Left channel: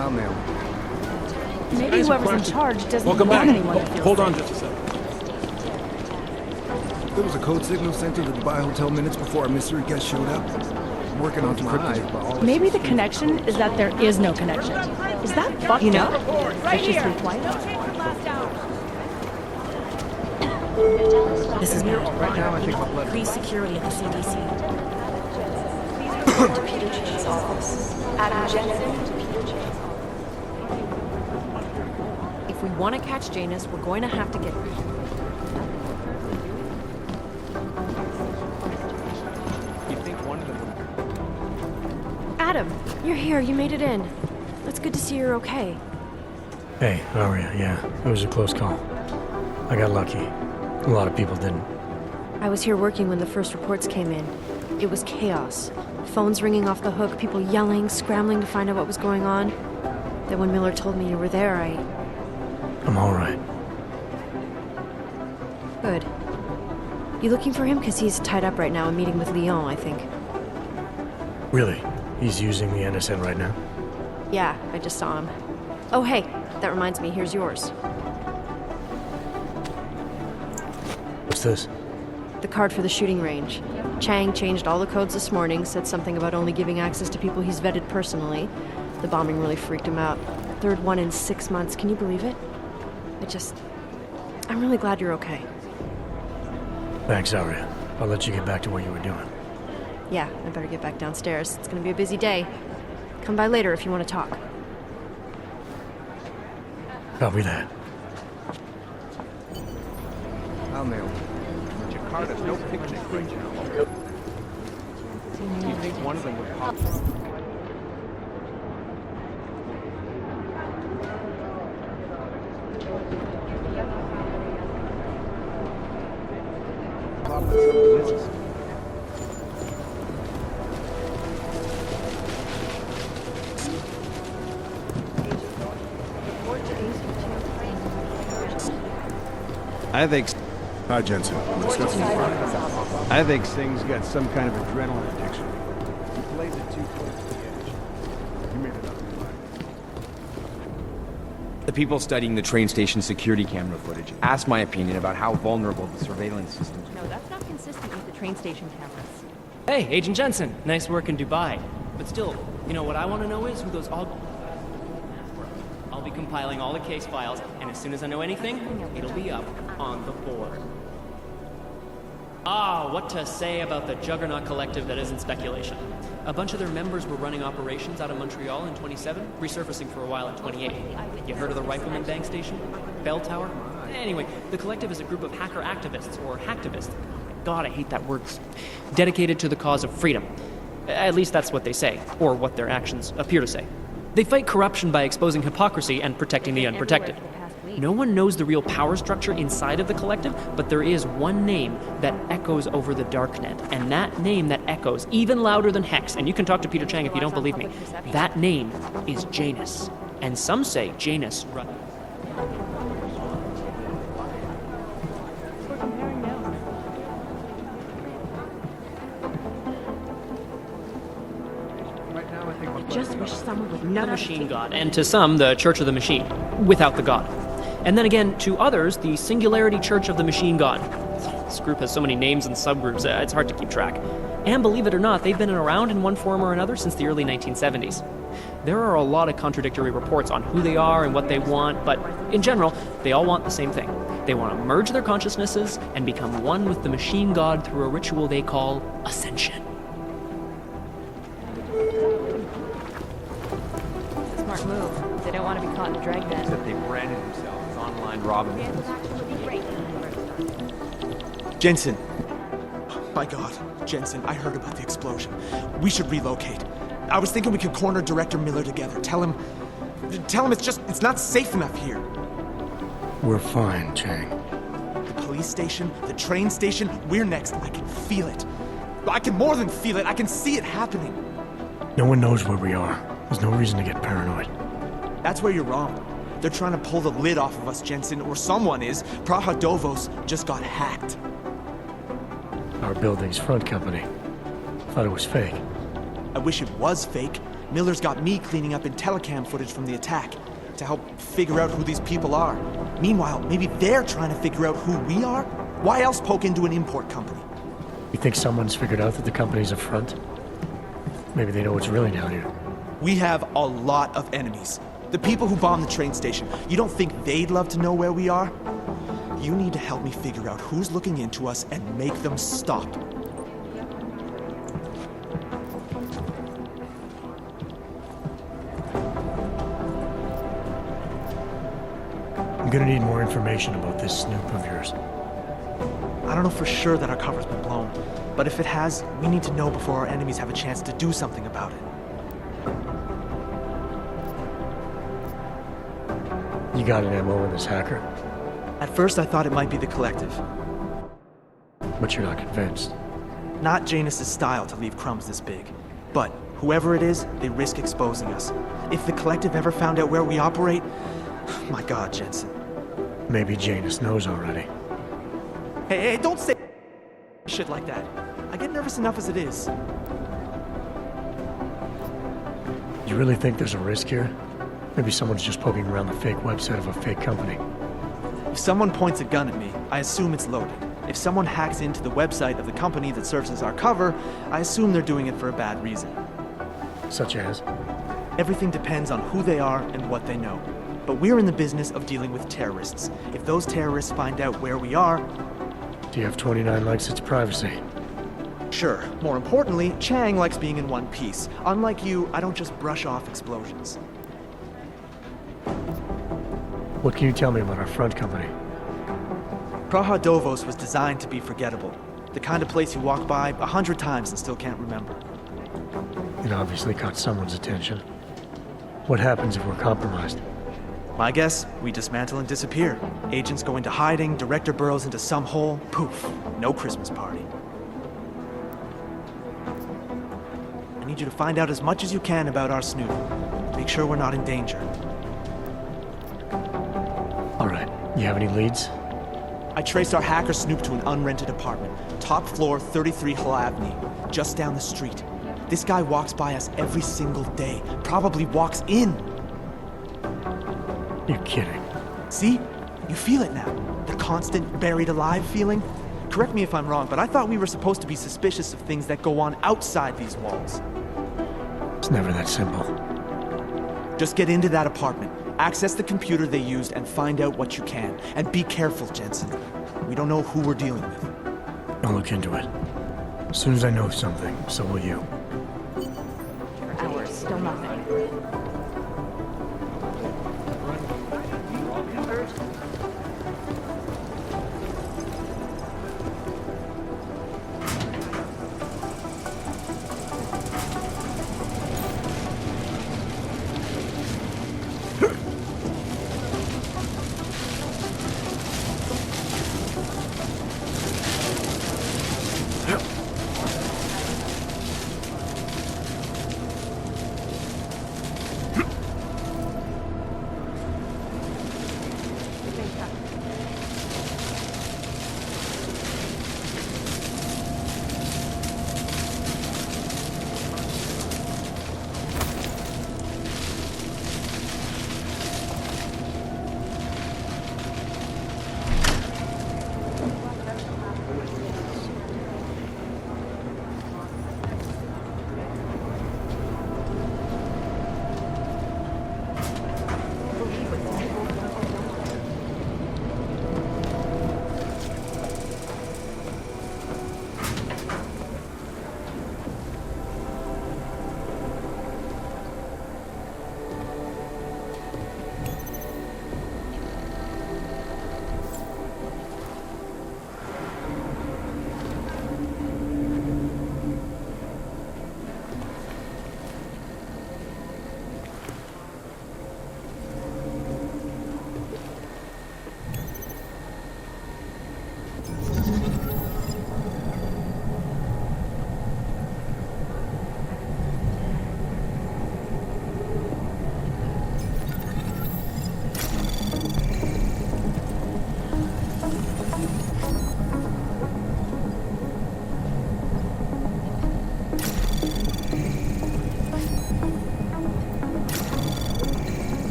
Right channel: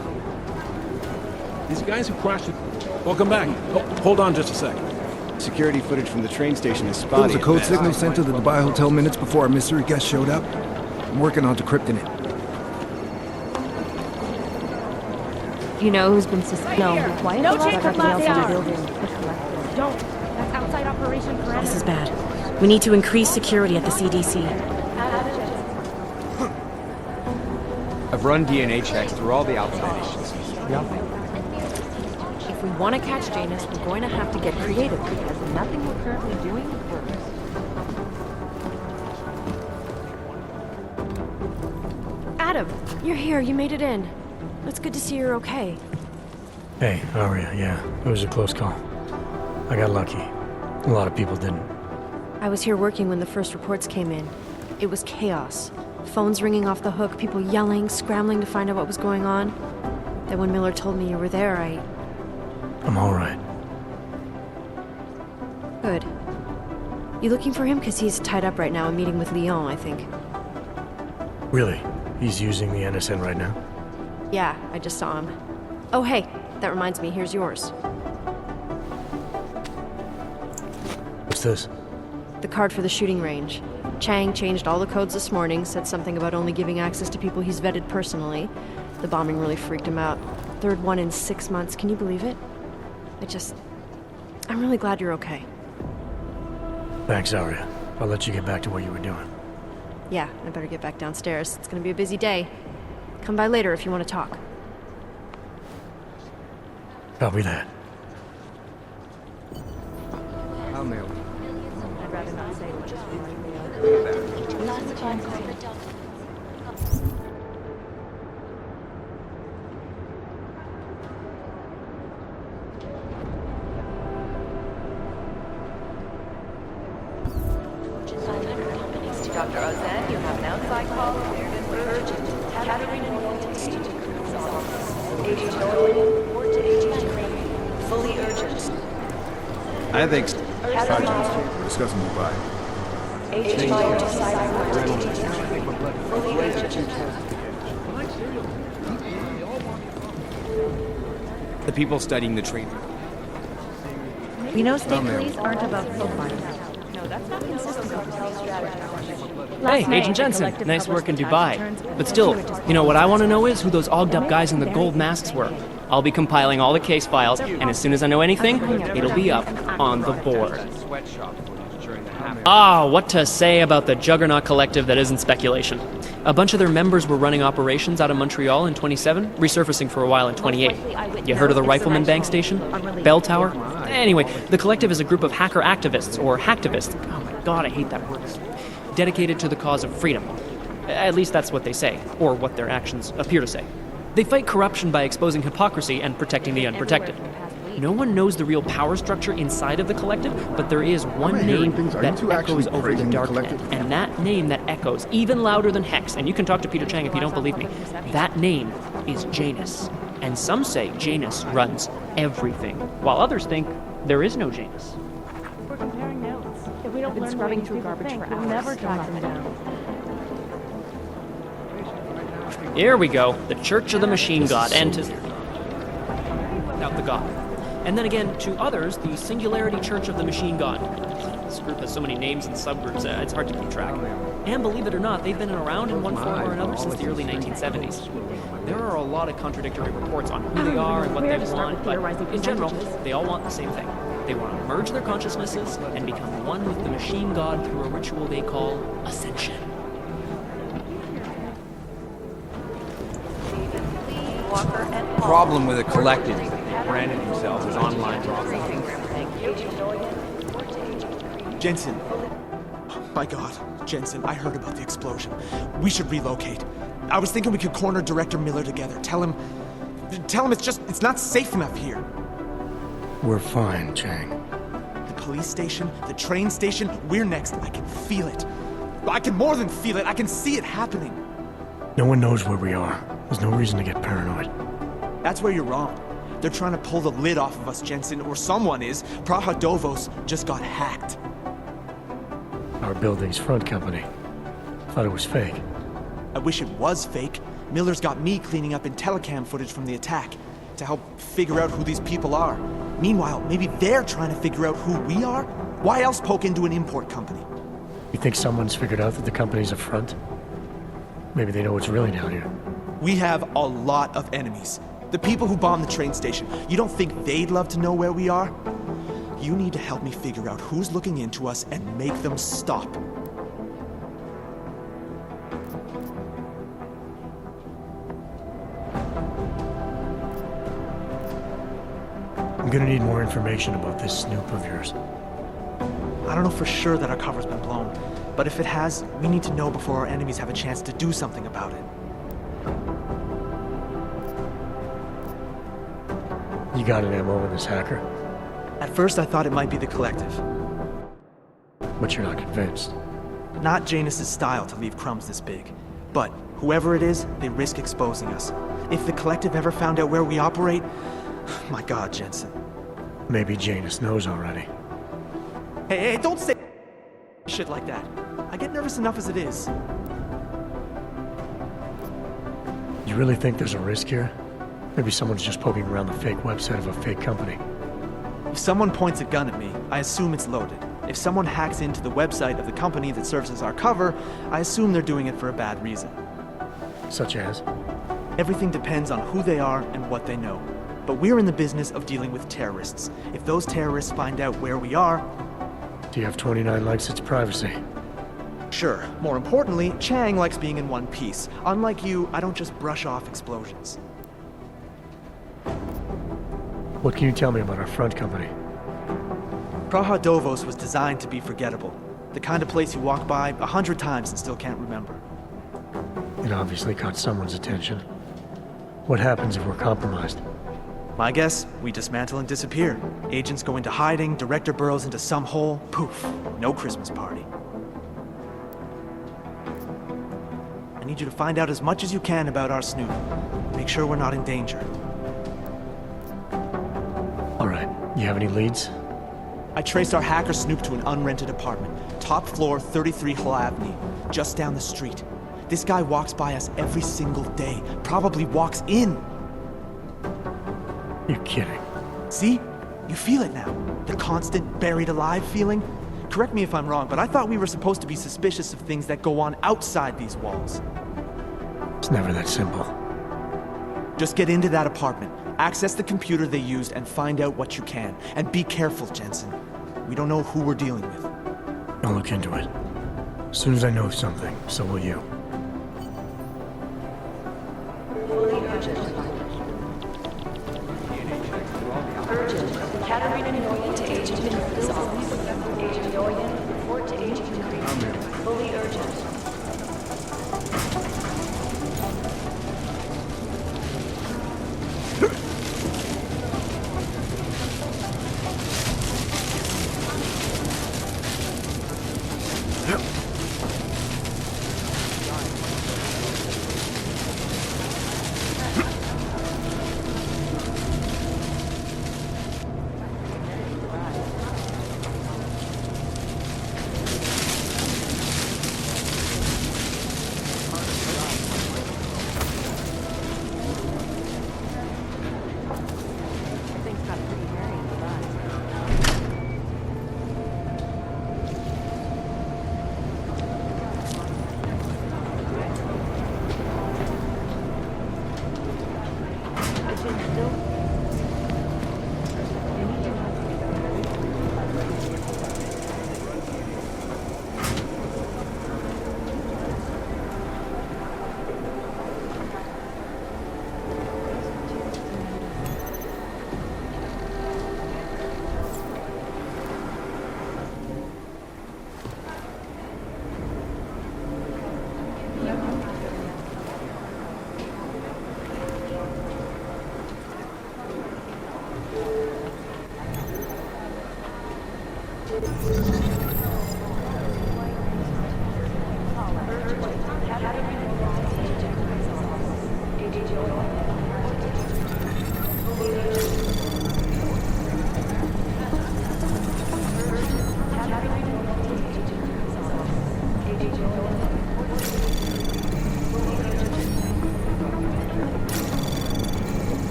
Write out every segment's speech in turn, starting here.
I'll mail it. These Maybe guys have whoever's in crashed. charge doesn't Welcome know back. anyone. Hold on just a sec. Security footage from the train station is spotty. There was a code signal sent to the Dubai Hotel minutes before our mystery guest showed up. I'm working on decrypting it. Maybe the connection is that there is no connection. Is that fucked You know up? who's been Right here. suspiciously quiet? No change from last hour. This is bad. We need to increase security at the CDC. I've run DNA checks through all the outside. If we want to catch Janus, we're going to have to get creative. There's nothing we're currently doing. Adam, you're here. You made it in. It's good to see you're okay. Hey, Aria, yeah, it was a close call. I got lucky. A lot of people didn't. I was here working when the first reports came in. It was chaos. Phones ringing off the hook, people yelling, scrambling to find out what was going on. Then when Miller told me you were there, I'm all right. Good. You looking for him? Because he's tied up right now, a meeting with Lyon, I think. Really? He's using the NSN right now? Yeah, I just saw him. Oh, hey, that reminds me, here's yours. What's this? The card for the shooting range. Chang changed all the codes this morning, said something about only giving access to people he's vetted personally. The bombing really freaked him out. Third one in 6 months, can you believe it? I'm really glad you're okay. Thanks, Aria. I'll let you get back to what you were doing. Yeah, I better get back downstairs. It's gonna be a busy day. Come by later if you want to talk. Copy that. I'll mail it. I think... Hi, Jensen. We're discussing Dubai. I think Sting's got some kind of adrenaline addiction. He plays it too close to the edge. The people studying the train station security camera footage asked my opinion about how vulnerable the surveillance system is. No, that's not consistent with the train station Hey, Agent Jensen, nice work in Dubai. But still, you know what I want to know is who those ogged up guys in the gold masks were. I'll be compiling all the case files, and as soon as I know anything, it'll be up on the board. Ah, what to say about the juggernaut collective that isn't speculation. A bunch of their members were running operations out of Montreal in 27, resurfacing for a while in 28. You heard of the Rifleman Bank Station? Bell Tower? Anyway, the collective is a group of hacker activists, or hacktivists. Oh my god, I hate that word. Dedicated to the cause of freedom. At least that's what they say, or what their actions appear to say. They fight corruption by exposing hypocrisy and protecting the unprotected. No one knows the real power structure inside of the collective, but there is one name that echoes over the darknet. And that name that echoes even louder than Hex, and you can talk to Peter Chang if you don't believe me, that name is Janus. And some say Janus runs everything, while others think there is no Janus. We're comparing notes. If we don't learn what people think, we'll never talk to them. Here we go, the Church of the Machine God, and to some, the Church of the Machine, without the God. And then again, to others, the Singularity Church of the Machine God. This group has so many names and subgroups, it's hard to keep track. And believe it or not, they've been around in one form or another since the early 1970s. There are a lot of contradictory reports on who they are and what they want, but in general, they all want the same thing. They want to merge their consciousnesses and become one with the Machine God through a ritual they call Ascension. The problem with the collective is that they branded themselves as online robbers. Jensen. My God, Jensen, I heard about the explosion. We should relocate. I was thinking we could corner Director Miller together. Tell him it's not safe enough here. We're fine, Chang. The police station, the train station, we're next. I can feel it. I can more than feel it. I can see it happening. No one knows where we are. There's no reason to get paranoid. That's where you're wrong. They're trying to pull the lid off of us, Jensen, or someone is. Praha Dovos just got hacked. Our building's front company. Thought it was fake. I wish it was fake. Miller's got me cleaning up telecam footage from the attack to help figure out who these people are. Meanwhile, maybe they're trying to figure out who we are? Why else poke into an import company? You think someone's figured out that the company's a front? Maybe they know what's really down here. We have a lot of enemies. The people who bombed the train station. You don't think they'd love to know where we are? You need to help me figure out who's looking into us and make them stop. I'm gonna need more information about this snoop of yours. I don't know for sure that our cover's been blown, but if it has, we need to know before our enemies have a chance to do something about it. You got an MO in this hacker, At first, I thought it might be the Collective. but you're not convinced. Not Janus's style to leave crumbs this big. But whoever it is, they risk exposing us. If the Collective ever found out where we operate... My God, Jensen. Maybe Janus knows already. Hey, don't say shit like that. I get nervous enough as it is. You really think there's a risk here? Maybe someone's just poking around the fake website of a fake company. If someone points a gun at me, I assume it's loaded. If someone hacks into the website of the company that serves as our cover, I assume they're doing it for a bad reason. Such as? Everything depends on who they are and what they know. But we're in the business of dealing with terrorists. If those terrorists find out where we are... TF-29 likes its privacy. Sure. More importantly, Chang likes being in one piece. Unlike you, I don't just brush off explosions. What can you tell me about our front company? Praha Dovos was designed to be forgettable. The kind of place you walk by 100 times and still can't remember. It obviously caught someone's attention. What happens if we're compromised? My guess, we dismantle and disappear. Agents go into hiding, Director burrows into some hole, poof, no Christmas party. I need you to find out as much as you can about our snoop. Make sure we're not in danger. All right, you have any leads? I traced our hacker snoop to an unrented apartment. Top floor, 33 Hlavny, just down the street. This guy walks by us every single day, probably walks in. You're kidding. See? You feel it now. The constant buried alive feeling. Correct me if I'm wrong, but I thought we were supposed to be suspicious of things that go on outside these walls. It's never that simple. Just get into that apartment, access the computer they used, and find out what you can. And be careful, Jensen. We don't know who we're dealing with. I'll look into it. As soon as I know something, so will you.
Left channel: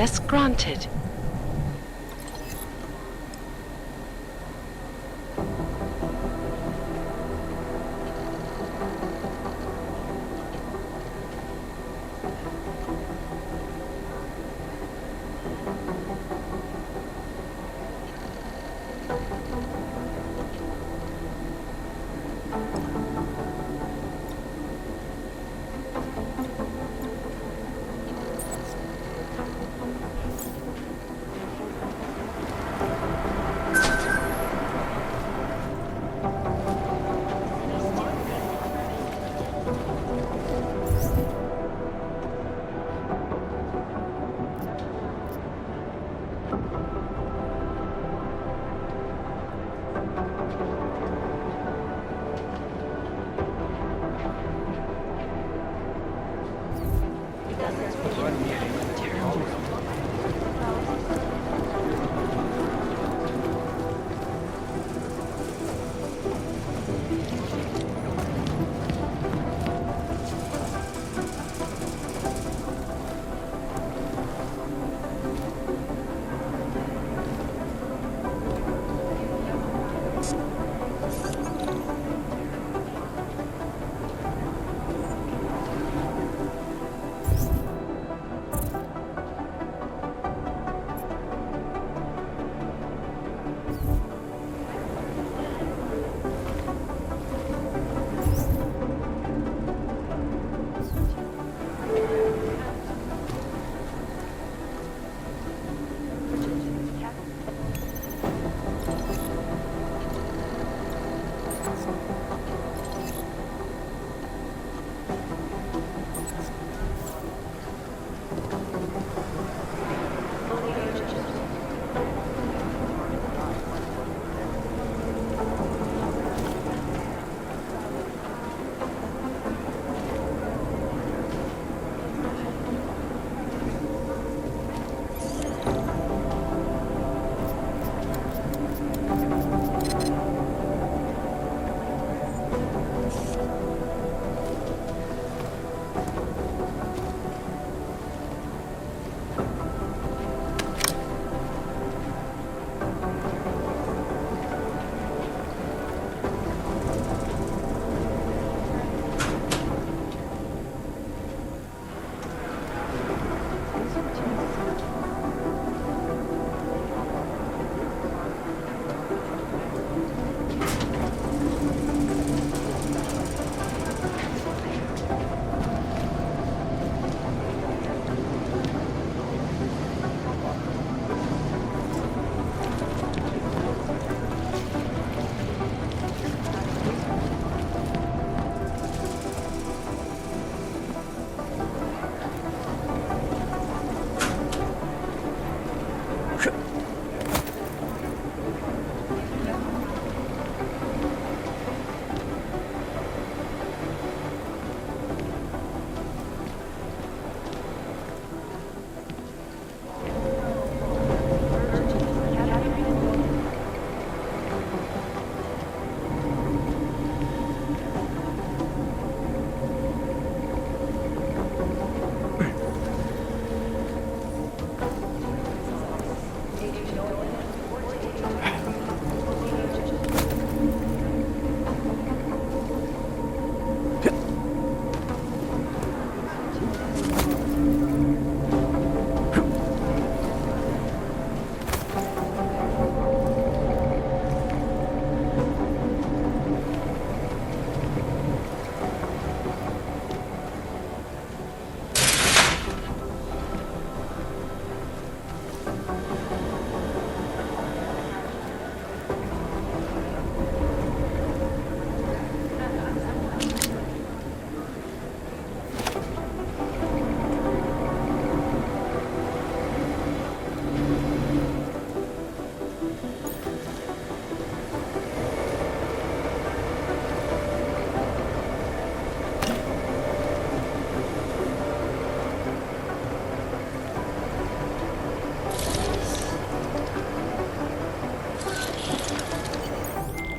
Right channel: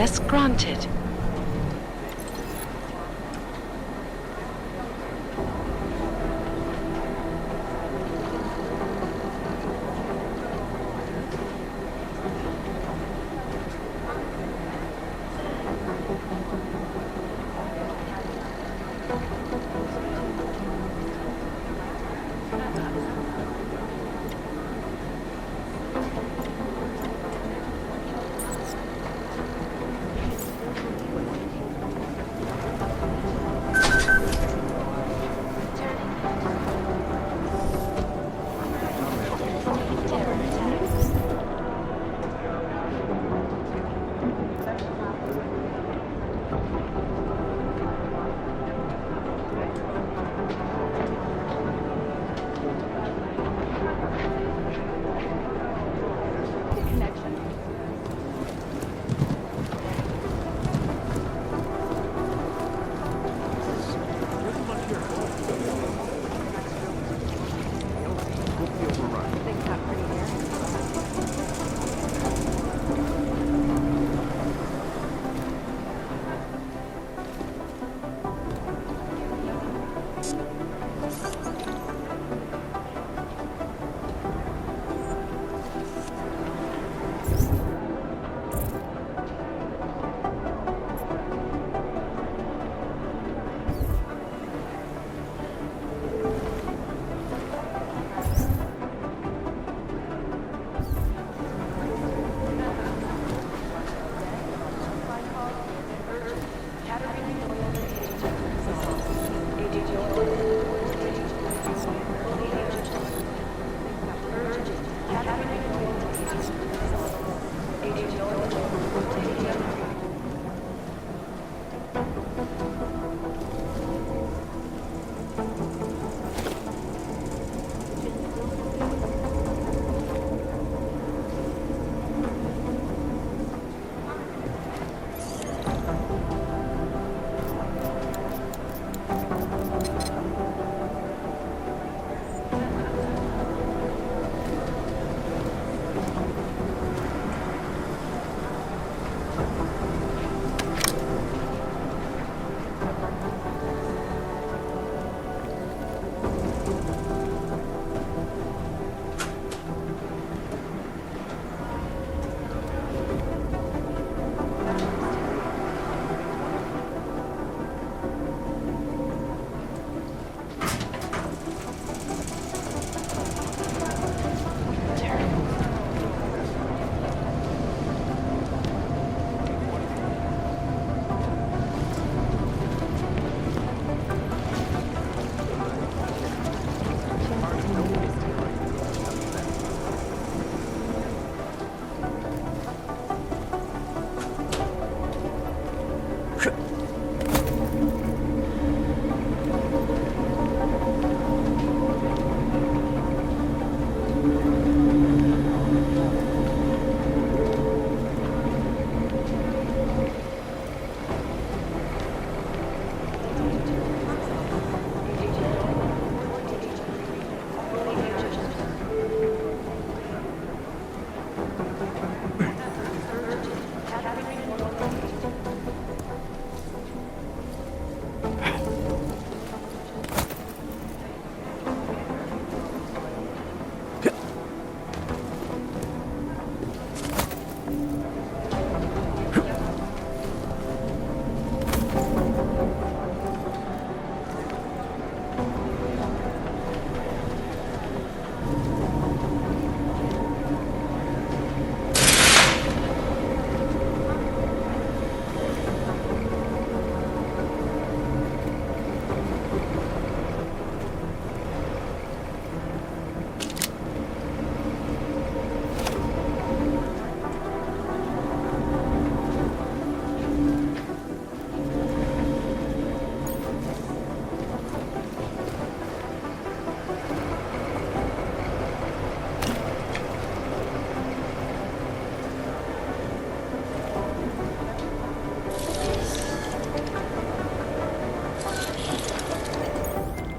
Access granted.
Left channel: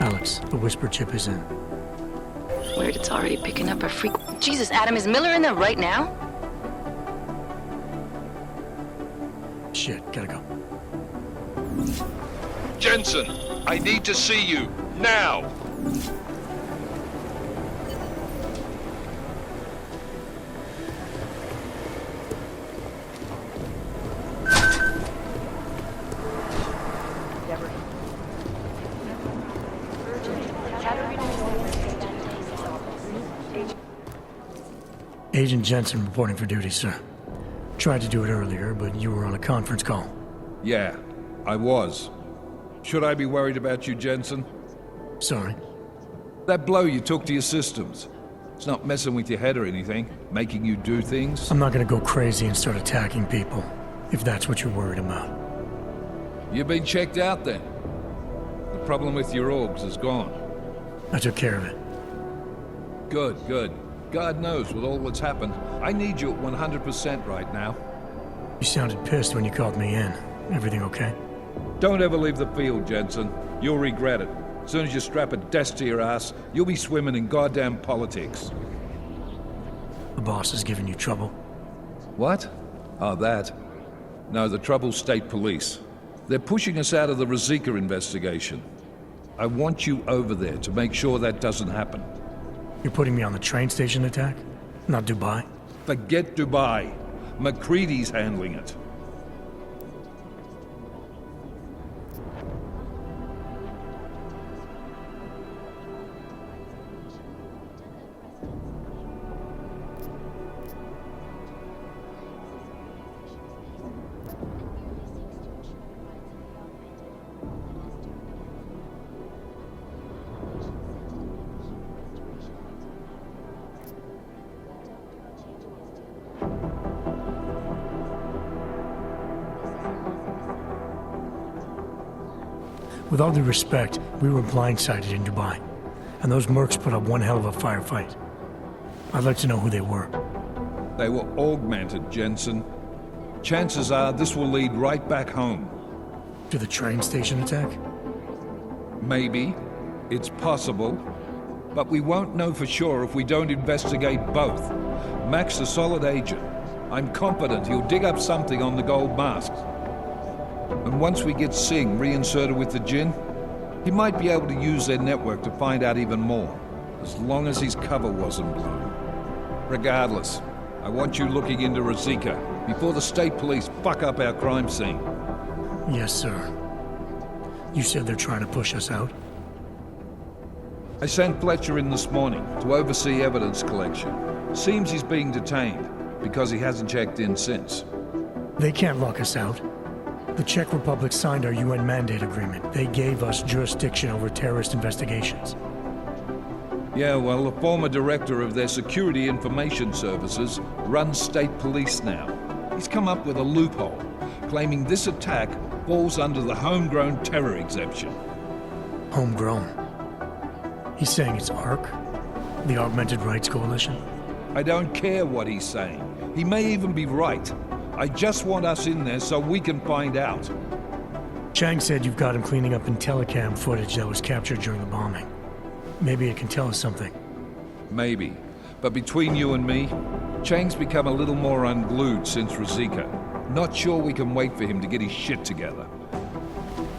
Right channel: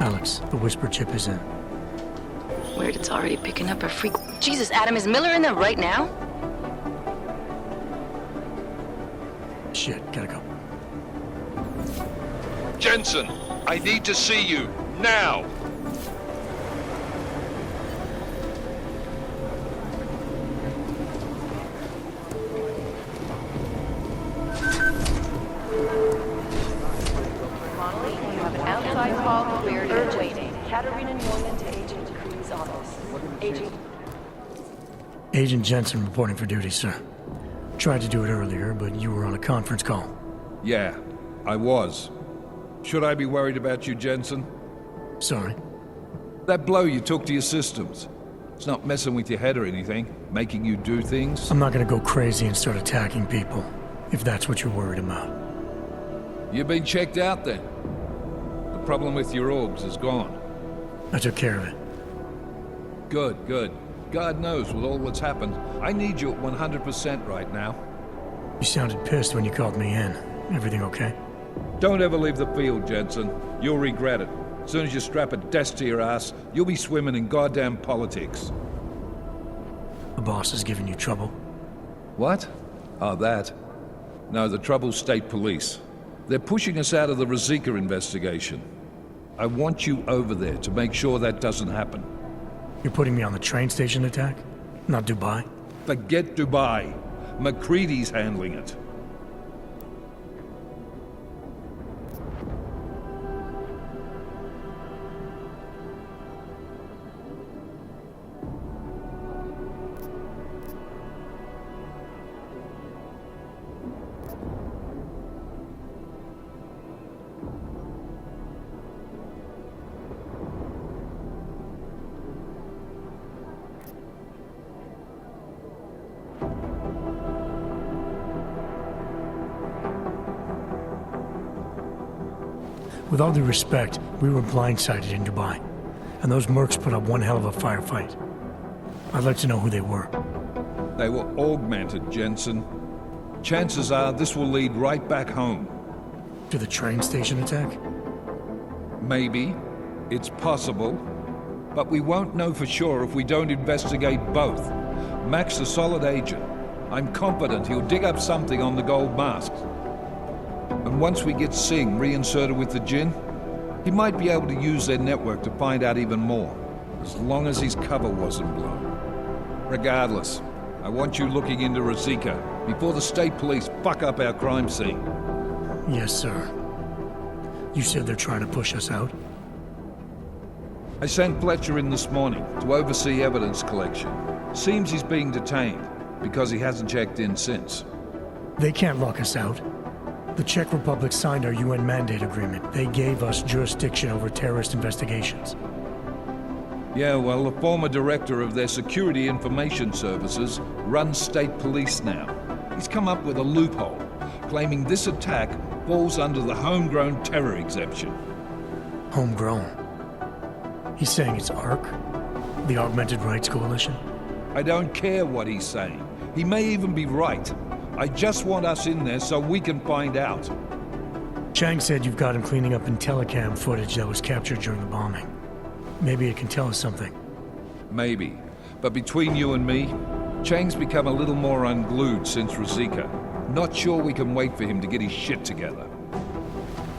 Alex, the whisper chip is in. Weird, it's already picking up a freak. Jesus, Adam, is Miller in there right now? shit. Gotta go. Jensen, I need to see you, now! Agent Jensen reporting for duty, sir. Tried to do it earlier, but you were on a conference call. Yeah, I was. Should I be worried about you, Jensen? Sorry. That blow you took to your systems. It's not messing with your head or anything, making you do things. I'm not gonna go crazy and start attacking people, if that's what you're worried about. You've been checked out then. The problem with your orgs is gone. I took care of it. Good, good. God knows with all that's happened, I need you at 100% right now. You sounded pissed when you called me in. Everything okay? Don't ever leave the field, Jensen. You'll regret it. As soon as you strap a desk to your ass, you'll be swimming in goddamn politics. The boss is giving you trouble? What? Oh, that. No, the trouble's state police. They're pushing us out of the Ruzicka investigation. I want you over there to make sure that doesn't happen. You're putting me on the train station attack? Not Dubai? Forget Dubai. McCready's handling it. With all due respect, we were blindsided in Dubai, and those mercs put up one hell of a firefight. I'd like to know who they were. They were augmented, Jensen. Chances are this will lead right back home. To the train station attack? Maybe. It's possible. But we won't know for sure if we don't investigate both. Mac's a solid agent. I'm confident he'll dig up something on the gold masks. And once we get Singh reinserted with the Jinn, he might be able to use their network to find out even more, as long as his cover wasn't blown. Regardless, I want you looking into Ruzicka before the state police fuck up our crime scene. Yes, sir. You said they're trying to push us out? I sent Fletcher in this morning to oversee evidence collection. Seems he's being detained, because he hasn't checked in since. They can't lock us out. The Czech Republic signed our UN mandate agreement. They gave us jurisdiction over terrorist investigations. Yeah, well, the former director of their security information services runs state police now. He's come up with a loophole, claiming this attack falls under the homegrown terror exemption. Homegrown? He's saying it's ARC? The Augmented Rights Coalition? I don't care what he's saying. He may even be right. I just want us in there so we can find out. Chang said you've got him cleaning up Intellicam footage that was captured during the bombing. Maybe it can tell us something. Maybe. But between you and me, Chang's become a little more unglued since Ruzicka. Not sure we can wait for him to get his shit together.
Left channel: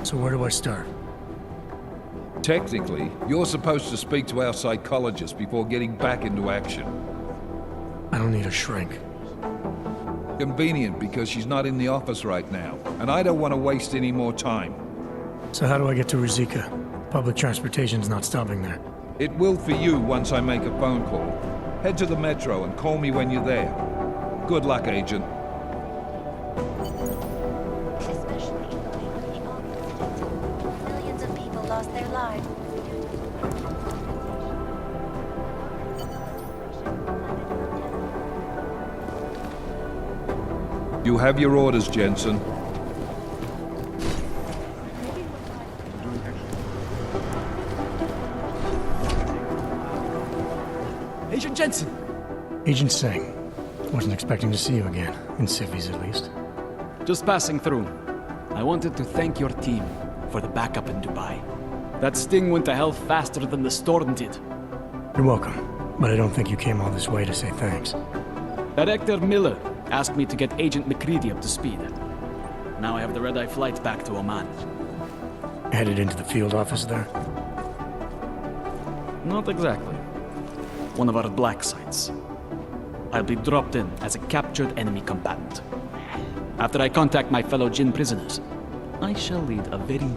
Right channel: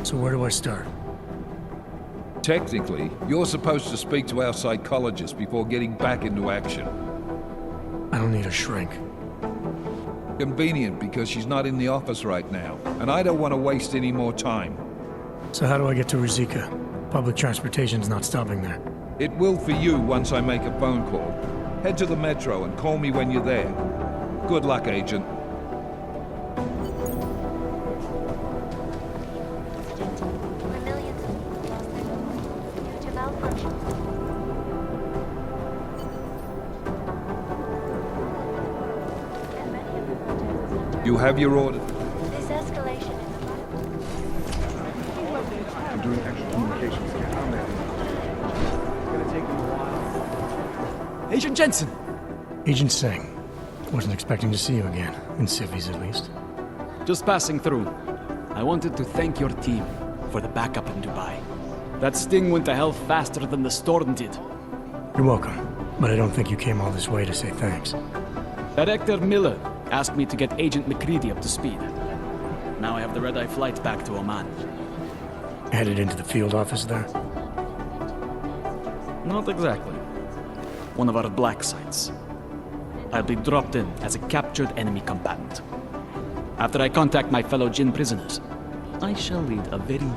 So where do I start? Technically, you're supposed to speak to our psychologist before getting back into action. I don't need a shrink. Convenient because she's not in the office right now, and I don't want to waste any more time. So how do I get to Ruzicka? Public transportation's not stopping there. It will for you once I make a phone call. Head to the metro and call me when you're there. Good luck, Agent. Millions of people lost their lives due to malfunction. You have your orders, Jensen. I'm doing extra communication. It's gonna take them a while. Agent Jensen! Agent Singh. Wasn't expecting to see you again, in civvies at least. Just passing through. I wanted to thank your team for the backup in Dubai. That sting went to hell faster than the storm did. You're welcome, but I don't think you came all this way to say thanks. Director Miller asked me to get Agent McCready up to speed. Now I have the red-eye flight back to Oman. Headed into the field office there? Not exactly. One of our black sites. I'll be dropped in as a captured enemy combatant. After I contact my fellow Jinn prisoners, I shall lead a very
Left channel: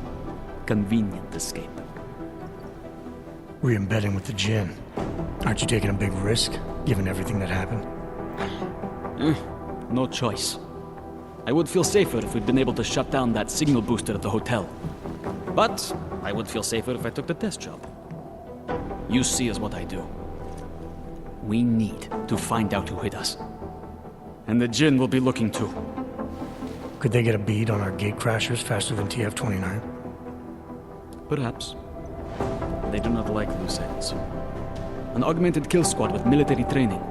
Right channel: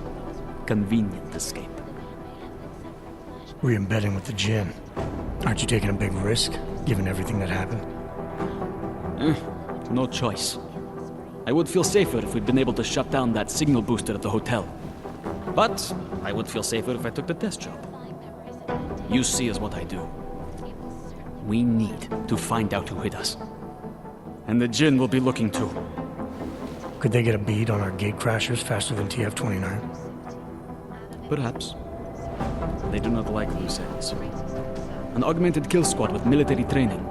convenient escape. Re-embedding with the Jinn. Aren't you taking a big risk, given everything that happened? No choice. I would feel safer if we'd been able to shut down that signal booster at the hotel. But I would feel safer if I took the desk job. You see is what I do. We need to find out who hit us. And the Jinn will be looking too. Could they get a bead on our gate crashers faster than TF-29? Perhaps. They do not like loose ends. An augmented kill squad with military training.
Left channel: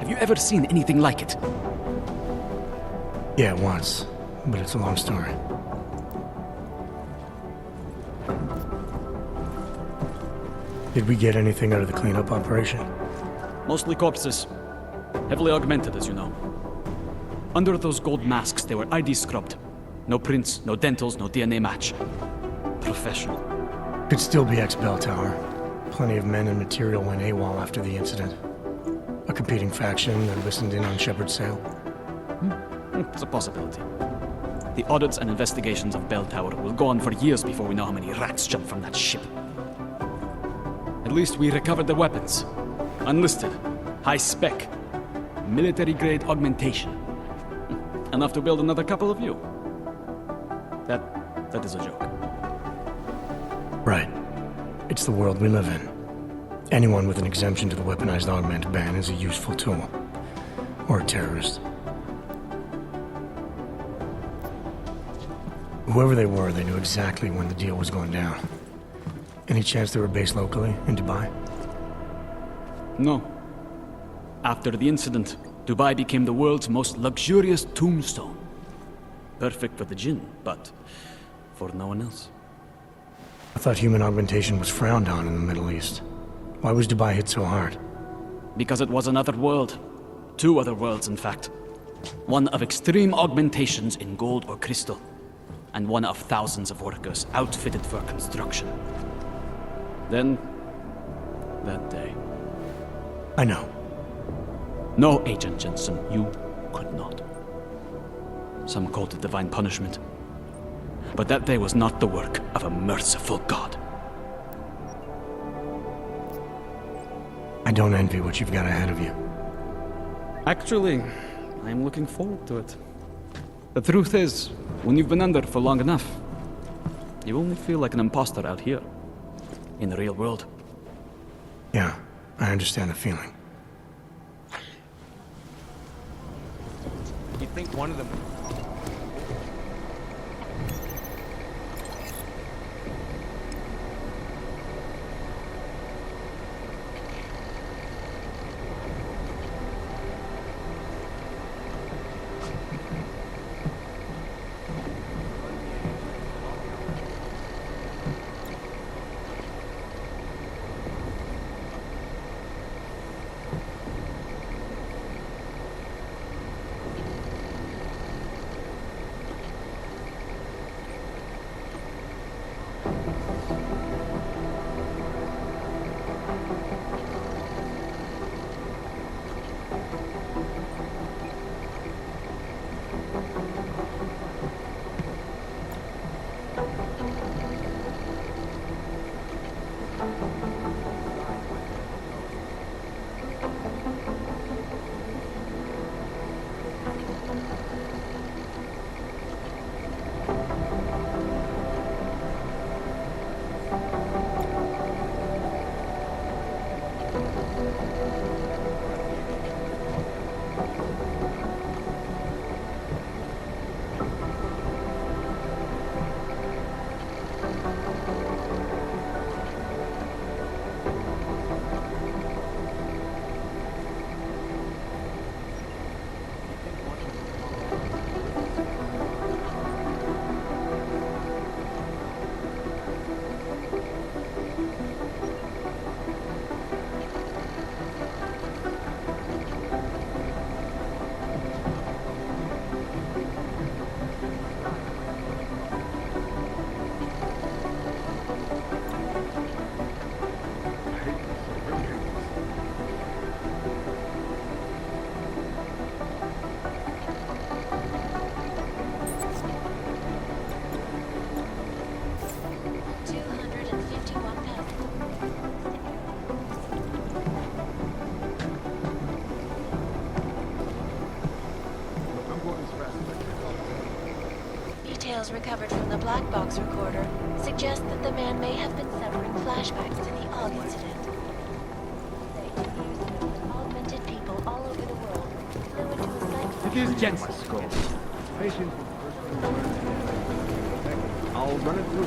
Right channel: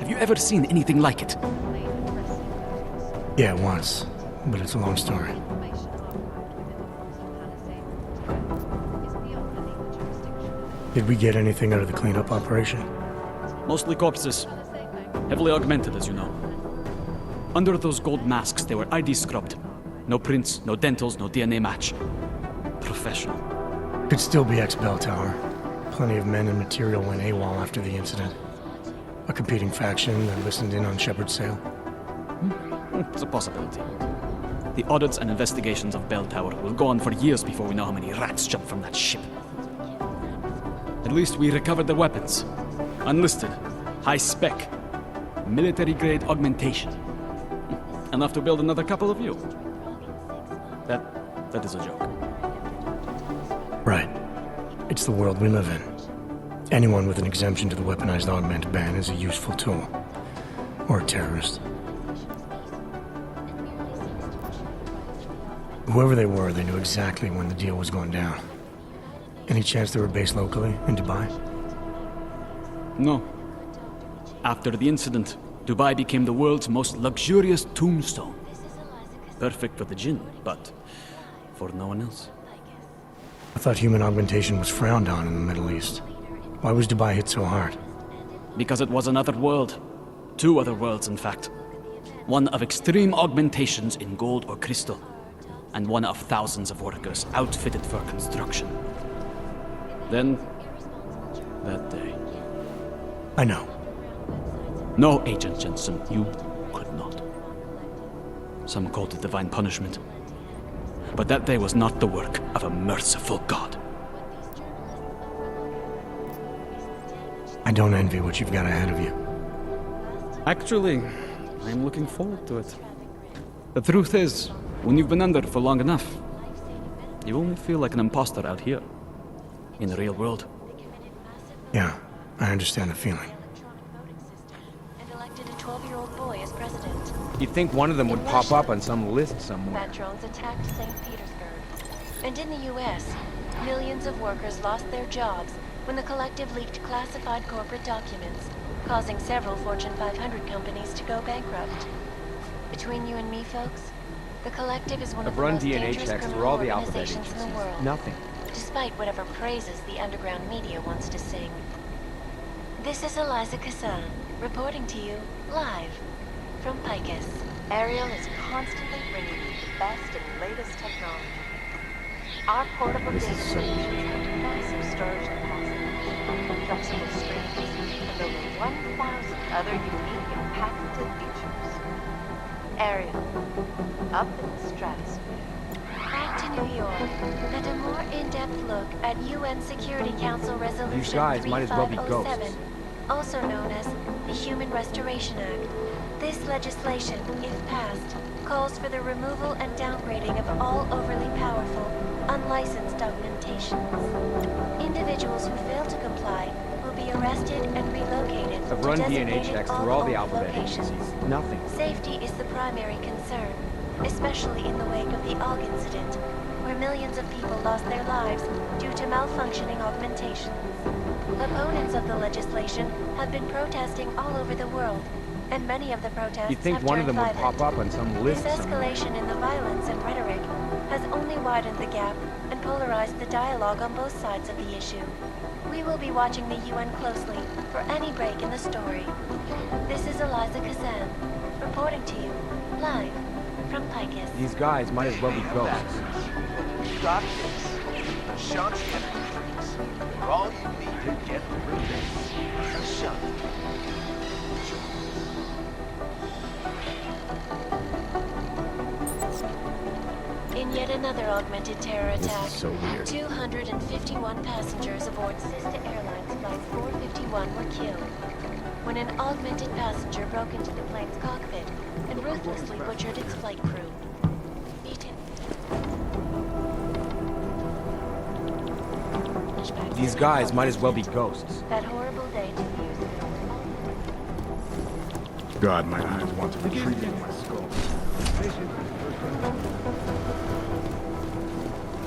Have you ever seen anything like it? Yeah, once. But it's a long story. Did we get anything out of the cleanup operation? Mostly corpses. Heavily augmented, as you know. Under those gold masks, they were ID scrubbed. No prints, no dentals, no DNA match. Professional. Could still be ex-Bell Tower. Plenty of men and material went AWOL after the incident. A competing faction that listened in on Shepard's sale. It's a possibility. The audits and investigations of Bell Tower will go on for years before we know how many rats jumped from that ship. At least we recovered the weapons. Unlisted, high-spec, military-grade augmentation. Enough to build another couple of you. That is a joke. Right. It's the world we live in. Anyone with an exemption to the weaponized augment ban is a useful tool. Or a terrorist. Whoever they were, they knew exactly when the deal was going down. Any chance they were based locally, in Dubai? No. After the incident, Dubai became the world's most luxurious tombstone. Perfect for the Jinn, but for no one else. I thought human augmentation was frowned on in the Middle East. Why was Dubai hit so hard? Because it was another world. Two other worlds, in fact. One of extreme augmentations in gold or crystal, and one of thousands of workers outfitted for construction. Then, that day. I know. No, Agent Jensen, you could not. Some called it divine punishment. But that day was not the work of a merciful God. I don't envy what you've got ahead of you. Actually, I'm looking forward to it. The truth is, when you've been under for long enough, you only feel like an imposter out here, in the real world. Yeah, I understand the feeling. And elected a 12-year-old boy as president. You'd think one of them would pop up on some list somewhere. Bat drones attacked St. Petersburg. And in the U.S., millions of workers lost their jobs when the collective leaked classified corporate documents, causing several Fortune 500 companies to go bankrupt. Between you and me, folks, the collective is one of the run most DNA dangerous checks criminal for all the alphabet organizations in the world. Nothing. Despite whatever praises the underground media wants to sing. This is Eliza Kassan, reporting to you live from Picus. Ariel is constantly bringing you the best and latest technology. Our portable data massive storage capacity of complexity filled with 1,000 other unique and patented features. Ariel, up in the stratosphere. Back to New York, and a more in-depth look at UN Security Council Resolution You guys might as well be 3507, ghosts. also known as the Human Restoration Act. This legislation, if passed, calls for the removal and downgrading of all overly powerful, unlicensed augmentation. Individuals who fail to comply will be arrested and relocated The to run DNA designated checks through all the on-call alphabet locations. Nothing. Safety is the primary concern, especially in the wake of the AUG incident, where millions of people lost their lives due to malfunctioning augmentation. Opponents of the legislation have been protesting all over the world, and many of the protests You'd think have one of them turned would violent. pop up on some list This somewhere. escalation in the violence and rhetoric has only widened the gap and polarized the dialogue on both sides of the issue. We will be be watching the UN closely for any break in the story. This is Eliza Kazan, reporting to you, live, from Picus. These guys might as well be ghosts. In yet another augmented terror attack, 251 passengers aboard Sister Airlines Flight 451 were killed when an augmented passenger broke into the plane's cockpit and ruthlessly butchered its flight crew. Details recovered from the black box recorder suggest that the man may have been sending flashbacks. These guys might as well be ghosts. That horrible day 2 years ago when augmented people all over the world. God, my mind wants to retreat in my skull. Patience is the first thing. I'll run it through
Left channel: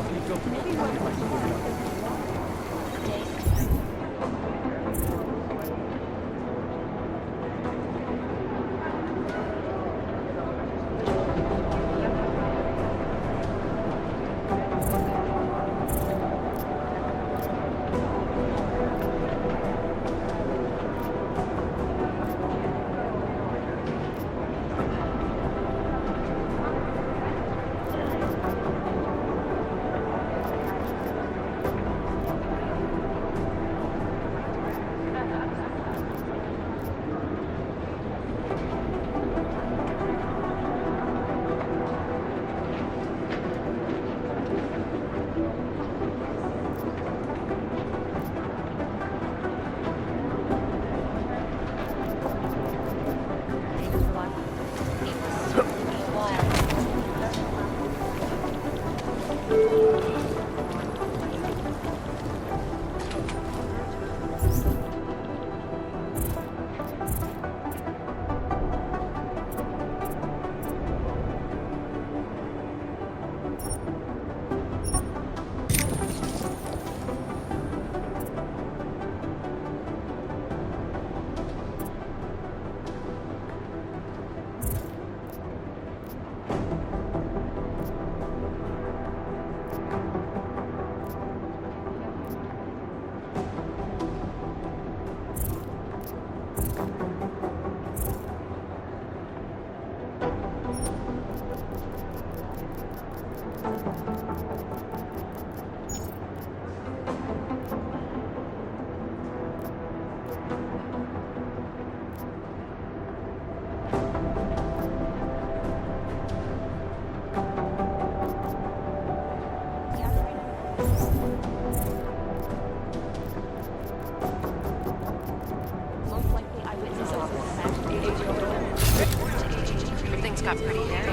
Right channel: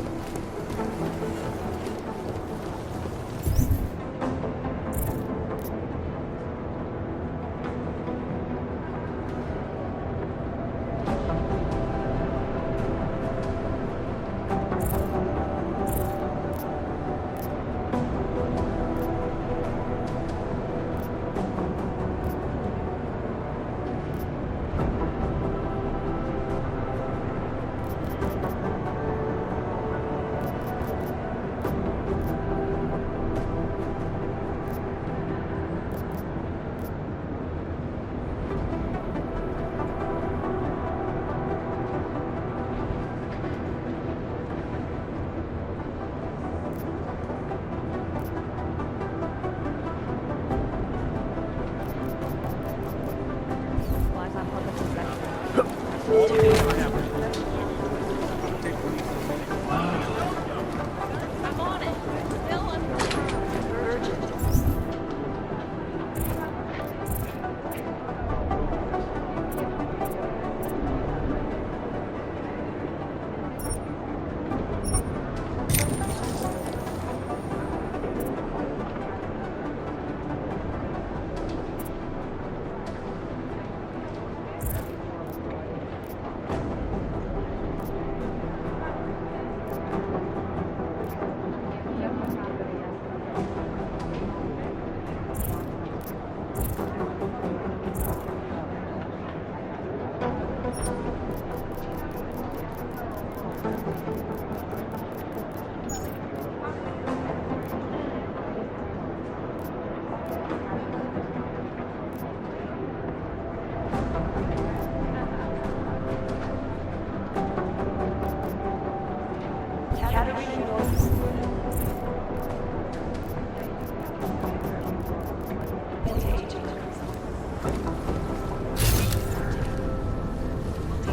Things got pretty hairy.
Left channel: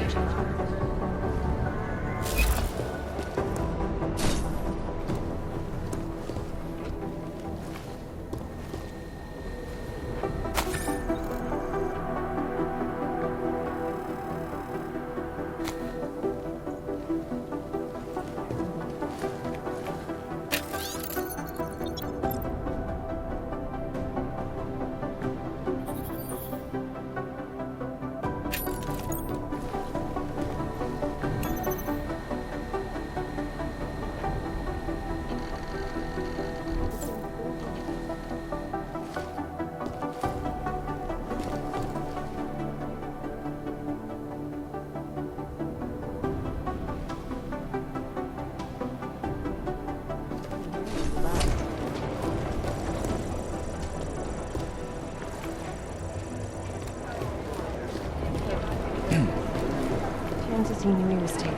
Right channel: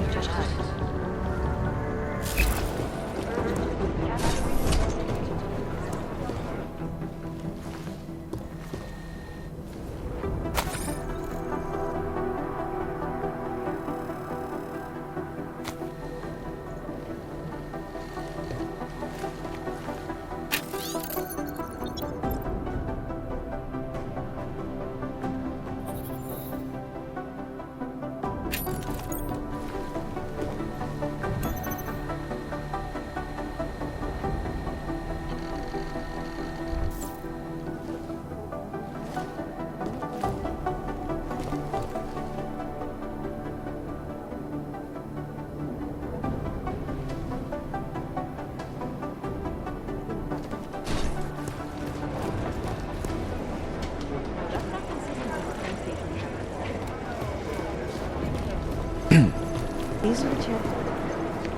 These are the chances you knew was taken.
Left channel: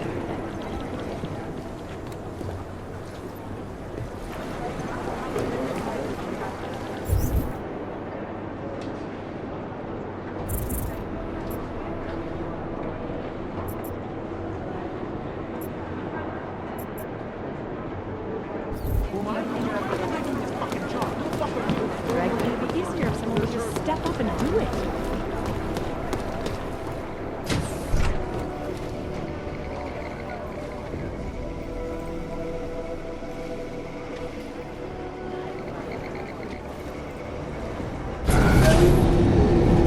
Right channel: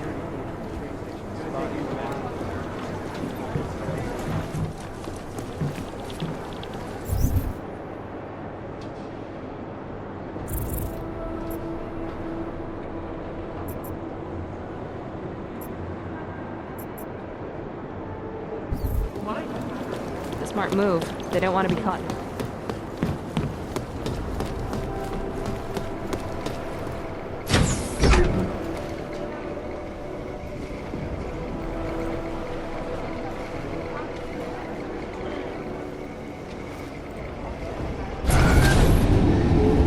Smart move. They don't want to be caught in the right. It'd be easier if someone would just step up and do it.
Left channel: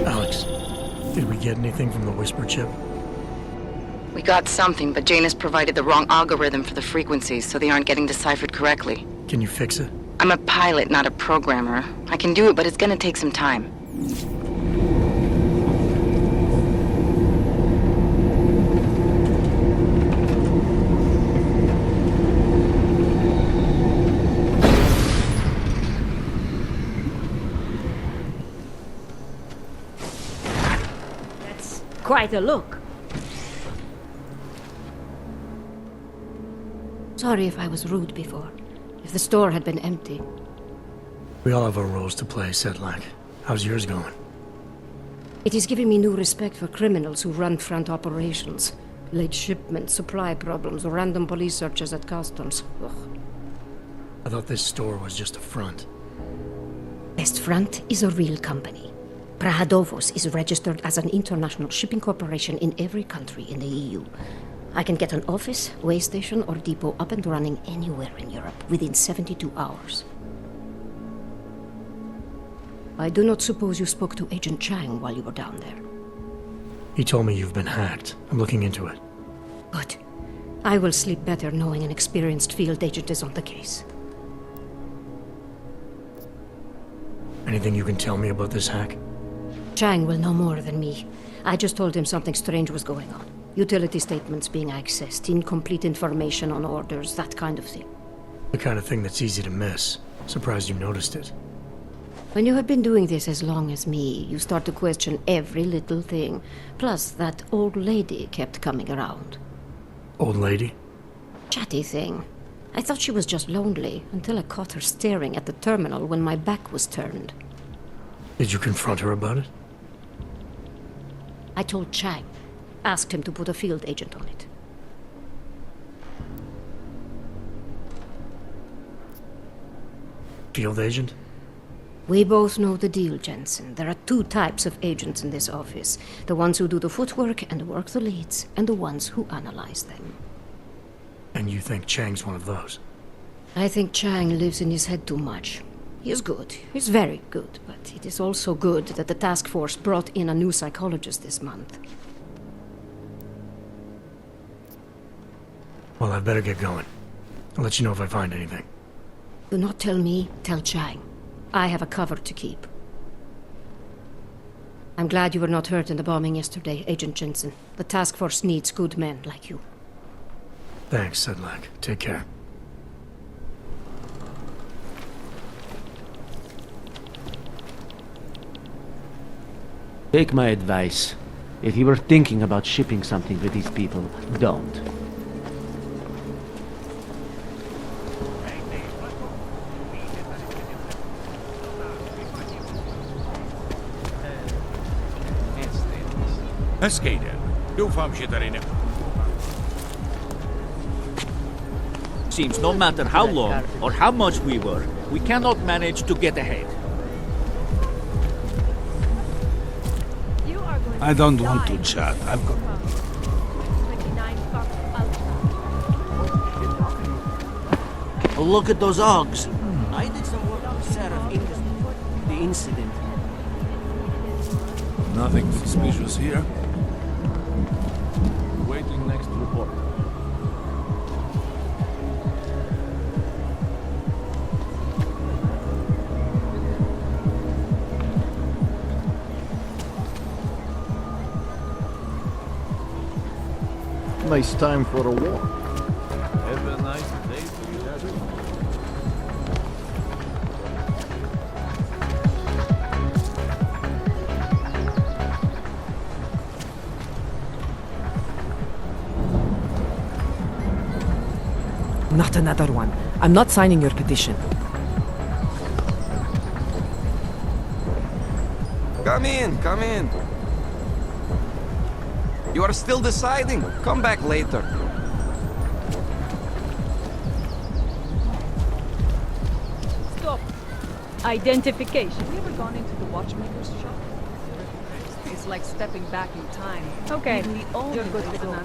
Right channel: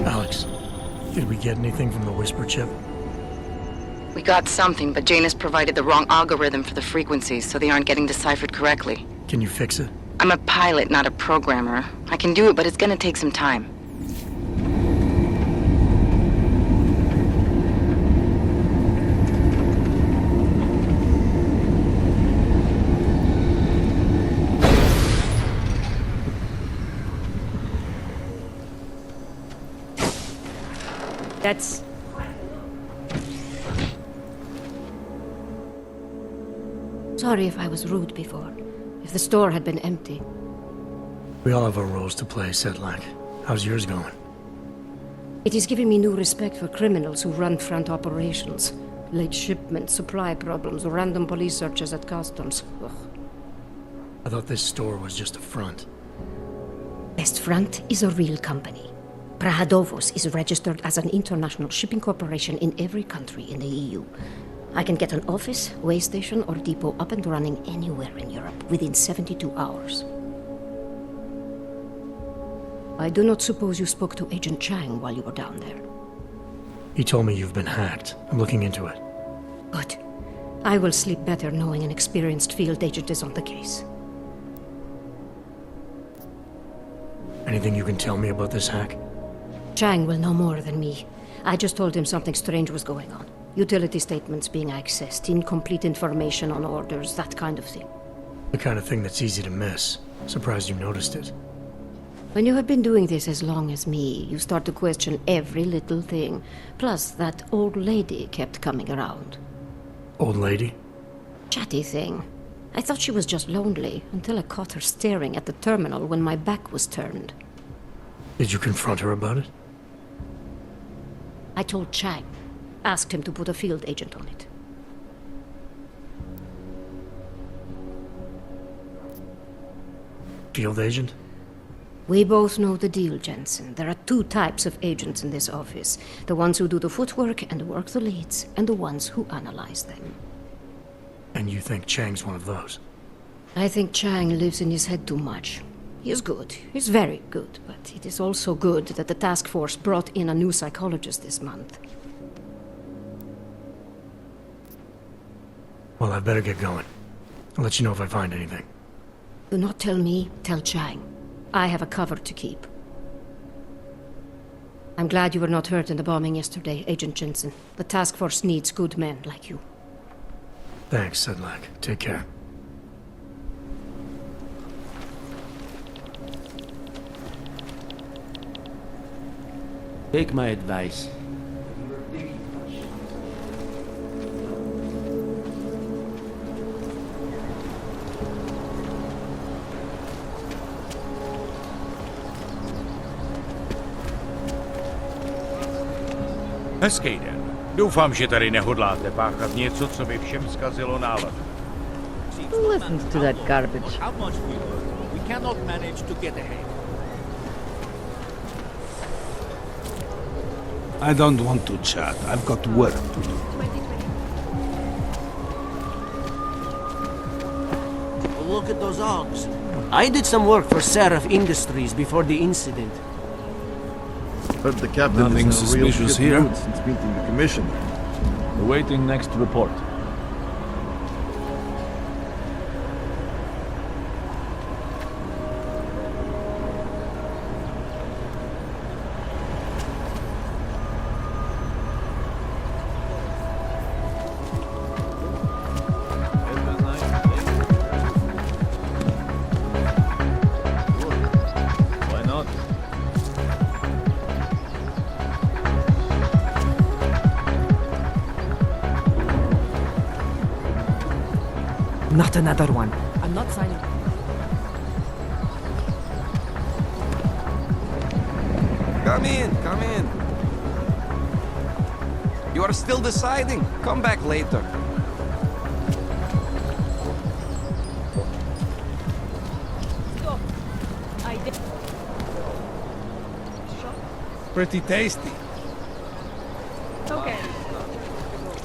Alex, did we get anything from the Whisper chip? We got something, but Janus provided the wrong algorithm for the frequencies, so they aren't getting deciphered correctly. Can you fix it? I'm a pilot, not a programmer. I can do it, but it's gonna take some time. That's quite a look. Sorry if I was rude before. If the store had been empty. We all have our roles to play, Sedlak. How's yours going? It is giving me new respect for criminals who run front operations. Late shipments, supply problems, random police searches at customs. Ugh. I thought this store was just a front. Best Front is a real company. Prahadovos is registered as an international shipping corporation in every country in the EU. I can get an office, way station, or depot up and running anywhere in Europe within 72 hours. I do not suppose you spoke to Agent Chang while you were down there. He told me you've been hacked. I'm looking into it. Good. I will sleep better knowing an experienced field agent is on the case. Anything you can tell me about this hack? Chang will know more than me. I just told him something strange was going on. Utility statements being accessed, incomplete information on orders, that kind of thing. The kind of thing that's easy to miss. Surprised you noticed it. When you have been doing this as long as me, you start to question every little thing. Plus, that old lady kept coming around. Old lady? Chatty thing. I thought she was just lonely, until I caught her staring at the terminal when my back was turned. Did you confront her about it? I told Chang. Asked him to put a field agent on it. Field agent? We both know the deal, Jensen. There are two types of agents in this office. The ones who do the footwork and work the leads, and the ones who analyze them. And you think Chang's one of those? I think Chang lives in his head too much. He is good. He's very good. But it is also good that the task force brought in a new psychologist this month. Well, I'd better get going. I'll let you know if I find anything. Do not tell me, tell Chang. I have a cover to keep. I'm glad you were not hurt in the bombing yesterday, Agent Jensen. The task force needs good men like you. Thanks, Sedlak. Take care. Take my advice. If you were thinking about shipping something with these people, don't. Hezký den. Doufám, že tady nehodláte páchat něco, co by všem zkazilo náladu. Seems no matter how long or how much we work, we cannot manage to get ahead. I don't want to chat. I've got work. Look at those Augs. I did some work for Seraph Industries before the incident. But the captain Nothing is no real suspicious ship here? built since being commissioned. Awaiting next report. Nice time for a walk. Have a nice day. Why not? Not another one. I'm not signing your petition. Come in, come in. You are still deciding? Come back later. Stop. Identification. Pretty tasty. It's like stepping back in time. Okay. You're good to go.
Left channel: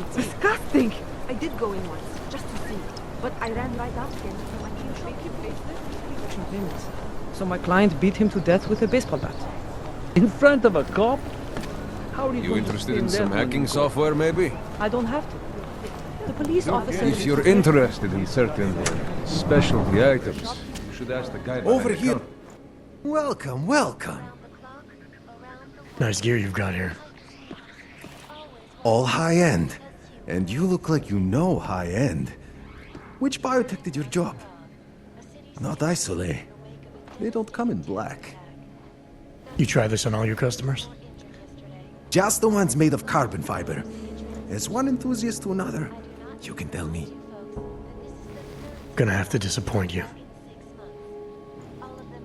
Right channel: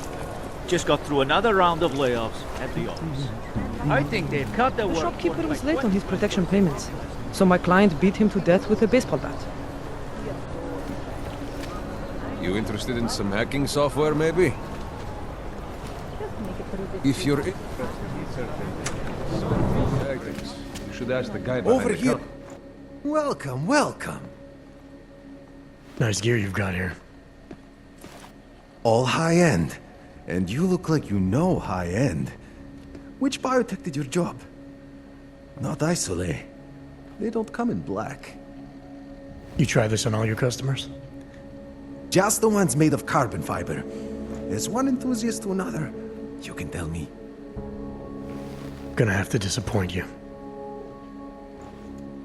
Just got through another round of layoffs at the office. But I ran right I think they've cut their The work. shopkeeper is late on his protection payments. So my client beat him to death with a baseball bat. In front of a cop? You interested in some hacking software, maybe? I don't have to. The police officer. If you're interested in certain specialty items, you should ask the guy behind Over the here. counter. Welcome, welcome. Nice gear you've got here. All high-end. And you look like you know high-end. Which biotech did your job? Not Isolate. They don't come in black. You try this on all your customers? Just the ones made of carbon fiber. As one enthusiast to another, you can tell me. Gonna have to disappoint you.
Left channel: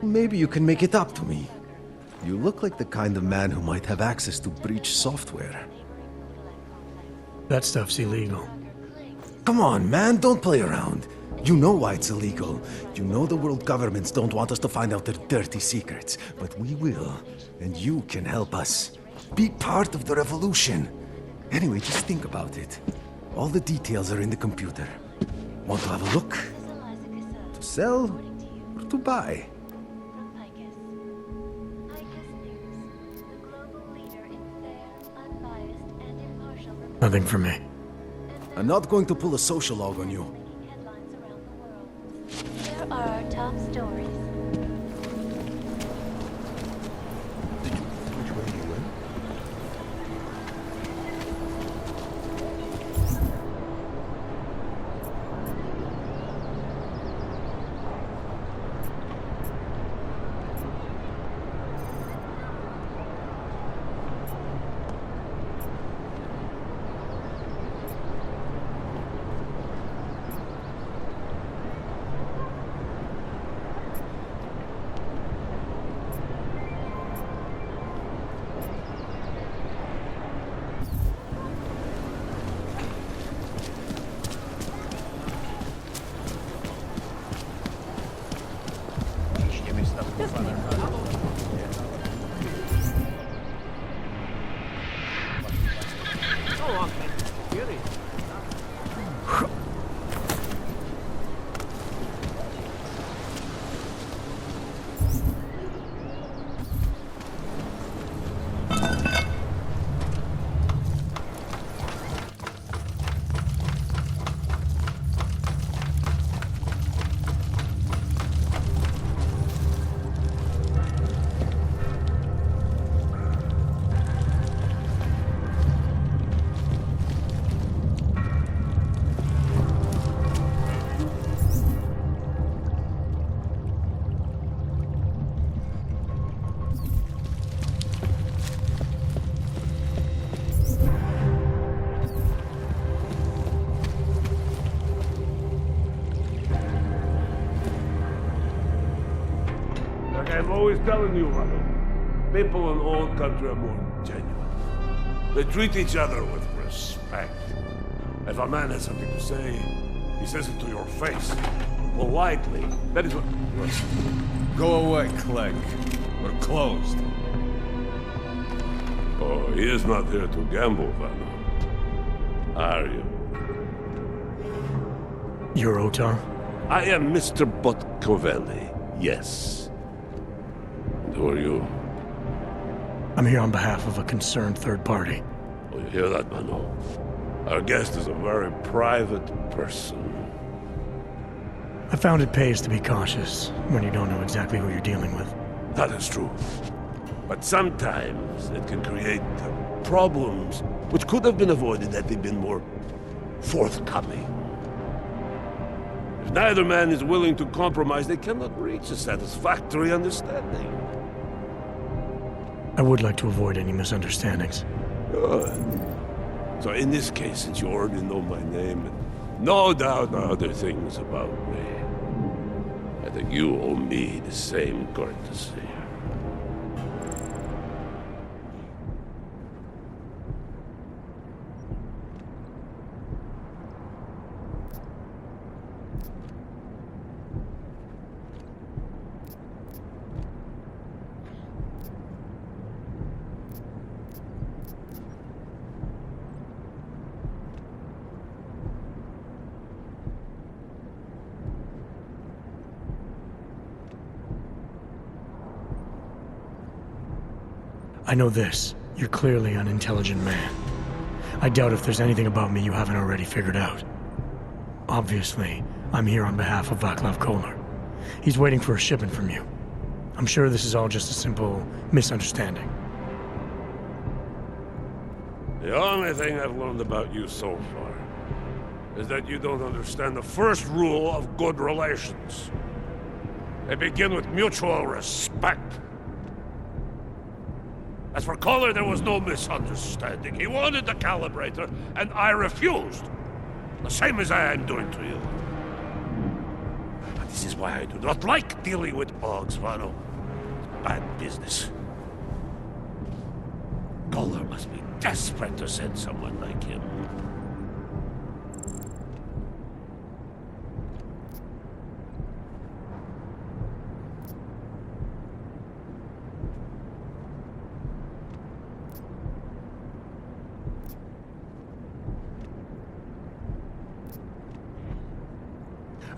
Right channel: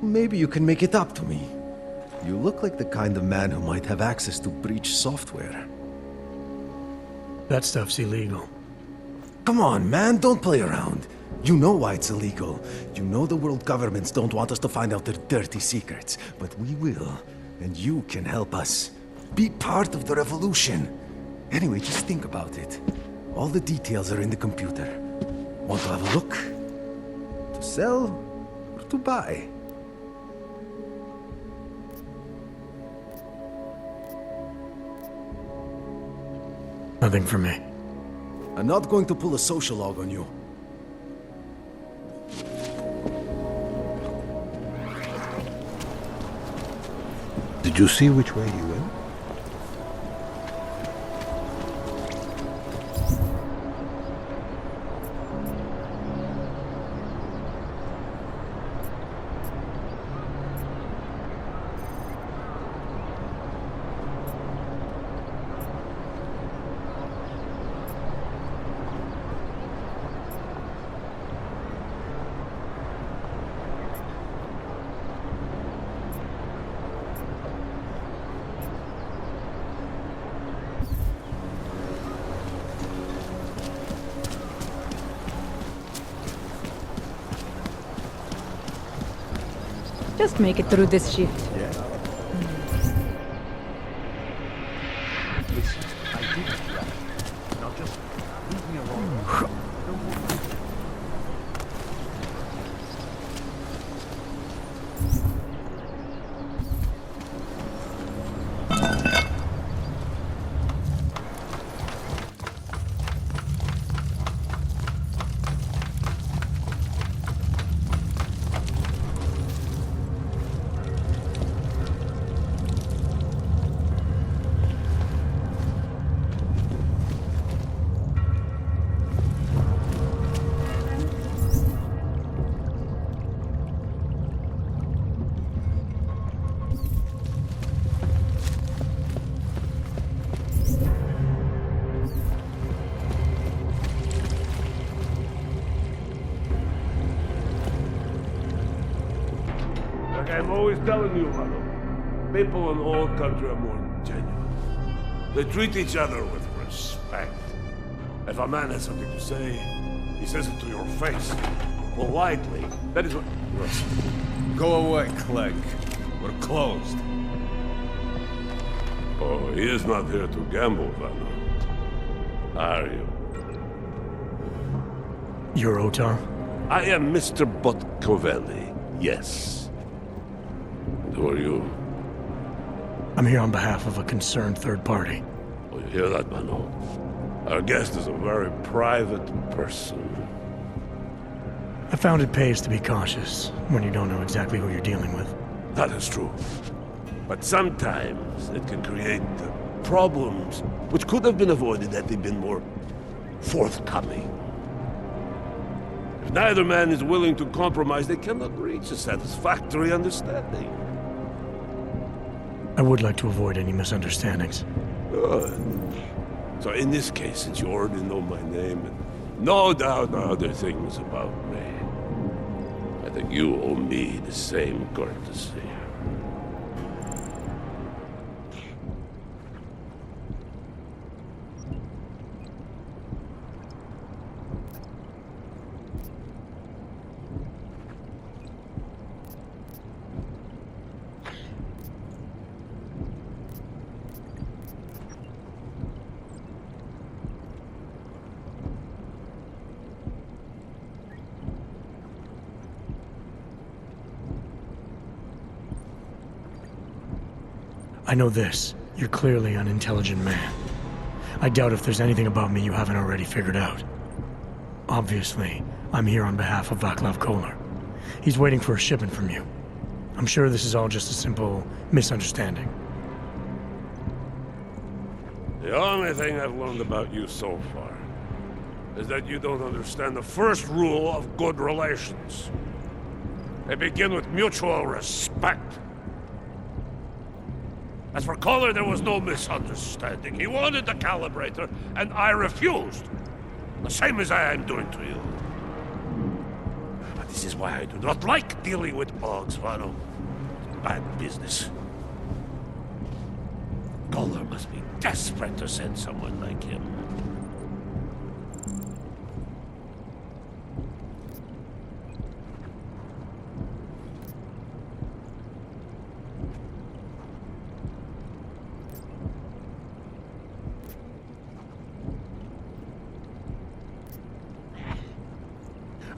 Maybe you can make it up to me. You look like the kind of man who might have access to breach software. That stuff's illegal. Come on, man, don't play around. You know why it's illegal. You know the world governments don't want us to find out their dirty secrets. But we will, and you can help us. Be part of the revolution. Anyway, just think about it. All the details are in the computer. Want to have a look? To sell or to buy? Nothing for me. I'm not going to pull a social log on you. Did you see which way he went? Just make it through this shift. Like I'm always telling you, Rado, people in all country are more genuine. They treat each other with respect. If a man has something to say, he says it to your face. Politely. That is what... Go away, Clegg. We're closed. Oh, he is not here to gamble, Vano. Are you? You're Otar? I am Mr. Botkovelli, yes. And who are you? I'm here on behalf of a concerned third party. Oh, you hear that, Vano? Our guest is a very private person. I found it pays to be cautious when you don't know exactly who you're dealing with. That is true. But sometimes it can create problems which could have been avoided had they been more forthcoming. If neither man is willing to compromise, they cannot reach a satisfactory understanding. I would like to avoid any misunderstandings. Good. So in this case, since you already know my name, and no doubt other things about me, I think you owe me the same courtesy. I know this. You're clearly an intelligent man. I doubt if there's anything about me you haven't already figured out. Obviously, I'm here on behalf of Vaclav Kolar. He's waiting for a shipment from you. I'm sure this is all just a simple misunderstanding. The only thing I've learned about you so far is that you don't understand the first rule of good relations. They begin with mutual respect. As for Kohler, there was no misunderstanding. He wanted the calibrator, and I refused. The same as I am doing to you. But this is why I do not like dealing with Boggs, Vano. Bad business. Kohler must be desperate to send someone like him.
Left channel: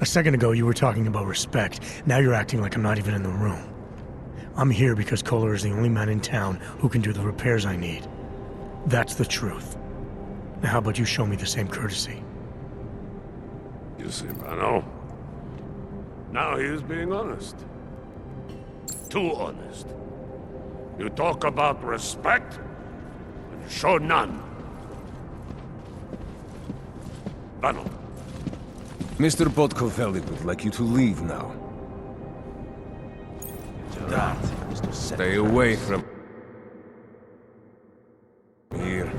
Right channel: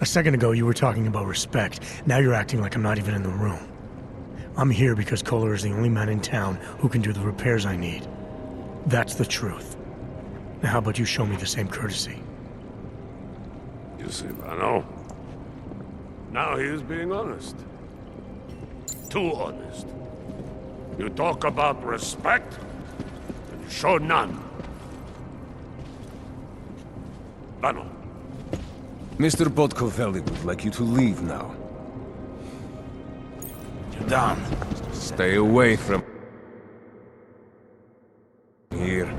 A second ago, you were talking about respect. Now you're acting like I'm not even in the room. I'm here because Kohler is the only man in town who can do the repairs I need. That's the truth. Now how about you show me the same courtesy? You see, Vano? Now he is being honest. Too honest. You talk about respect, and you show none. Vano. Mr. Podkoveli would like you to leave now. Down. Stay away from here.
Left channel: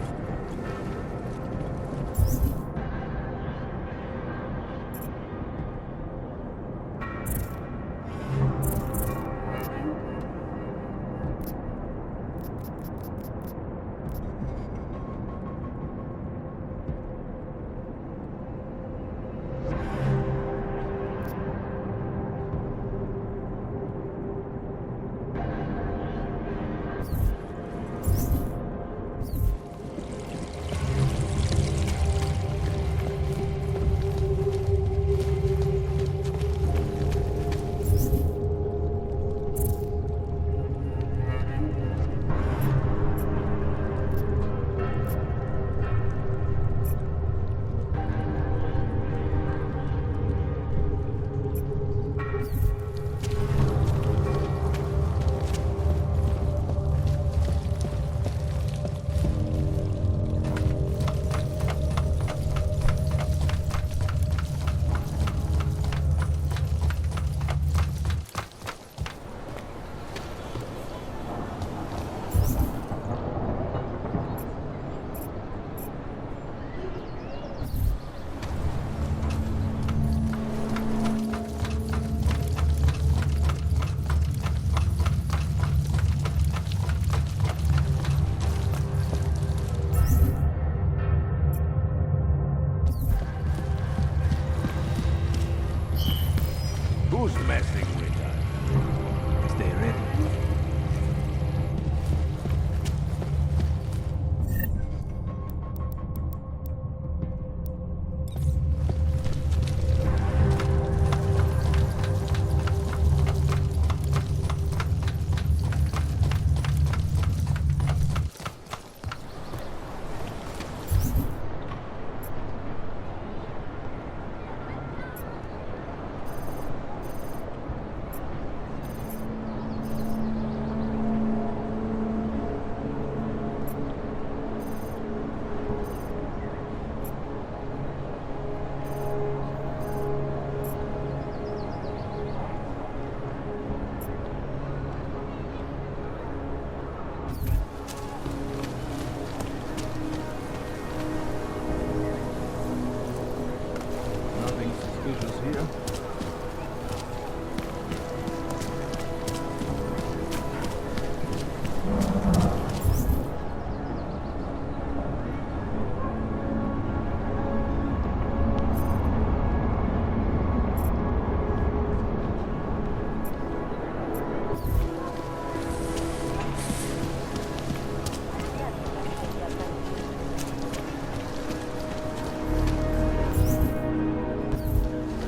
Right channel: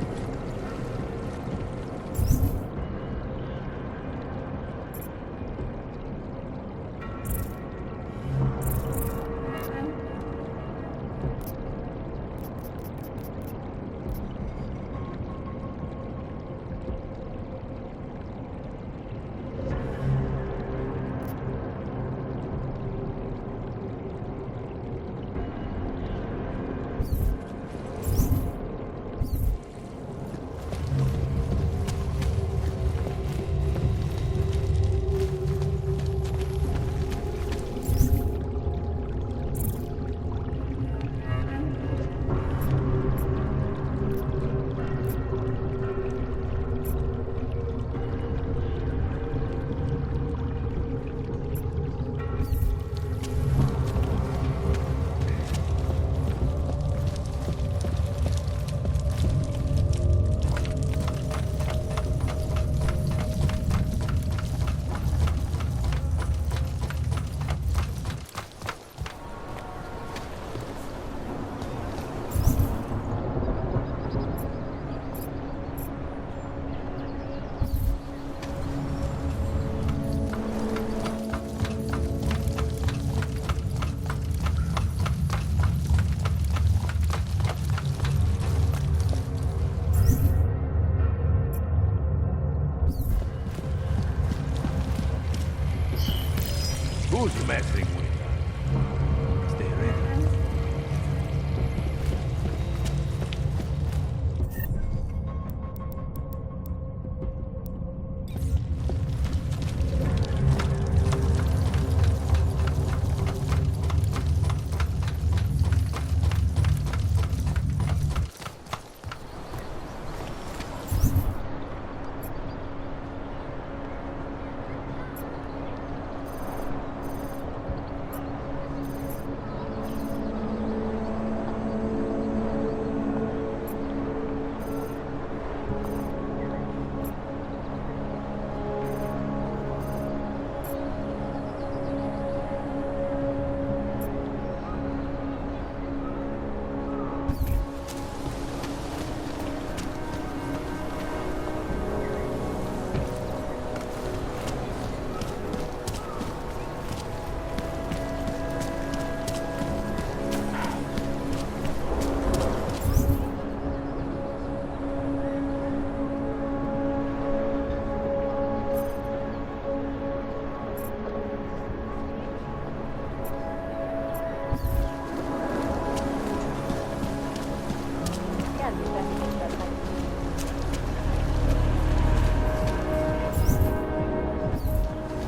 Who's messing with us? Stay ready.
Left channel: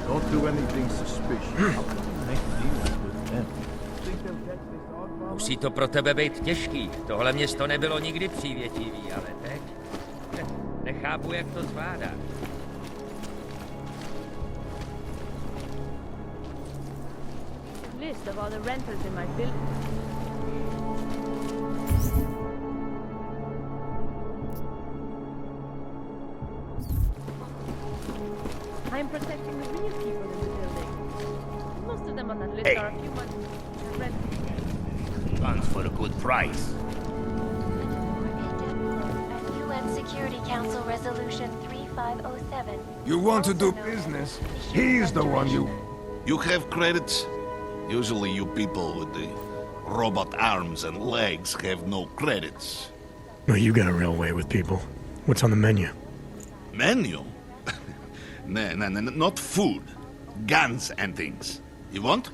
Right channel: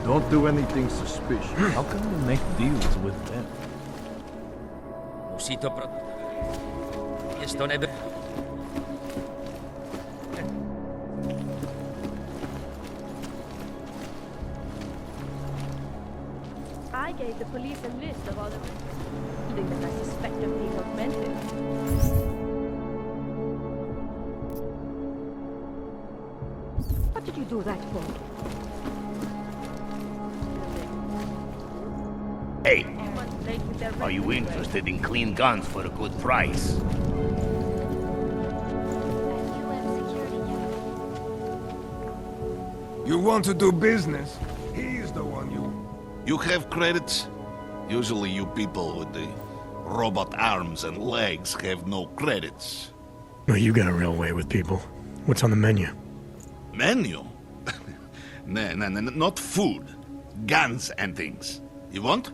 Don't do anything suspicious. How can we make deals with them? Musí to pro tebe být těžký. Tohle město nebylo nikdy přívětivý, ale teď... Nechápu, jak to zvládáš. gave the police a list of all the renters in my building that I suspect of being offended. What did you do that for? I'm protecting the real people in the building. Most of them on that list Hey, are a few months late with their rent. are you interested in clean guns for a good price? UN Security Council Resolution 3507. You want to do business? He's the one you... You have credits? Usually you people with the robot arms and legs have no credits. Well, you got a real way with people. What's on the menu? Menu? No, not food. Guns and things. You want?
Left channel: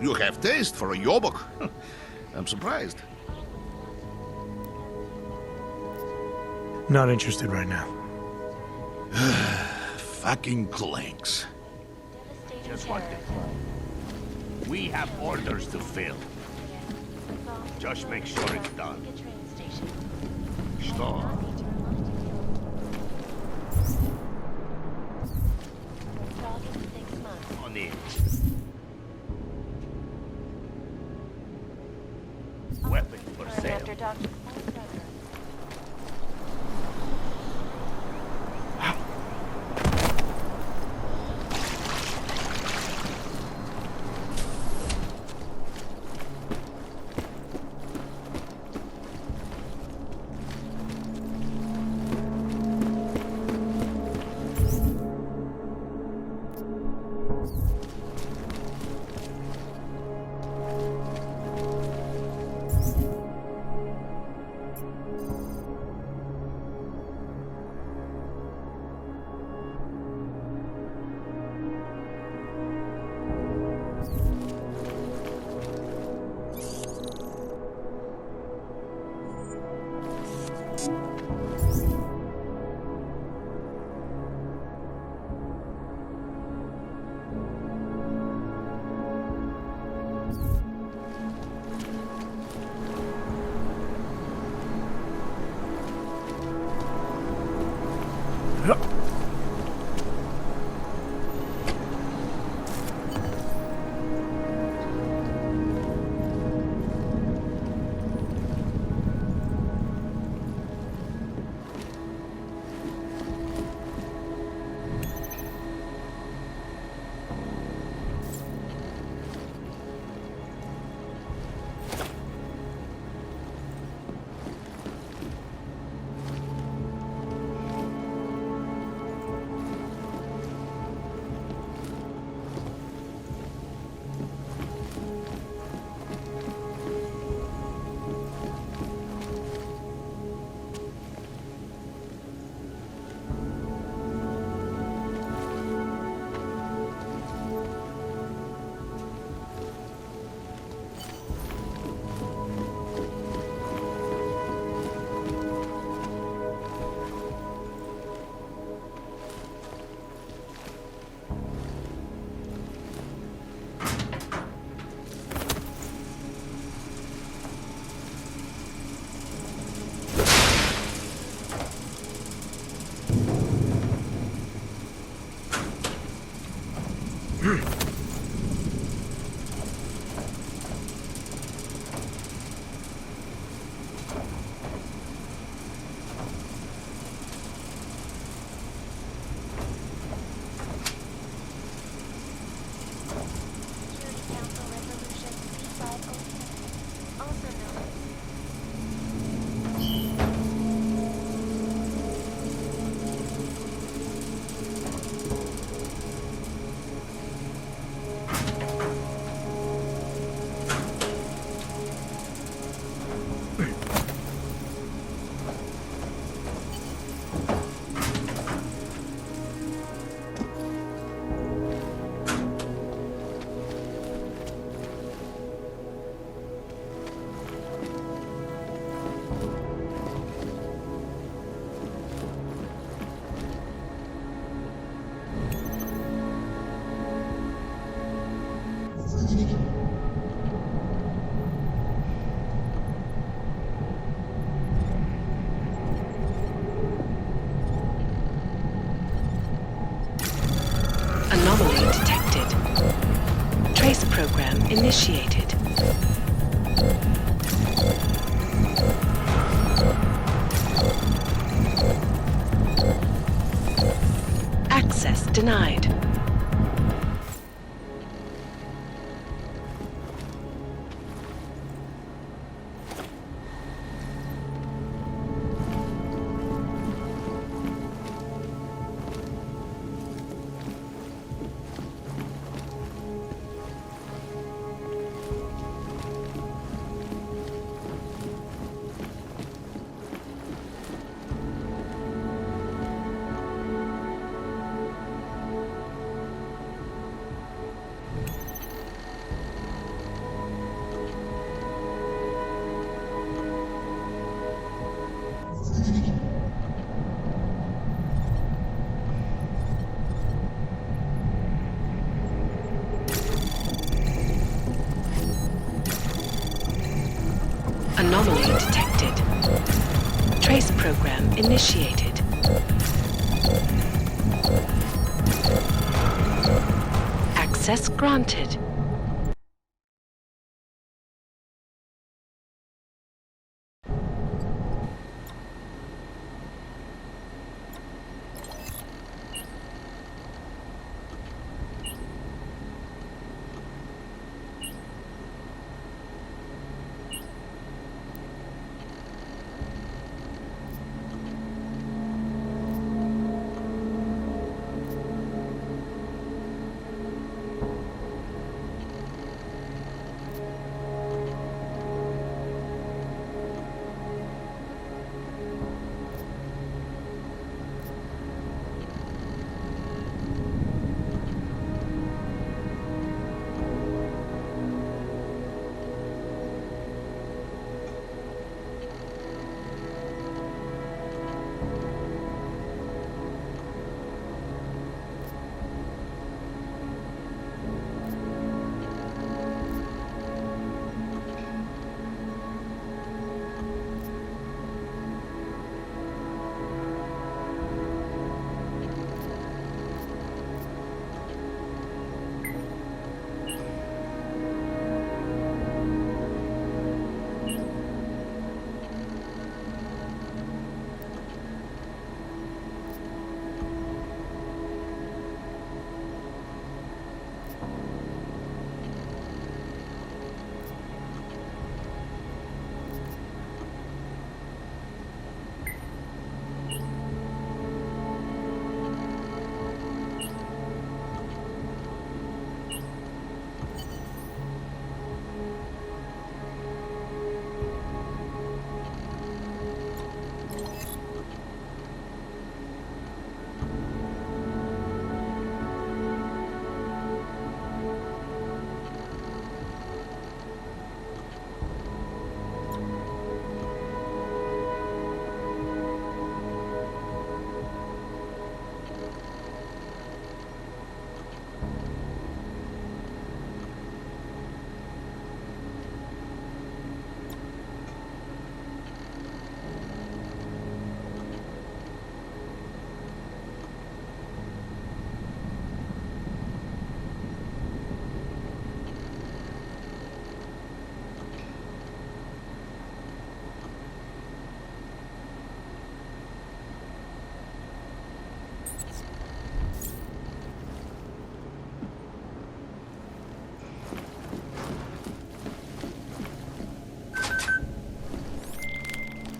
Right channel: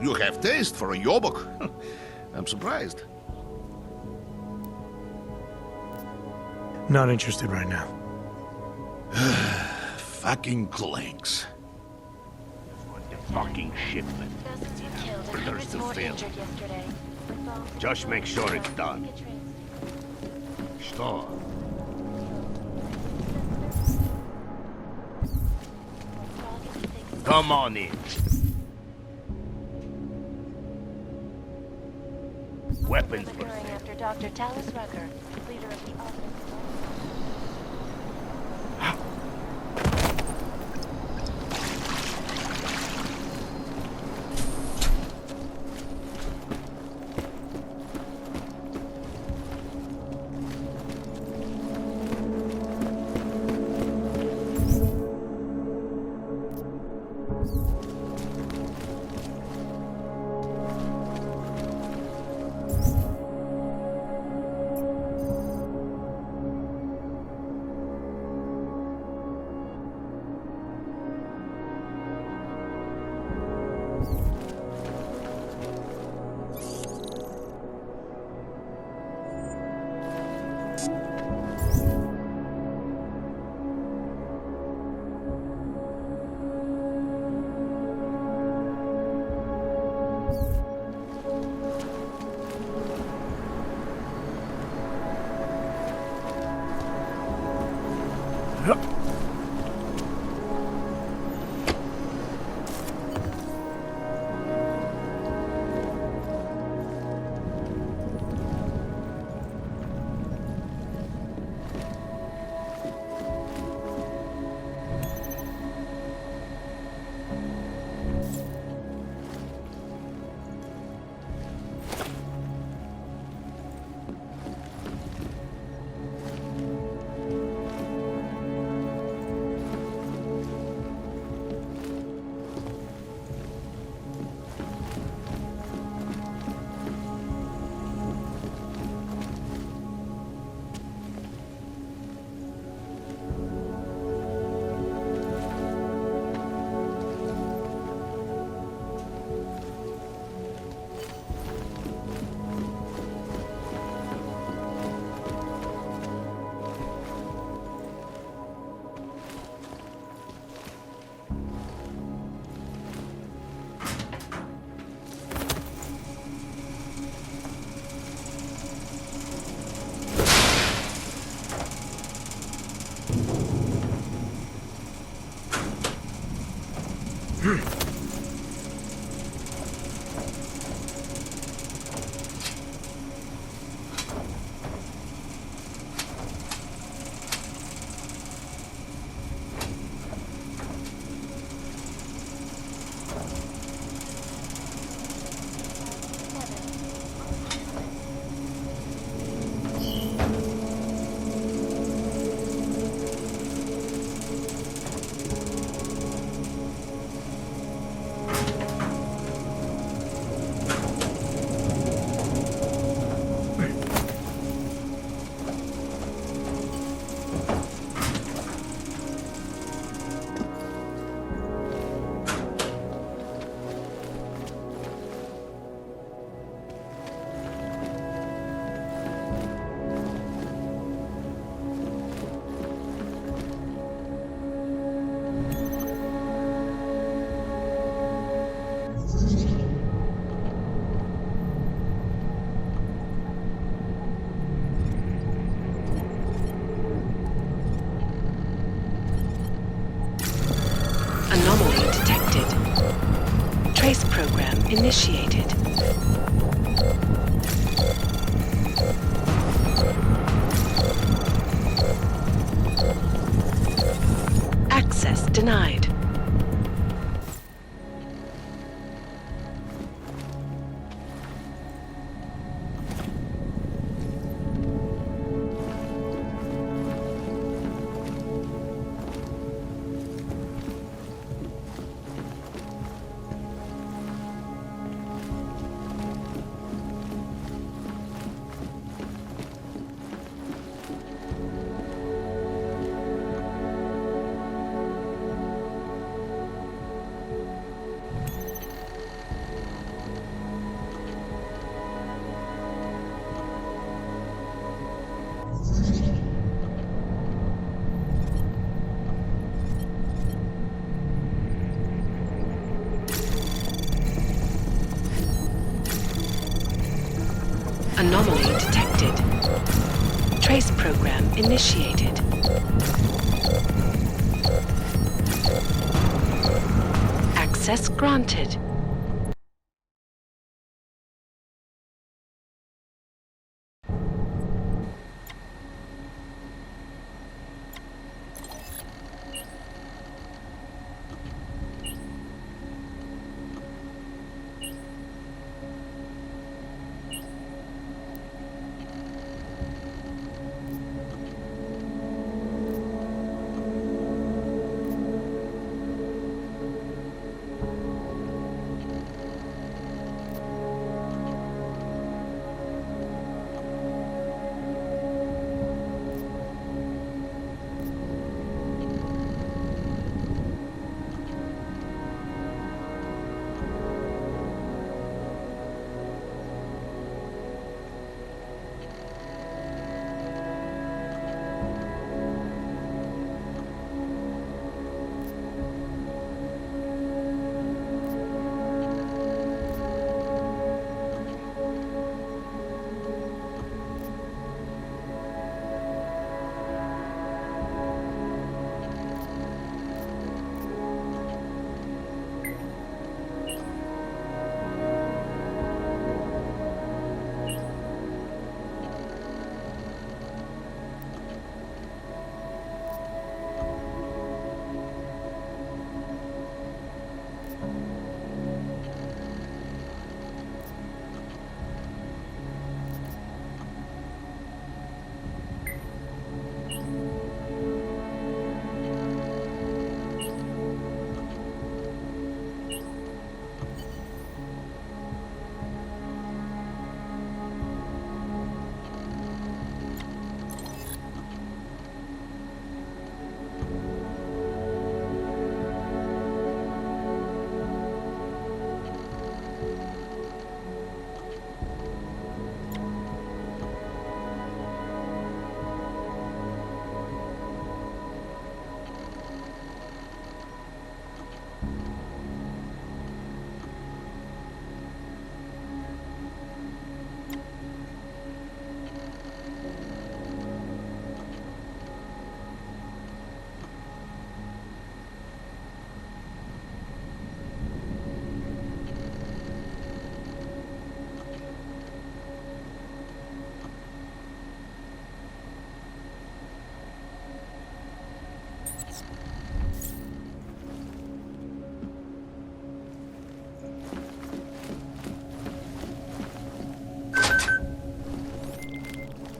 You have taste for a yobok. I'm surprised. Not interested right now. Fucking clanks. Just like the fucking shipment. We have orders to fill. Just make sure it's done. Что? Come on in. Weapons for sale. After Dr. Talis Rucker, leader of the Anomaly detected. Trace program initiated. Access denied. Anomaly detected. Trace program initiated. Access granted.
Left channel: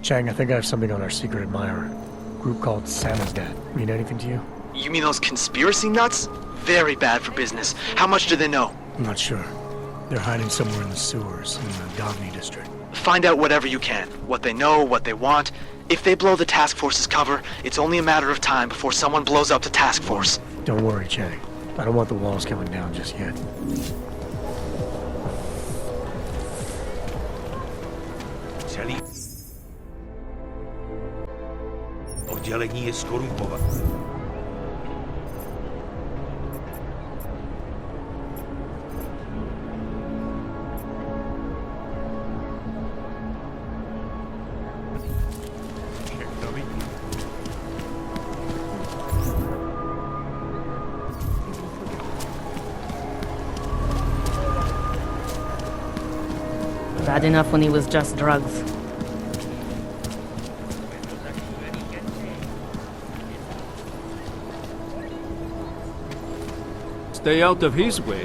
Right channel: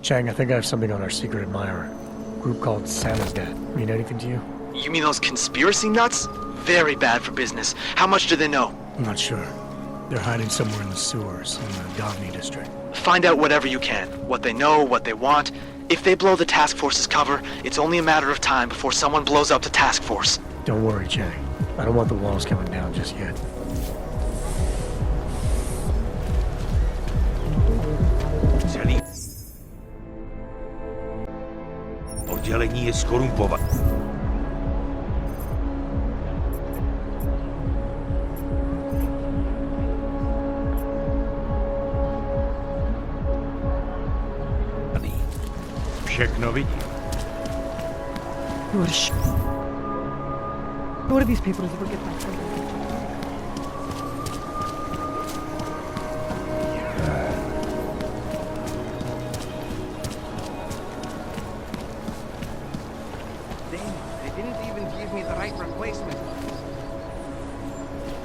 Chang, I think I have something on our secret admirer. Group called Santa's Dad. Mean anything to you? You mean those conspiracy nuts? Very bad for business. How much do they know? I'm not sure. They're hiding somewhere in the sewers in the G.O.M.D district. Find out whatever you can. What they know, what they want. If they blow the task force's cover, it's only a matter of time before someone blows up the task force. Don't worry, Chang. I don't want the walls coming down just yet. Oddělení je skorumpované. Všechno vidím. What are these people who forget this? Bad enough when he was just drugs. Stay out of his way.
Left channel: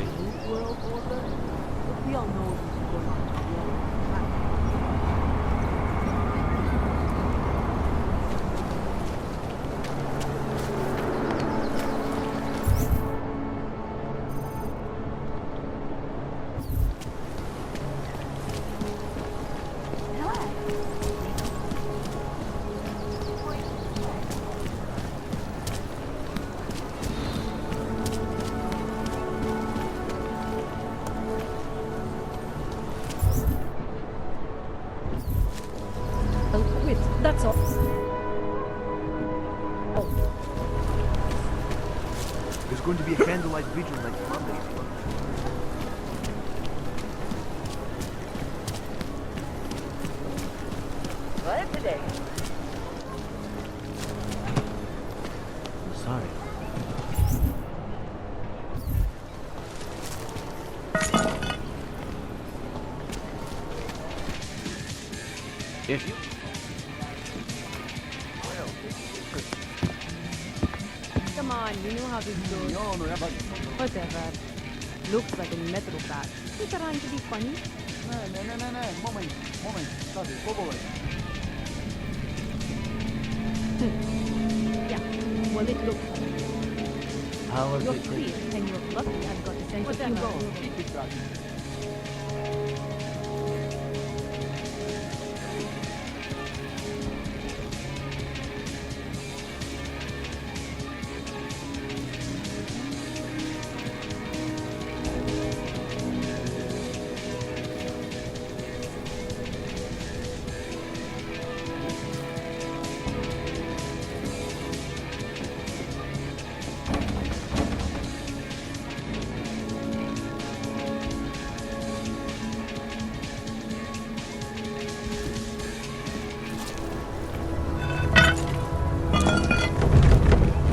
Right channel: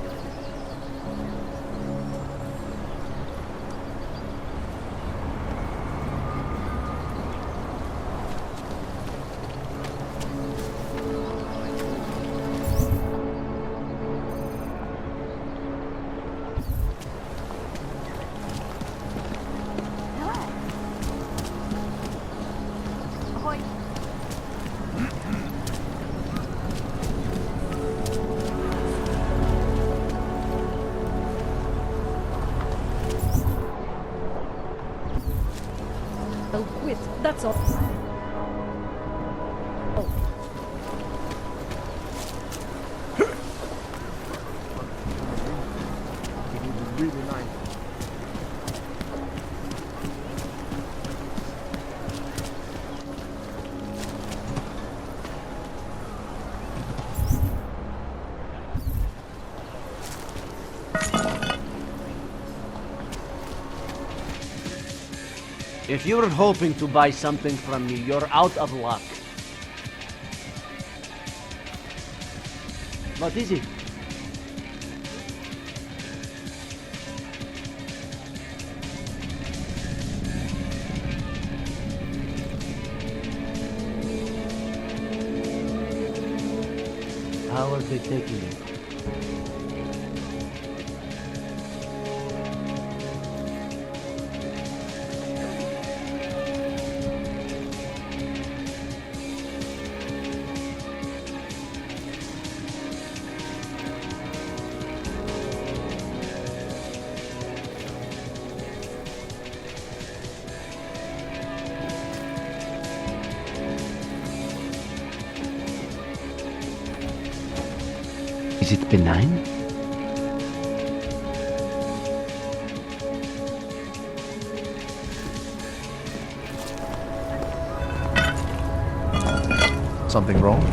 I'll quit, that's all. Oh. There's going to be a candlelight vigil next Monday. If you're hoping to buy something from me, you're out of luck. Come on, you know how this goes. What is it? Whatever. Looks like a metal bat. Is around to be funny? Yeah, well, it looks... How are they taking it? Is it benign? Something wrong?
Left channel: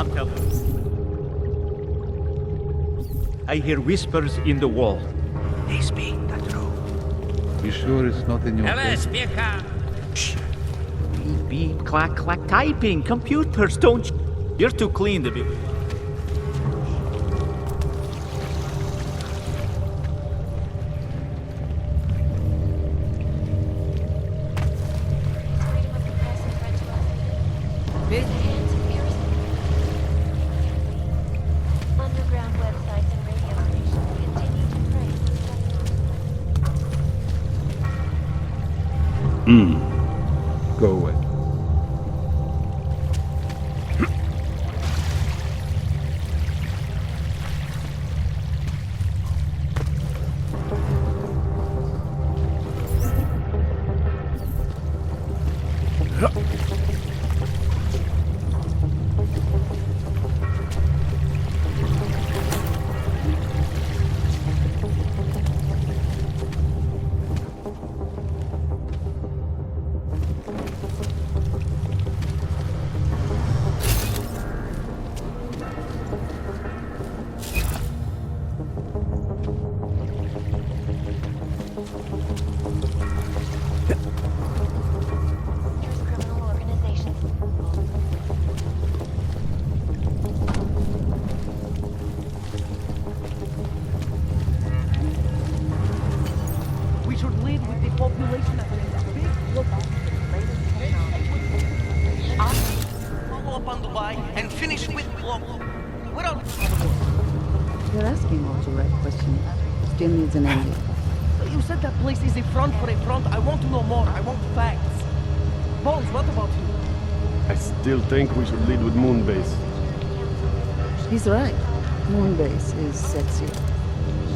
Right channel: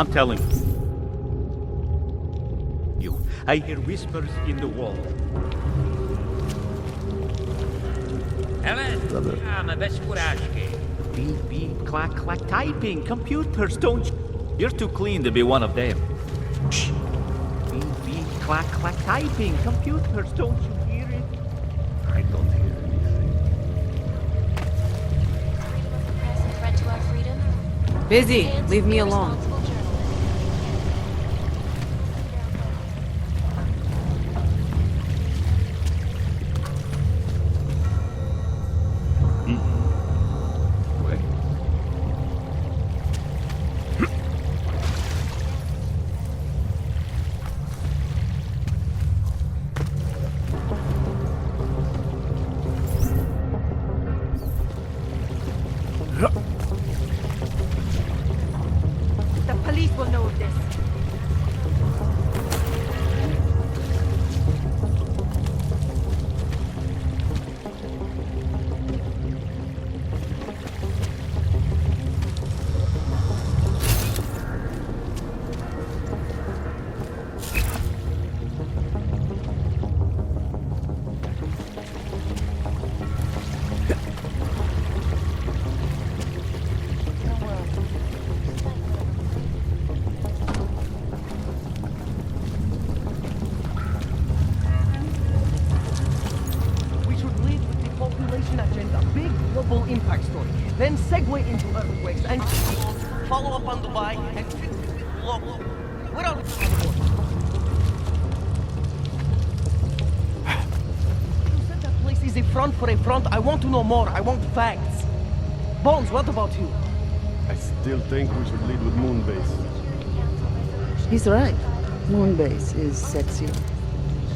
I'm telling you. I hear whispers in the wall. They speak the truth. Be sure it's not in your Hele, head, brother. spěcháme, bez urážky. Beep, beep, clack, clack, typing. Computers, don't you? You're too clean to be one of them. Shh. Beep, beep, clack, clack, typing. Computers, don't you hear it? I don't hear Freedom of the press and threat to our freedom. Busy. Leave me alone. Underground websites and Go away. We should lead with the population agenda, big global impact story. Then segue into earthquakes and follow up on Dubai and finish with local. Where are You're asking all the right questions. Give me the name. you said that place is a front for a front. I want to know more. I want facts. Bones, what about you? I still think we should lead with Moonbase. He's right. Moonbase is sexier.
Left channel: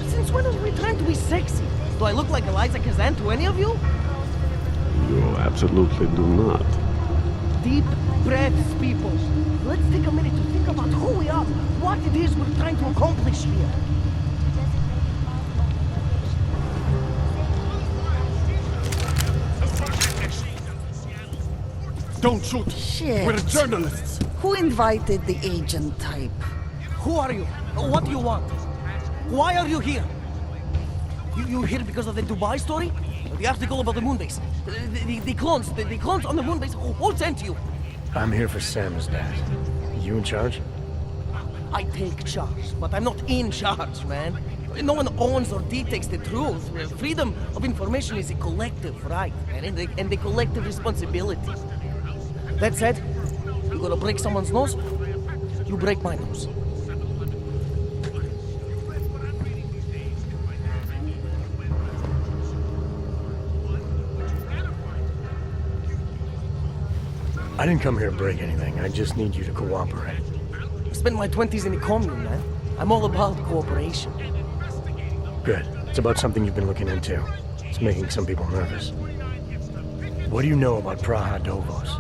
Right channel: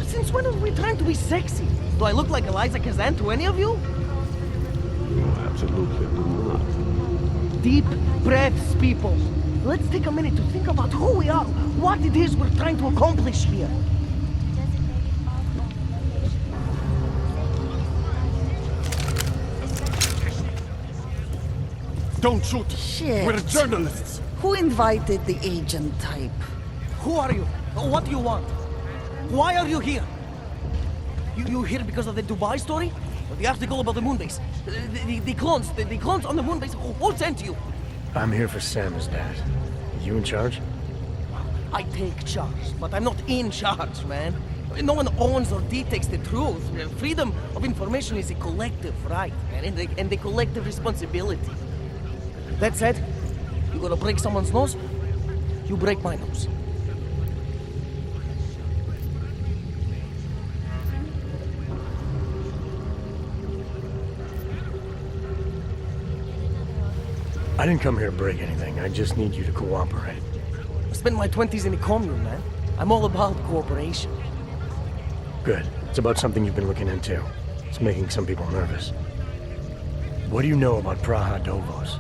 Since when are we trying to be sexy? Do I look like Eliza Kazan to any of you? You absolutely do not. Deep breaths, people. Let's take a minute to think about who we are, what it is we're trying to accomplish here. Don't shoot! Shit. We're journalists! Who invited the agent type? Who are you? What do you want? Why are you here? You here because of the Dubai story? The article about the moonbase? The clones on the moonbase? Who sent you? I'm here for Sam's dad. You in charge? I take charge, but I'm not in charge, man. No one owns or dictates the truth. Freedom of information is a collective right, man, and a collective responsibility. That said, you gonna break someone's nose? You break my nose. I didn't come here to break anything. I just need you to cooperate. I spent my 20s in a commune, man. I'm all about cooperation. Good. It's about something you've been looking into. It's making some people nervous. What do you know about Prague Dovos?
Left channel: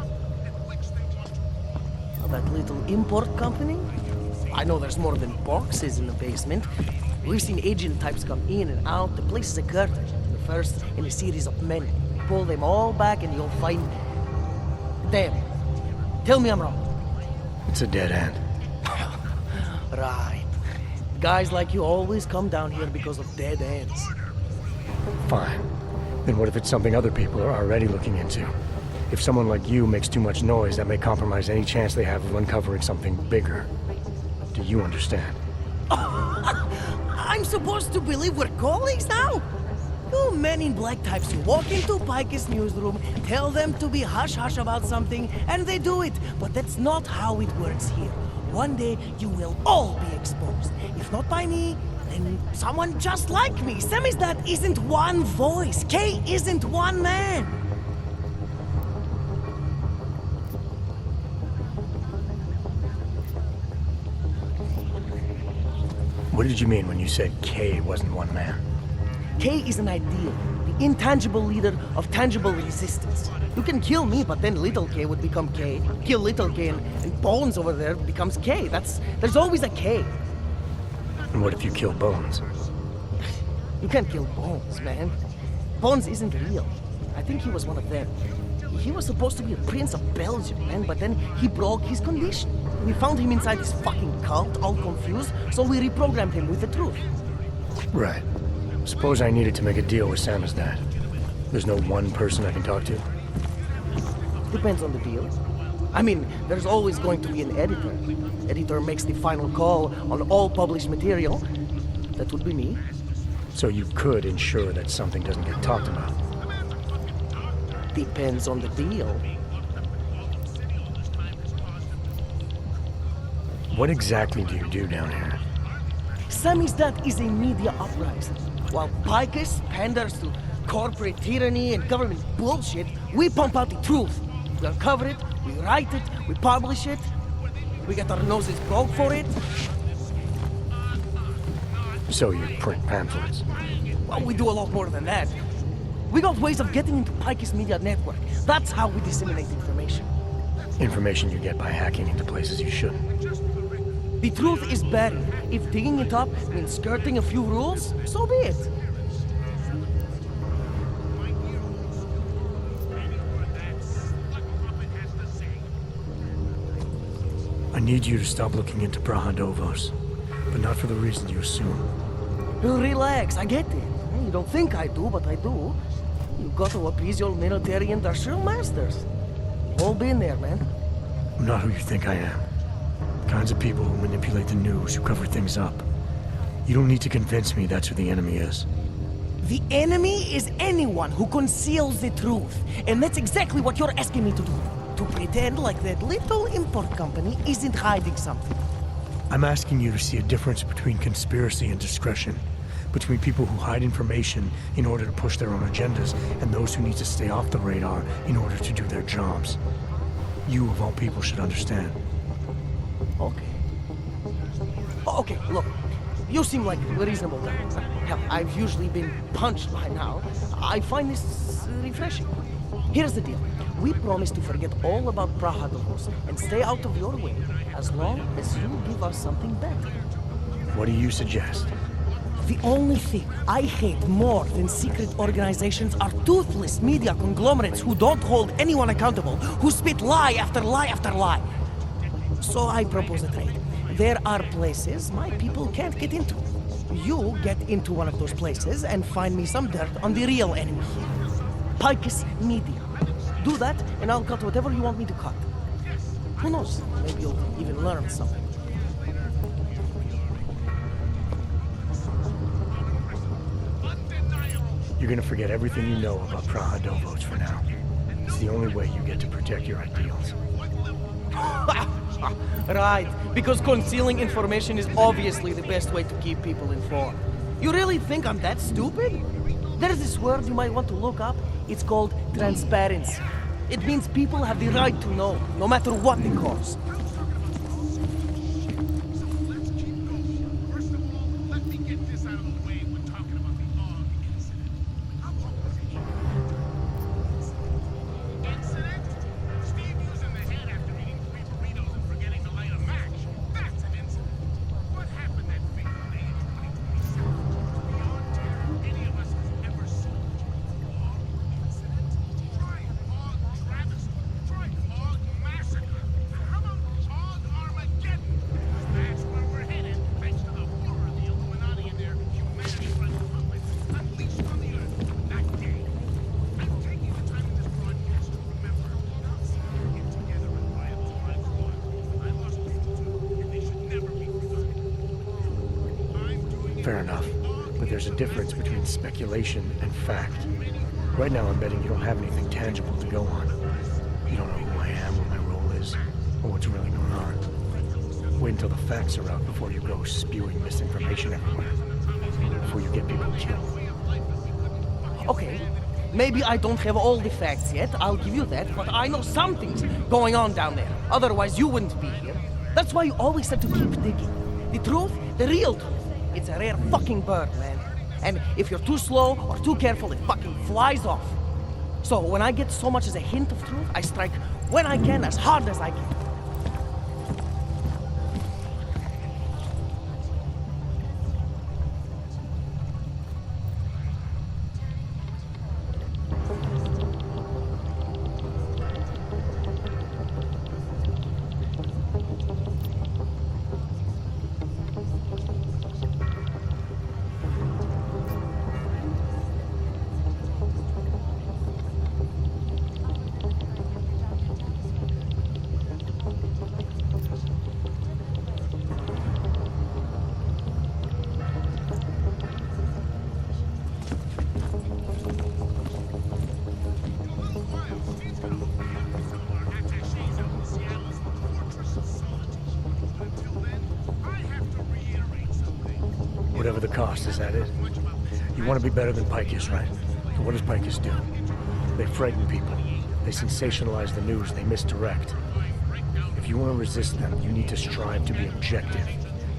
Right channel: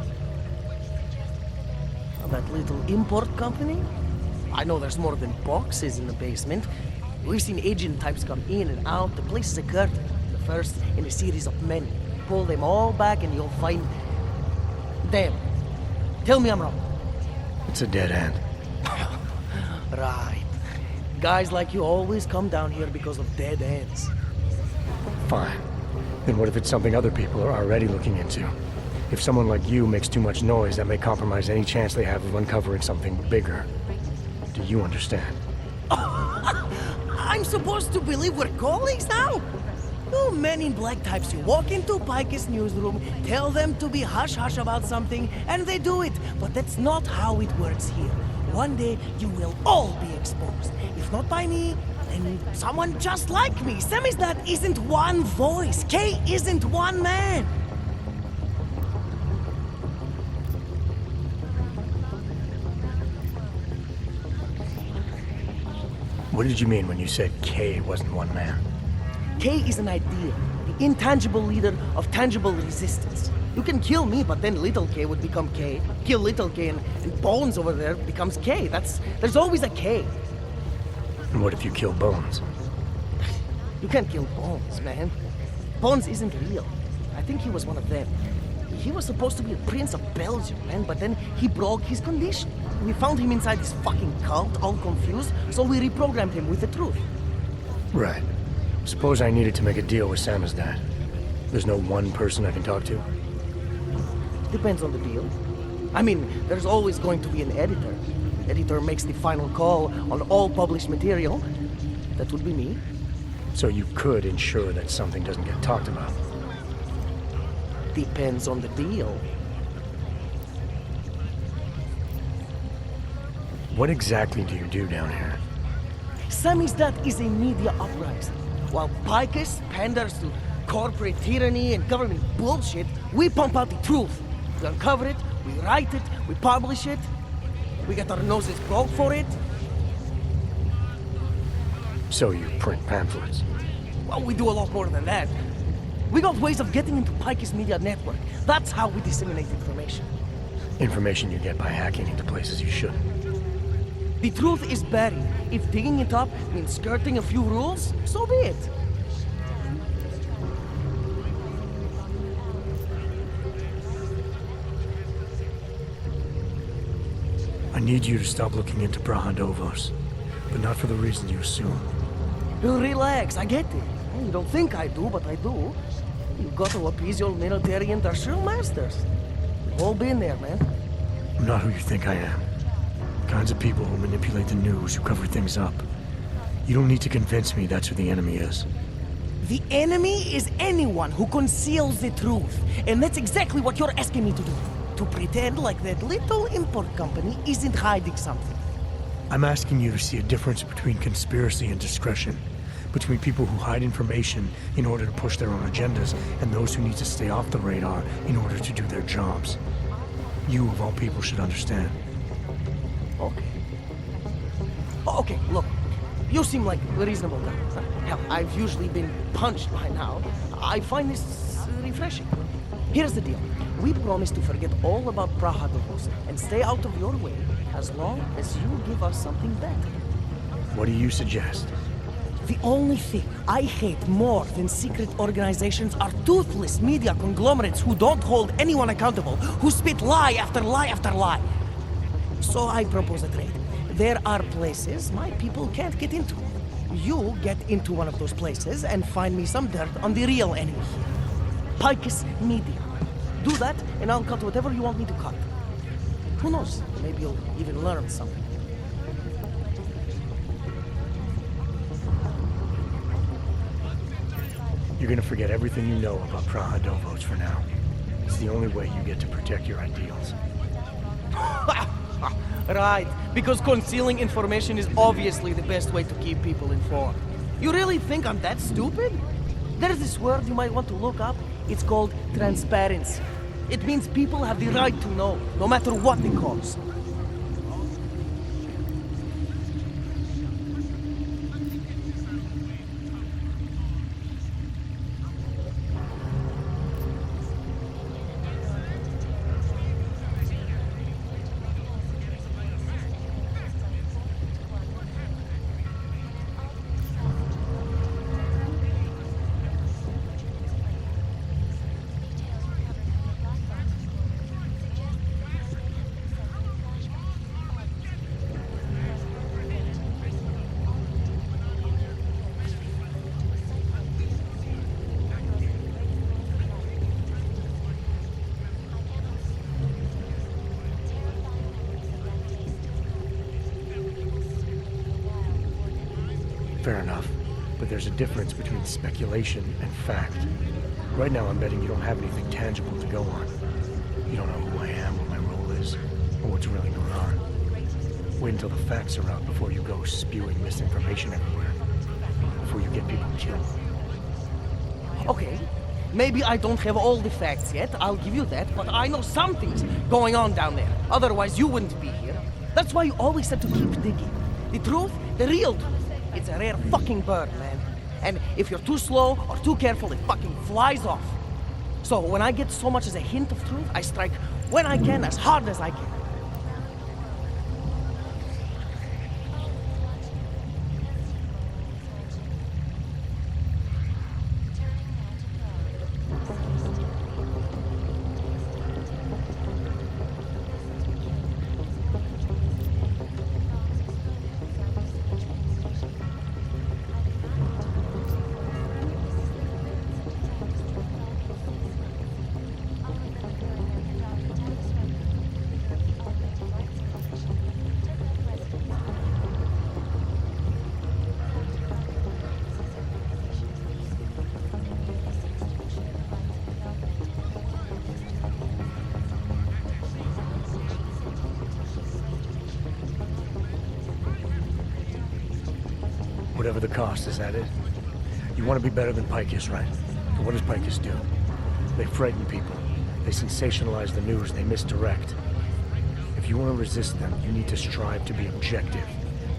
That little import company? I know there's more than boxes in the basement. We've seen agent types come in and out. The place is a curtain. The first in a series of many. Pull them all back and you'll find... them. Tell me I'm wrong. It's a dead end. Right. Guys like you always come down here because of dead ends. Fine. Then what if it's something other people are already looking into? If someone like you makes too much noise, that may compromise any chance they have of uncovering something bigger. Do you understand? I'm supposed to believe we're colleagues now? You men in black types, you walk into Pike's newsroom, tell them to be hush-hush about something, and they do it. But that's not how it works here. One day, you will all be exposed. If not by me, then someone just like me. Samizdat isn't one voice. K isn't one man. What did you mean when you said K wasn't one man? K is an ideal, the intangible leader of tangible resistance. You can kill me, but then little K would become K. Kill little K and Bones over there becomes K. There's always a K. And what if you kill Bones? You can't kill Bones, man. Bones isn't real. I think he was one of them. He was supposed to be a prince of Belgium, man, but then he broke his condition. We found him inside this fucking cult, all confused, so we reprogrammed him with the truth. Right. Suppose I needed to make a deal with Samizdat. There's no one person I can talk to? Depends on the deal. I mean, there's always going to be an editor. Editor makes the final call on all published material. That would be me. So you could ensure that something doesn't get talked about? Depends on the deal. What exactly do you do down here? Samizdat is a media uprising. While Picus panders to corporate tyranny and government bullshit, we pump out the truth. We uncover it, we write it, we publish it. We get our noses broke for it. So you print pamphlets? Well, we do a lot more than that. We got ways of getting into Picus media network. That's how we disseminate information. Information you get by hacking into places you shouldn't. The truth is buried. If digging it up means skirting a few rules, so be it. I need you to stop looking into Prague, but not for the reasons you assume. Relax, I get it. You don't think I do, but I do. You got to appease your military-industrial masters. We've all been there, man. I'm not who you think I am. The kinds of people who manipulate the news, who cover things up. You don't need to convince me that's who the enemy is. The enemy is anyone who conceals the truth. And that's exactly what you're asking me to do. To pretend like that little import company isn't hiding something. I'm asking you to see a difference between conspiracy and discretion. Between people who hide information in order to push their own agendas and those who need to stay off the radar in order to do their jobs. You, of all people, should understand. Okay. Okay, look. You seem like a reasonable guy. Hell, I've usually been punched by now. I find this refreshing. Here's the deal. We promise to forget all about Prague and stay out of your way as long as you give us something better. What do you suggest? The only thing I hate more than secret organizations are toothless media conglomerates who don't hold anyone accountable, who spit lie after lie after lie. So I propose a trade. There are places my people can't get into. You get into one of those places and find me some dirt on the real enemy here. Picus Media. Do that, and I'll cut whatever you want me to cut. Who knows? Maybe you'll even learn something. You're gonna forget everything you know about Prague for now. It's the only way you get to protect your ideals. Right, because concealing information is obviously the best way to keep people informed. You really think I'm that stupid? There's this word you might want to look up. It's called transparency. It means people have the right to know, no matter what the cost. Fair enough, but there's a difference between speculation and fact. Right now I'm betting you don't have anything tangible to go on. You don't know who I am, what my role is, or what's really going on. Wait until the facts are out before you go spewing misinformation everywhere. Before you get people killed. Okay, maybe I don't have all the facts yet, I'll give you that, but I know something's going on down there. Otherwise you wouldn't be here. That's why you always have to keep digging. The truth, the real truth. It's a rare fucking bird, man. And if you're too slow or too careful, it fucking flies off. So when I get so much as a hint of truth, I strike when I can, as hard as I can. Whatever the cost, is that it? You want to be better than Picus, right? So what does Picus do? They frighten people. They sensationalize the news. They misdirect. If you want to resist them, you need to strive to be objective.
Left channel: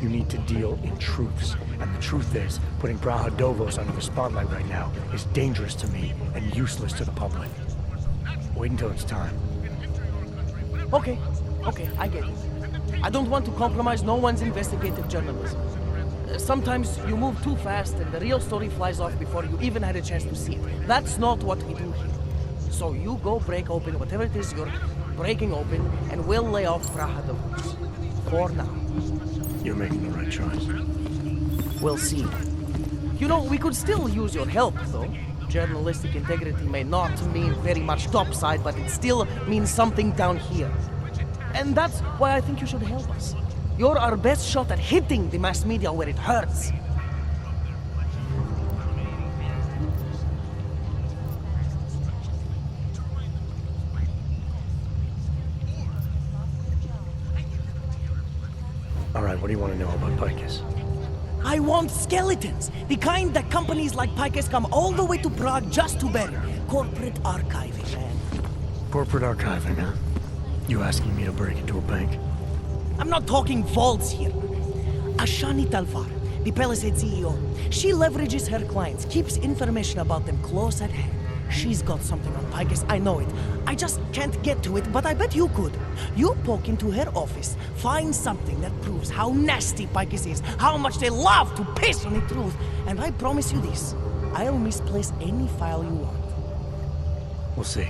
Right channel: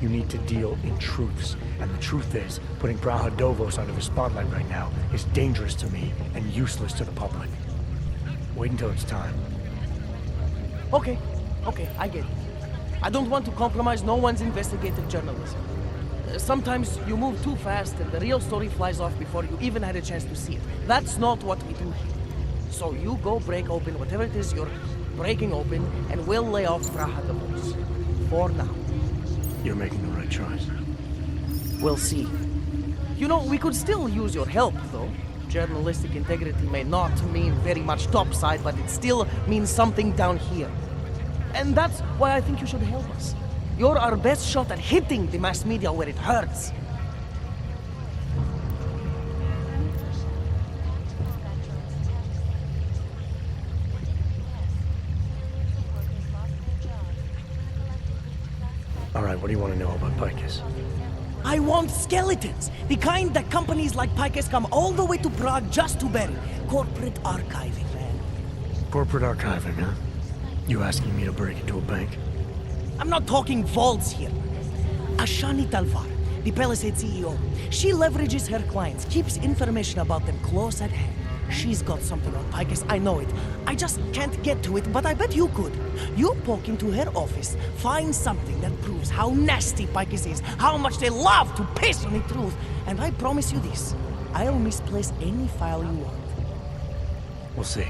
You need to deal in truths. And the truth is, putting Prague under the spotlight right now is dangerous to me and useless to the public. Wait until it's time. Okay, I get it. I don't want to compromise no one's investigative journalism. Sometimes you move too fast and the real story flies off before you even had a chance to see it. That's not what we do here. So you go break open whatever it is you're breaking open, and we'll lay off Praha the voice. For now. You're making the right choice. We'll see. You know, we could still use your help, though. Journalistic integrity may not mean very much topside, but it still means something down here. And that's why I think you should help us. You're our best shot at hitting the mass media where it hurts. All right, what do you want to know about Picus? I want skeletons. The kind that companies like Picus come all the way to Prague just to bury. Corporate archiving, man. Corporate archiving, huh? You asking me to break into a bank? I'm not talking vaults here. Ashani Talvar, the Palisade CEO, she leverages her clients, keeps information about them close at hand. She's got something on Picus, I know it. I just can't get to it, but I bet you could. You poke into her office, find something that proves how nasty Picus is, how much they love to piss on the truth, and I promise you this, I'll misplace any file you want. We'll see.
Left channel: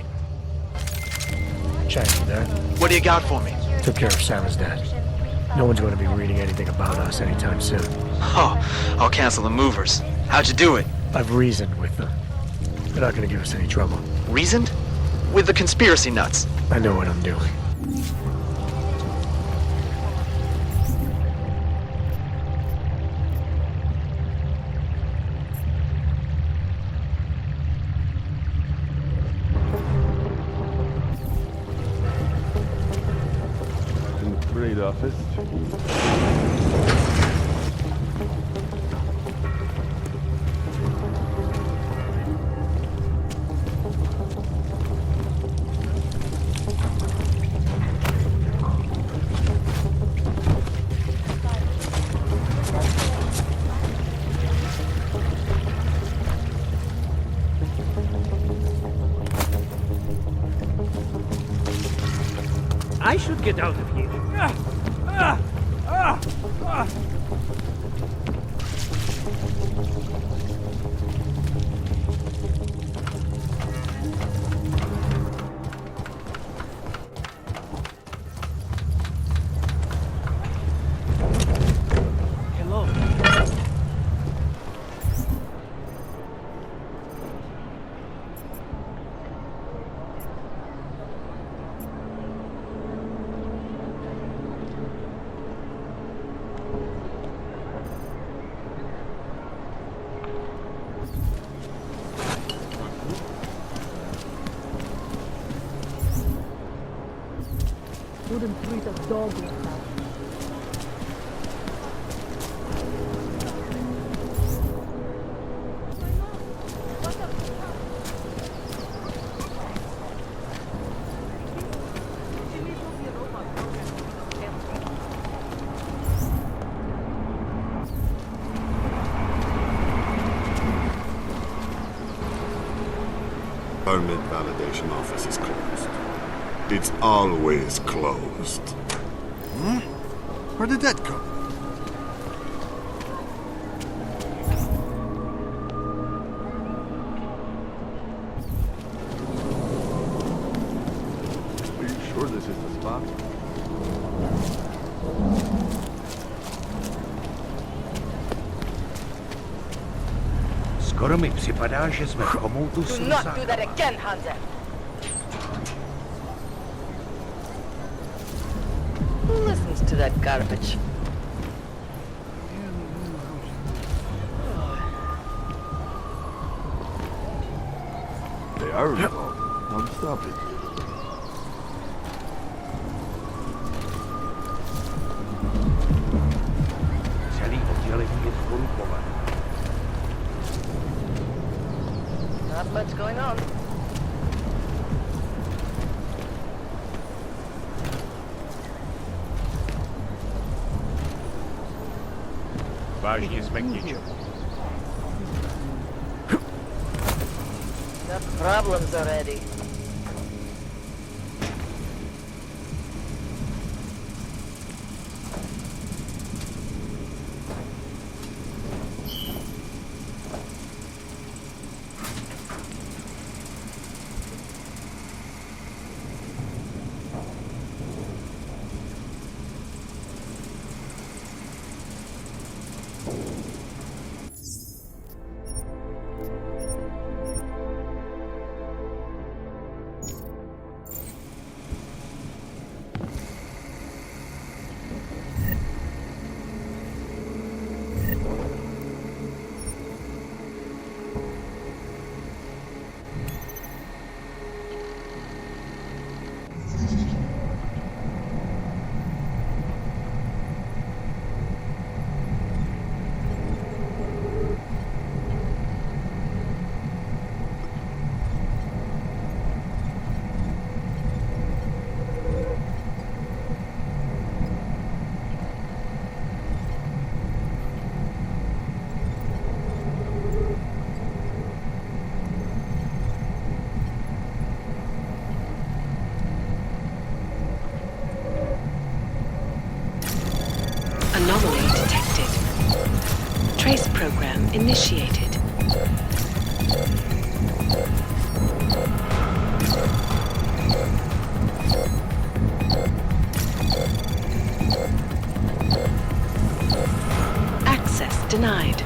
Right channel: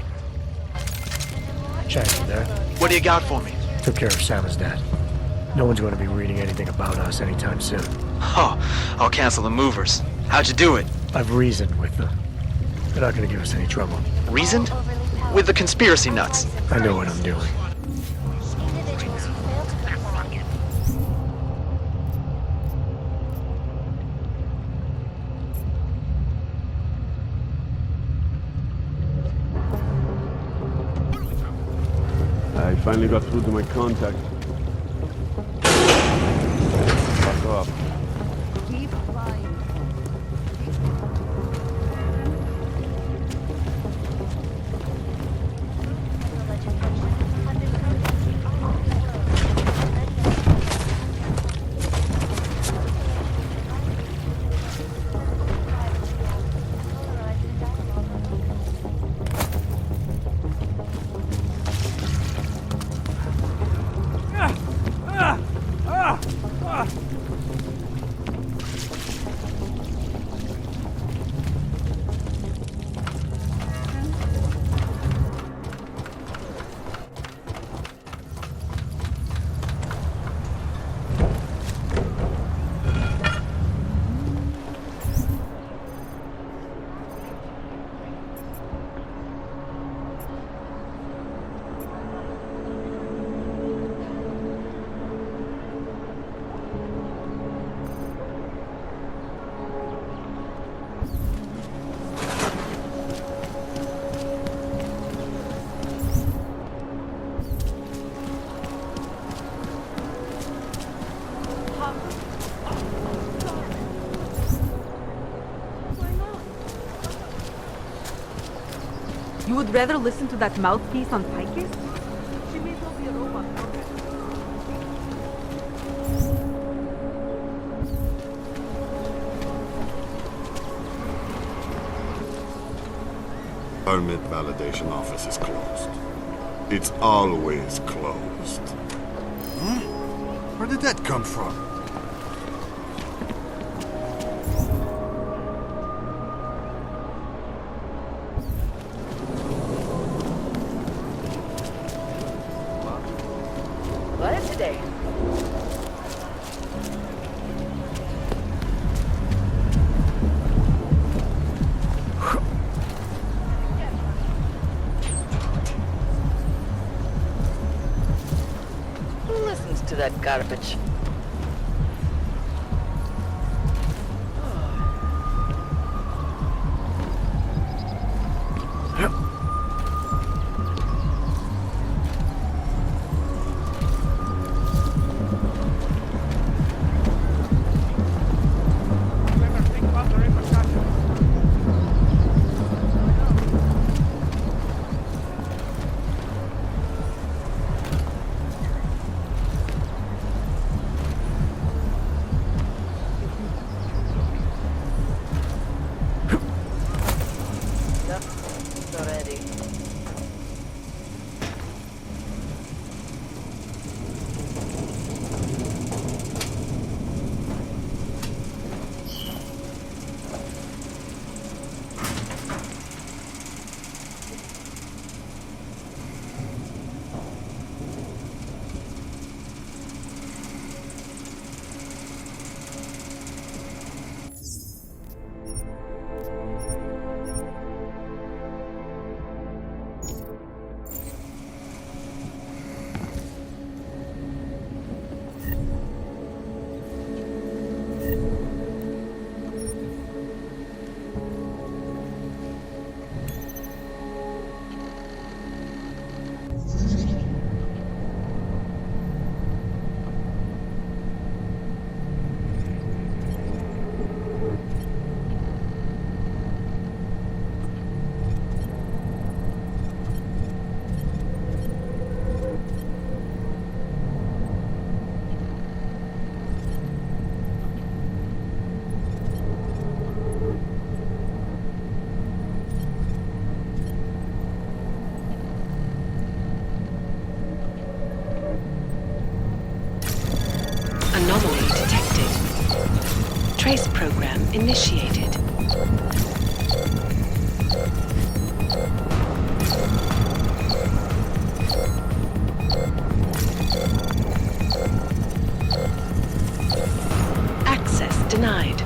Chang, you there? What do you got for me? Took care of Sama's dad. No one's going to be reading anything about us anytime soon. Oh, I'll cancel the movers. How'd you do it? I've reasoned with them. They're not going to give us any trouble. Reasoned? With the conspiracy nuts. I know what I'm doing. I finally got through to my contact in the trade office. I should get out of here. You would rather listen to that mouthpiece on Picus? She may as well be a robot program. Permit validation office is closed. It's always closed. Hmm? Where did that come from? Sure this is the spot? Wednesday. Skoro mi připadá, že jsme komoutu Do not do that again, Hunter. Who listens to that garbage? They are wrong. Don't stop it. Not much going on. vážně jsme k ničemu. Got problems already. Anomaly detected. Trace program initiated. Access denied.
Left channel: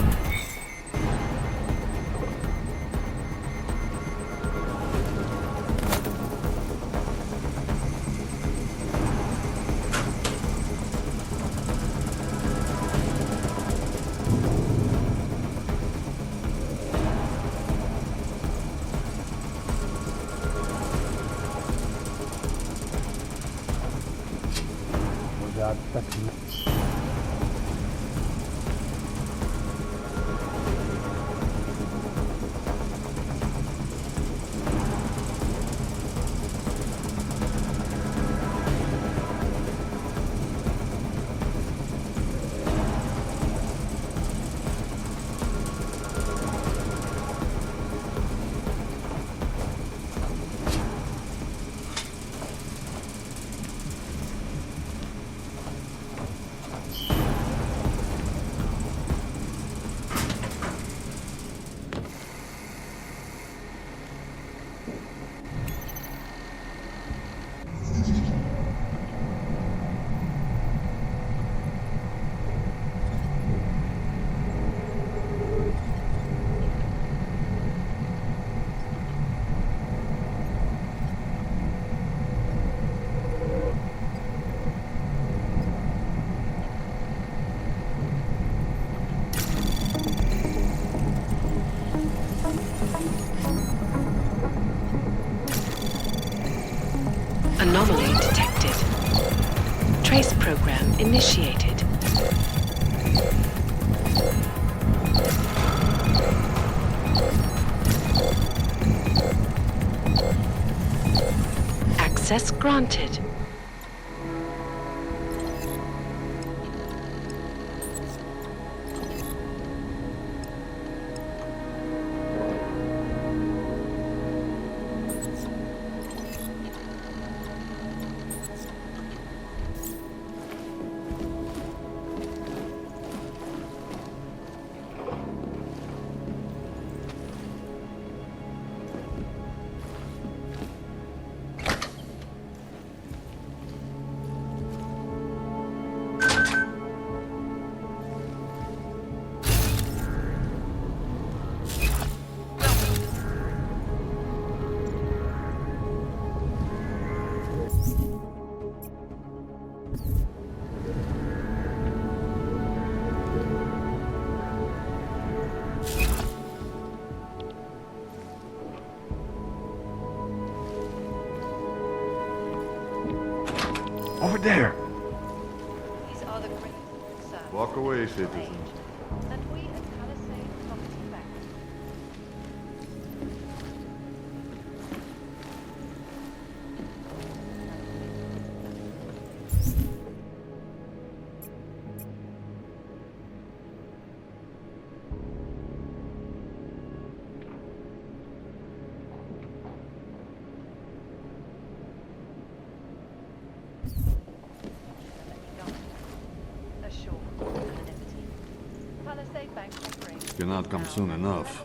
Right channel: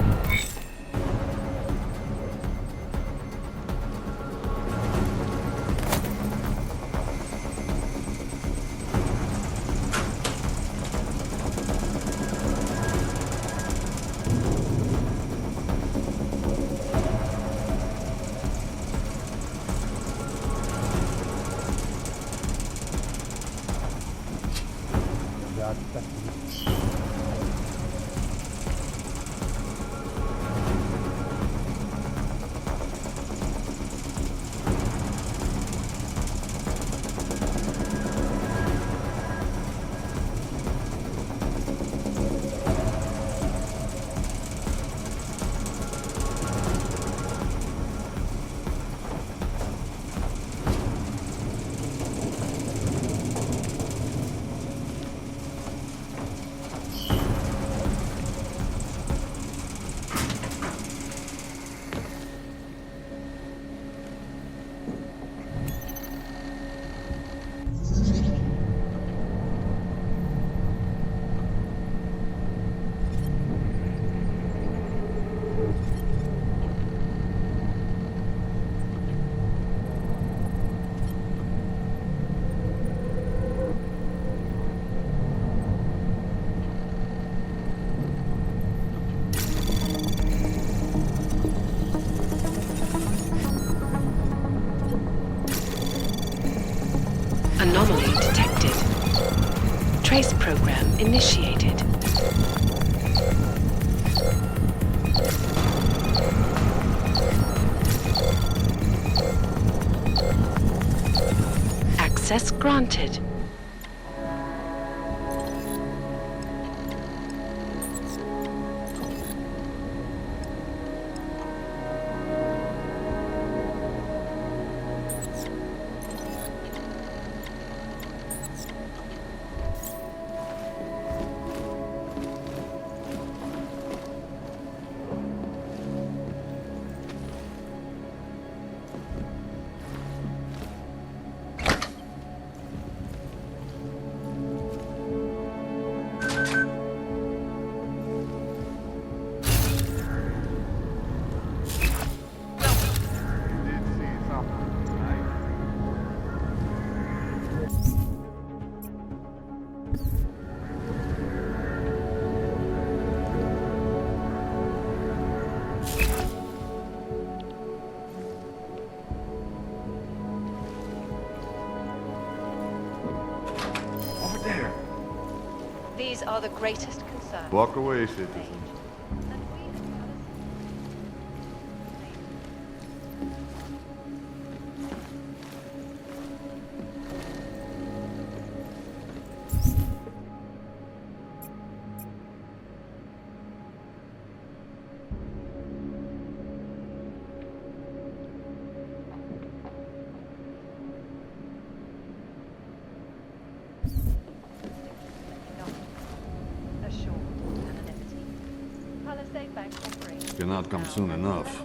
Anomaly detected. Trace program initiated. Access granted. Over there. These are the greatest concerns. Walk away, citizens. And we at Palisade must respect. Assured anonymity. Palisade Bank operates. Cannot come soon enough.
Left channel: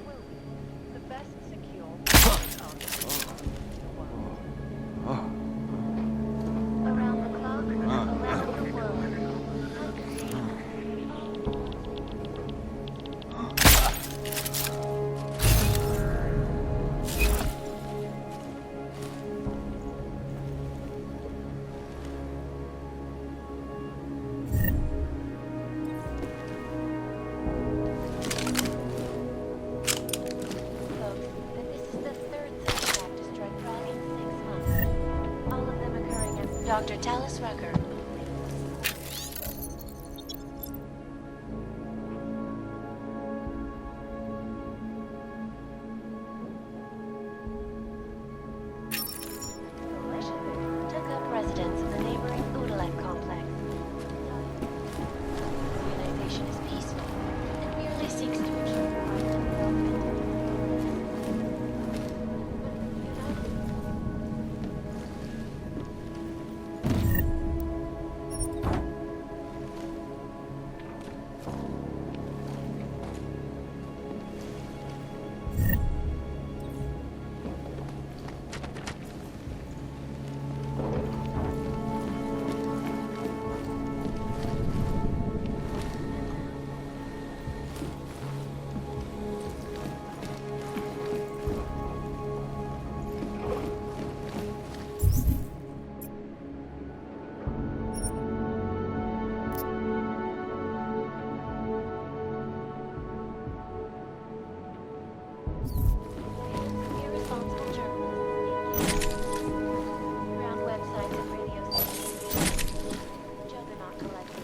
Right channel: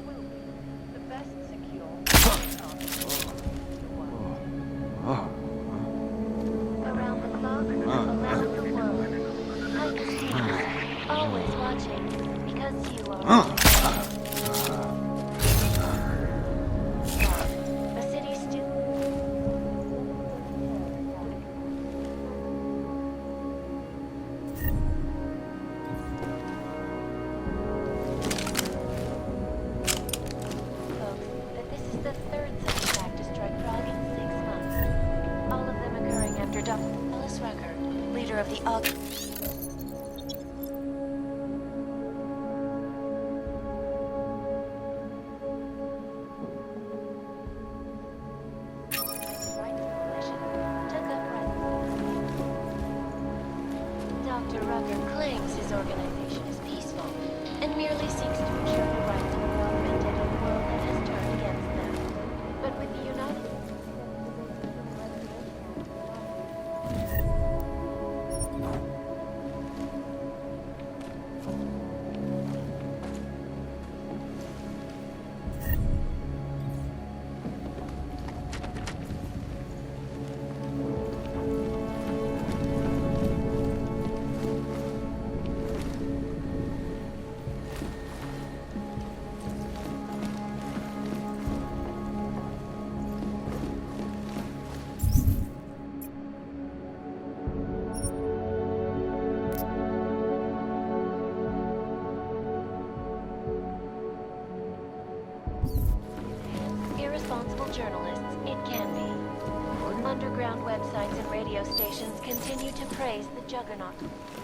The best secure Around the clock, around the world. Like a secret, always watching, because you are. The city's still. Folks, that this is the third such attack to strike Prague in 6 months. All of them occurring after Dr. Dallas Rucker, leader of the coalition took up residence in the neighboring Udalite complex. Dr. Rucker claims his organization is peaceful and merely seeks to ensure the right to be augmented in a world that has turned against them. But with the United Irresponsible journalists, it can be. Underground websites and radio stations continue to praise the Juggernaut Collective.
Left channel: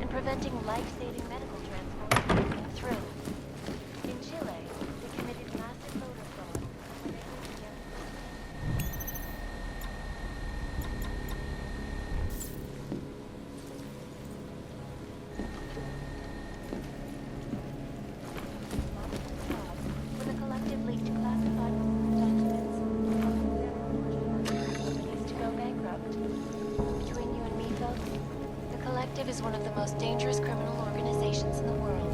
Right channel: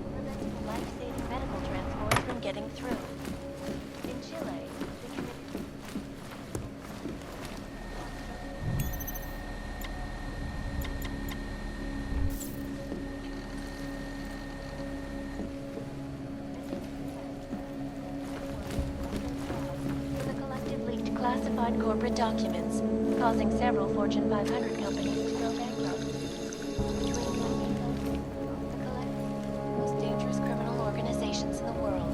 And preventing life-saving medical transport from getting through. In Chile, they committed massive when the collective leaked classified corporate documents, causing several Fortune 500 companies to go bankrupt. Between you and me, folks, the collective is one of the most dangerous criminal organizations in the world,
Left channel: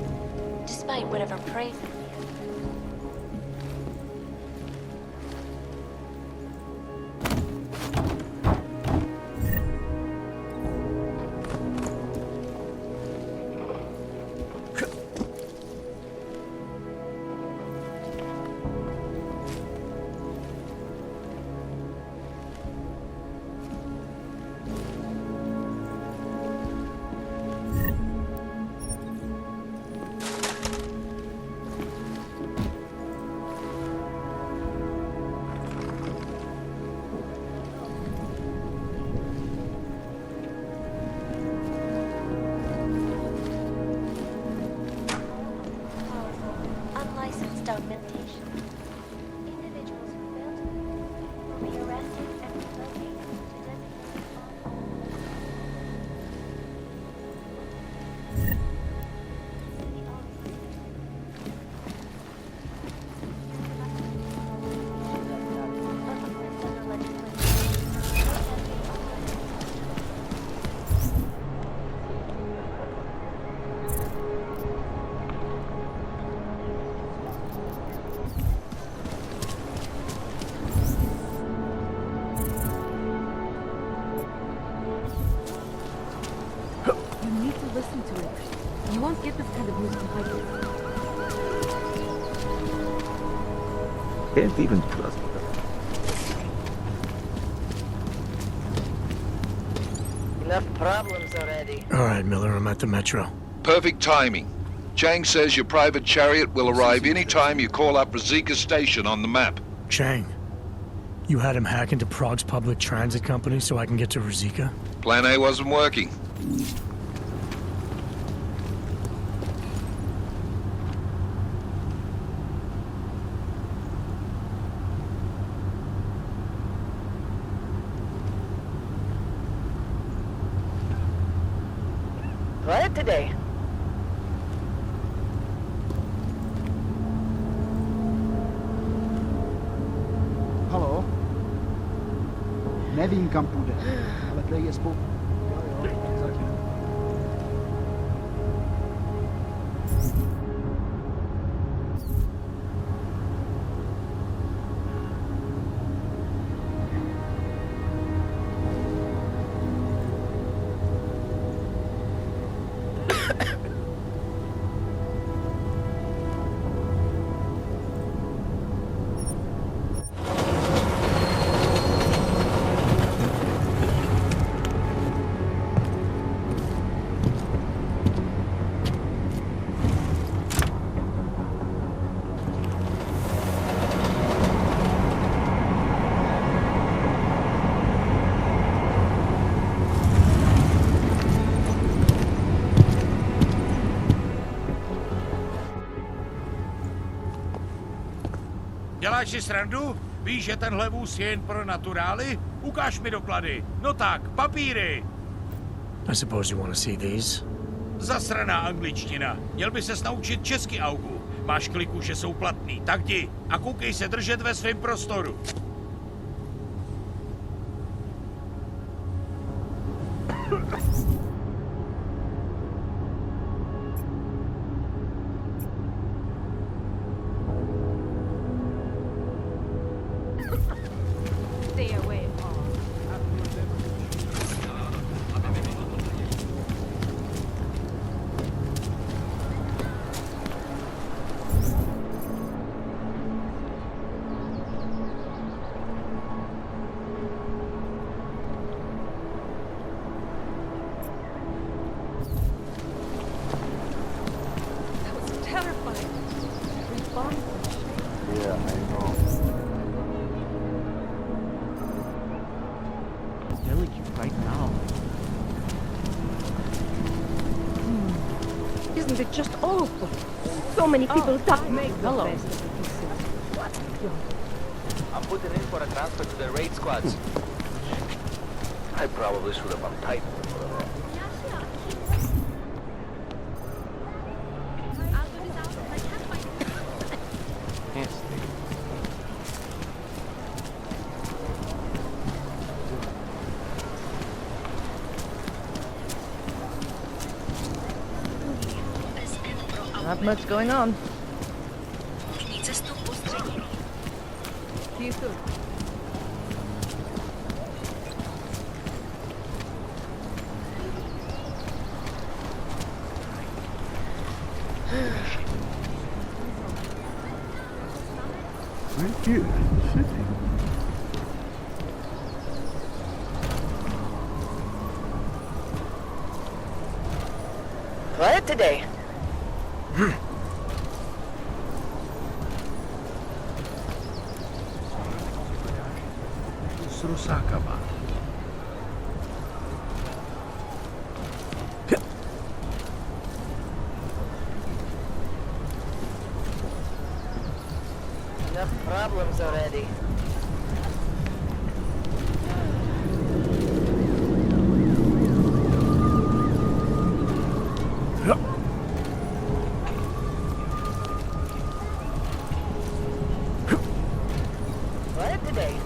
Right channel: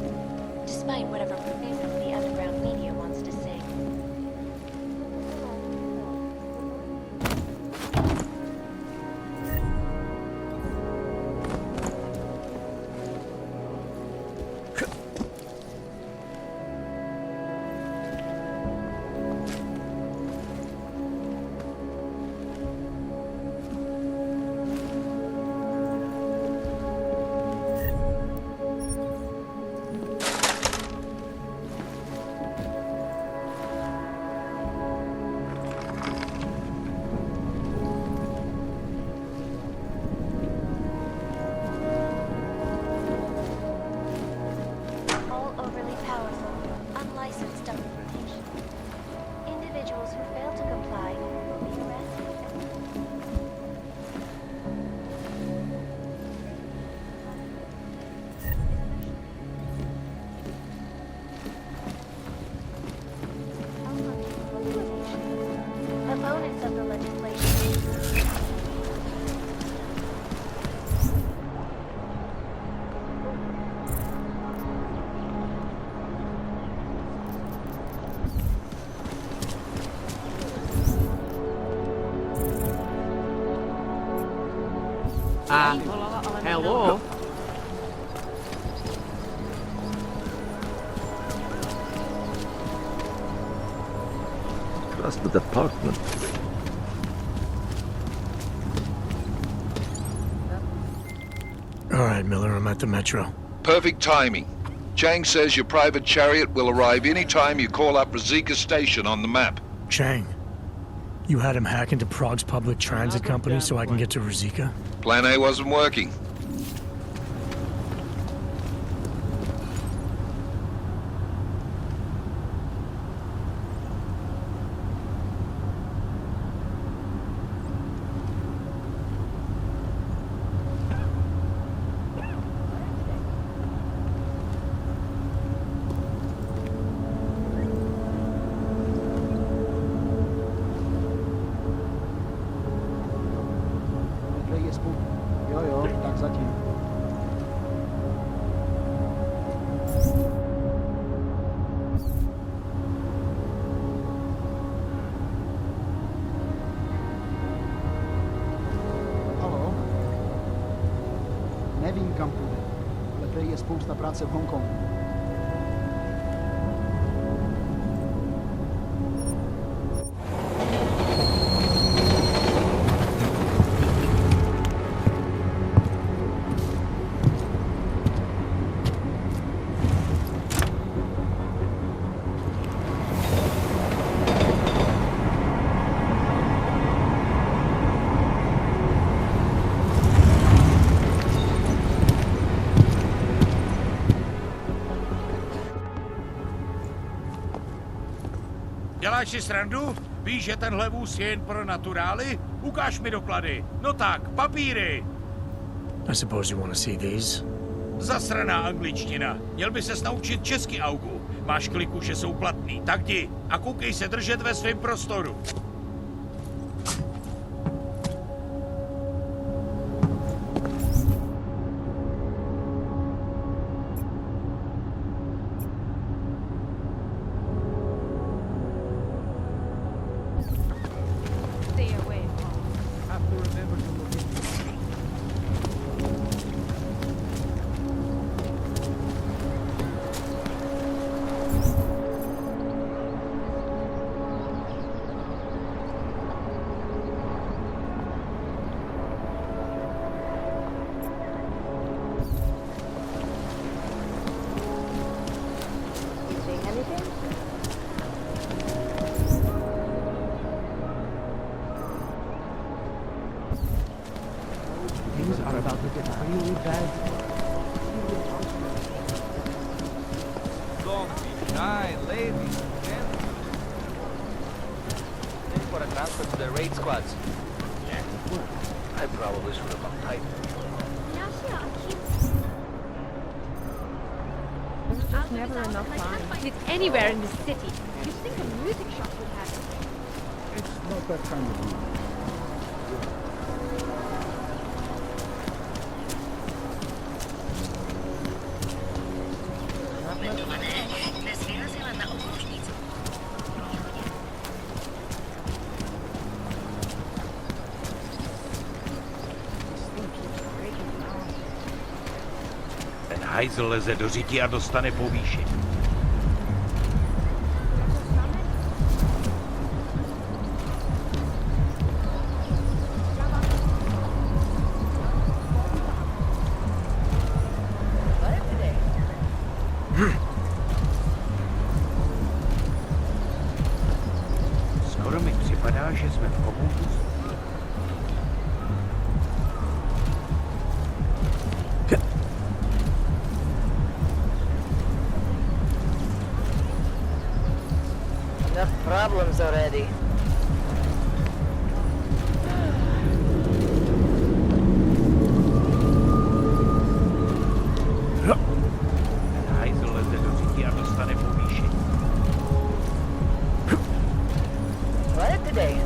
despite whatever praises the underground media wants to sing. Unlicensed augmentation. Individuals who fail to comply will be arrested and opponents of the legislation. Hello? You need to listen to it. You won't get this kind of news. Can't even trust the department. Enough problems already. All right, Miller, I'm at the metro. Perfect timing. Chang says your private chariot will arrive any time you call up Rizika Station on the map. Chang, you had him hack into Prague's public transit company so I can get to Rizika? Plan A wasn't working. What today? Halo? Nevím, kam půjde, ale prej je spolu. Jo, tak zatím. Halo? Nevím, kam půjde. Prej je spousta práce v Hongkongu. Děláš si srandu? Víš, že tenhle vůz je jen pro naturály? Ukáž mi doklady. No tak, papíry. I suppose you want to see these? Zasraná angličtina. Měl by ses naučit česky, Augu. Máš kliku, že jsou platný. Tak jdi a koukej se držet ve svém prostoru. Stay away. Have to remember to look into it. Isn't it just awful? So many people stuck me. I'm putting in for a transfer to the raid squads. I probably should have untied them. I can't find it anywhere in the city. Not much going on. Ten hajzl leze do řití a dostane povýšení. Quiet today. Skoro mi připadá, že jsme v oboutu s Rusákama. Enough problems already. Hajzl leze do řití a dostane povýšení. Quiet today.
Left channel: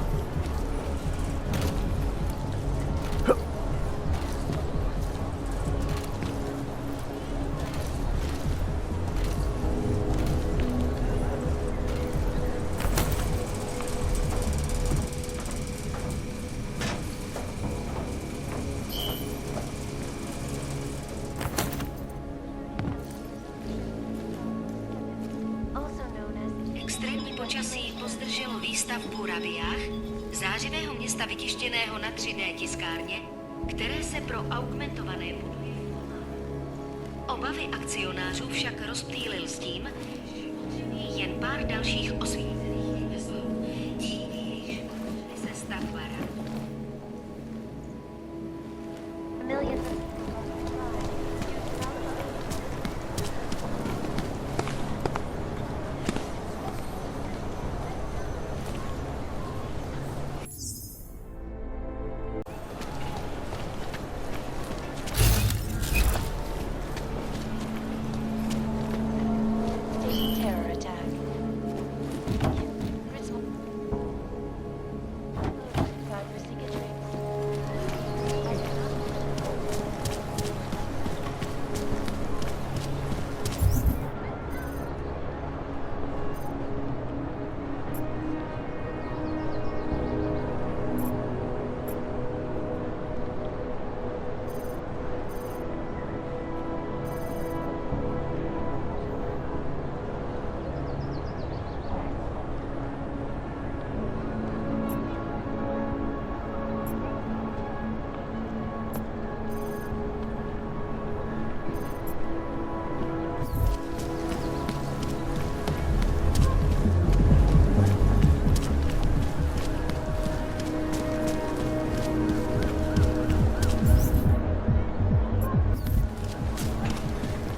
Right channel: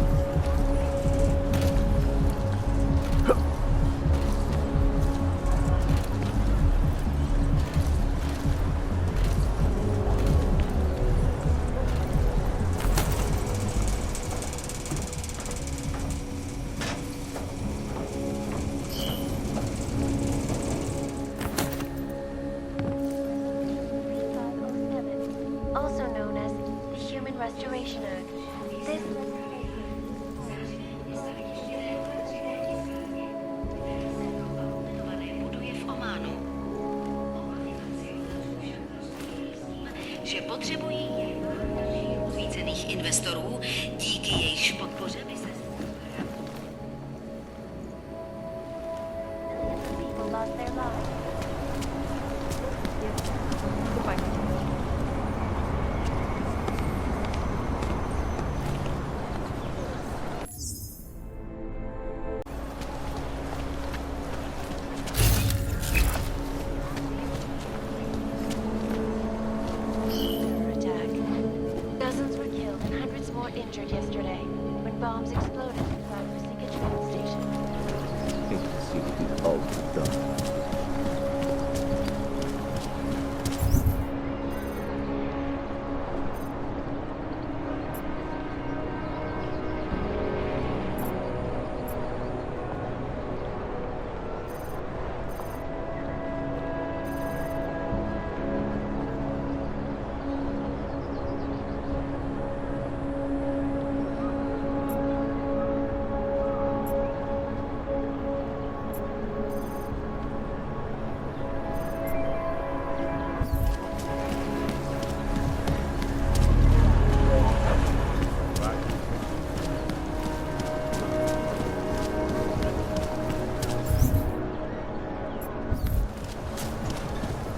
Also known as extreme počasí pozdrželo výstavbu rabiách, zářivého města vytištěného na 3D tiskárně, které se pro augmentované buduje v Ománu. Obavy akcionářů však rozptýlil s tím, že potřebují jen pár dalších osvícených investorů, díky jejichž podpoře by se stavba Millions of people lost their lives. Terror attack. Dozens were killed and hundreds more injured yesterday when bombs exploded inside Rosika train station.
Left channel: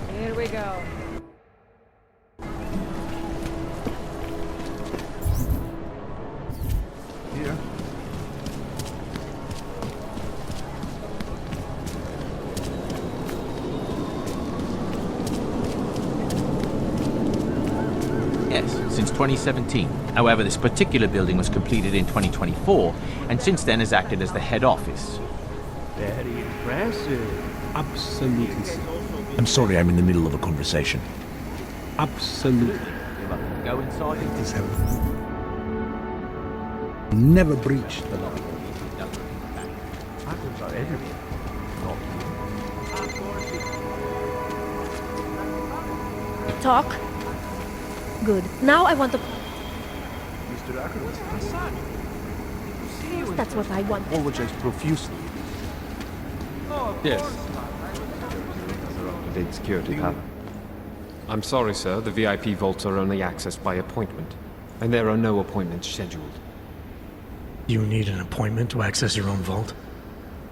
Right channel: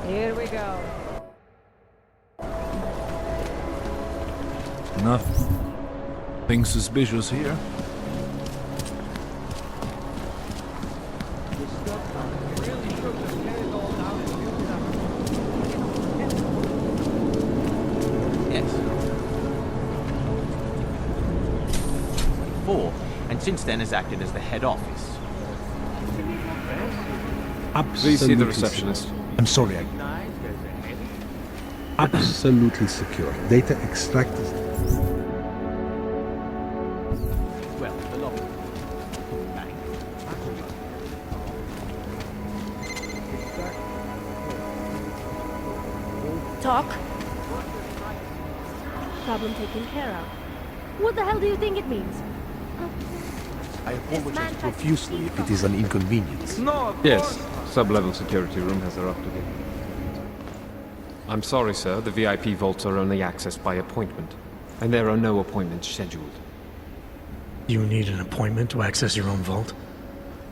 Here we go. Nothing suspicious here. 2017. However, this particular building was completed in 2024, and since then has acted as the head office. Very impressive. Absolutely secure. I'm sorry, I'm in the middle of a conversation. Absolutely secure. Data extractors have never breached. Hackers are everywhere. Talk. Good. Now I want the problem taken care of. What the hell do you think it means? Of course that's what I want. Apologize profusely if it is an inconvenience. Yes, sub-level security room has their up-to-date security pattern. I'm sorry, sir, the VIP vaults are only accessed by appointment, and there are no appointments scheduled. You need an appointment to access your own vault?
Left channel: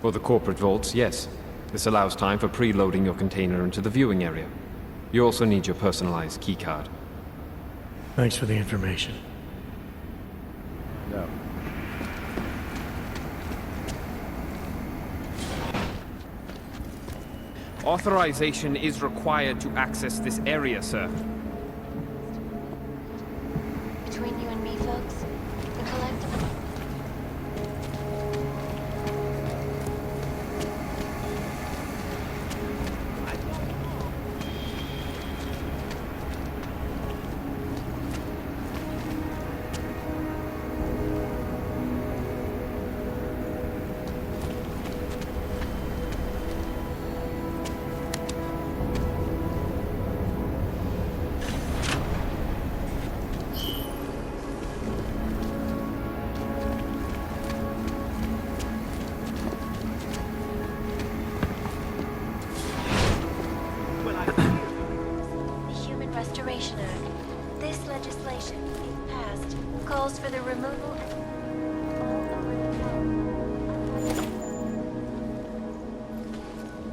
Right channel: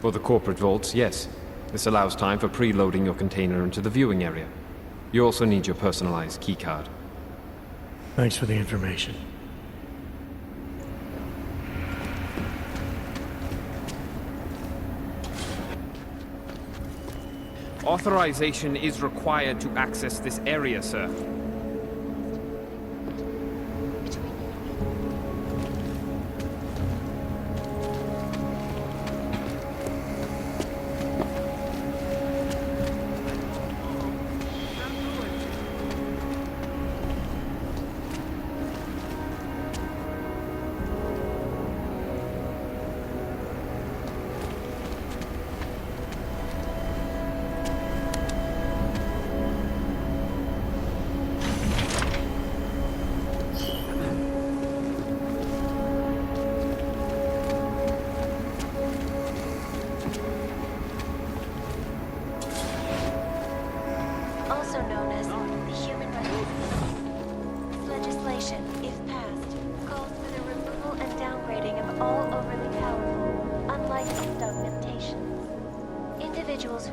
For the corporate vaults, yes. This allows time for preloading your container into the viewing area. You also need your personalized keycard. Thanks for the information. Authorization is required to access this area, sir. Between you and me, folks, the collective... also known as the Human Restoration Act. This legislation, if passed, calls for the removal and downgrading of all overly powerful, unlicensed augmentation. Individuals who...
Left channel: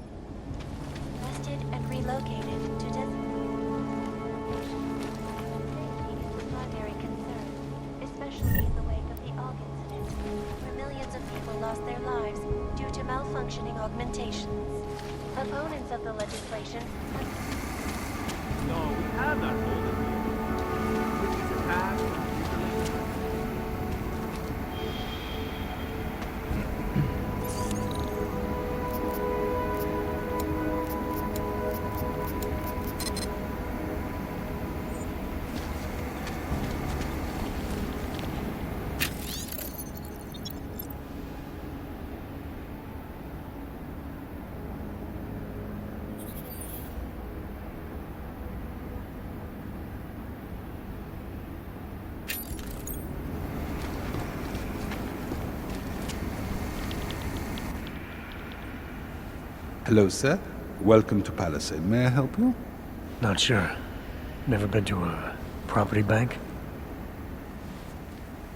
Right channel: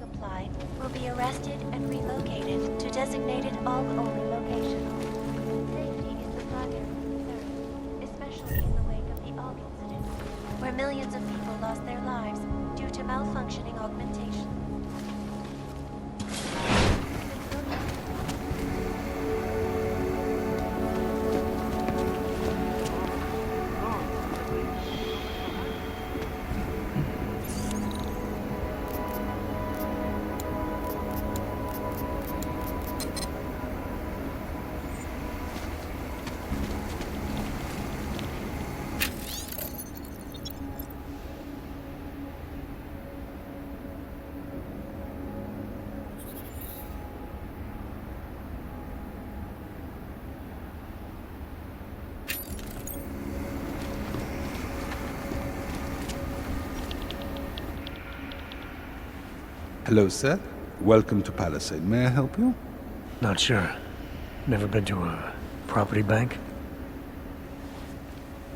comply will be arrested and relocated to designated all-only locations. Safety is the primary concern, especially in the wake of the AUG incident, where millions of people lost their lives due to malfunctioning augmentations. Opponents of the legislation... Hello, sir. Welcome to Palisade. May I help you? Not sure. Never been to a property bank?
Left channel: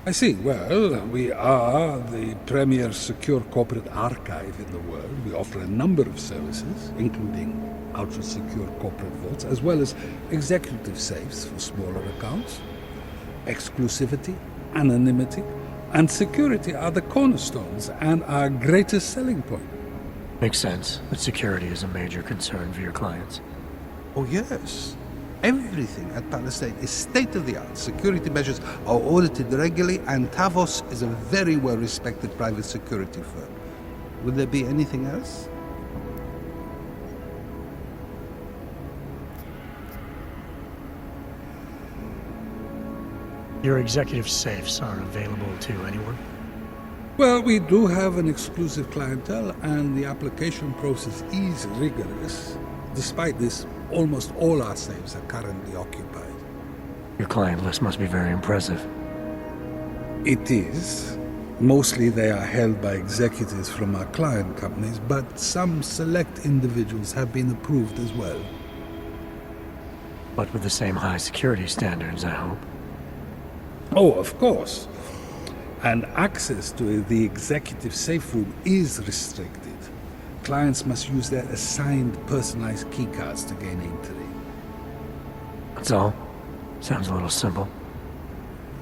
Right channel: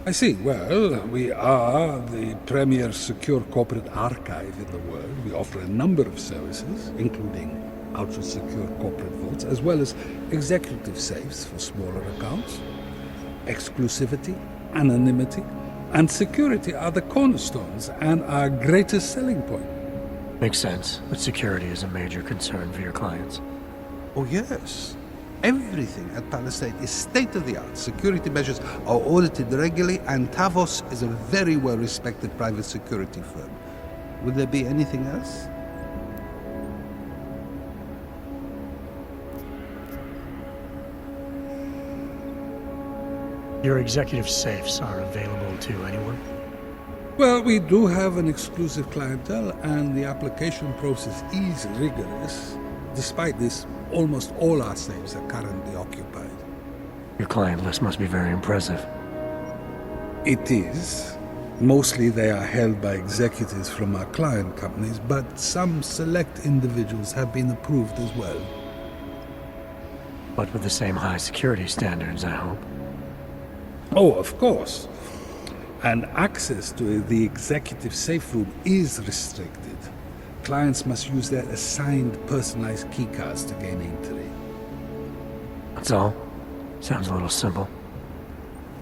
I see. Well, we are the premier secure corporate archive in the world. We offer a number of services, including ultra-secure corporate vaults, as well as executive safes for smaller accounts. Exclusivity, anonymity, and security are the cornerstones and our greatest selling point. Makes sense, but security is a major concern for your clients. Oh, yes. Everything at Palisade is state-of-the-art. Security measures are audited regularly, and Tavos is a very well-respected private security firm. Would there be anything else? Your executive safes are available to anyone? Well, we do have an exclusive clientele, and the application process is rigorous. Despite this, almost all our safes are currently occupied. Your client list must be very impressive. It is. Mostly they are held by executives from our client companies, but some select individuals have been approved as well. But with the same high security standards, I hope. Oh, of course. And access to the executive safe room is restricted. Clients must use their assigned personalized keycards to gain entry. That's all? Sounds a little simple.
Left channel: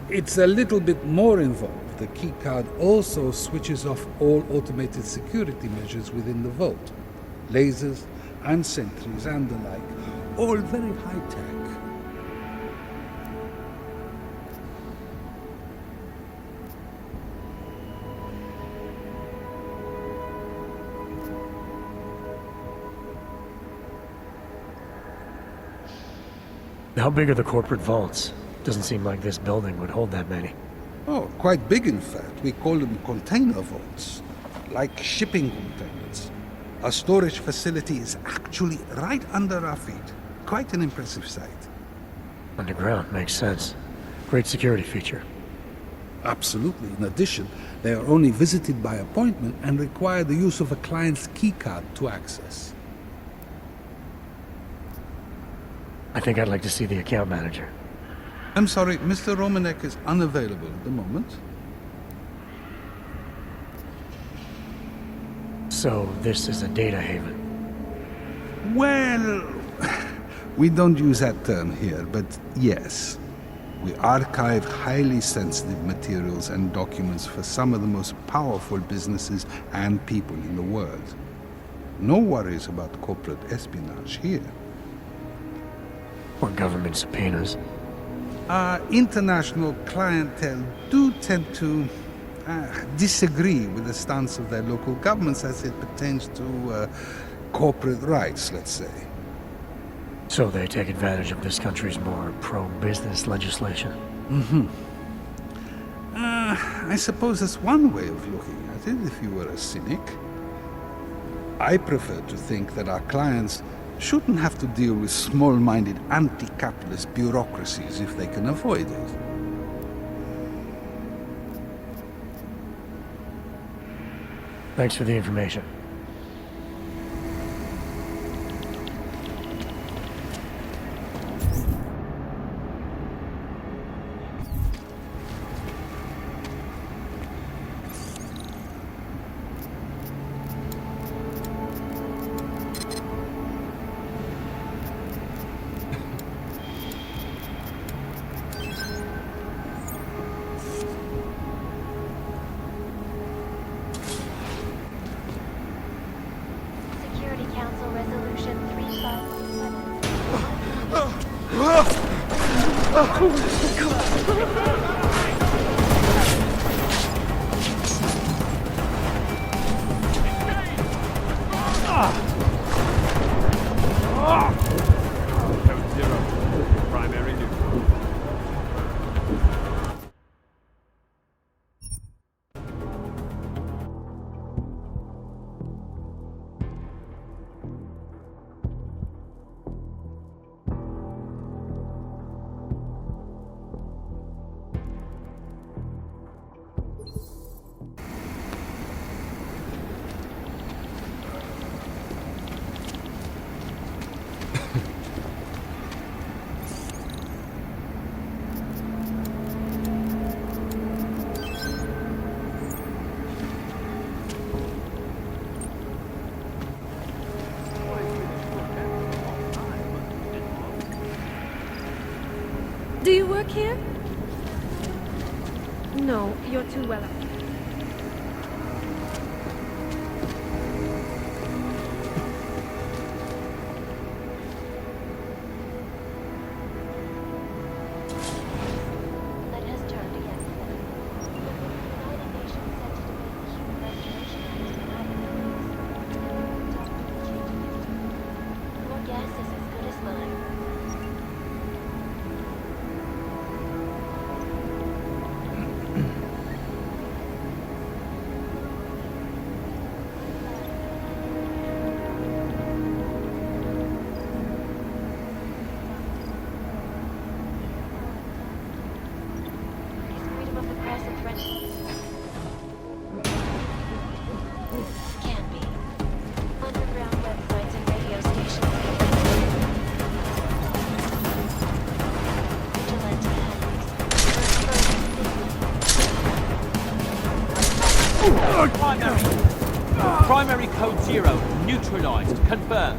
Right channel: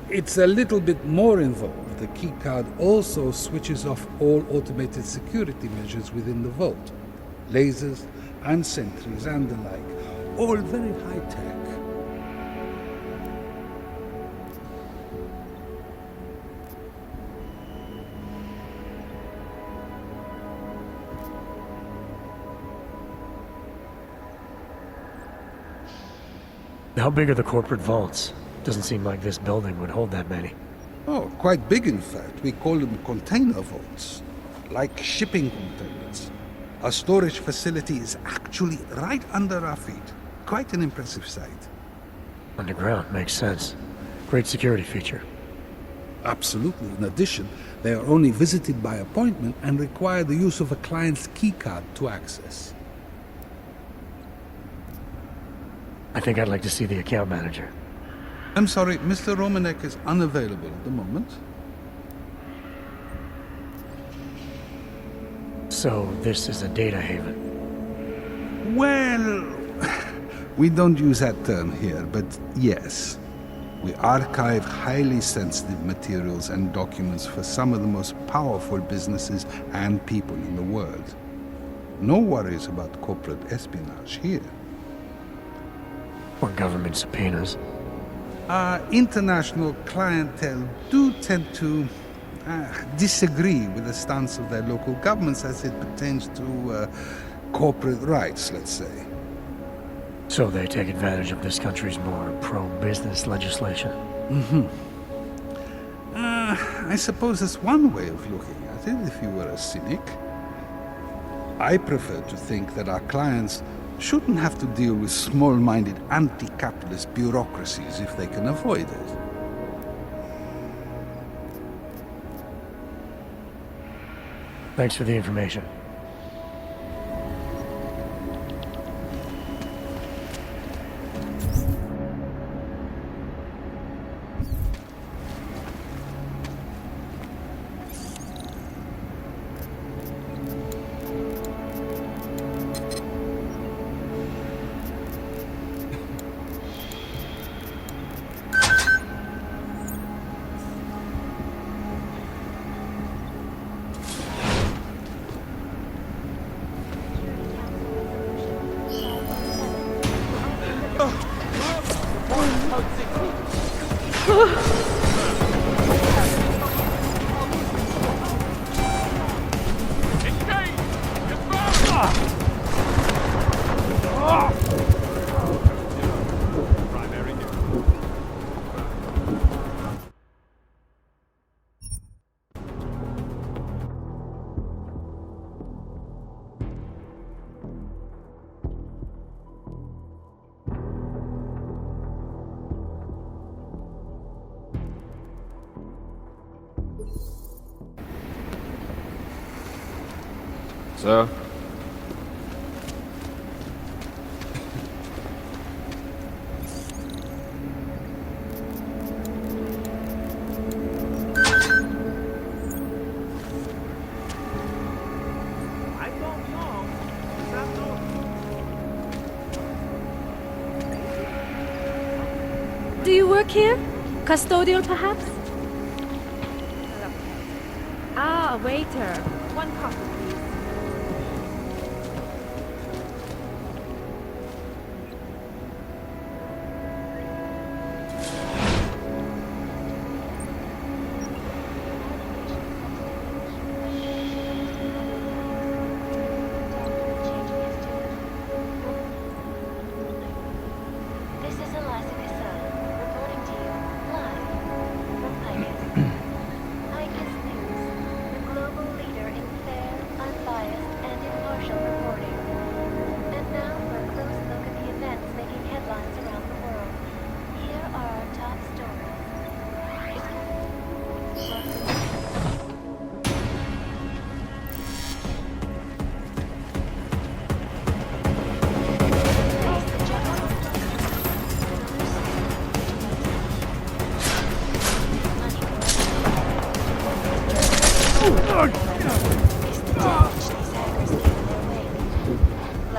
It's a little bit more involved. The keycard also switches off all automated security measures within the vault. Lasers and sentries and the like. All very high-tech. How big are the corporate vaults? Doesn't seem like this building would hold that many. Oh, quite big in fact. We call them container vaults. Like shipping containers. Our storage facility is actually right under our feet. Quite an impressive sight. Underground, makes sense. Great security feature. Absolutely. In addition, they are only visited by appointment and require the use of a client's keycard to access. I think I'd like to see the account manager. I'm sorry, Mr. Romanek is unavailable at the moment. So, this is a data haven? Well, we don't use that term here, but yes. We archive highly sensitive materials and documents for some of the most powerful businesses and people in the world. No worries about corporate espionage here. Or government subpoenas. Our international clientele do tend to disagree with the stance of their local governments as it pertains to corporate rights, let's say. So they take advantage of this country's more pro-business legislation? Mm-hmm. I suppose that's one way of looking at it, if you were a cynic. I prefer to think that our clients shouldn't have to deal with small-minded anti-capitalist bureaucracies if they can avoid it. Thanks for the information. Security Council Resolution 3517. Zero. Primary neutral. Sir? Do you work here? Custodial, perhaps? No, you're too well up. Ah, a waiter. One coffee. Primary code 0, neutralized, confirmed.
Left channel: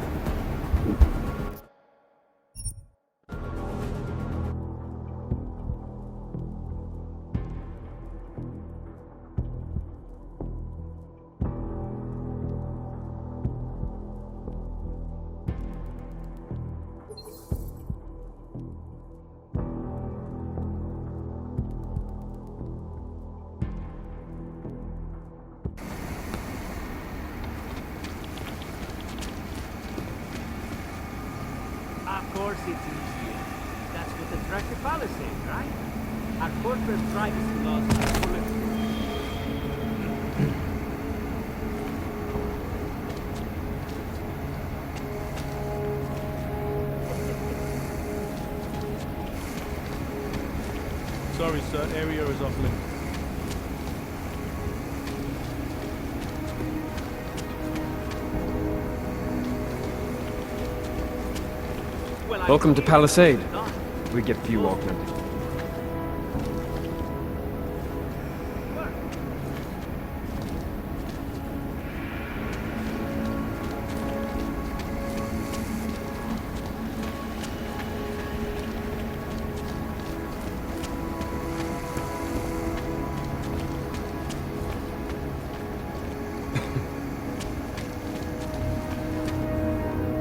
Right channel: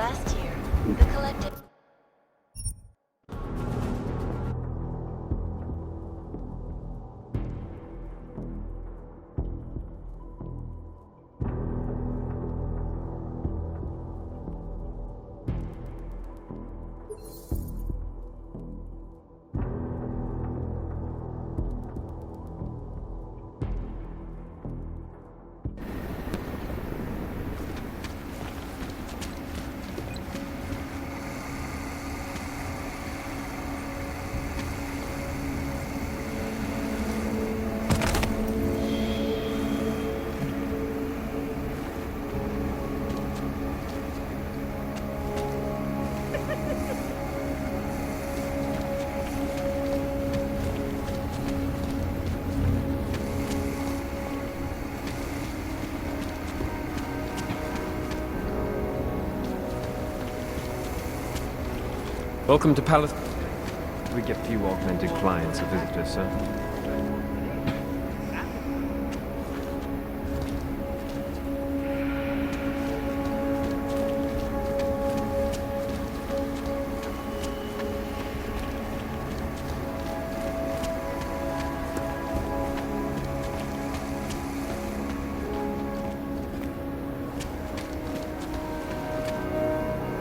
Welcome to Palisade. We get few augmented clients and visitors, sir.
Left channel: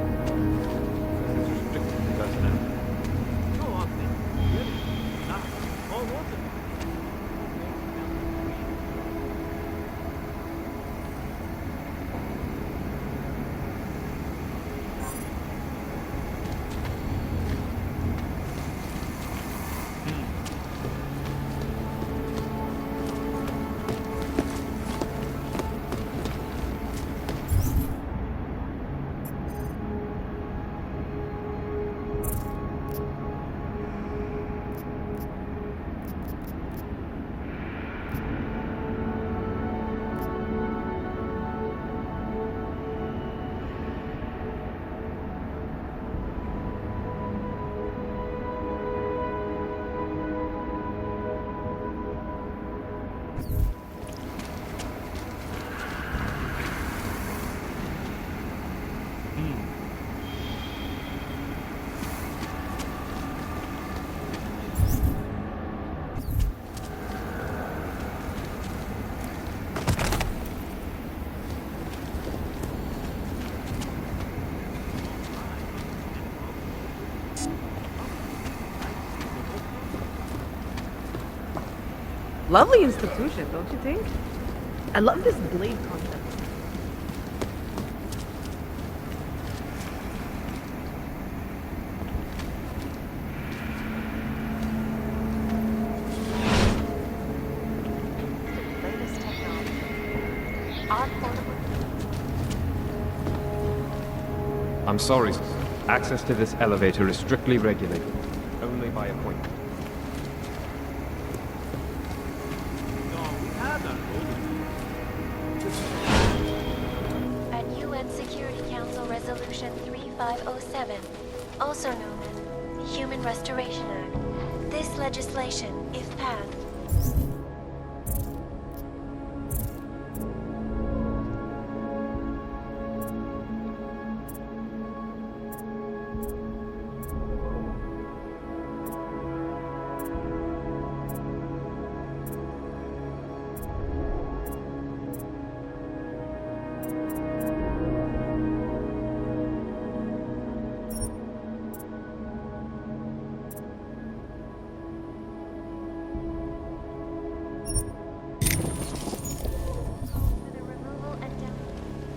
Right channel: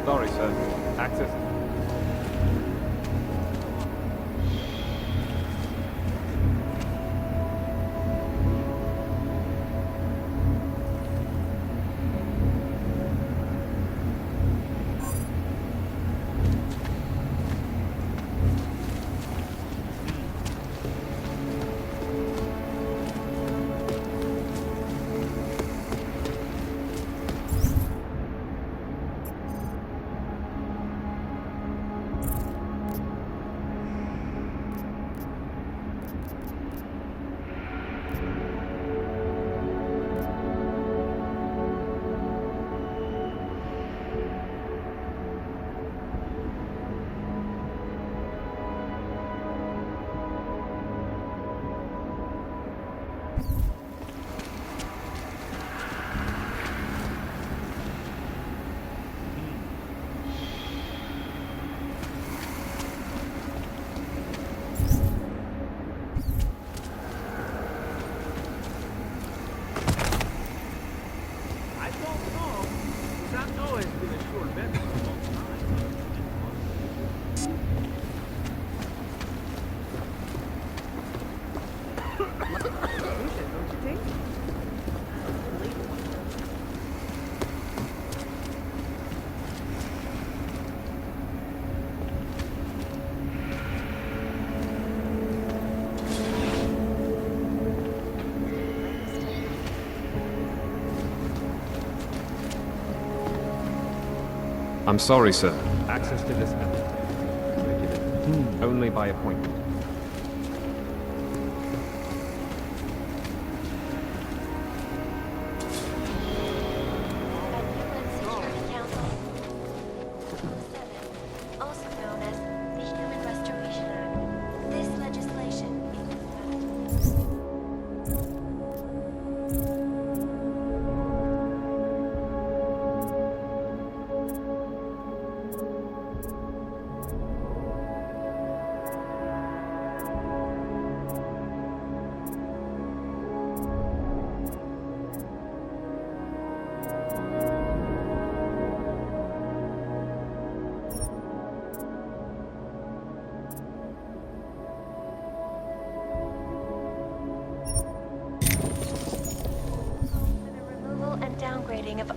Sorry, sir. Access is restricted to personnel. Lovely institution, don't you think? I love this blade concept. I'm sorry, sir. Access to this elevator is strictly regulated. Only by appointment. At UN Security Council Resolution 3507, also known as the Human Restoration Act, this legislation, if passed,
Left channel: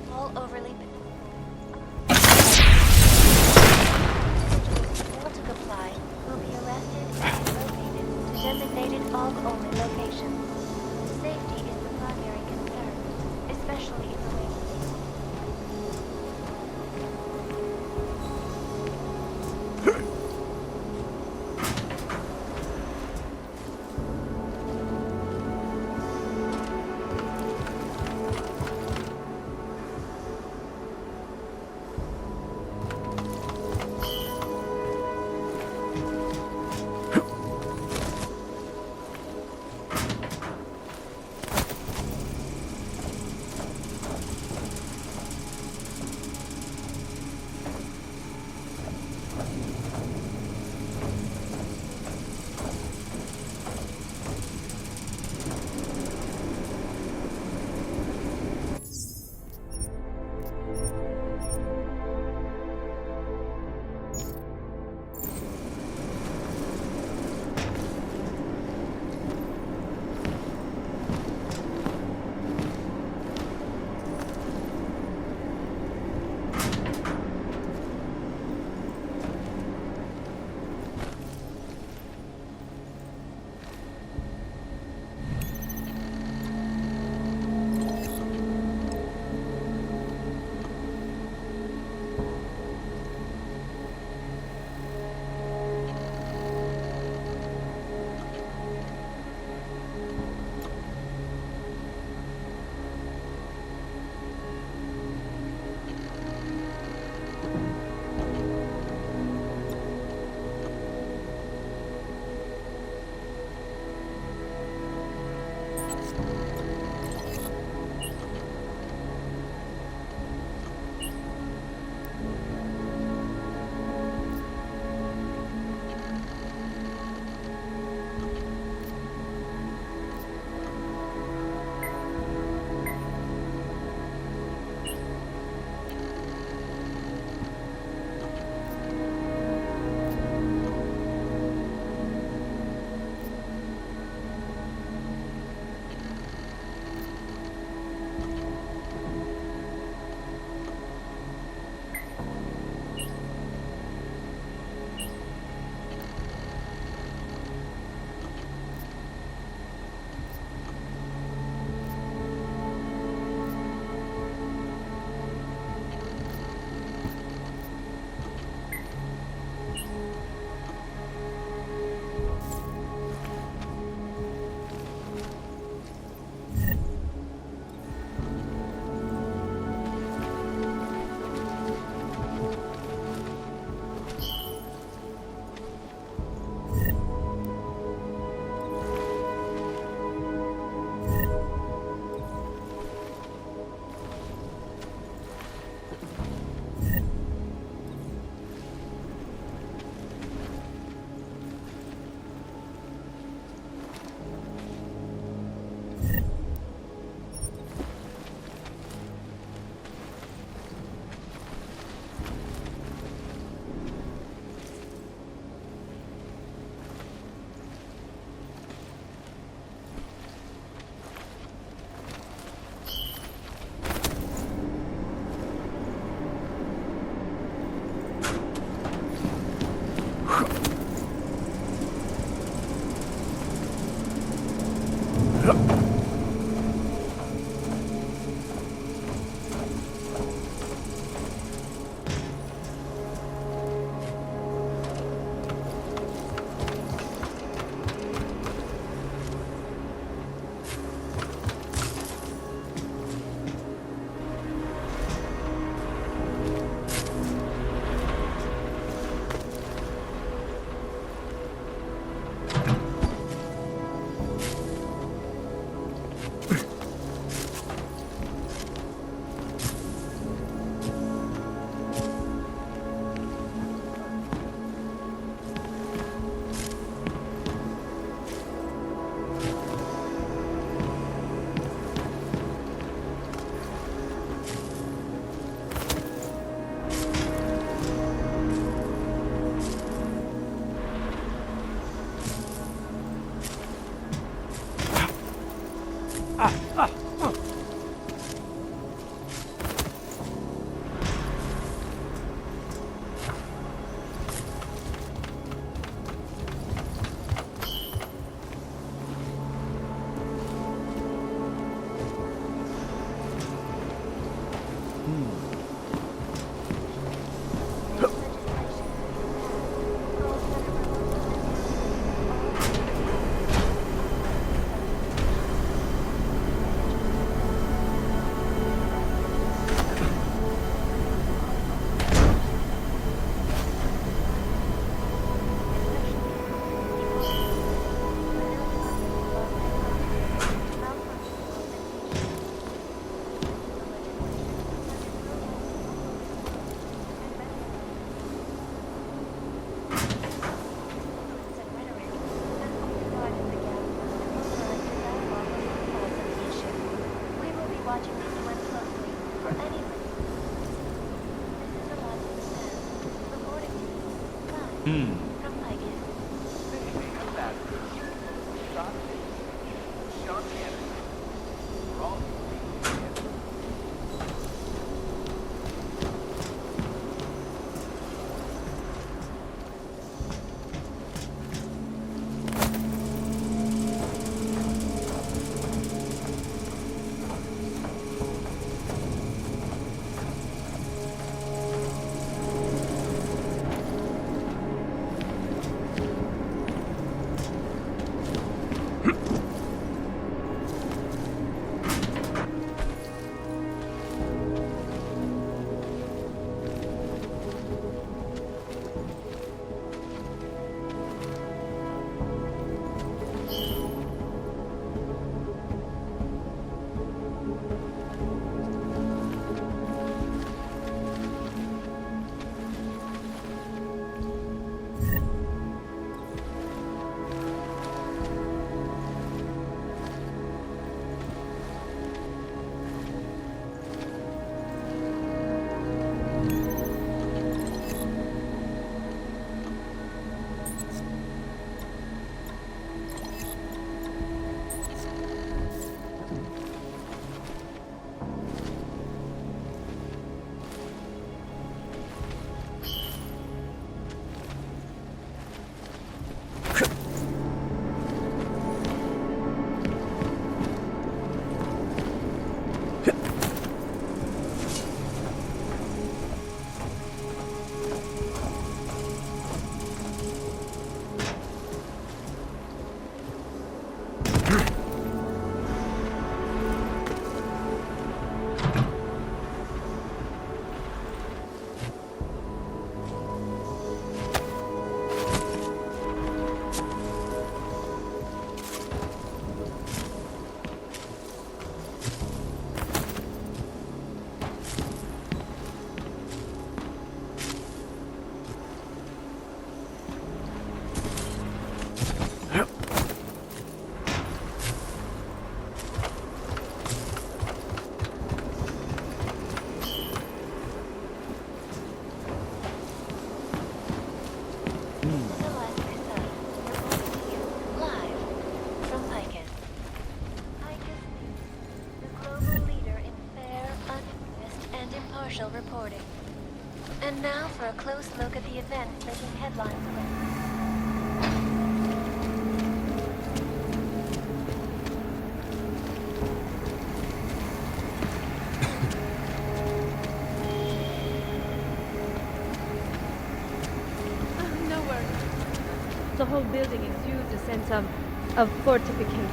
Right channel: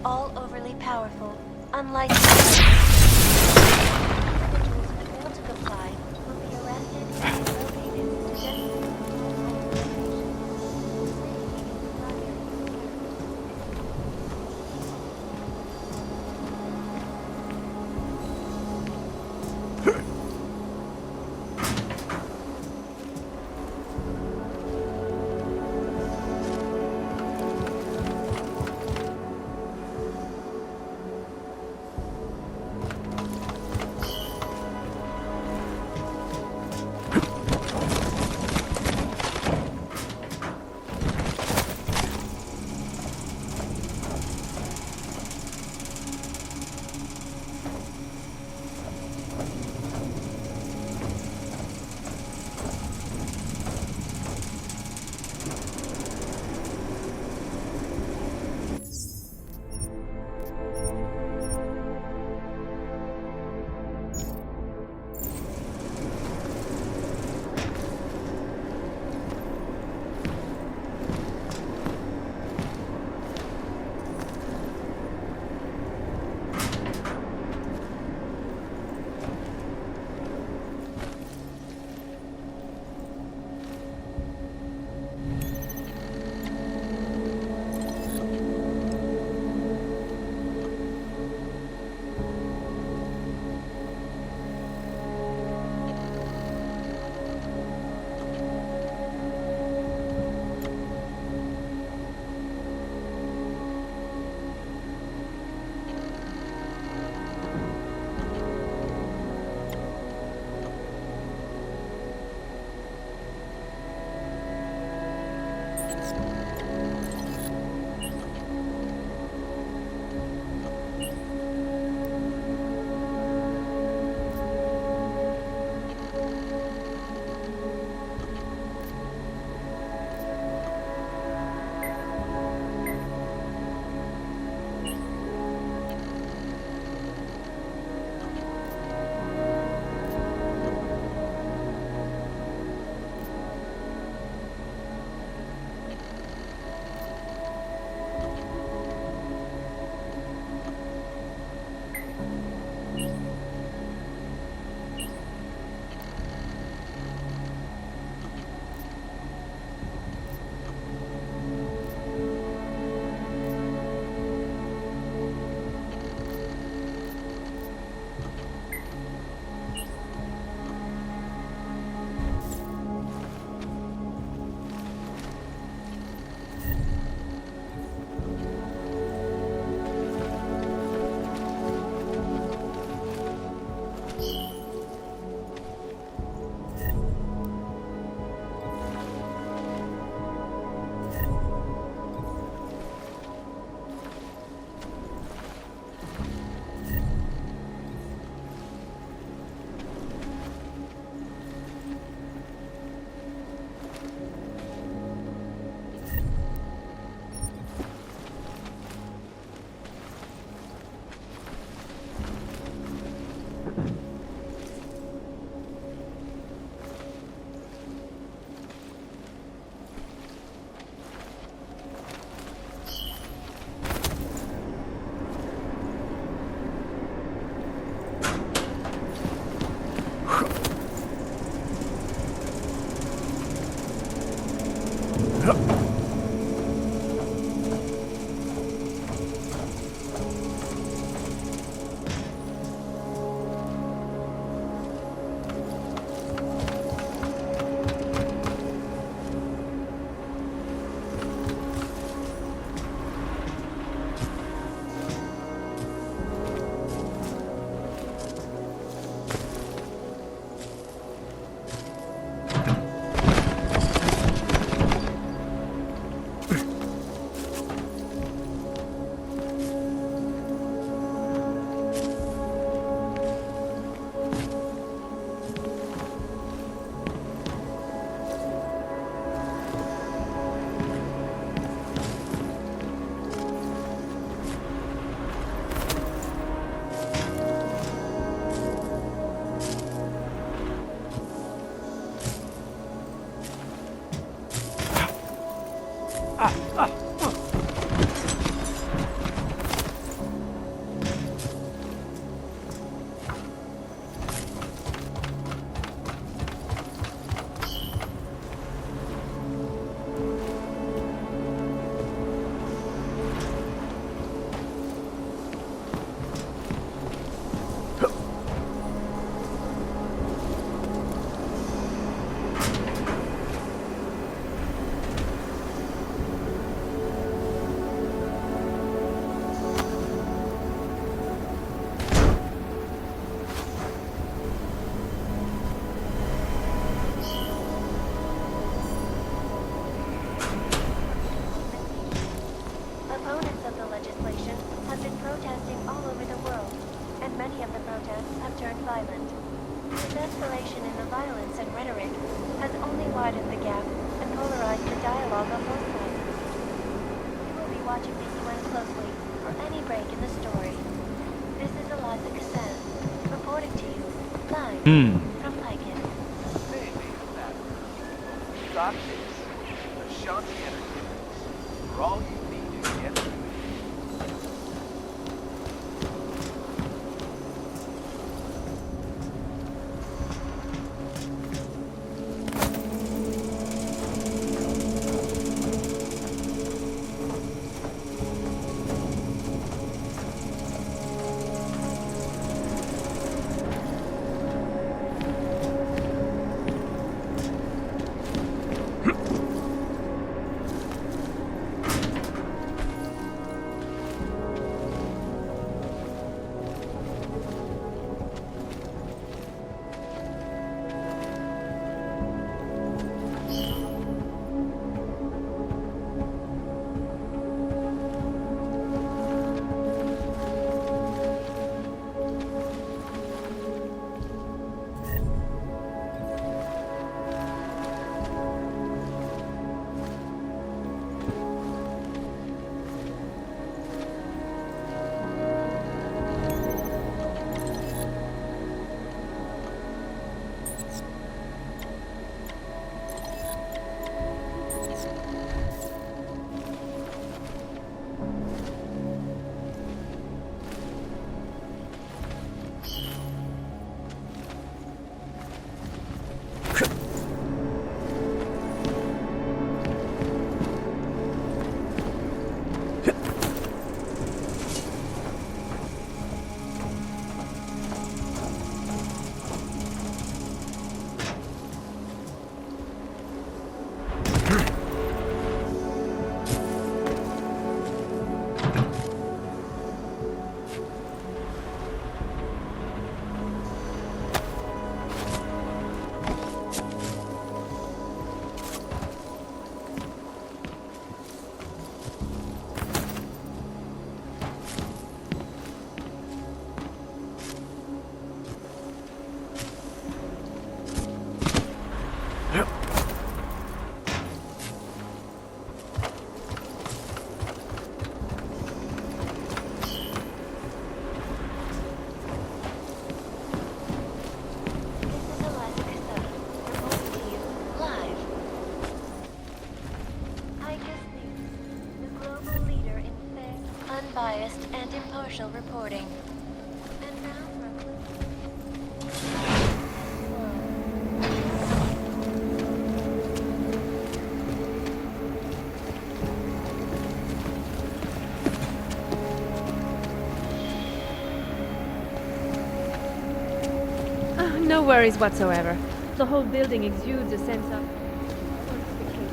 all overly powerful, unlicensed individuals who fail to comply will be arrested and relocated to designated all-only locations. Safety is the primary concern, especially in From Piken. Got this. Shun the energy. For all you need is the energy. Impartial reporting. And now for a close look at the event. No worries whatsoever. The whole building exudes a sense of fortification.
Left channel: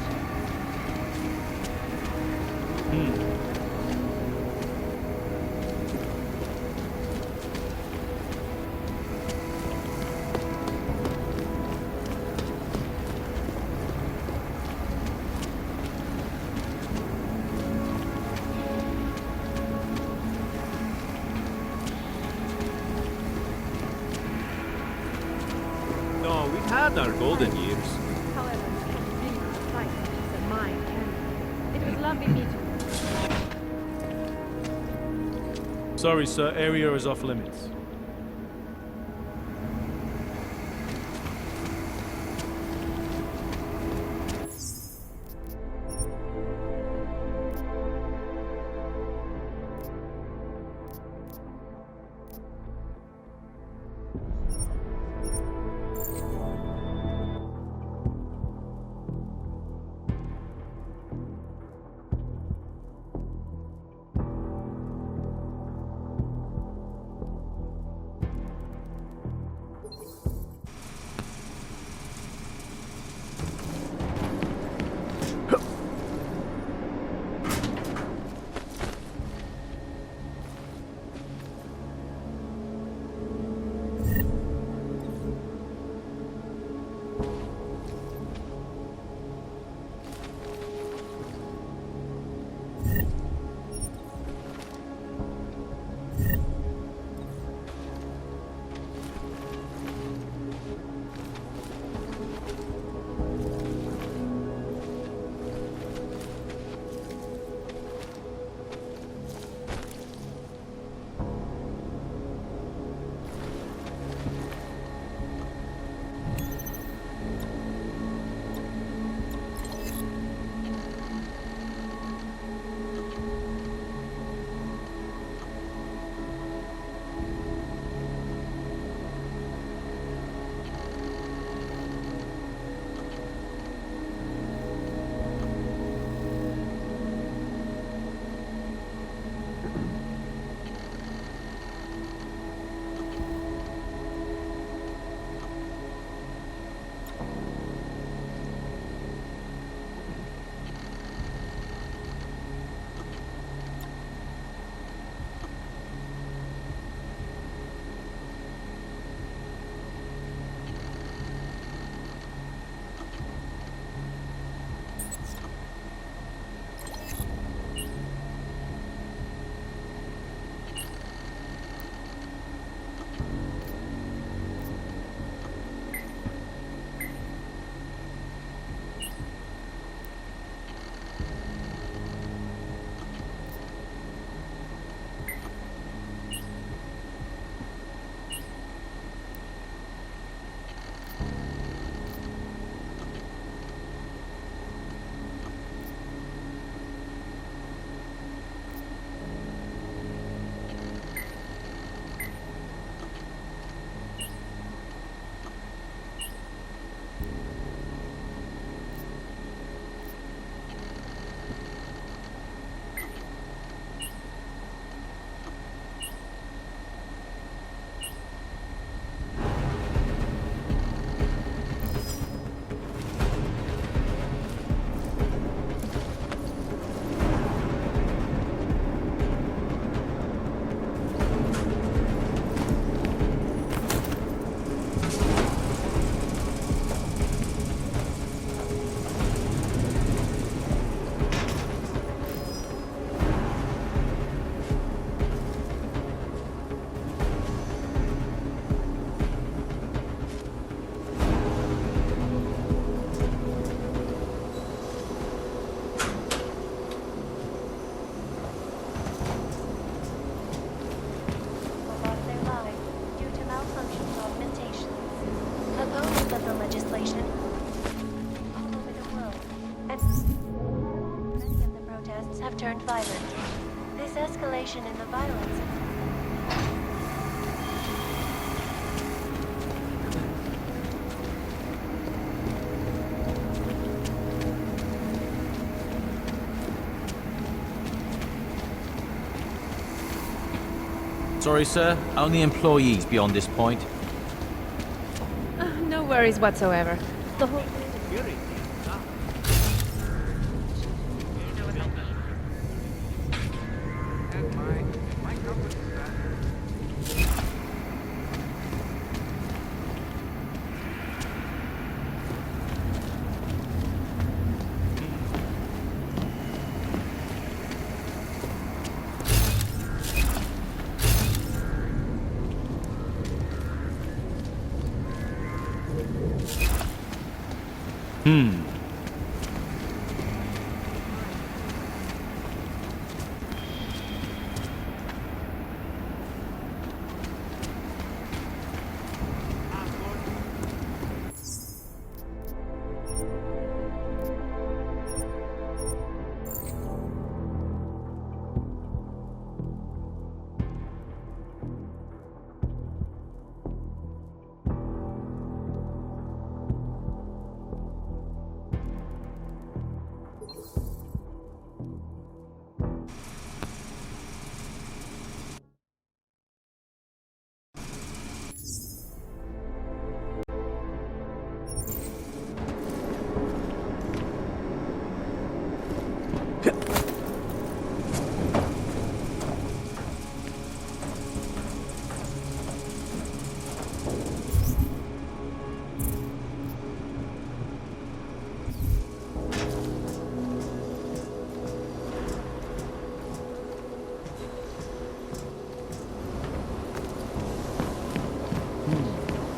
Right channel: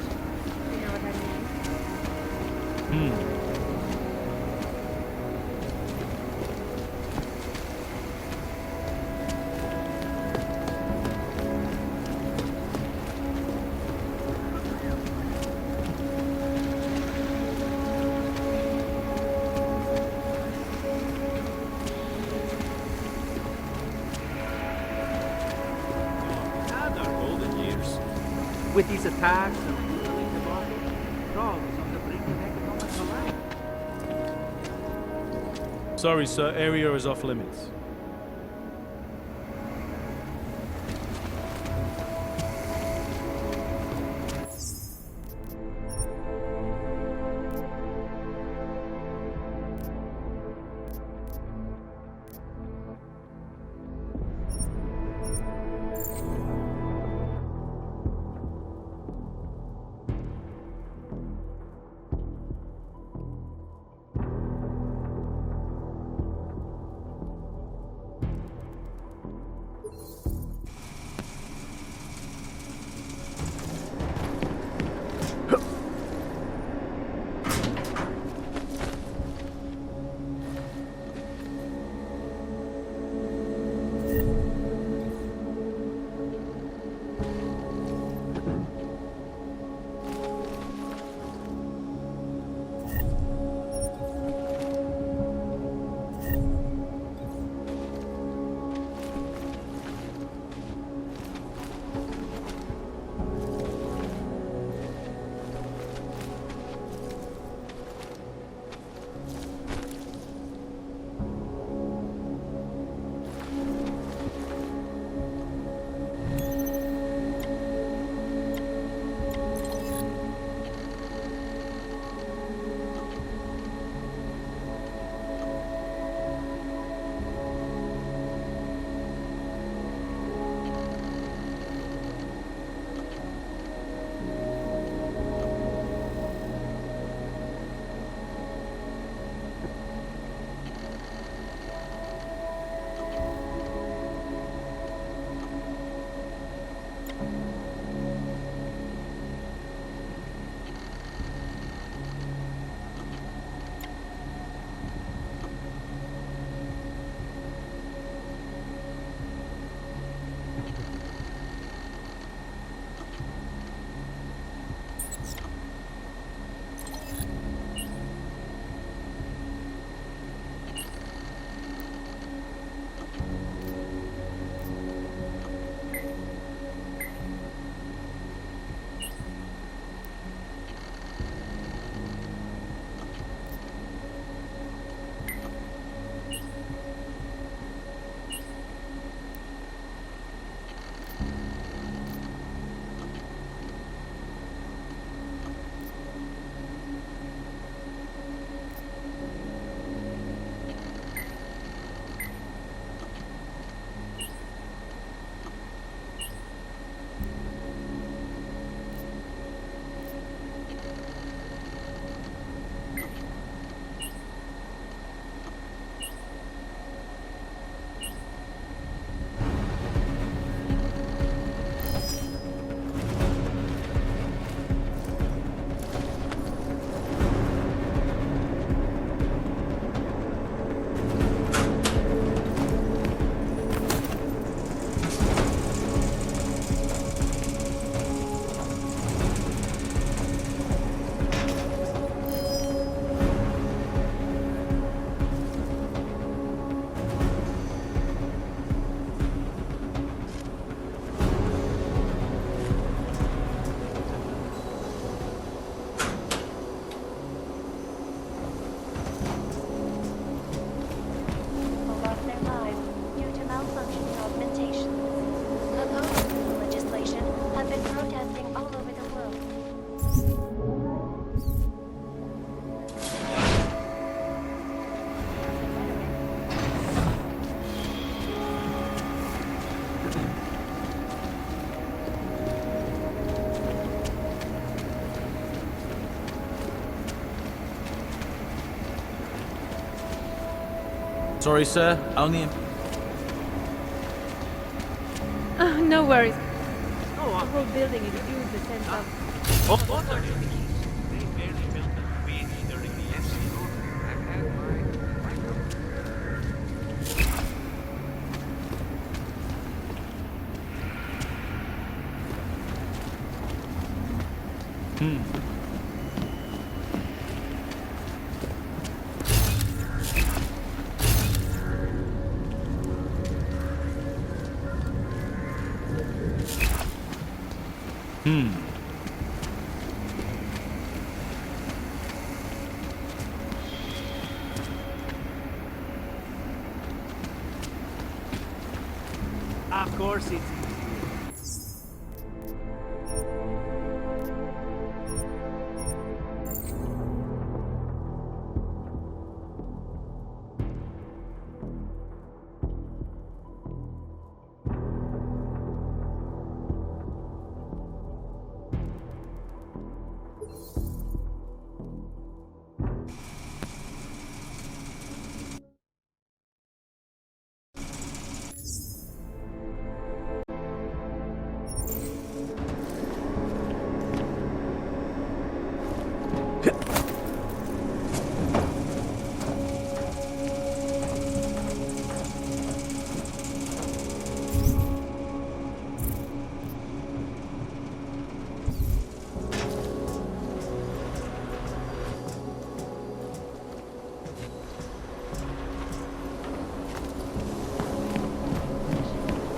Our golden years. With these attacks. Sorry, sir. Area is off limits. Sorry, sir. Only employees beyond this point. No worries whatsoever. The whole building is huge. Of course it's...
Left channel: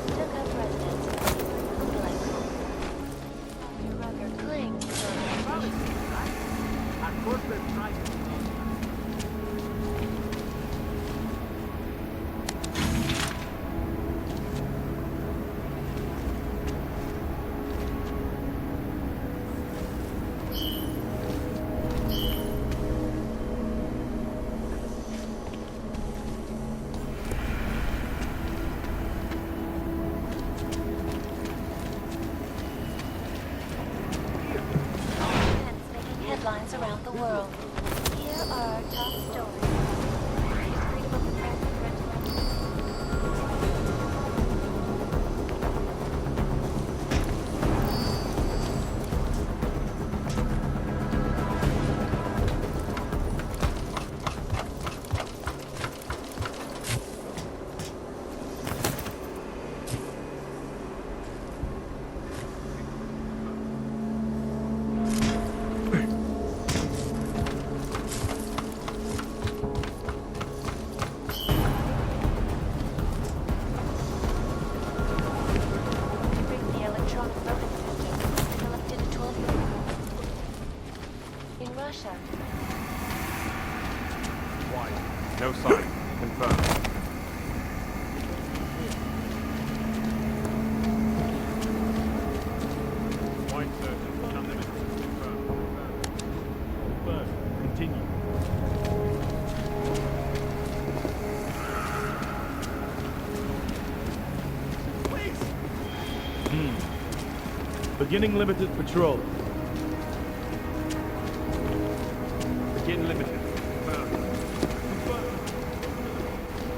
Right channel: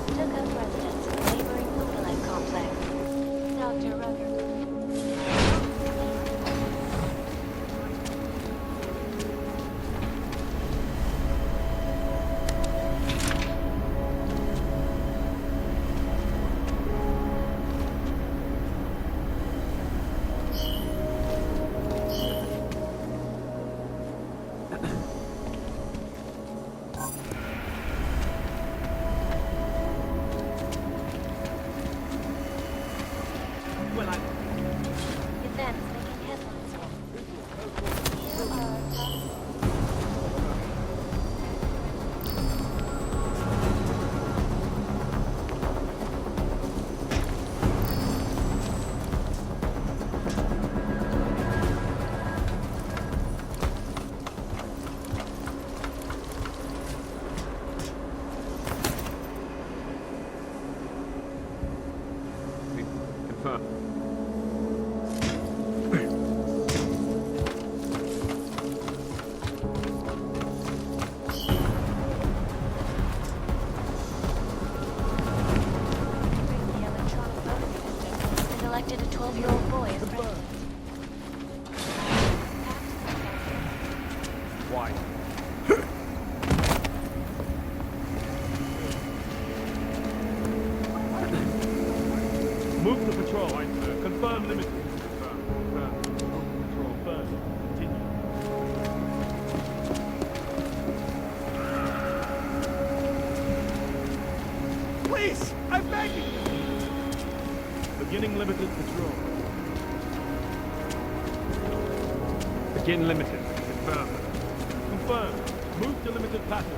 Took up residence in the neighboring Budalite complex. Dr. Rucker clings to events making headlines around the world. Here are our top stories. Rigged the electronic voting system and elected a 12-year-old boy as president. Why? No sign. Confirmed. Move to patrol. Right, sir. Confirm limited. Confirm. Confirm. Move to patrol. Confirm. Continue. Please! I'm begging you! Beginning limited patrol. Begin limited. Confirm. Confirm. Move to limited pattern.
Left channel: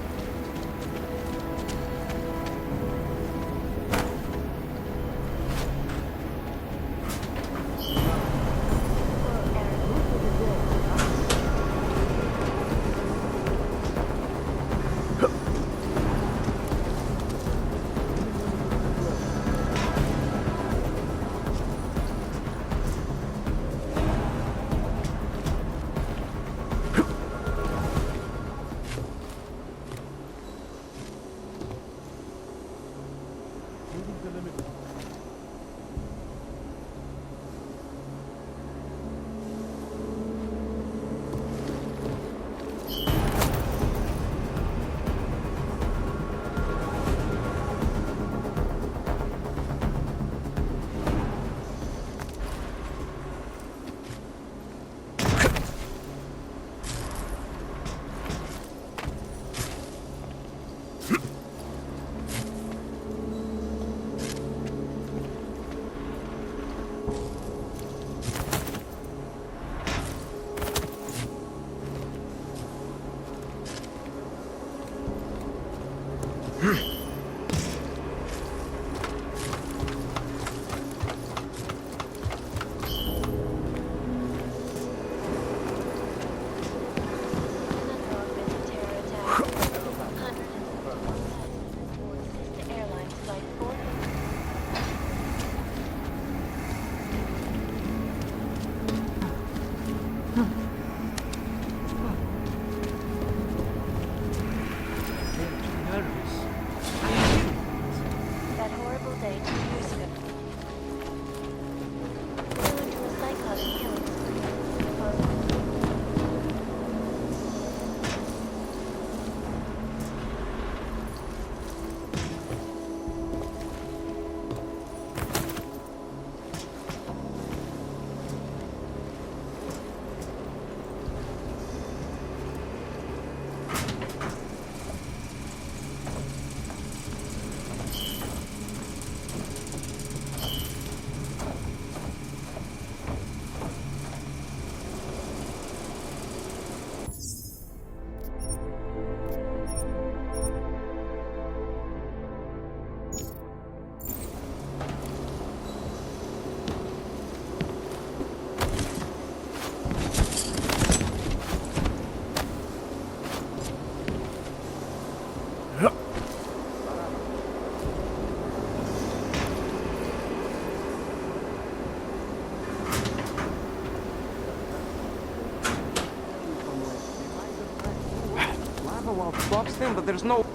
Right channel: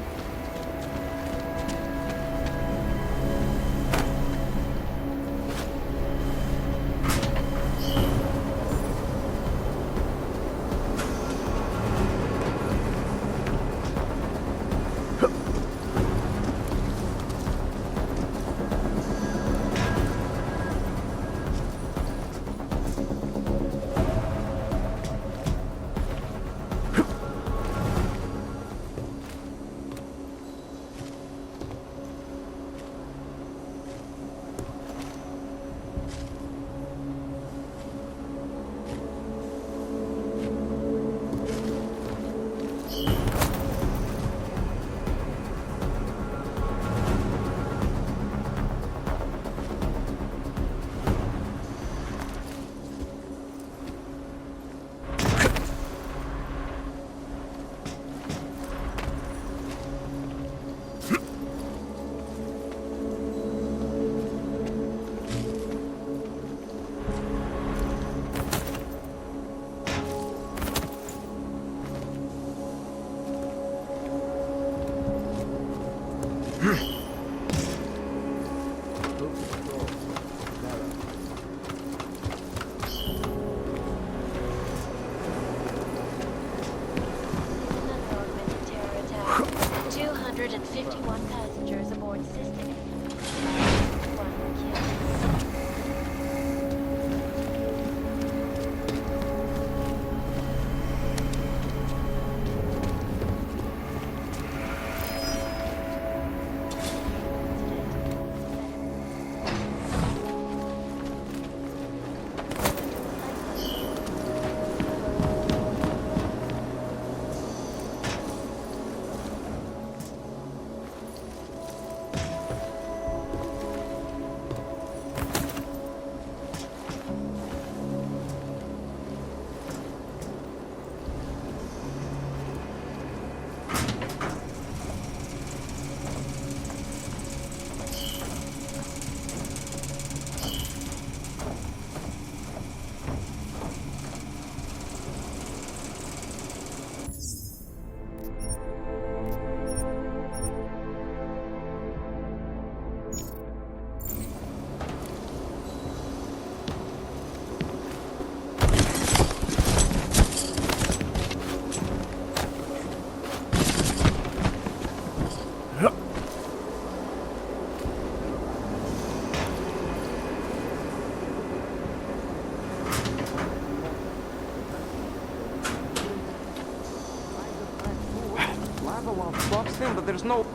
augmented terror attack. 251 passengers aboard sister airlines. That horrible day. Going to a psychotic killing. Lava well stops him, but there's no...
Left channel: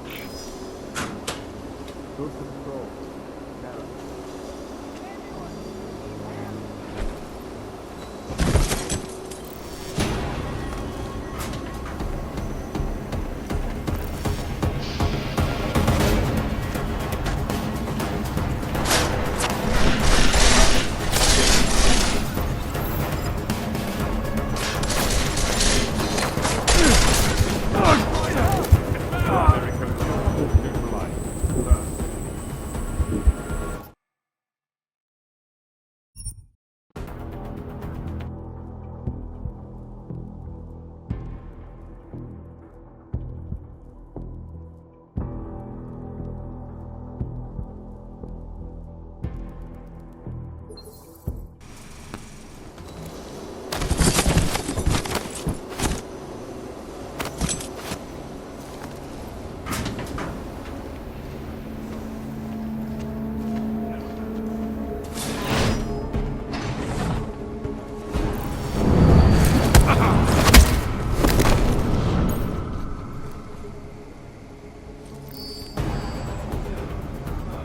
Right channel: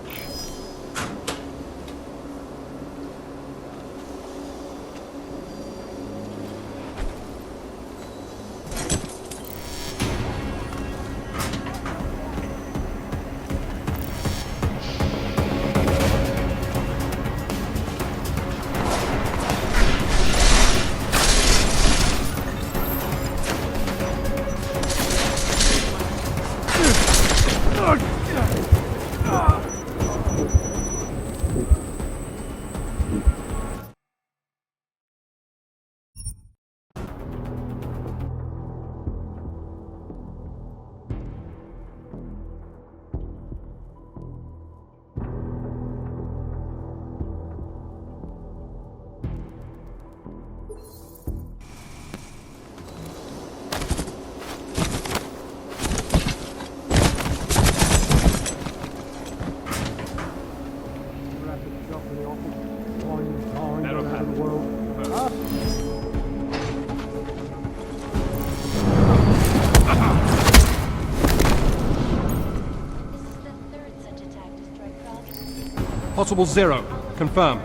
Possible 0. Confirm.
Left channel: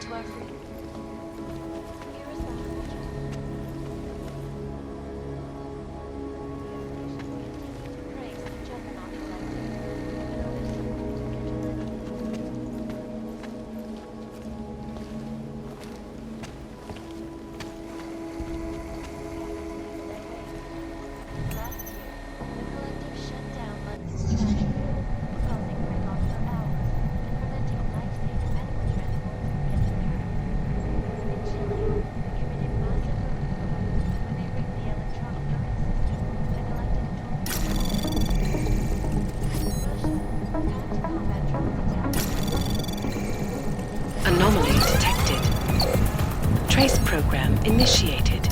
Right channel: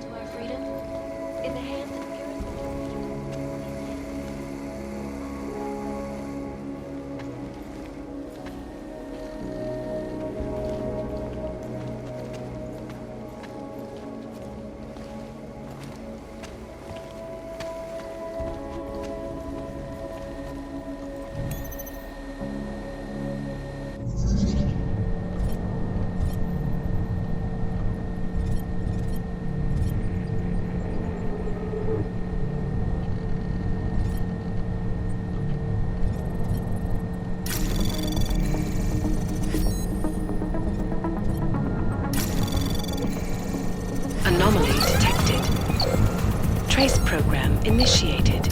To our freedom in the hands of irresponsible people. Anomaly detected. Trace program initiated.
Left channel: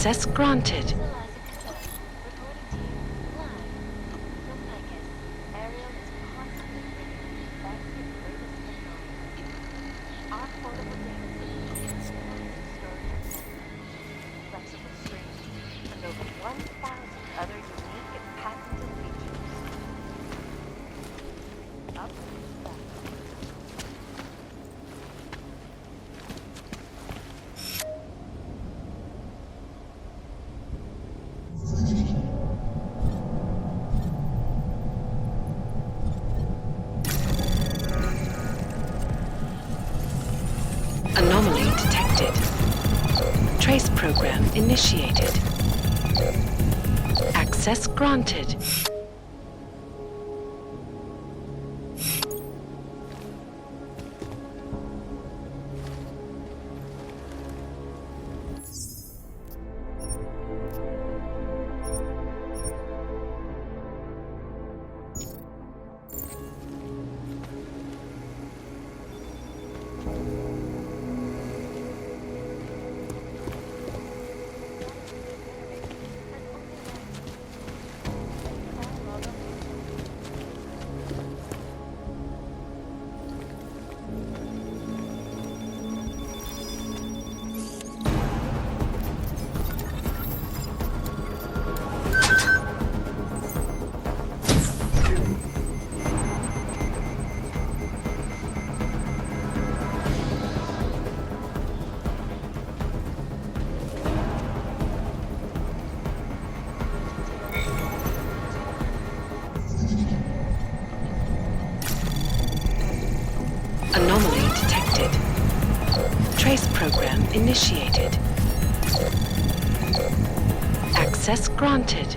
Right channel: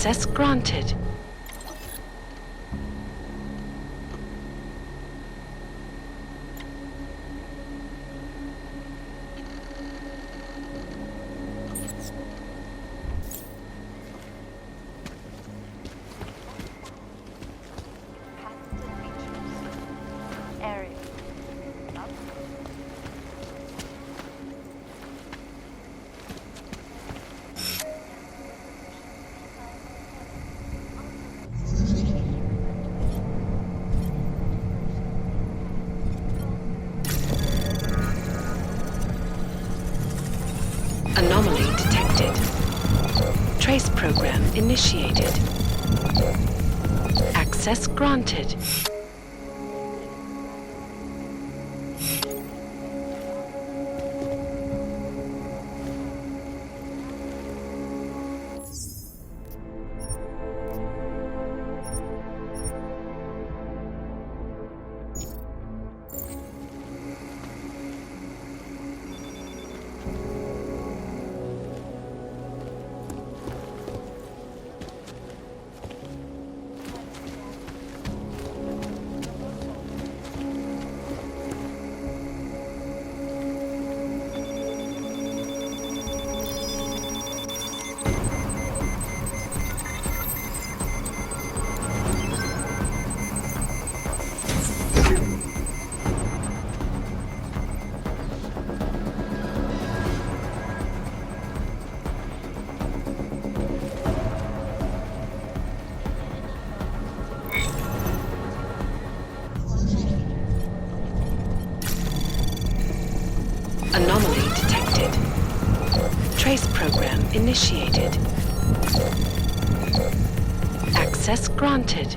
Access granted. Anomaly detected. Trace program initiated. Access granted. Anomaly detected. Trace program initiated. Access granted.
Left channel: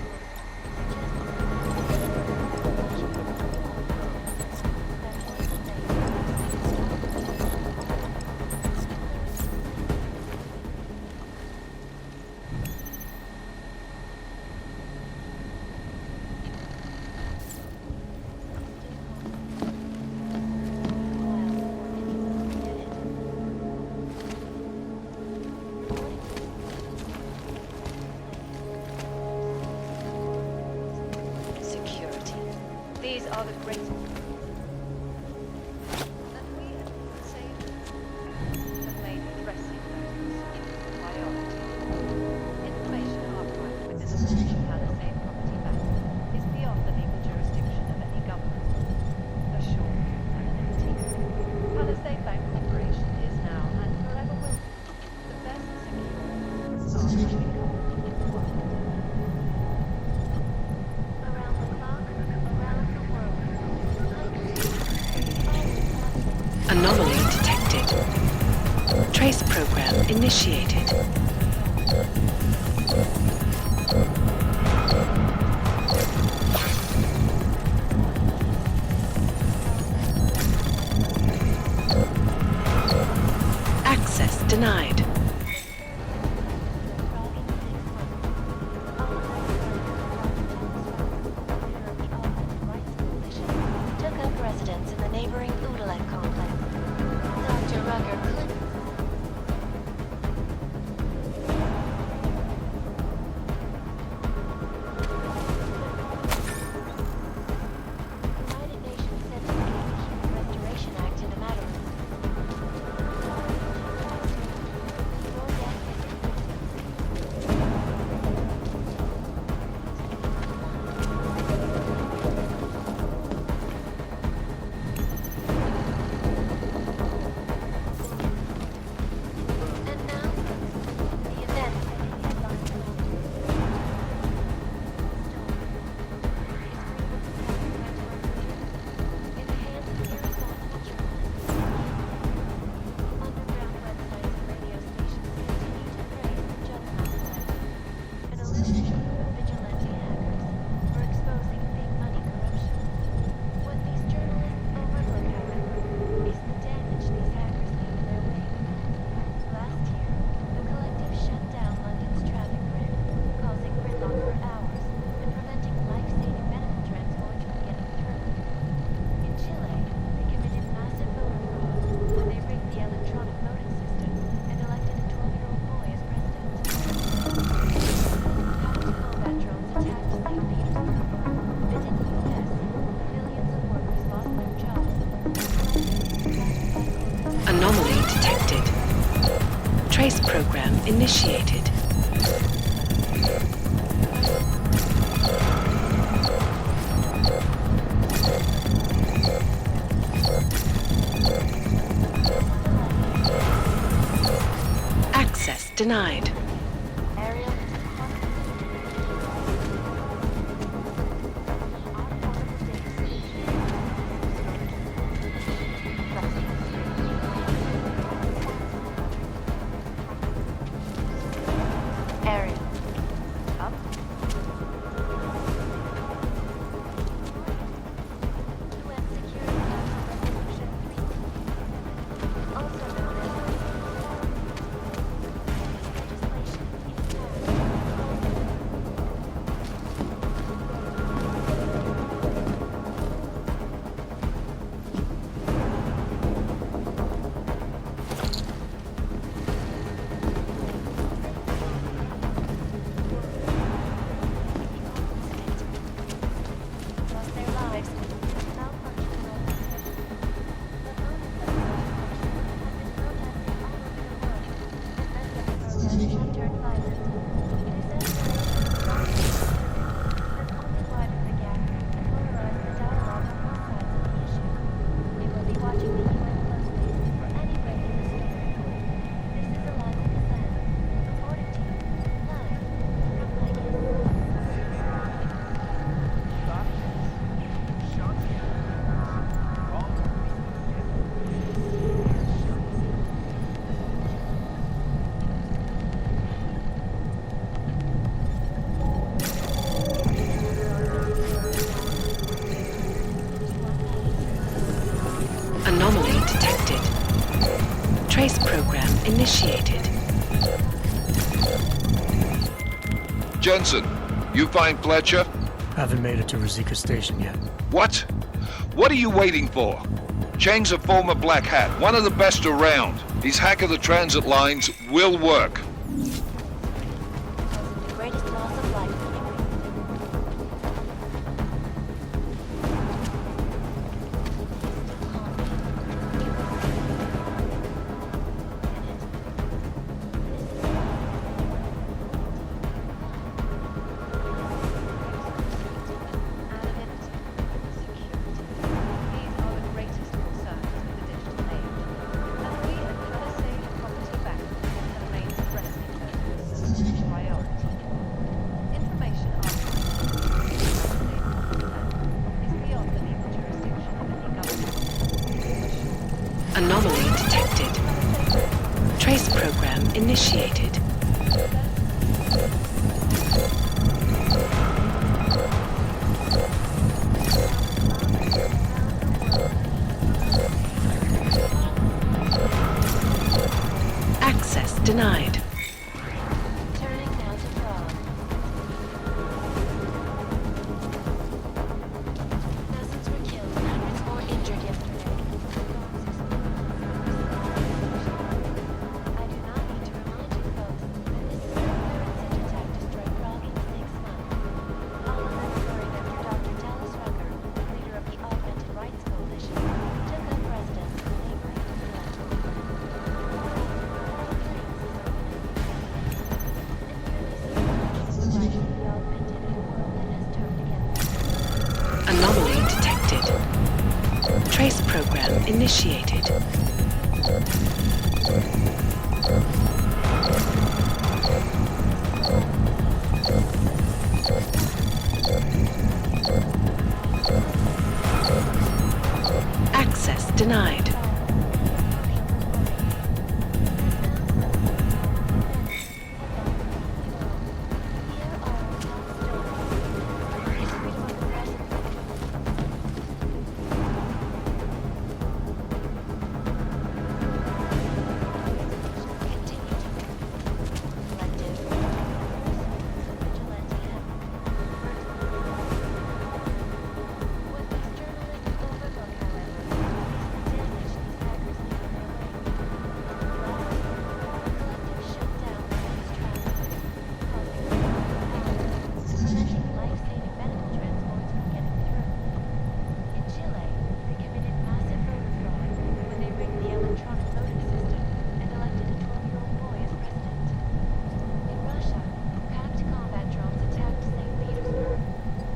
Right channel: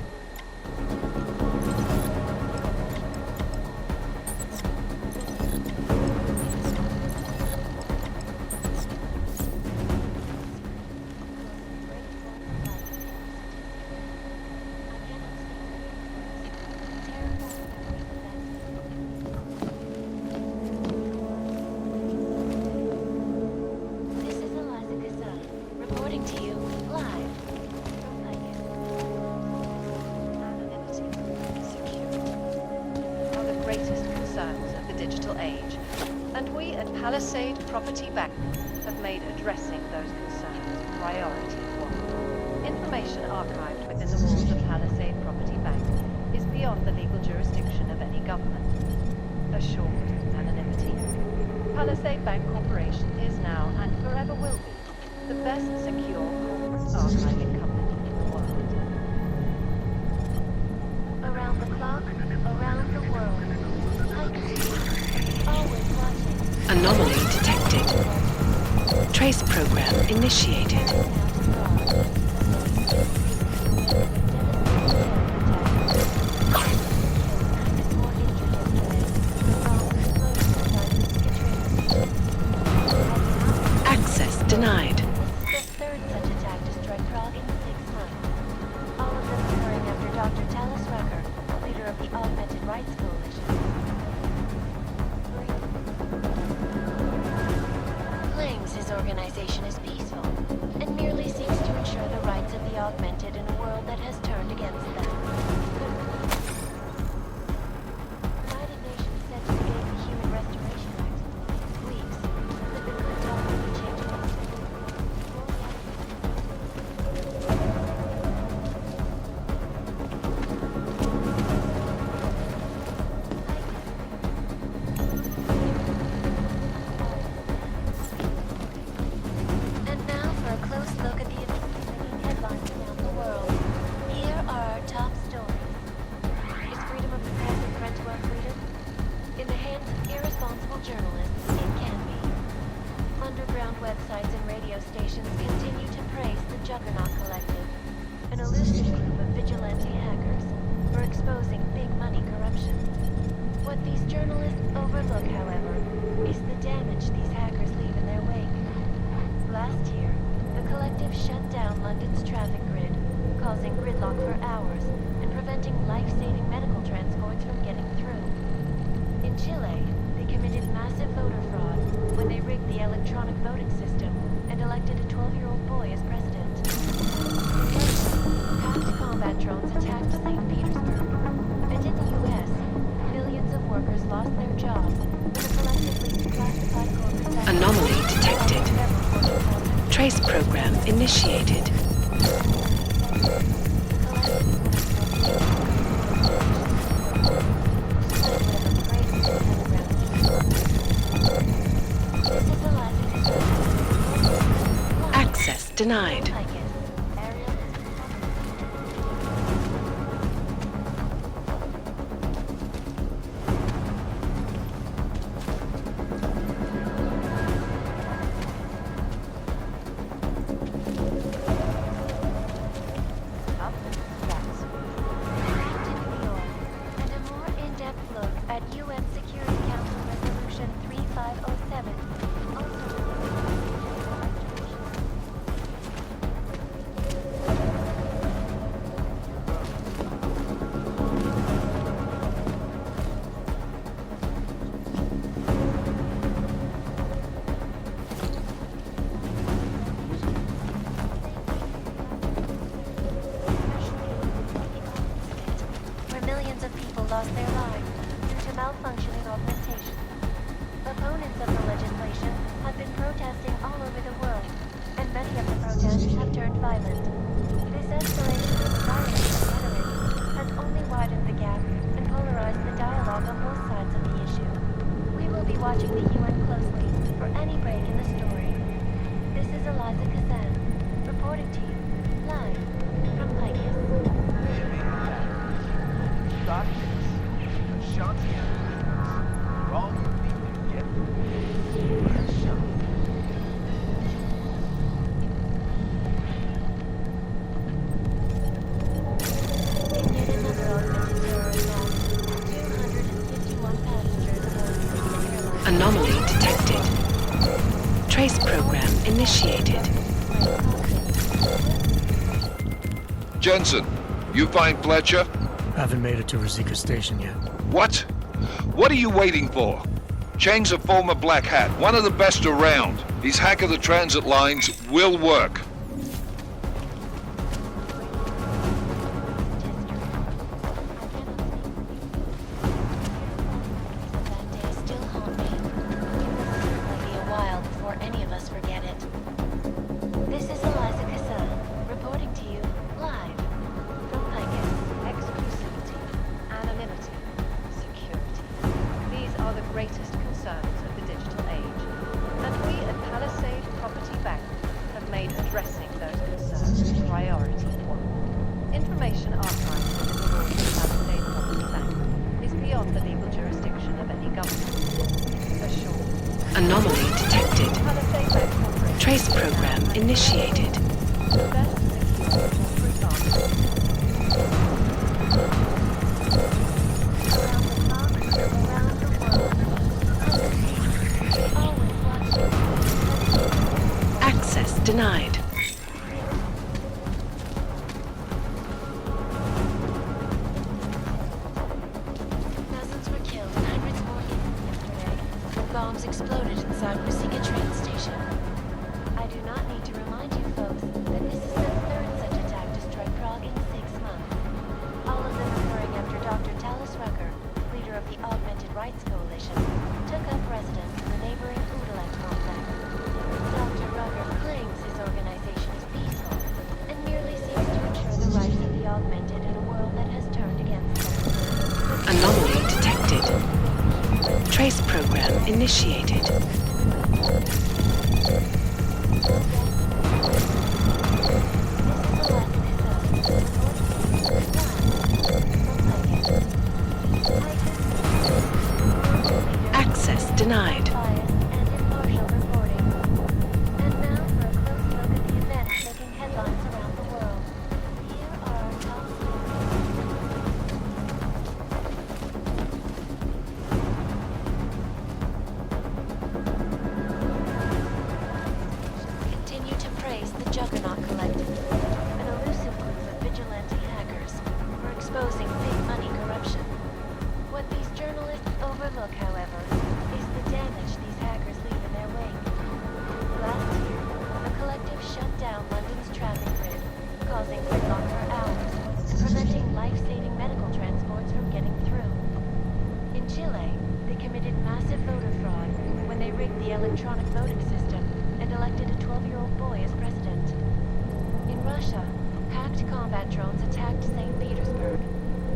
Reporting to you live. Security. These are the greatest concerns of the digital age, and we at Palisade Property Bank have made addressing those concerns priority one. Information archived within the walls of Palisade Property Bank is beyond the legal jurisdiction of any government. Assured anonymity. Palisade Bank Corporation is now and forever will be the best secure corporate archiving company in the world. Around the clock, around the world. Always watching. Anomaly detected. Trace program initiated. Access denied. The third such attack destroyed Prague in 6 months. All of them occurring after Dr. Talis Rucker, leader of the Augmented Rights Coalition, took up residence in the neighboring Udalek complex. Dr. Rucker claims his organization is peaceful and merely seeks to ensure the rights of the augmented in a world that has turned against them. The United Nations said to begin the Human Restoration Act in a matter of weeks. But the good doctor will change my tune. Anomaly detected. Trace program initiated. Access denied. Anomaly detected. Trace program initiated. Jensen, you find Fletcher? Haven't made it to Rosika Station yet. What? What are you waiting for? Chang's a former Black Hat, one of the best around. His hack of the transit lines will work. Anomaly detected. Trace program initiated. Access denied. Dozens were killed and hundreds more injured yesterday. Bombs exploded inside Rosika train station. I do not need to remind you folks that this is the third such attack to strike Prague in 6 months. All of them occurring after Dr. Talis Rucker, leader of the Augmented Rights Coalition, took up residence in the neighboring Udalek complex. Dr. Rucker claims his organization is peaceful and merely seeks to ensure the rights of the augmented in a world that has turned against them. Anomaly detected. Trace program initiated. Access denied. electronic voting system and elected a 12-year-old boy as president. In Russia, hacked combat drones attacked St. Petersburg.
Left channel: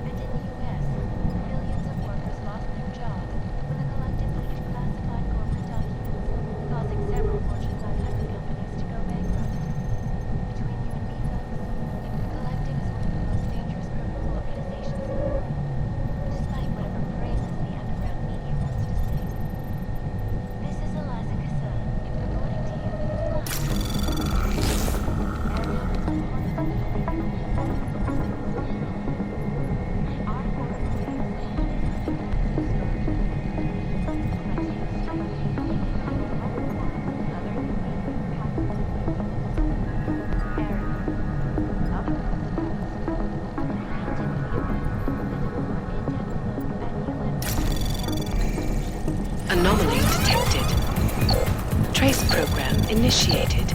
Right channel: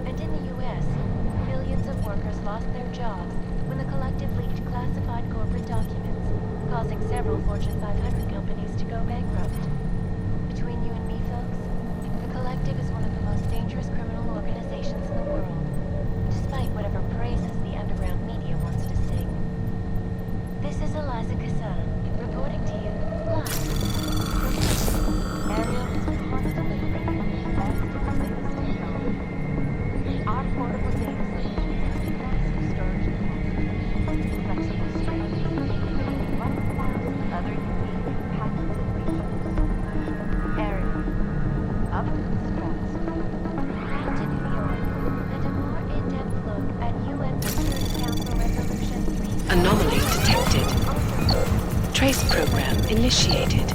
And in the US, millions of workers lost their jobs when the collective leaked classified corporate documents, causing several Fortune 500 companies to go bankrupt. Between you and me, folks, the collective is one of the most dangerous criminal organizations in the world, despite whatever praises the underground media wants to sing. This is Eliza Kassan, reporting to you live. Ariel is constantly bringing facts to the latest technology. Our portable data centers are massive storage deposits, flexible storage, containing 1,000 other unique patented features. Ariel, up to the strats. To New York, and a more in-depth look at UN Security Council Resolution 3. Anomaly detected. Trace program initiated.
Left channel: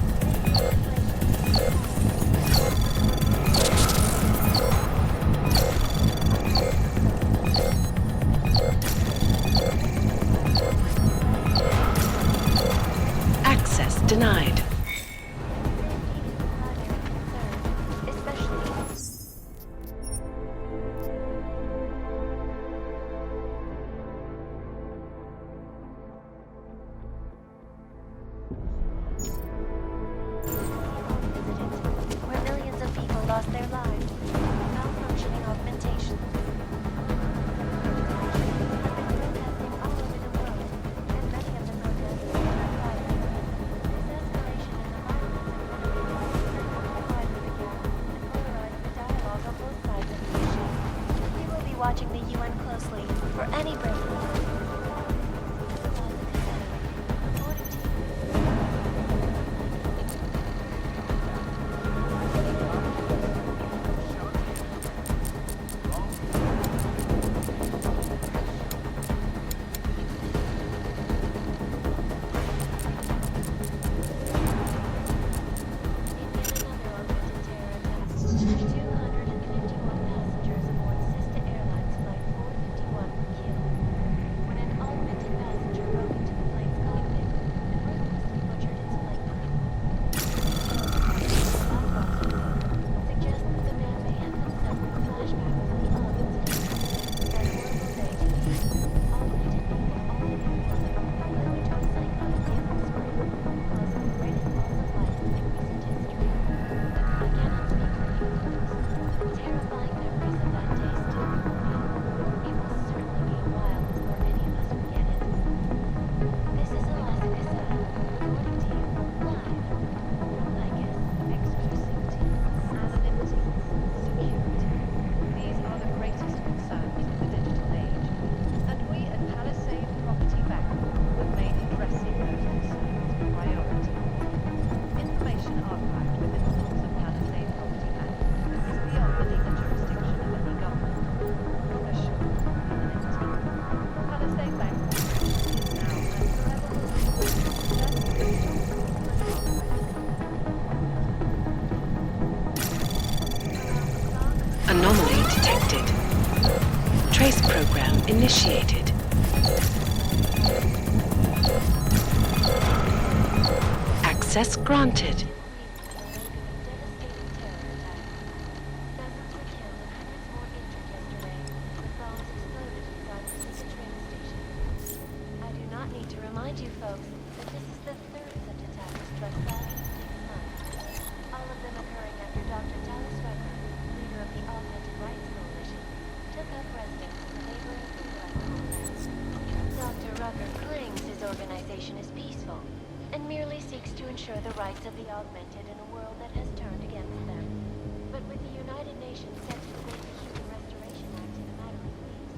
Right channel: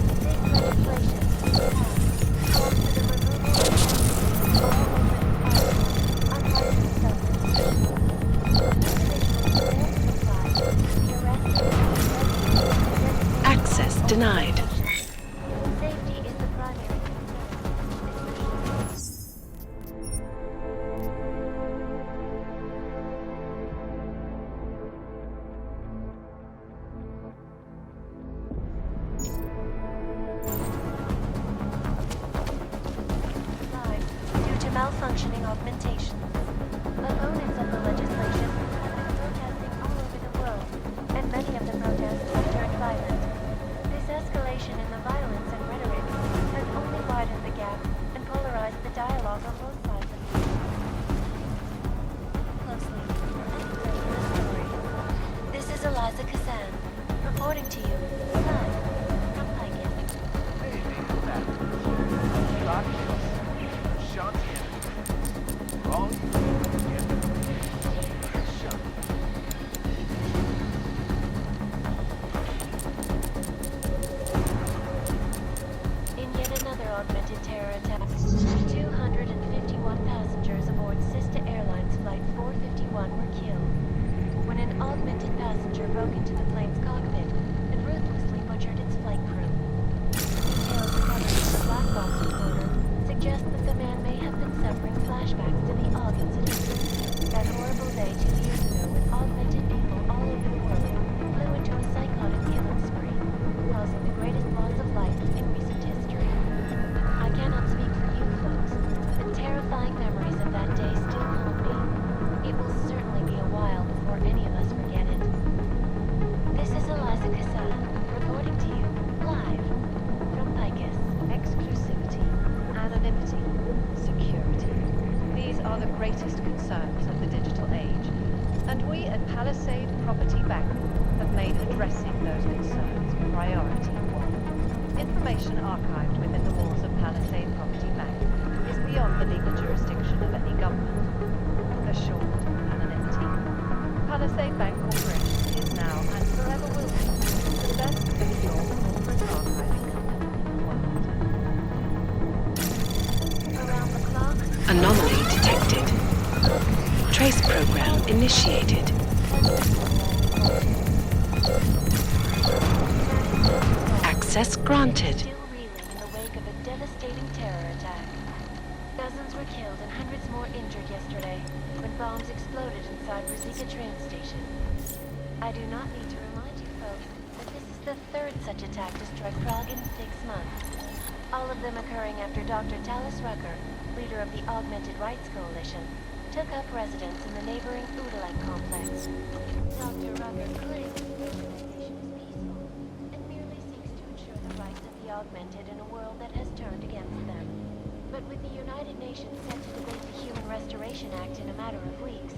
Access denied. Safety is the primary concern, especially where millions of people lost their lives due to malfunctioning augmentation. Opponents of the legislation have been protesting all over the world, and many of the protests have turned violent. This escalation in the violence and rhetoric has only widened the gap and polarized the dialogue on both sides of the issue. We will be watching the UN closely for any break in the story. This is Eliza Kassan, reporting to you live from Pikin. In yet another augmented terror attack, 251 passengers aboard Sista Airlines Flight 451 were killed when an augmented passenger broke into the plane's cockpit and ruthlessly butchered its flight crew. Details recovered from the black box recorder suggest that the man may have been suffering flashbacks to the AUG incident. That horrible day 2 years ago when augmented people all over the world flew into a psychotic killing spree, causing the greatest loss of life in recent history. I cannot speak for you folks, but terrifying memories of that day still haunt me. It will certainly be a while before any of us forget it. This is Eliza Kassan, reporting to you live from Picus. Exclusivity, anonymity, security. These are the greatest concerns of the digital age. And we at Palisade Property Bank have made addressing those concerns priority one. Information archived within the walls of Palisade Property Bank is beyond the legal jurisdiction of any government. Assured anonymity. Palisade Bank Corporation is now and forever will be the best secure corporate archiving company on the planet. Around the clock, Anomaly detected. Trace program initiated. Access granted. still reeling in the wake of a devastating terror attack. Dozens were killed and hundreds more injured yesterday when bombs exploded inside Brzezinka train station. I do not need to remind you folks that this is the third such attack to strike Prague in 6 months. All of them occurring after Dr. Talis Rucker, leader of the Augmented Rights Coalition, took up residence in the neighboring Udalite complex. Dr. Rucker claims his organization is peaceful and merely seeks to ensure the rights of the augmented in a world that has turned against them. But with the United Nations set to debate the Human Restoration Act in a matter of weeks,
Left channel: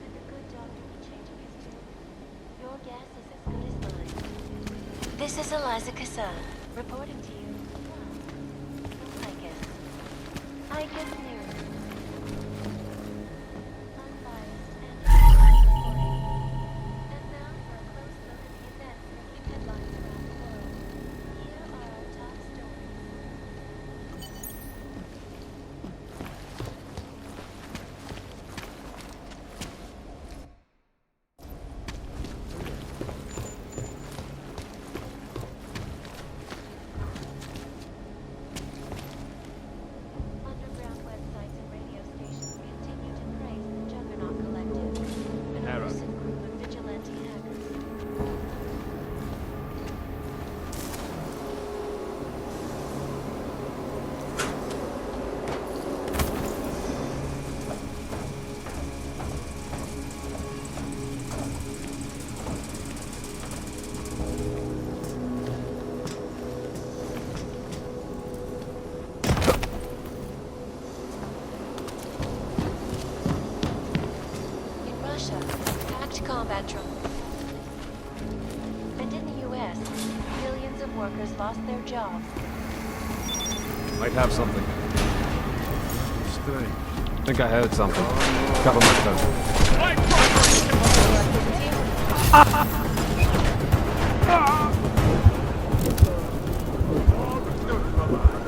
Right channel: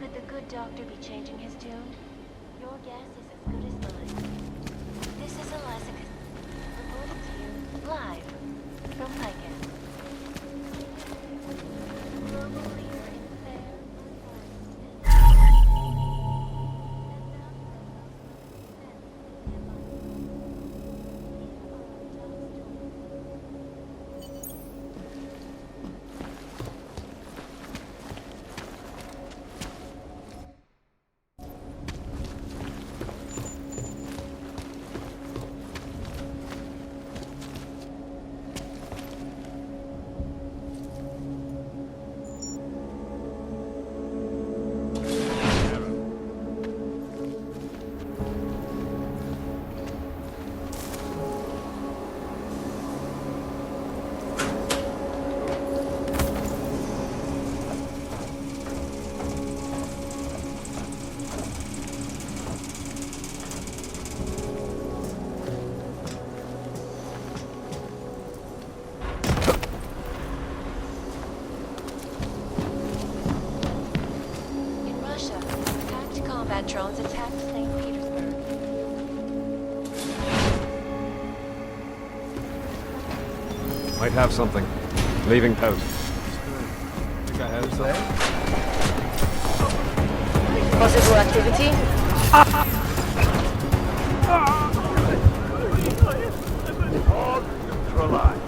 could the good doctor be changing his tune? Your guess is as good as mine. This is Eliza Kassan, reporting to you live from Picus. Picus News, global leader in fair, unbiased, and reporting. And now for a close look at the events making headlines around the world. Here are our top stories. Might have something. Leaving coast. Think I heard something. Cover my coast. Possible activity? All neutralized.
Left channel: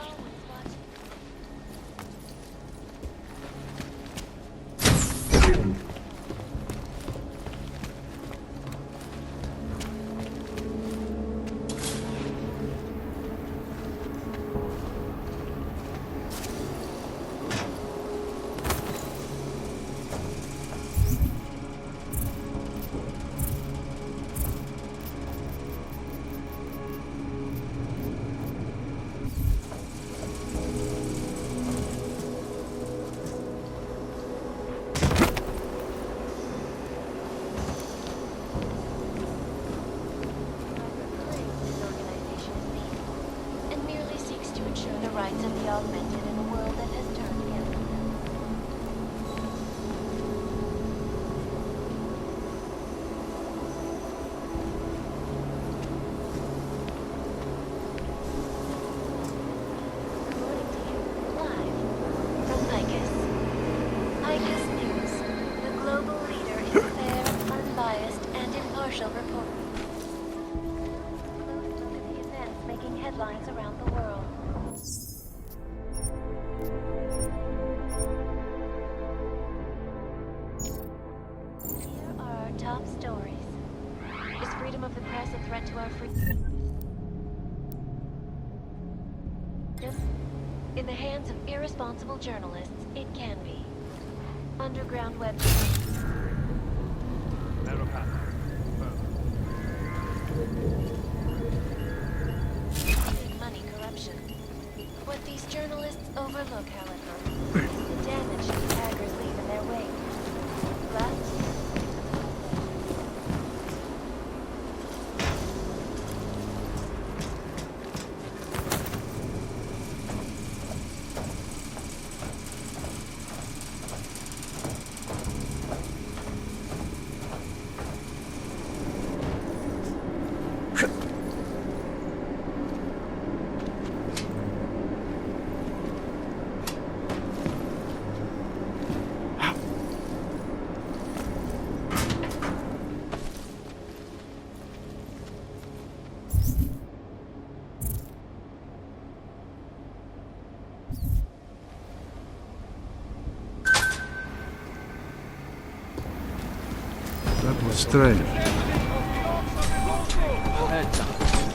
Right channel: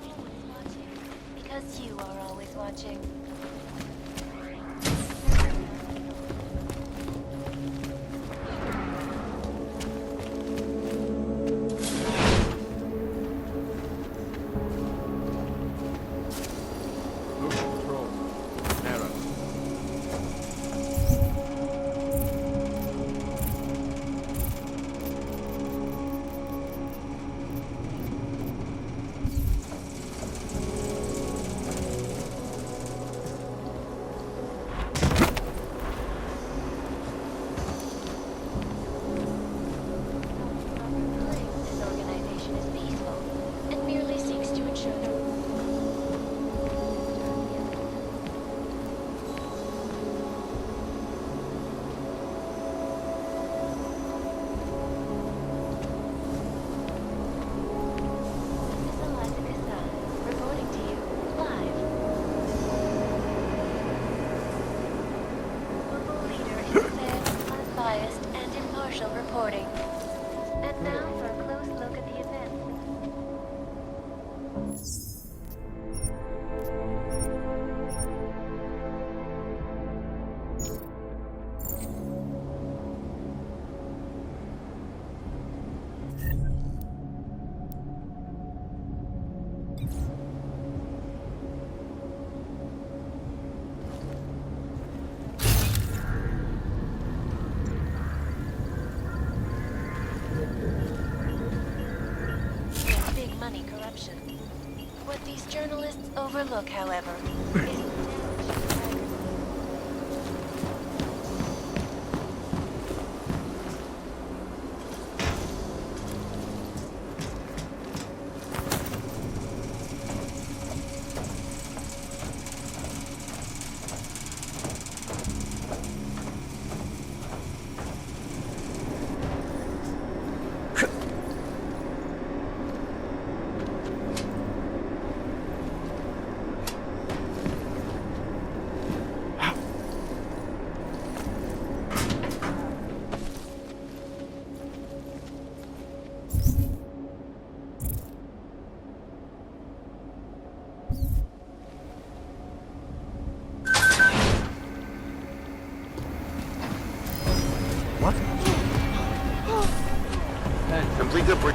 Always watching, because you are always watching. His organization is peaceful and merely seeks to ensure the rights of the augmented in a world that has turned against them. Reporting to you live from ICUS News, the global leader in fair, unbiased, and impartial reporting. And now for a close look at the events making headlines around the world. Here are our top stories. Is freedom of the press a threat to our freedom? In the hands of irresponsible journalists, it can be. Underground websites. Big money corruption. What these journalists overlook, however, is the damage the hackers leave in their wake. Strange. Hey, something good for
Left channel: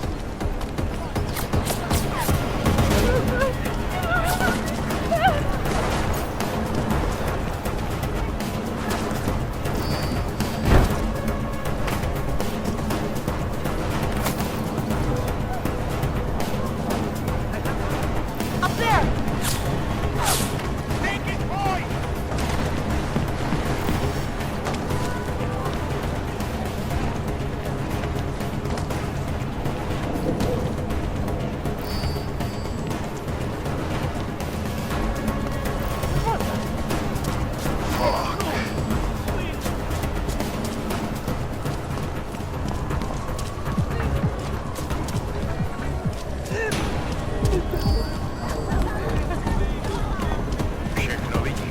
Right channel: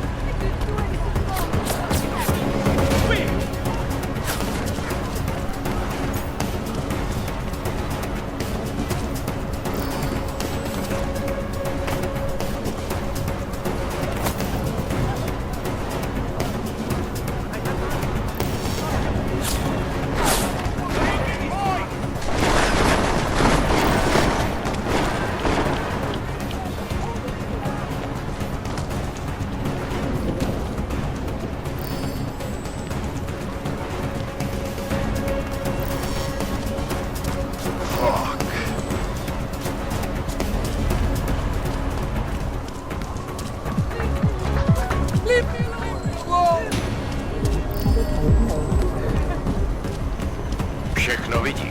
Všechno vidím.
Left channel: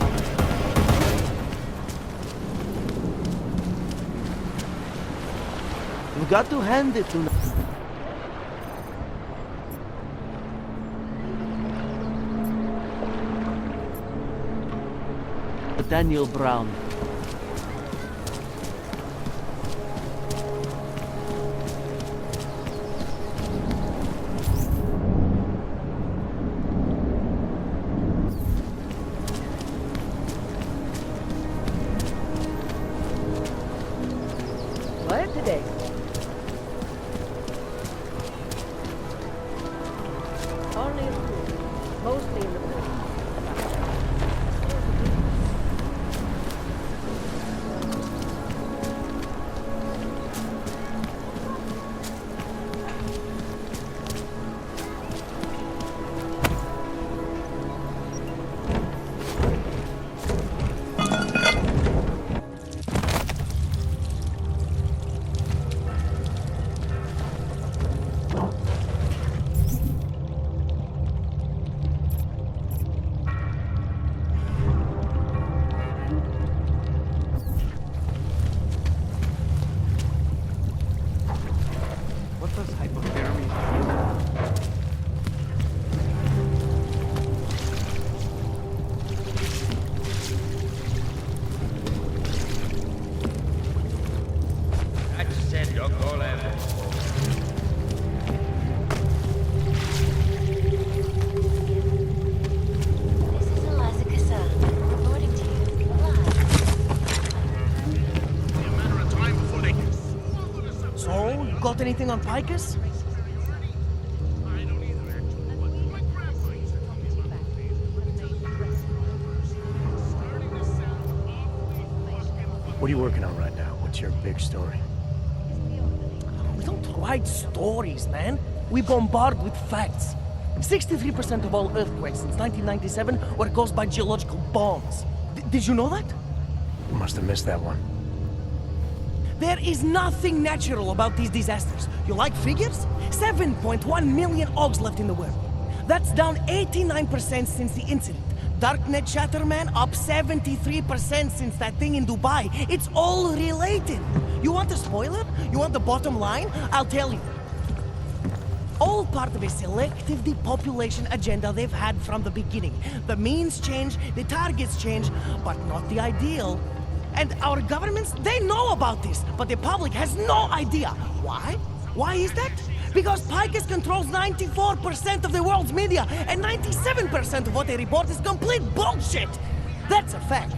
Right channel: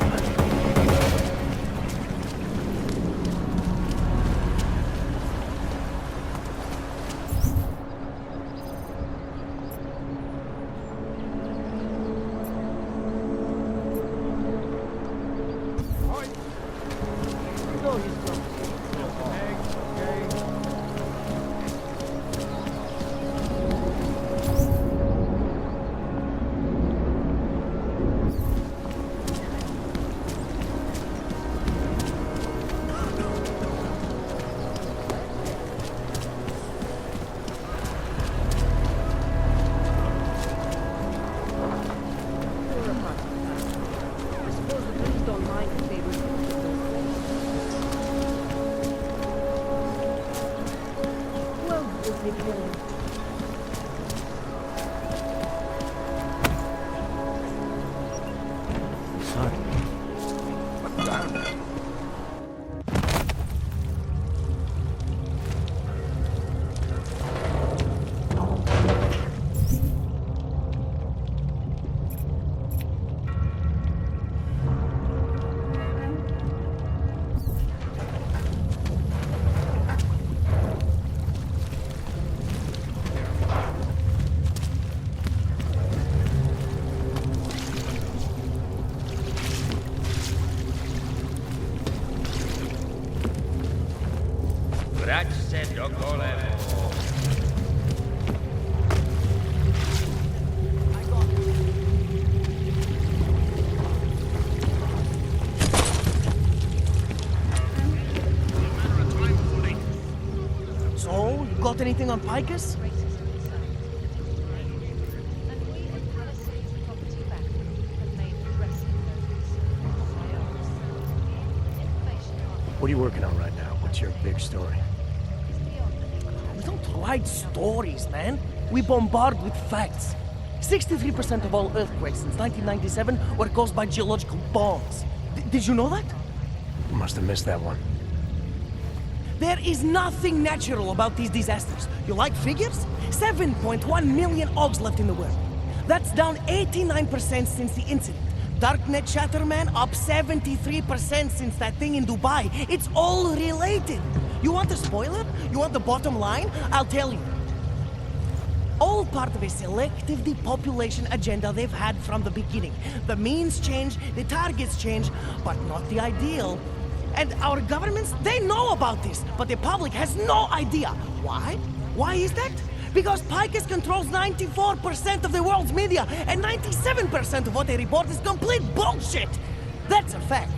You got to hand it to me. Daniel Brown. What today? So, you got anything on Picus? What are you working on right now? What's your big story? We don't write stories, man. We bombard with facts. 63% of all earthquakes since 1997 were caused by geological bombs. Did you know that? Must have missed that one. There is nothing natural about these disasters. You like figures? 7.1 million Augs left in the world. That's down 89% since the incident. Darknet chatter, man, up 73% since that thing in Dubai. It's all related. You want a spoiler? You want the bottom line? I'll tell you. All part of a selective depopulation agenda they've had from the beginning. The means change, the targets change, but not the ideal. And our governments, they know about this, but the public has no idea. Why? Why is that? Because Picus controls 94% of the world's media, and 97% of what they report is complete bullshit! That's a fact.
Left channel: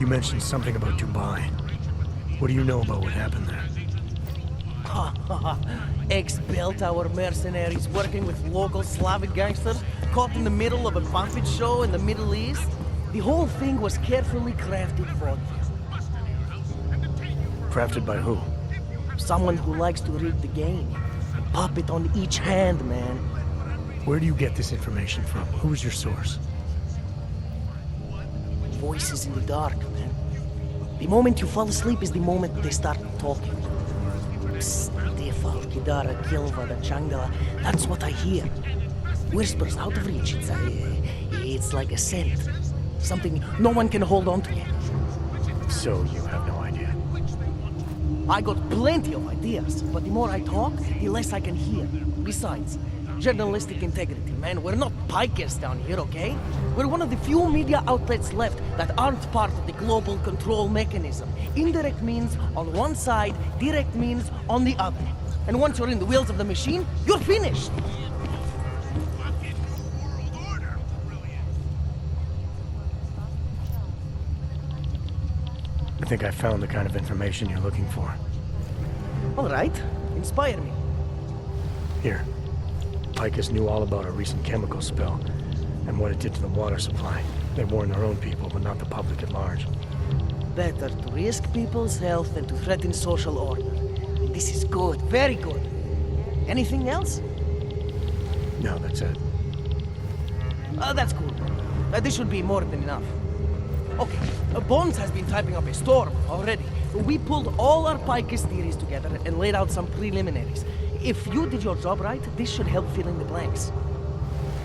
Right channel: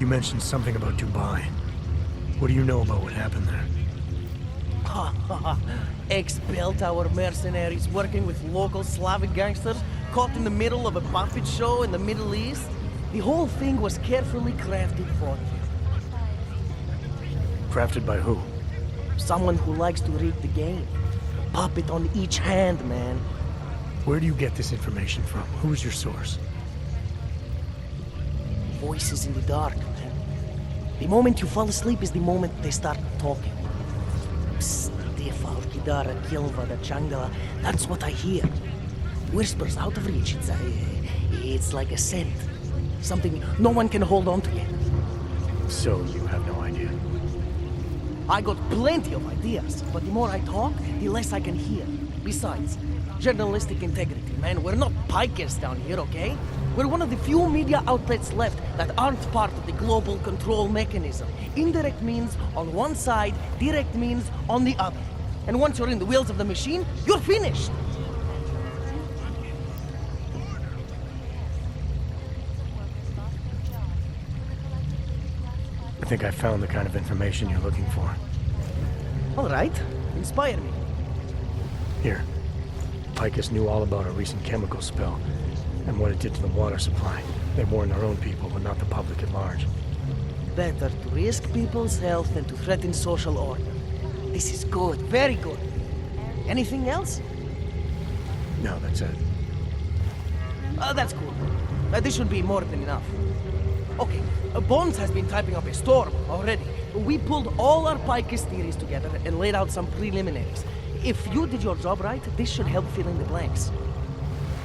You mentioned something about Dubai. What do you know about what happened there? Ha ha ha. Ex-bell tower mercenaries working with local Slavic gangsters caught in the middle of a puppet show in the Middle East. The whole thing was carefully crafted for them. Crafted by who? Someone who likes to rig the game. A puppet on each hand, man. Where do you get this information from? Who is your source? Voices in the dark, man. The moment you fall asleep is the moment they start talking. Psst, Defal, Kidara, Kilva, Changala. That's what I hear. Whispers out of reach. It's like a scent. Something no one can hold on to yet. So you have no idea? I got plenty of ideas, but the more I talk, the less I can hear. Besides, journalistic integrity, man. We're not pikers down here, okay? We're one of the few media outlets left that aren't part of the global control mechanism. Indirect means on one side, direct means on the other. And once you're in the wheels of the machine, you're finished! I think I found the kind of information you're looking for. All right. Inspire me. Here. Picus knew all about a recent chemical spill and what it did to the water supply. They warned their own people, but not the public at large. Better to risk people's health than to threaten social order. This is good. Very good. Anything else? No, that's it. That's cool. This should be more than enough. Okay, Bones has been typing up a storm already. We pulled all our Picus theories together and laid out some preliminaries. If you did your job right, this should help fill in the blanks.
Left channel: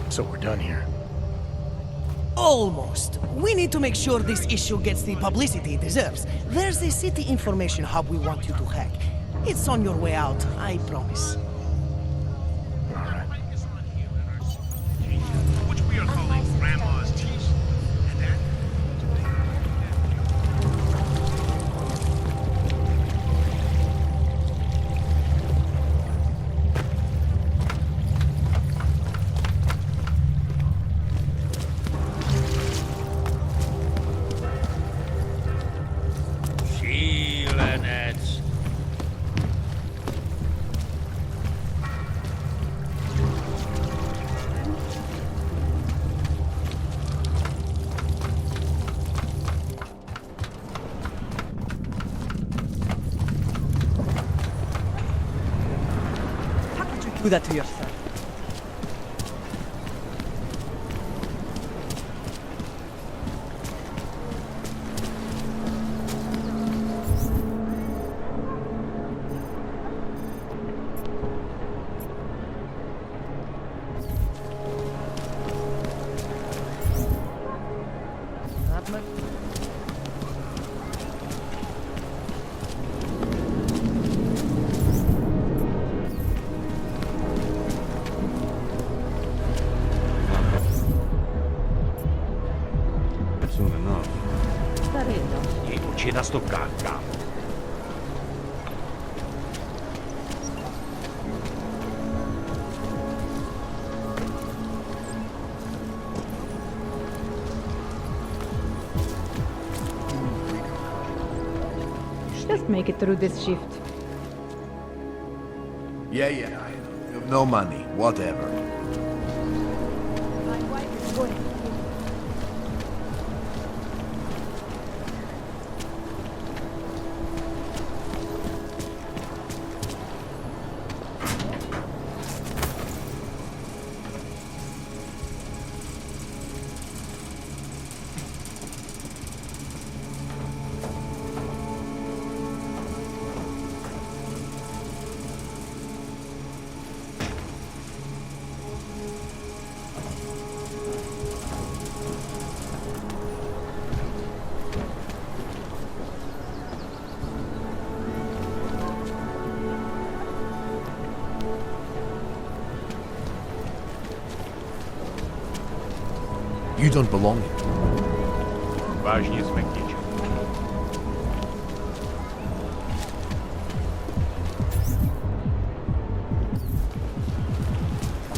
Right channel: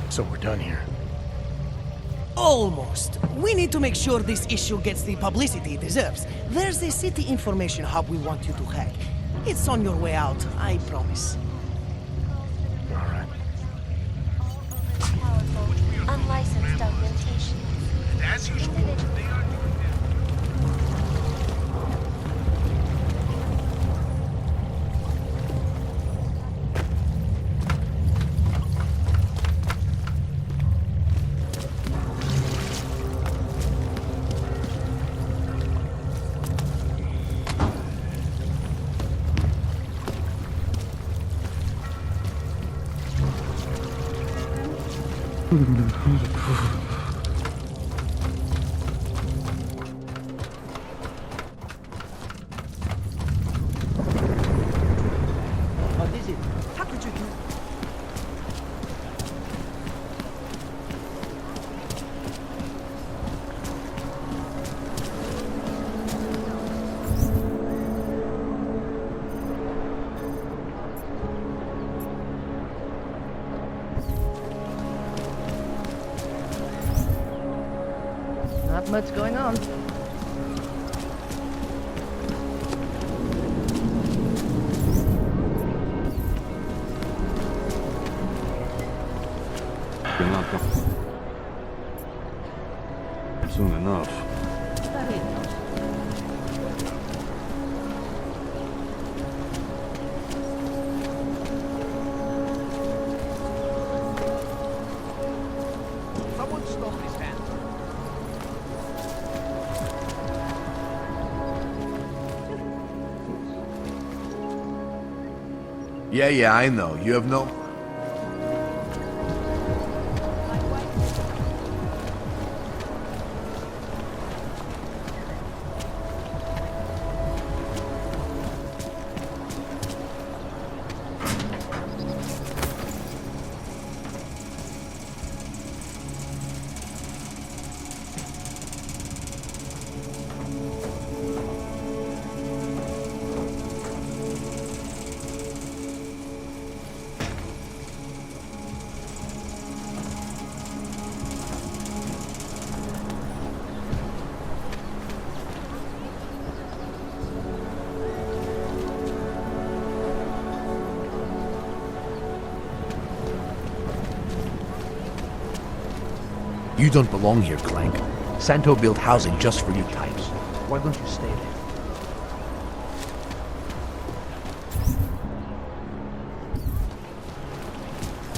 So we're done here. Almost. We need to make sure this issue gets the publicity it deserves. There's a city information hub we want you to hack. It's on your way out, I promise. All right. Unlicensed documentation. And as usual, they are... How could you do that to yourself? Not much going on. enough. Ci da sto carta. Just make it through this shift. Yeah, I know. You have no money. Whatever. My wife is working. You don't belong here, Clank. Santo built housing just for you guys. Why don't you stay?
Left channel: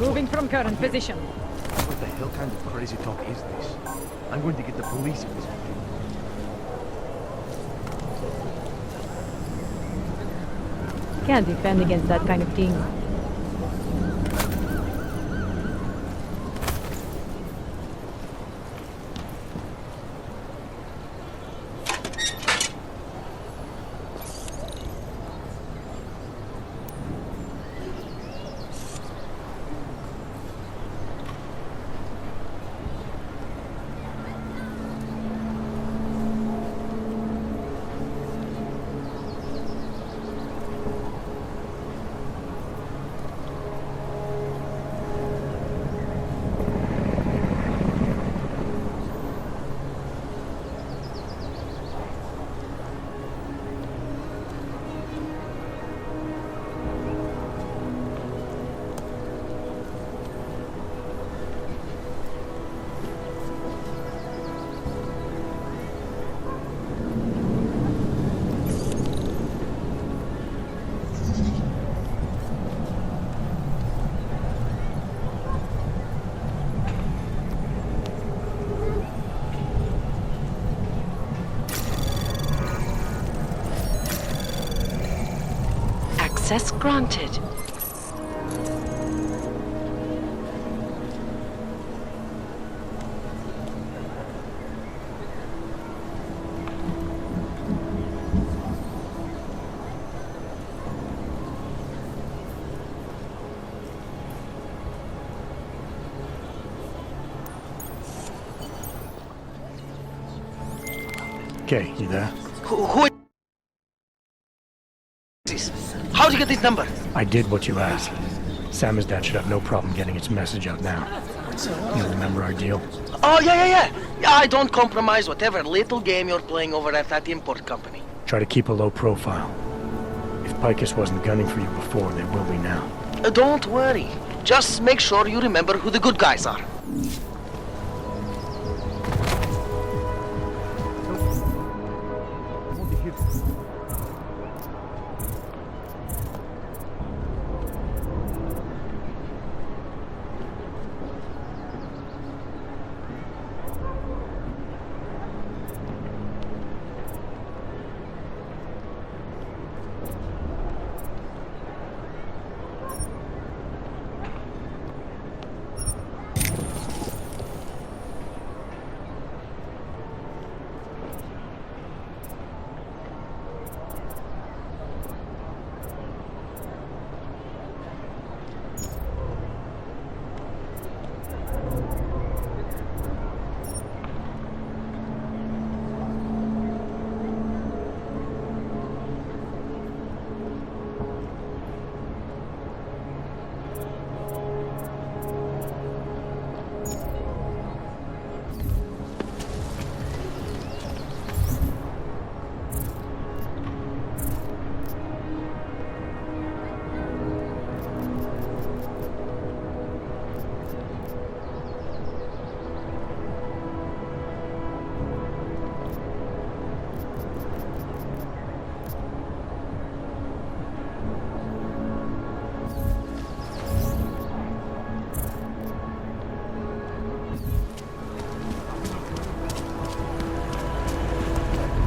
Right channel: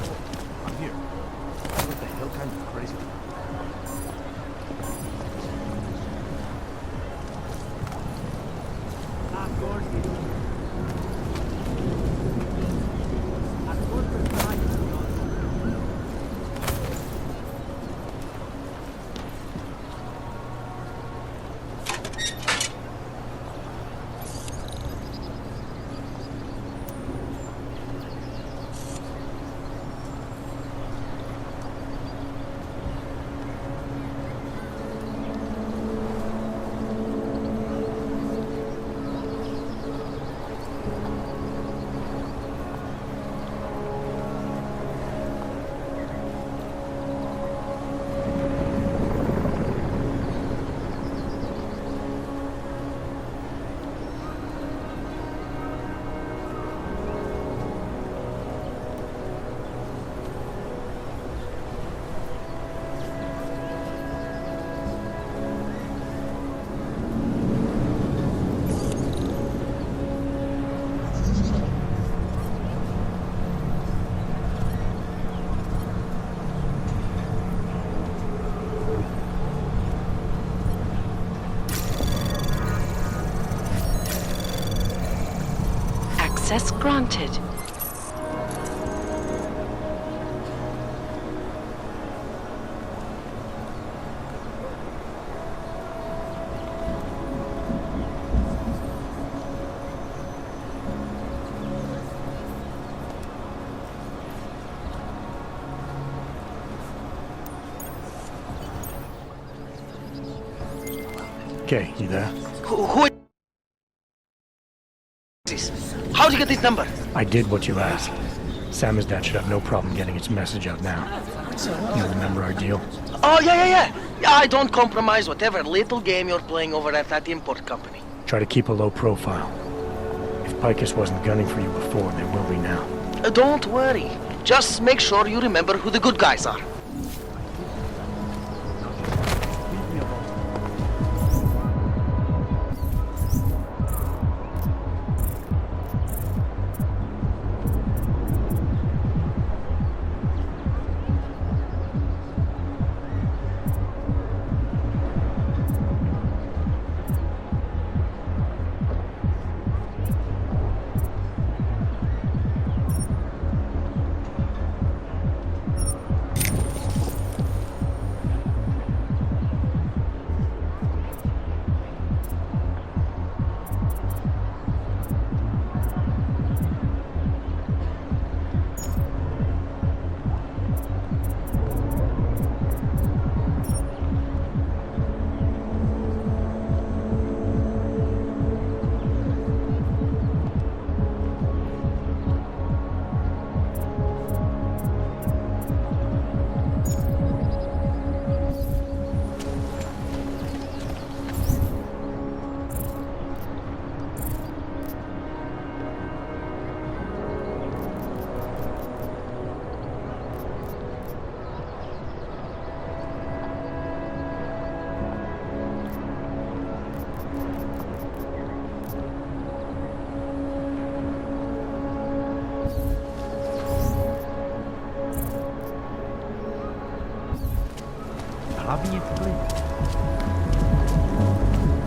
Moving from current position. What the hell kind of crazy talk is this? I'm going to get the police in this. Can't defend against that kind of thing. Access granted. Okay, you there? Who is this? How'd you get this number? I did what you asked. Sam and Dad should have no problem getting its message out now. You remember our deal? Oh, yeah. Yeah, I don't compromise whatever little game you're playing over at that import company. Try to keep a low profile. If Picus wasn't gunning for you before, there will be now. Don't worry. Just make sure you remember who the good guys are.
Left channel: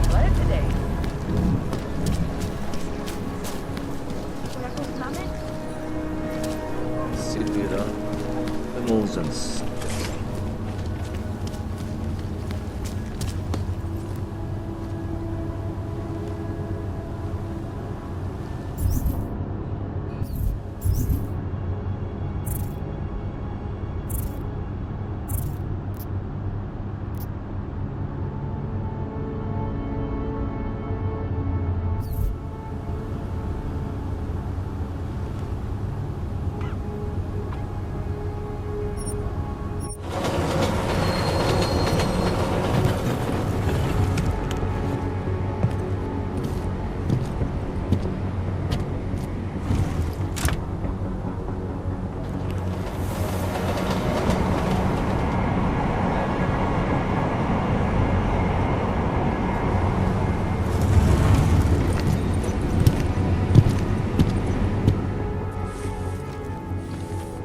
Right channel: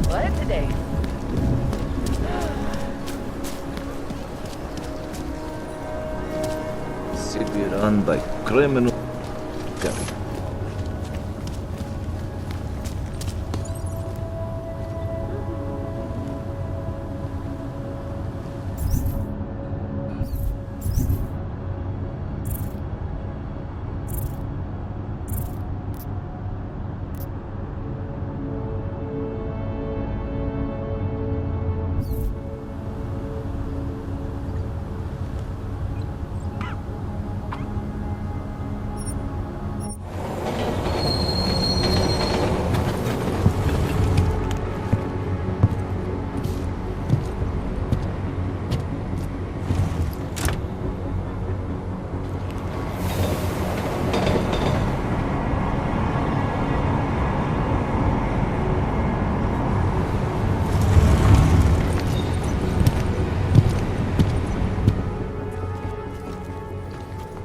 What today? City run by criminals and scum.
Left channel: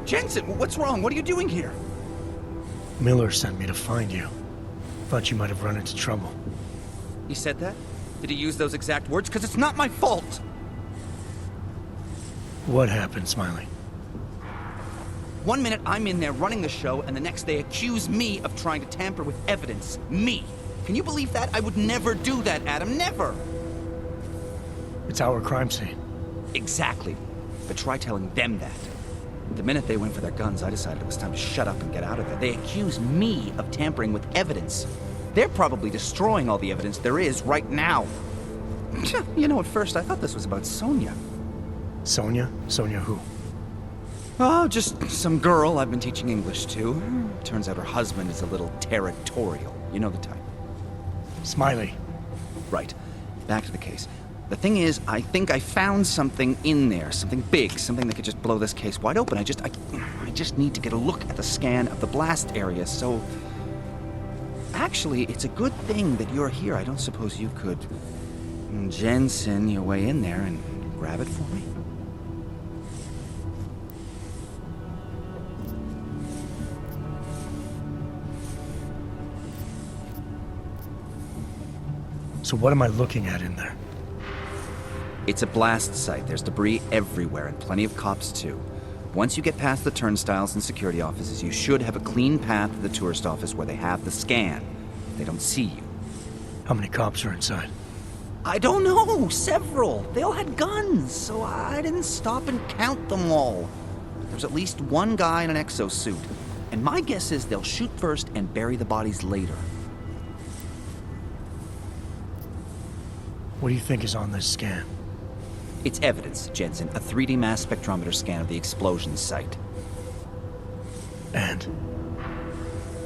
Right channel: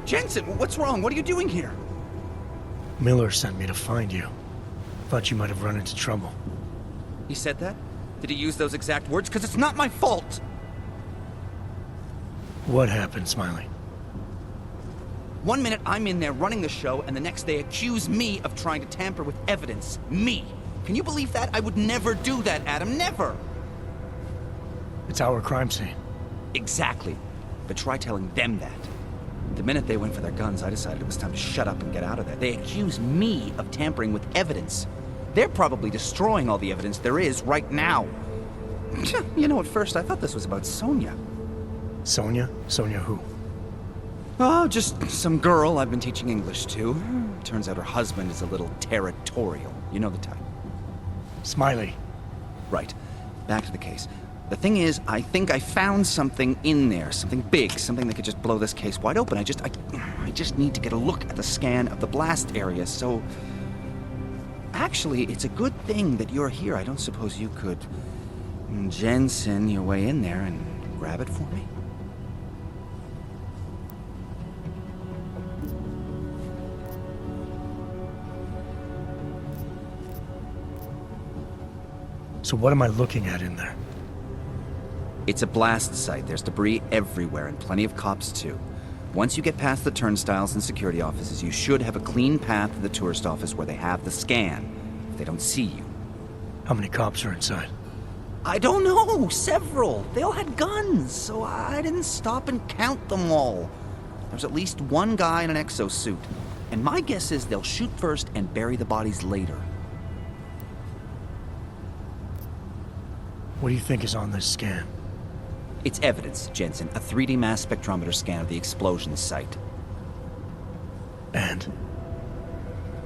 Jensen, what's wrong? What are you doing here? Miller sent me to find you. Thought you might have run into trouble. He said that? Did he use those exact words? Because it's not my fault! What happened, Smiley? 1 minute I'm in there running the show, and the next they accuse me of trying to tamper with evidence. Me! Can you believe that? I would never do that, Adam. Never! It's our crime scene. Exactly. But try telling them that. The minute they went for their guns, I decided it was time to shut up and get out of there. They accuse me of tampering with evidence. They're probably destroying all the evidence there is right now. You know, at first I thought this was about Sonia. Sonia? Sonia who? Oh, just some girl I've been teaching English to. Turns out her husband is a little territorial. You know the type. Smiley. Right. Back to the case. The thing is, I think I found something in there, something big, something that could just blow this case wide open. I just need to get a look at the scan of the blast area, so... Actually, it's a good thing that you're here. I don't suppose you could Jensen your way in there and grab it for me? So what am I looking at in there? It's a blast site. There's debris everywhere, and plenty of cops, too. Once you get past the turnstiles and security offices, you should have a clean path to the tourist office where they have the scan. If they don't see you. How many cops are inside? I don't know. Several. They all had guns, so I didn't stop and count them all. There's at least one guy in an exosuit. And my guess is they'll shoot first and bury the bodies later. What do you think is on this scan? It's evidence, Jensen. A 3D mass spectrometer scan of the explosion site. And?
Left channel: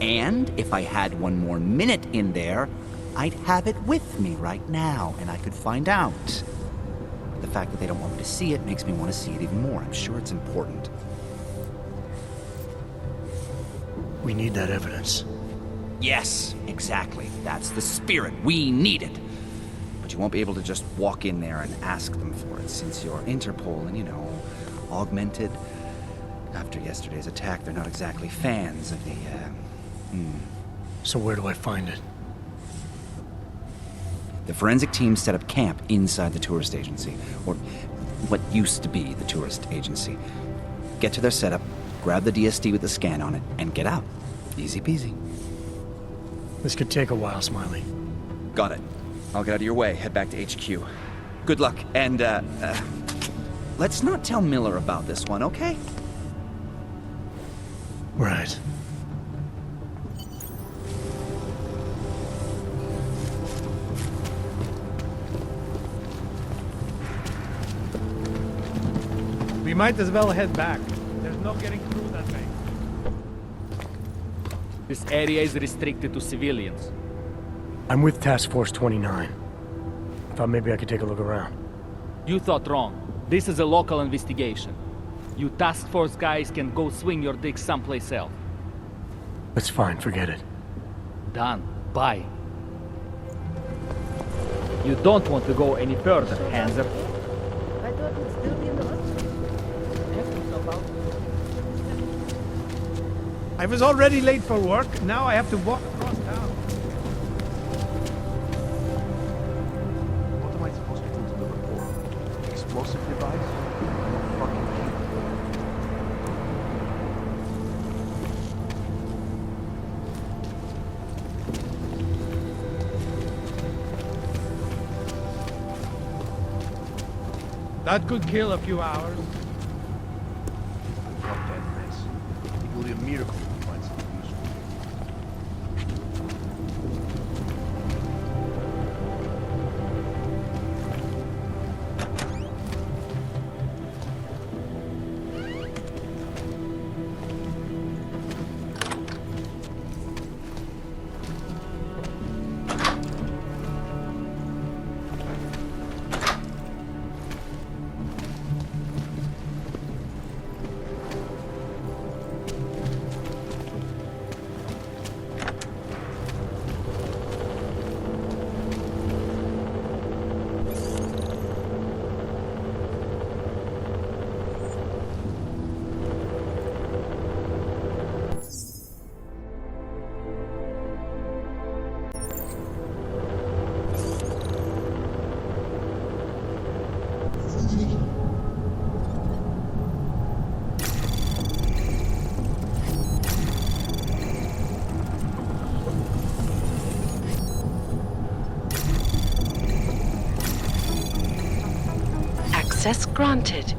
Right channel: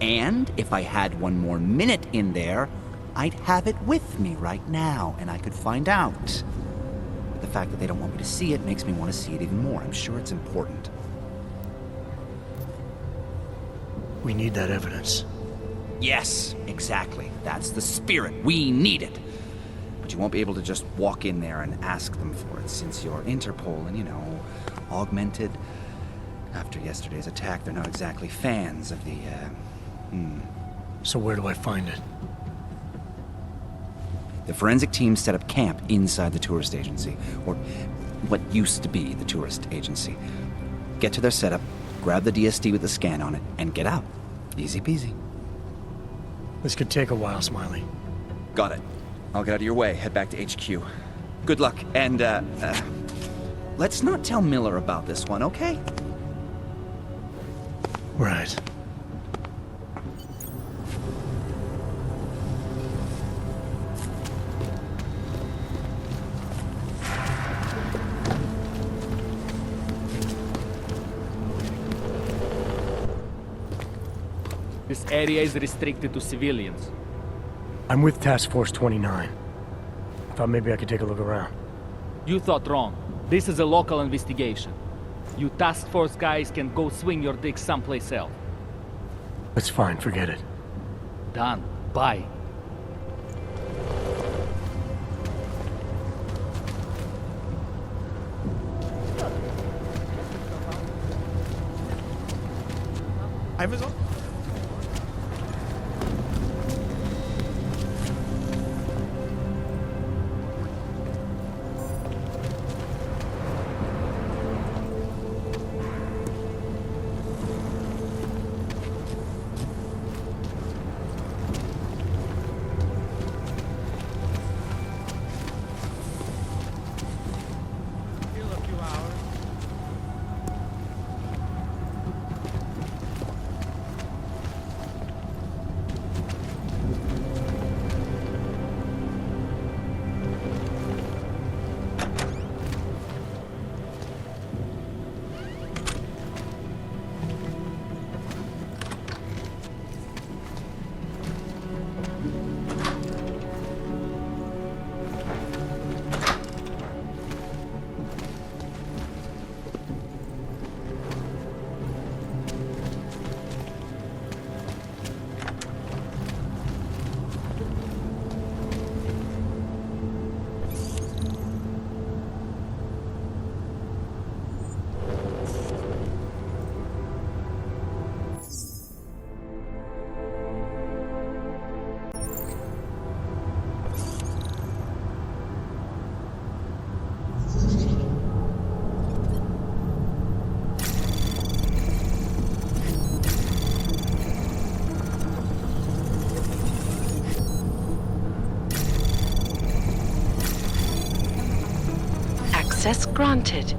And if I had one more minute in there, I'd have it with me right now, and I could find out. But the fact that they don't want me to see it makes me want to see it even more. I'm sure it's important. We need that evidence. Yes, exactly. That's the spirit. We need it. But you won't be able to just walk in there and ask them for it, since you're Interpol and, you know, augmented. After yesterday's attack, they're not exactly fans of the, So where do I find it? The forensic team set up camp inside the tourist agency, or what used to be the tourist agency. Get to their setup, grab the DSD with the scan on it, and get out. Easy peasy. This could take a while, Smiley. Got it. I'll get out of your way, head back to HQ. Good luck, and, let's not tell Miller about this one, okay? Right. We might as well head back. There's no getting through that way. This area is restricted to civilians. I'm with Task Force 29. Thought maybe I could take a look around. You thought wrong. This is a local investigation. You task force guys can go swing your dick someplace else. That's fine, forget it. Done. Bye. You don't want to go any further, Hanser. I was already late for work. Now I have to walk across town. That could kill a few hours. Drop that mess. Will be a miracle if that's the solution. Access granted.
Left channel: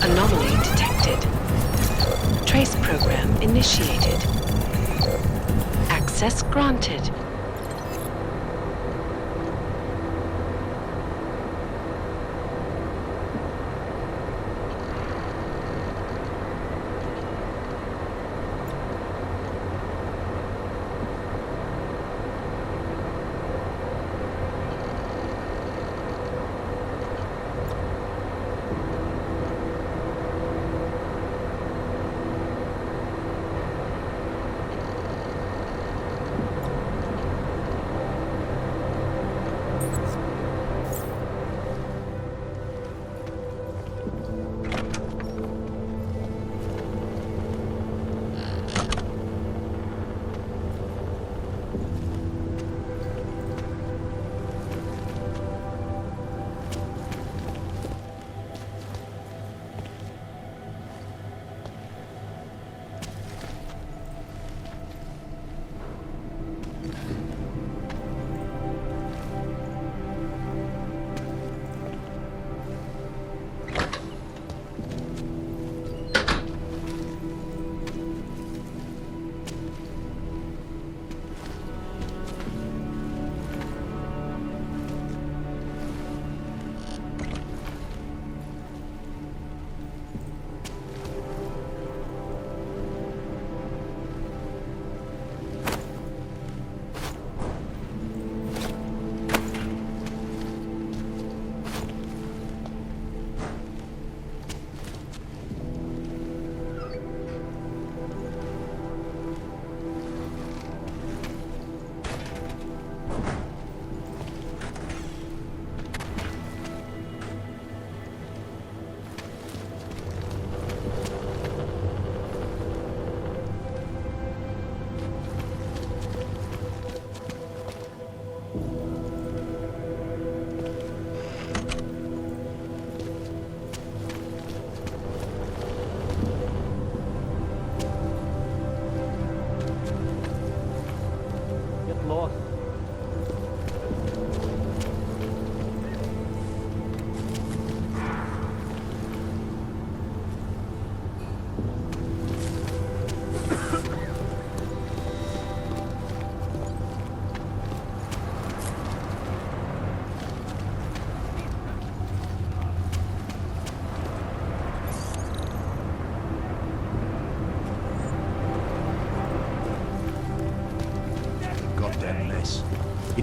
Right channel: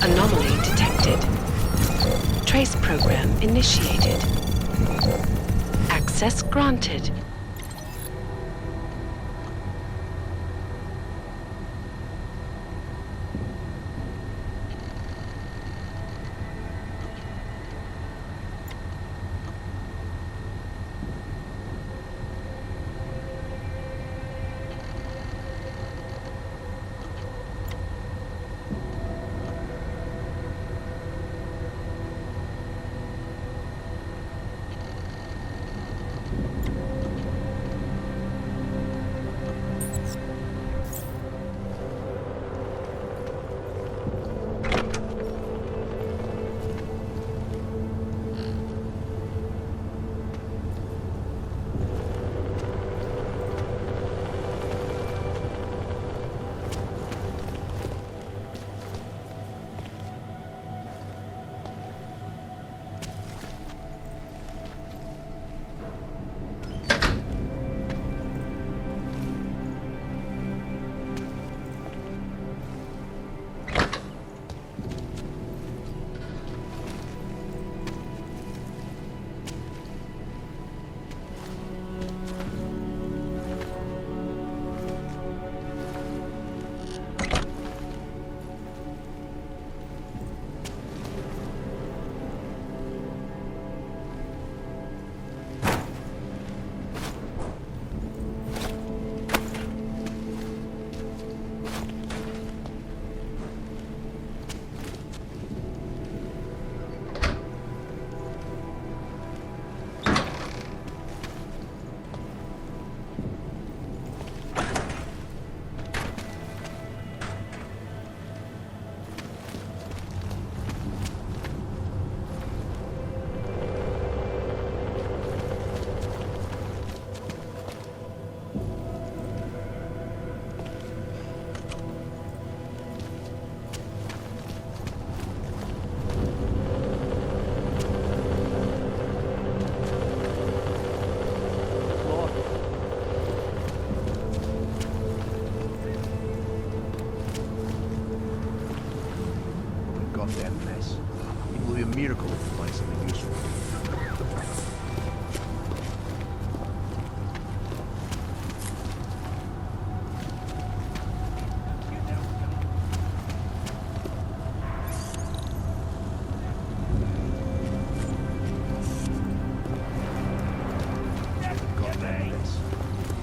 Anomaly detected. Trace program initiated. Access granted.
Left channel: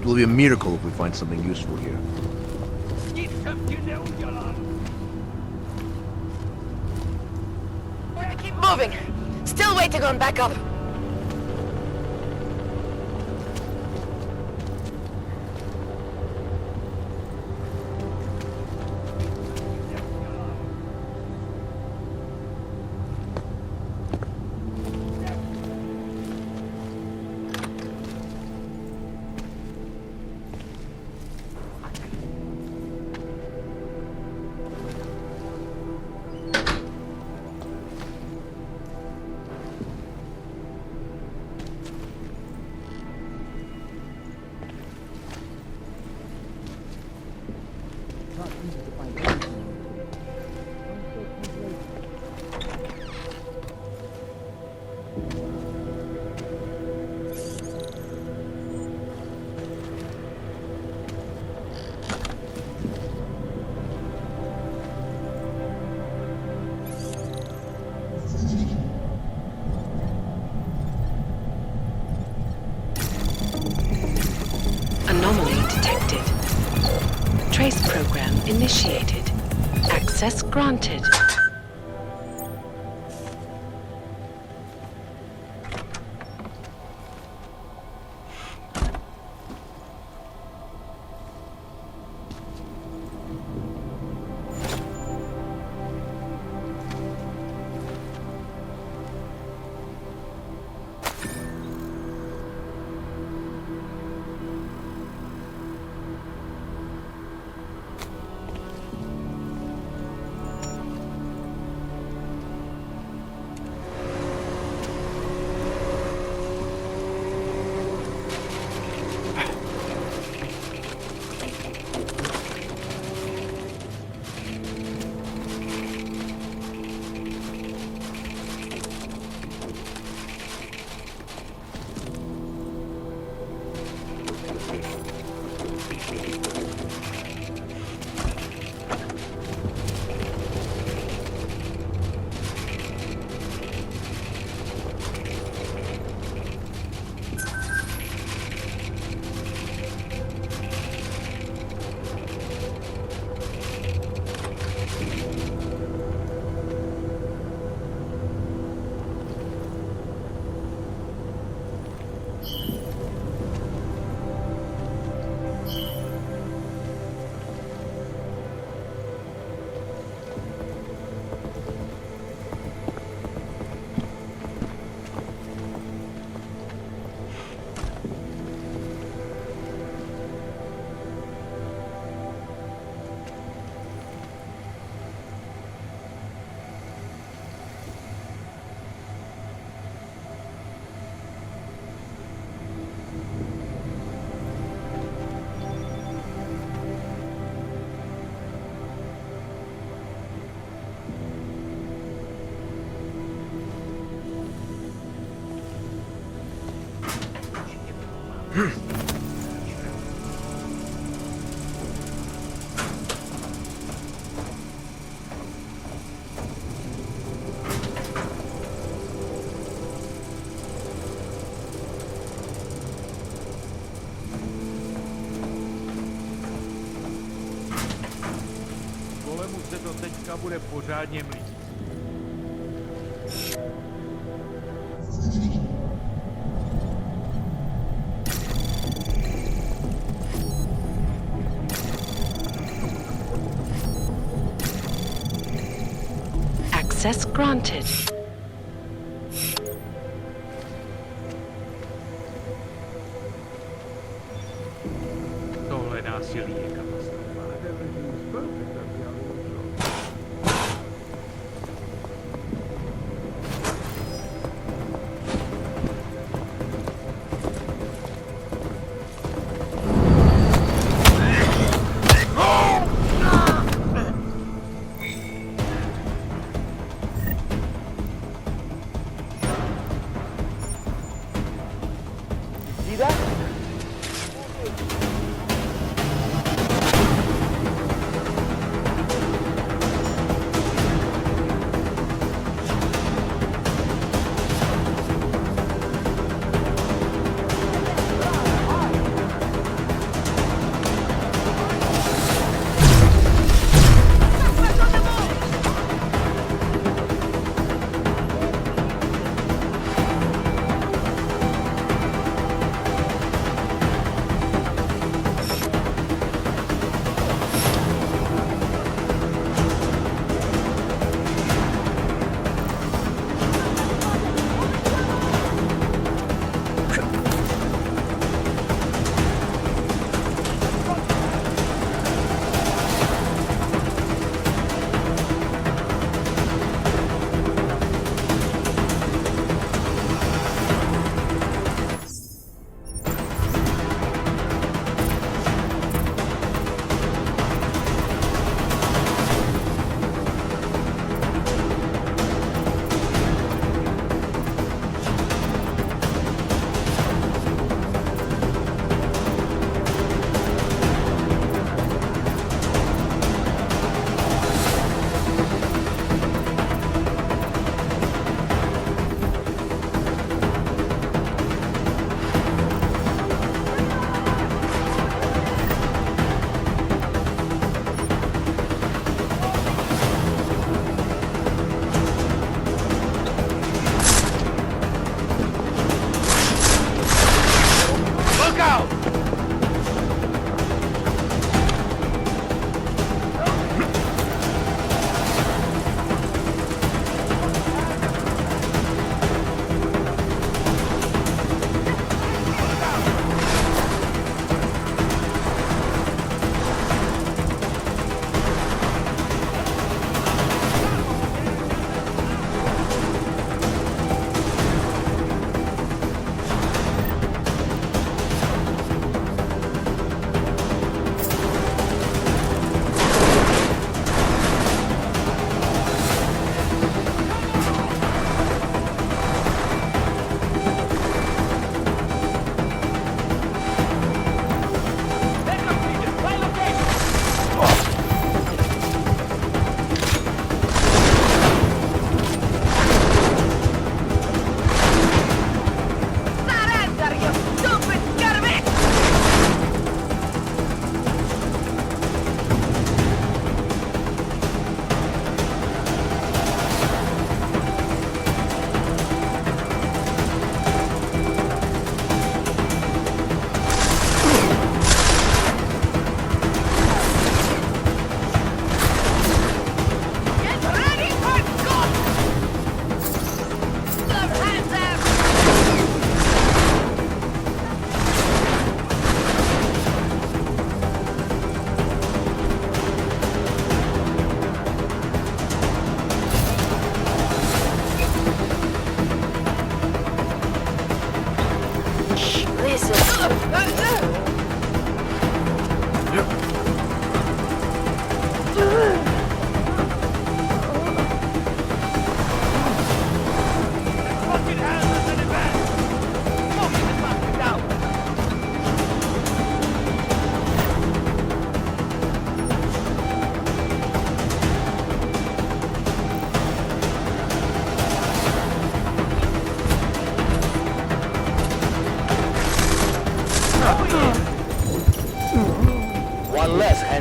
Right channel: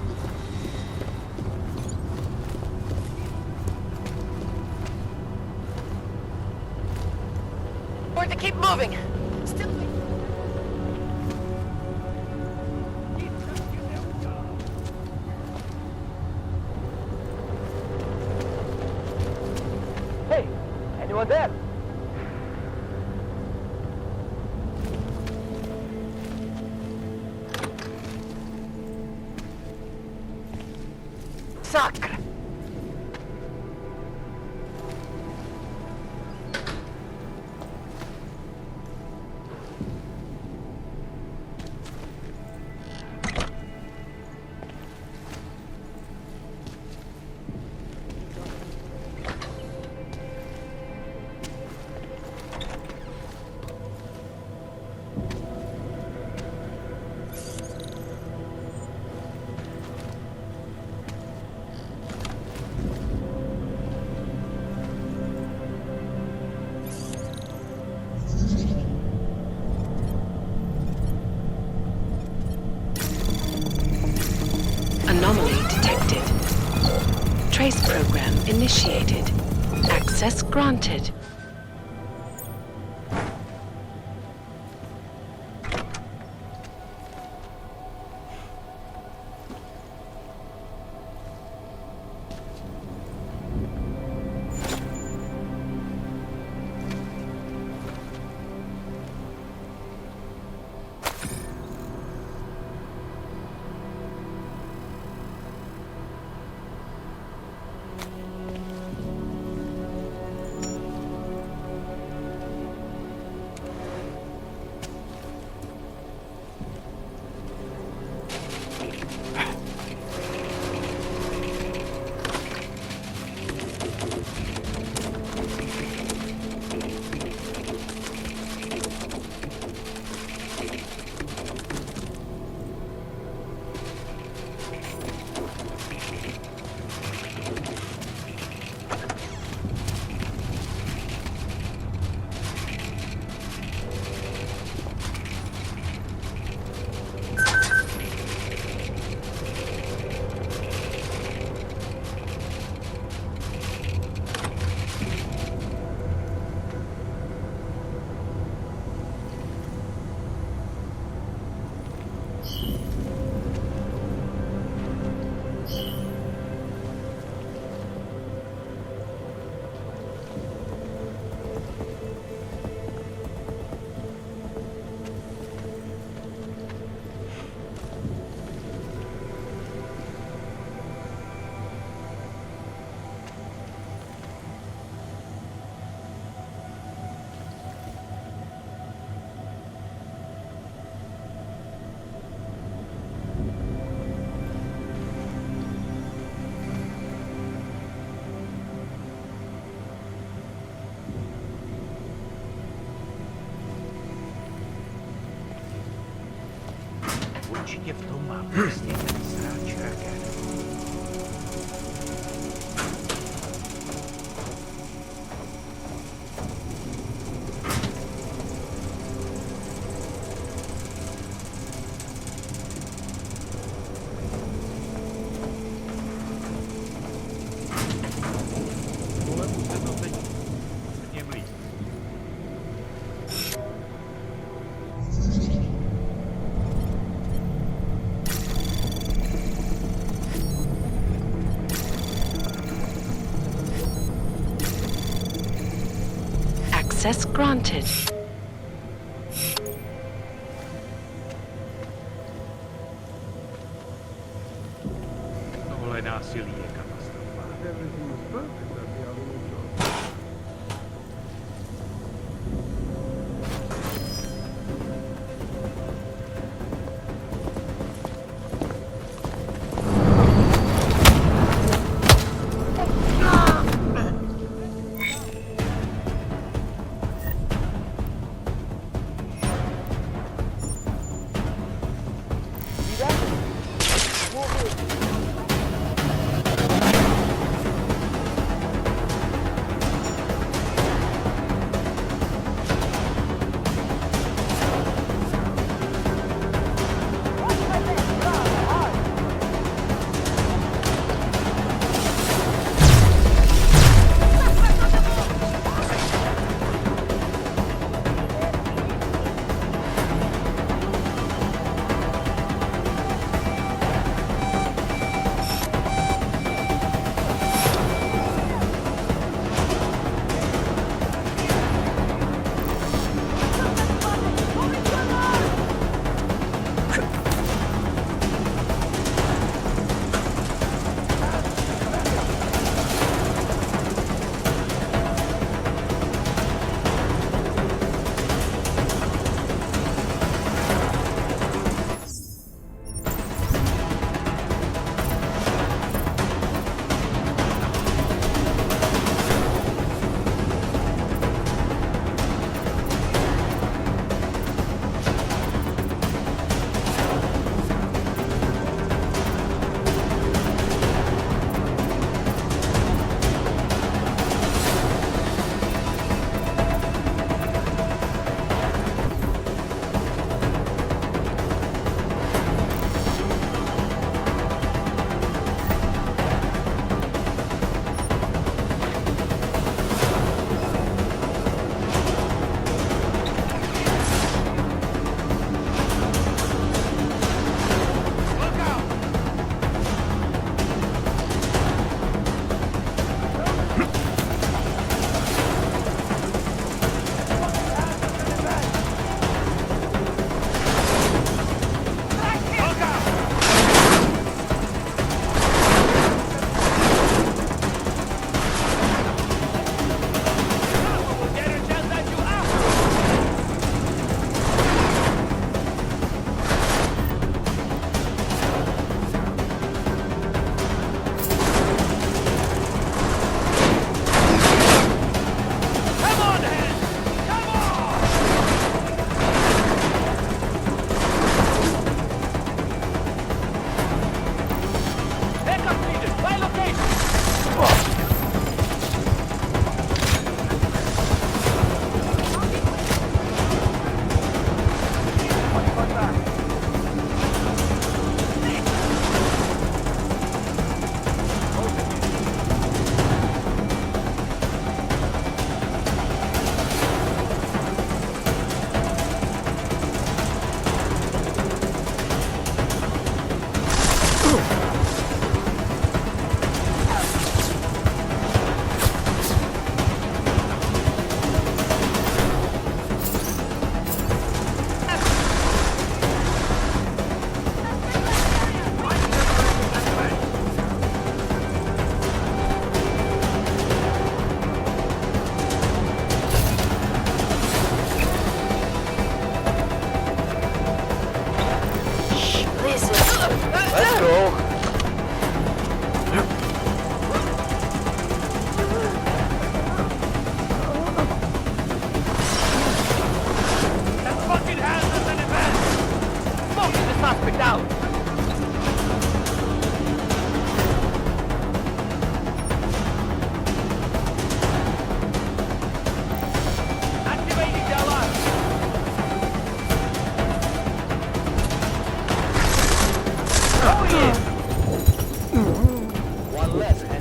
It'll be a miracle if we find something useful here. Going to keep moving. Still waiting on backup. Hey, anyone there? Sacre. Anomaly detected. Trace program initiated. Access granted. Golemu se to teďka bude pořádně mlít. Access granted. Tohle násilí je katastrofa. Everything was perfect at the other job.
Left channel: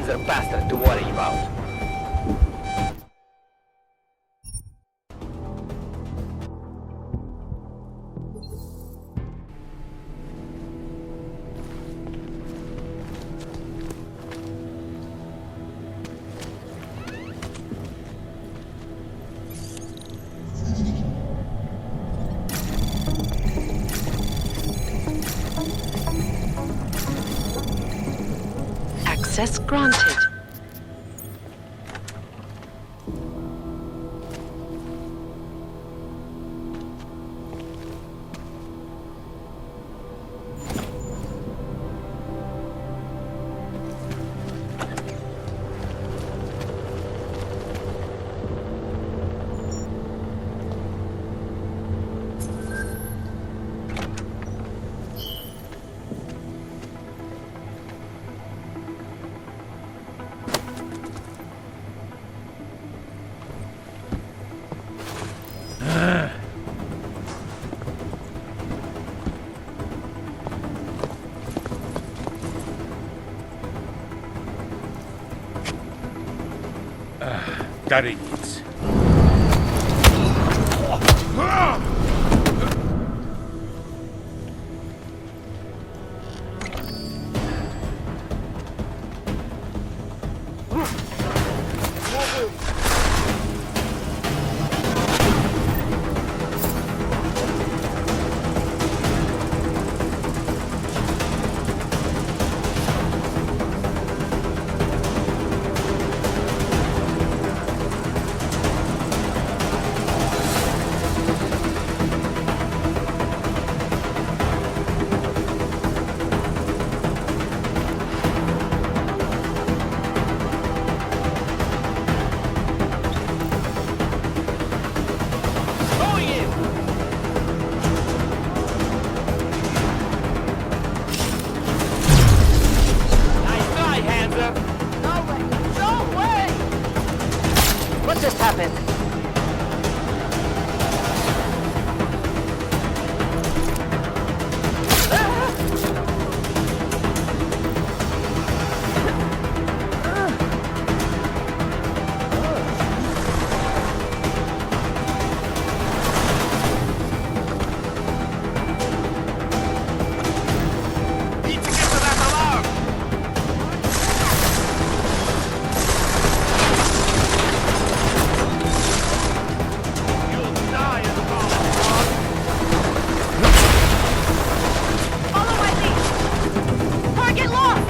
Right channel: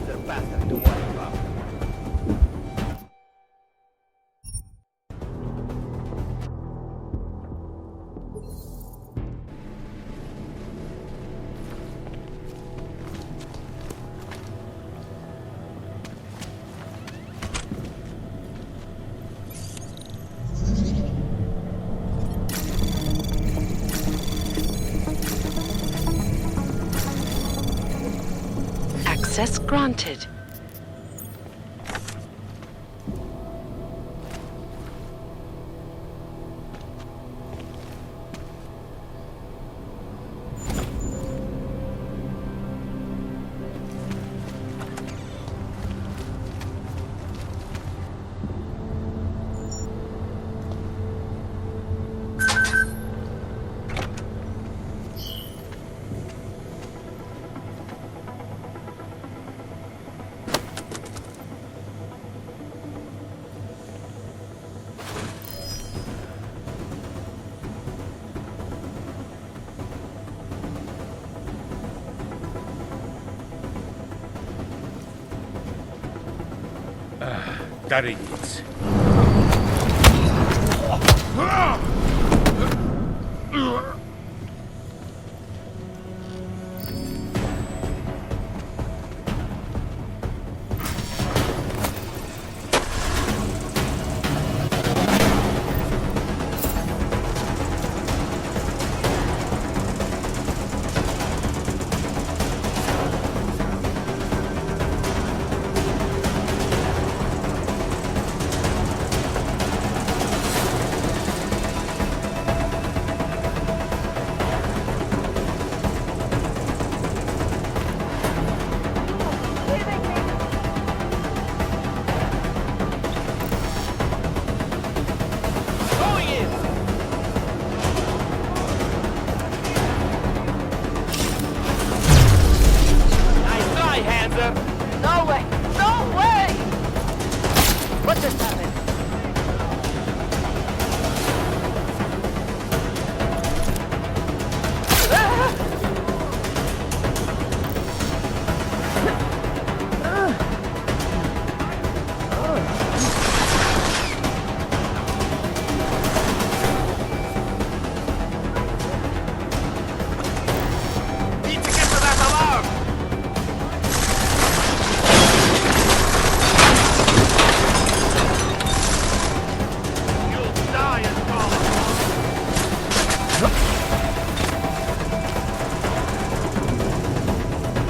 wiser bastard to worry about. Access granted. Tady nic. No way! No way! What just happened? Need to get to that alarm! You'll die in college, Follow my lead! Target lost!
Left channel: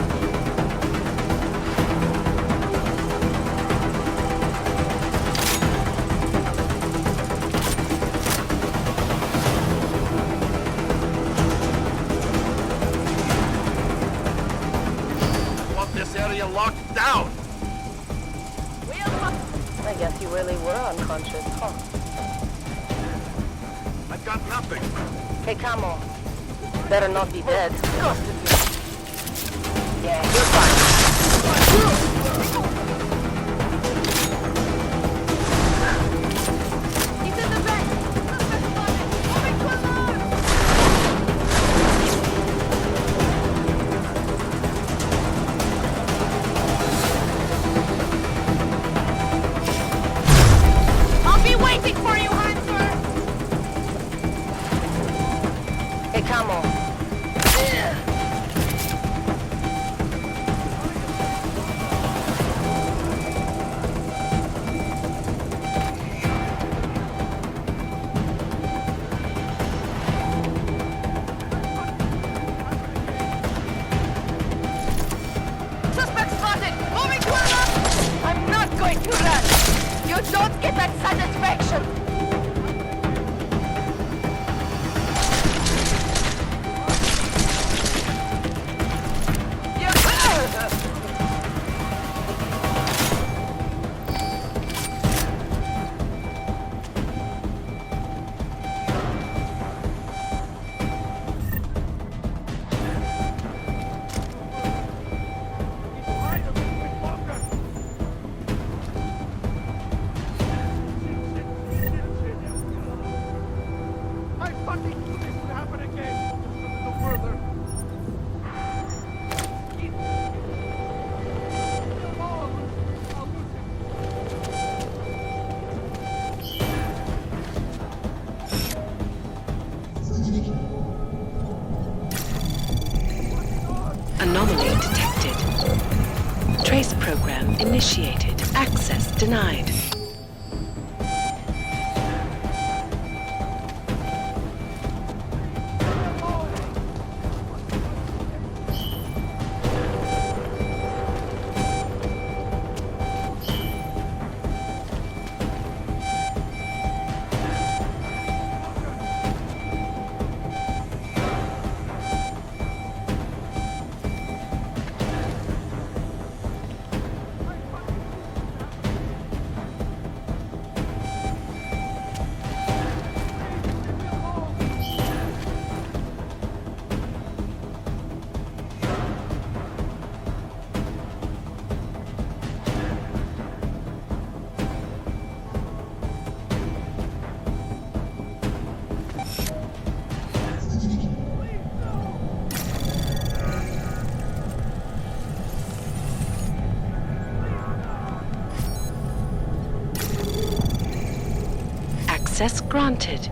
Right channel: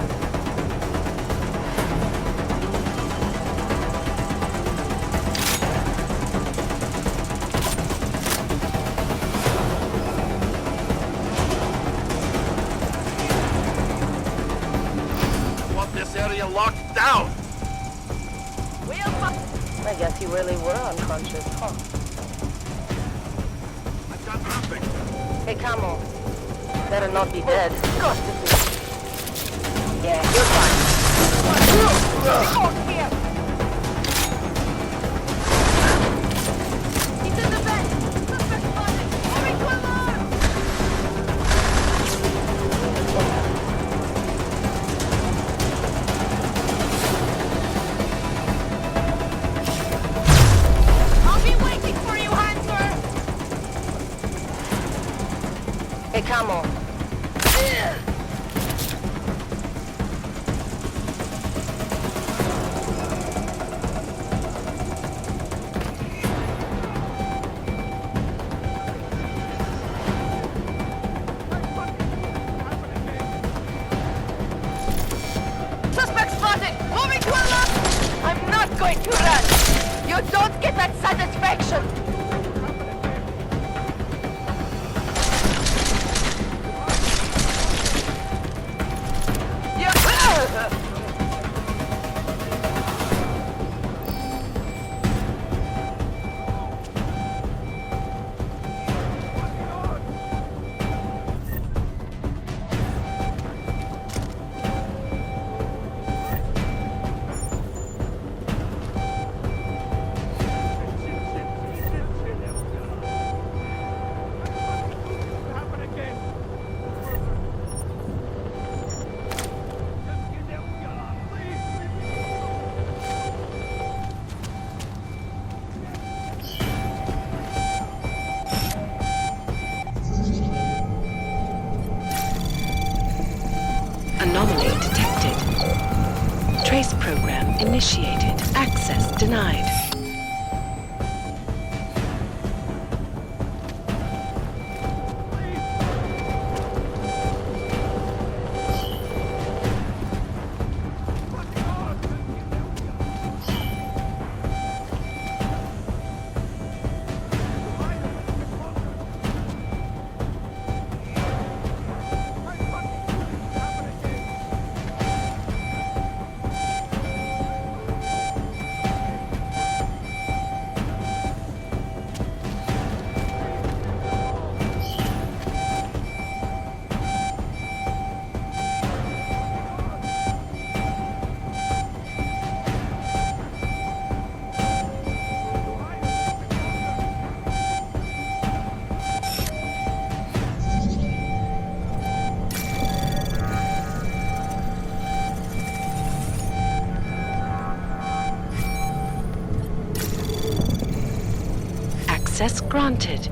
want this area locked down! I guess you really were unconscious, huh? I've got nothing. Hey, Camo. Better not be dead. Yeah, you're fine. He's in the vent! Suspect spotted! Moving to alarm! I'll be waiting for you, Hanser! Hey, Camo. Suspect spotted! Moving to alarm! I'm not going to run! You don't get that satisfaction! Trace program initiated. Access denied. Access granted.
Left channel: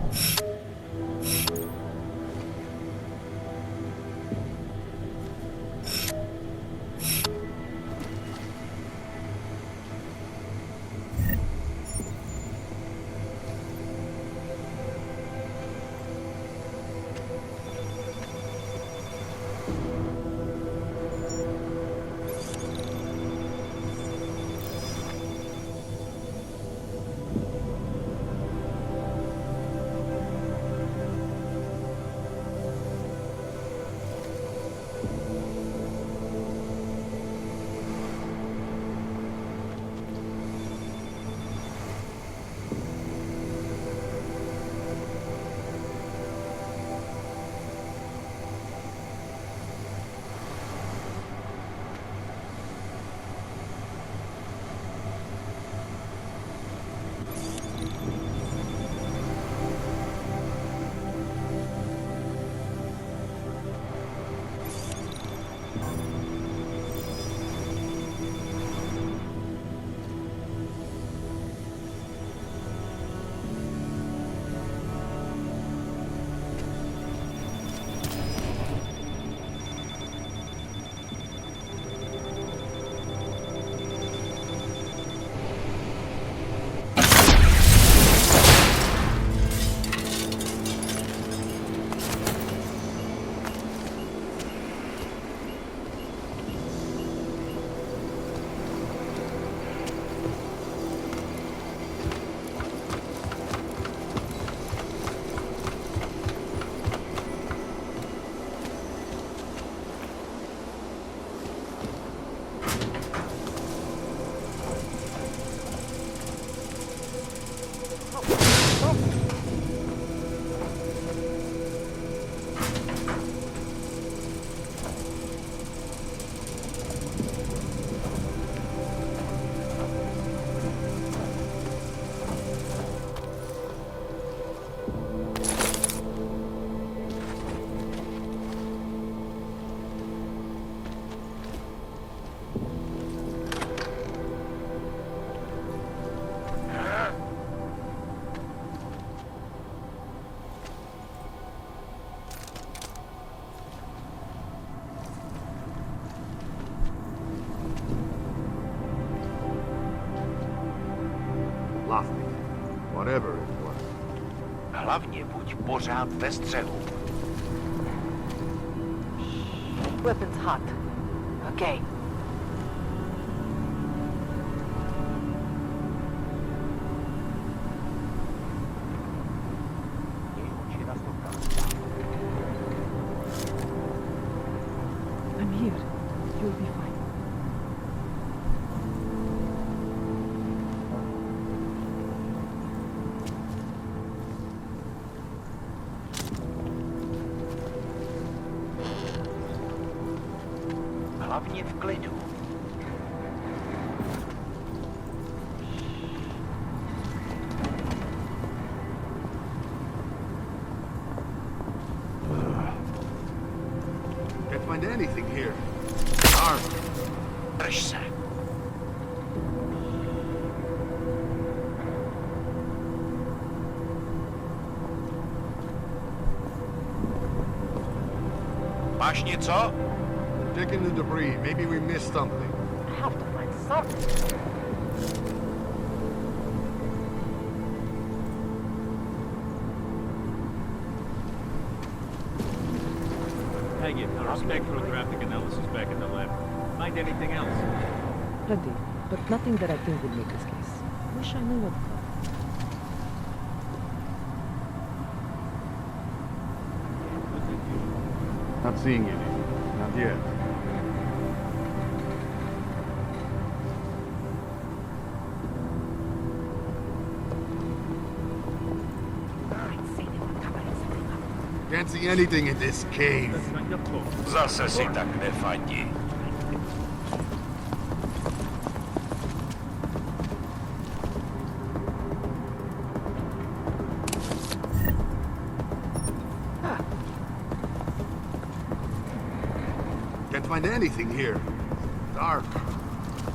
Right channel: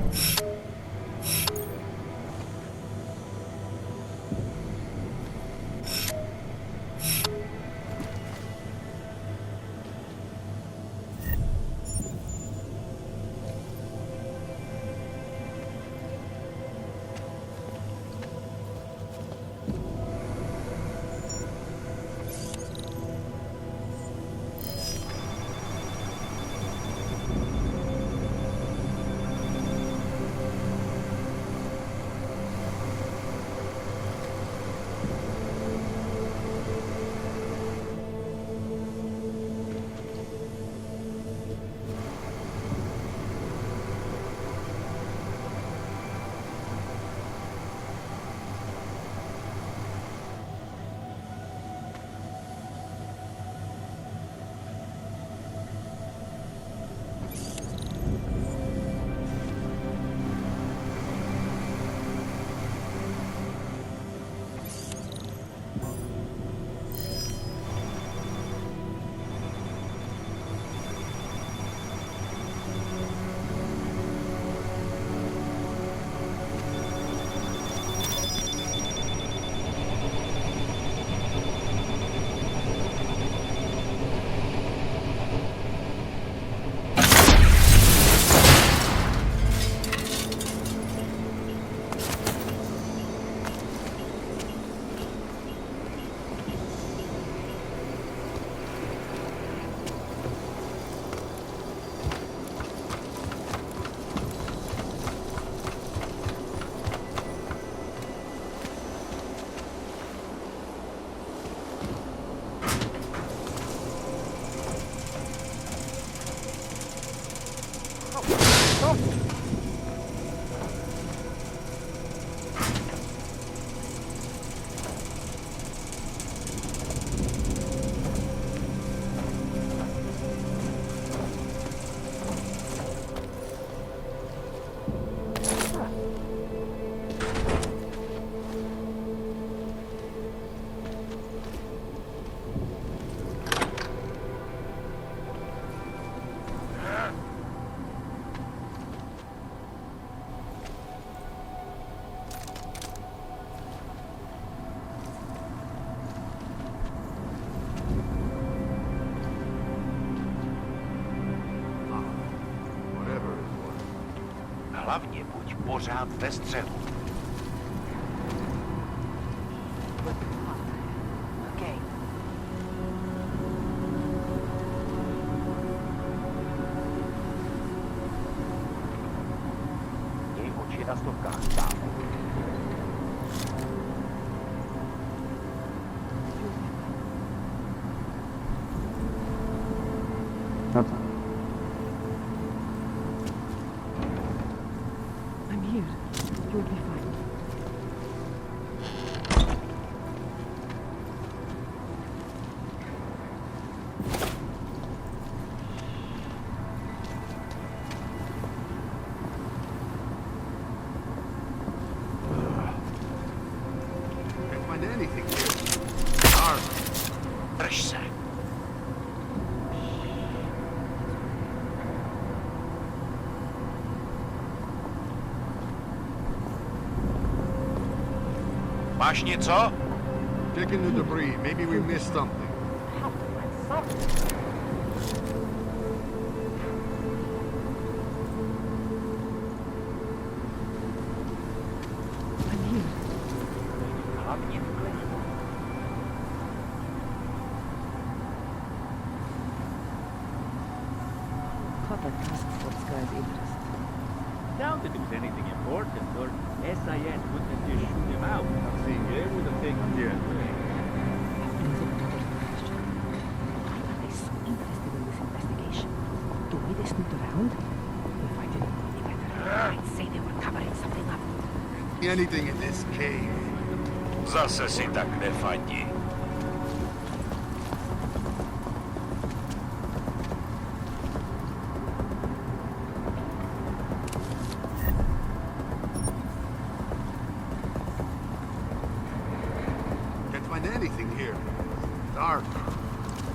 Whatever it was. Hlavně buď pořád ve střehu. Weapons hot. Okay. Měj oči na stopkách. I'm here. You'll be fine. I'm here. You'll be fine. Hlavně v klidu. Can't find anything here. Dark. Drž se. Máš něco? Checking the debris. Maybe we missed something. I have to find Peggy, spectrographic analysis back in the lab. Find anything else? Plenty, but nothing that I think would make us guess. Wish I knew what cover task force grand interest. Down to do anything important, or SIS wouldn't just shoot him out. Not seeing it. Not yet. I'd say they were covering something up. Can't see anything in this cave. Zase si tak nefandí. Can't find anything here. Dark.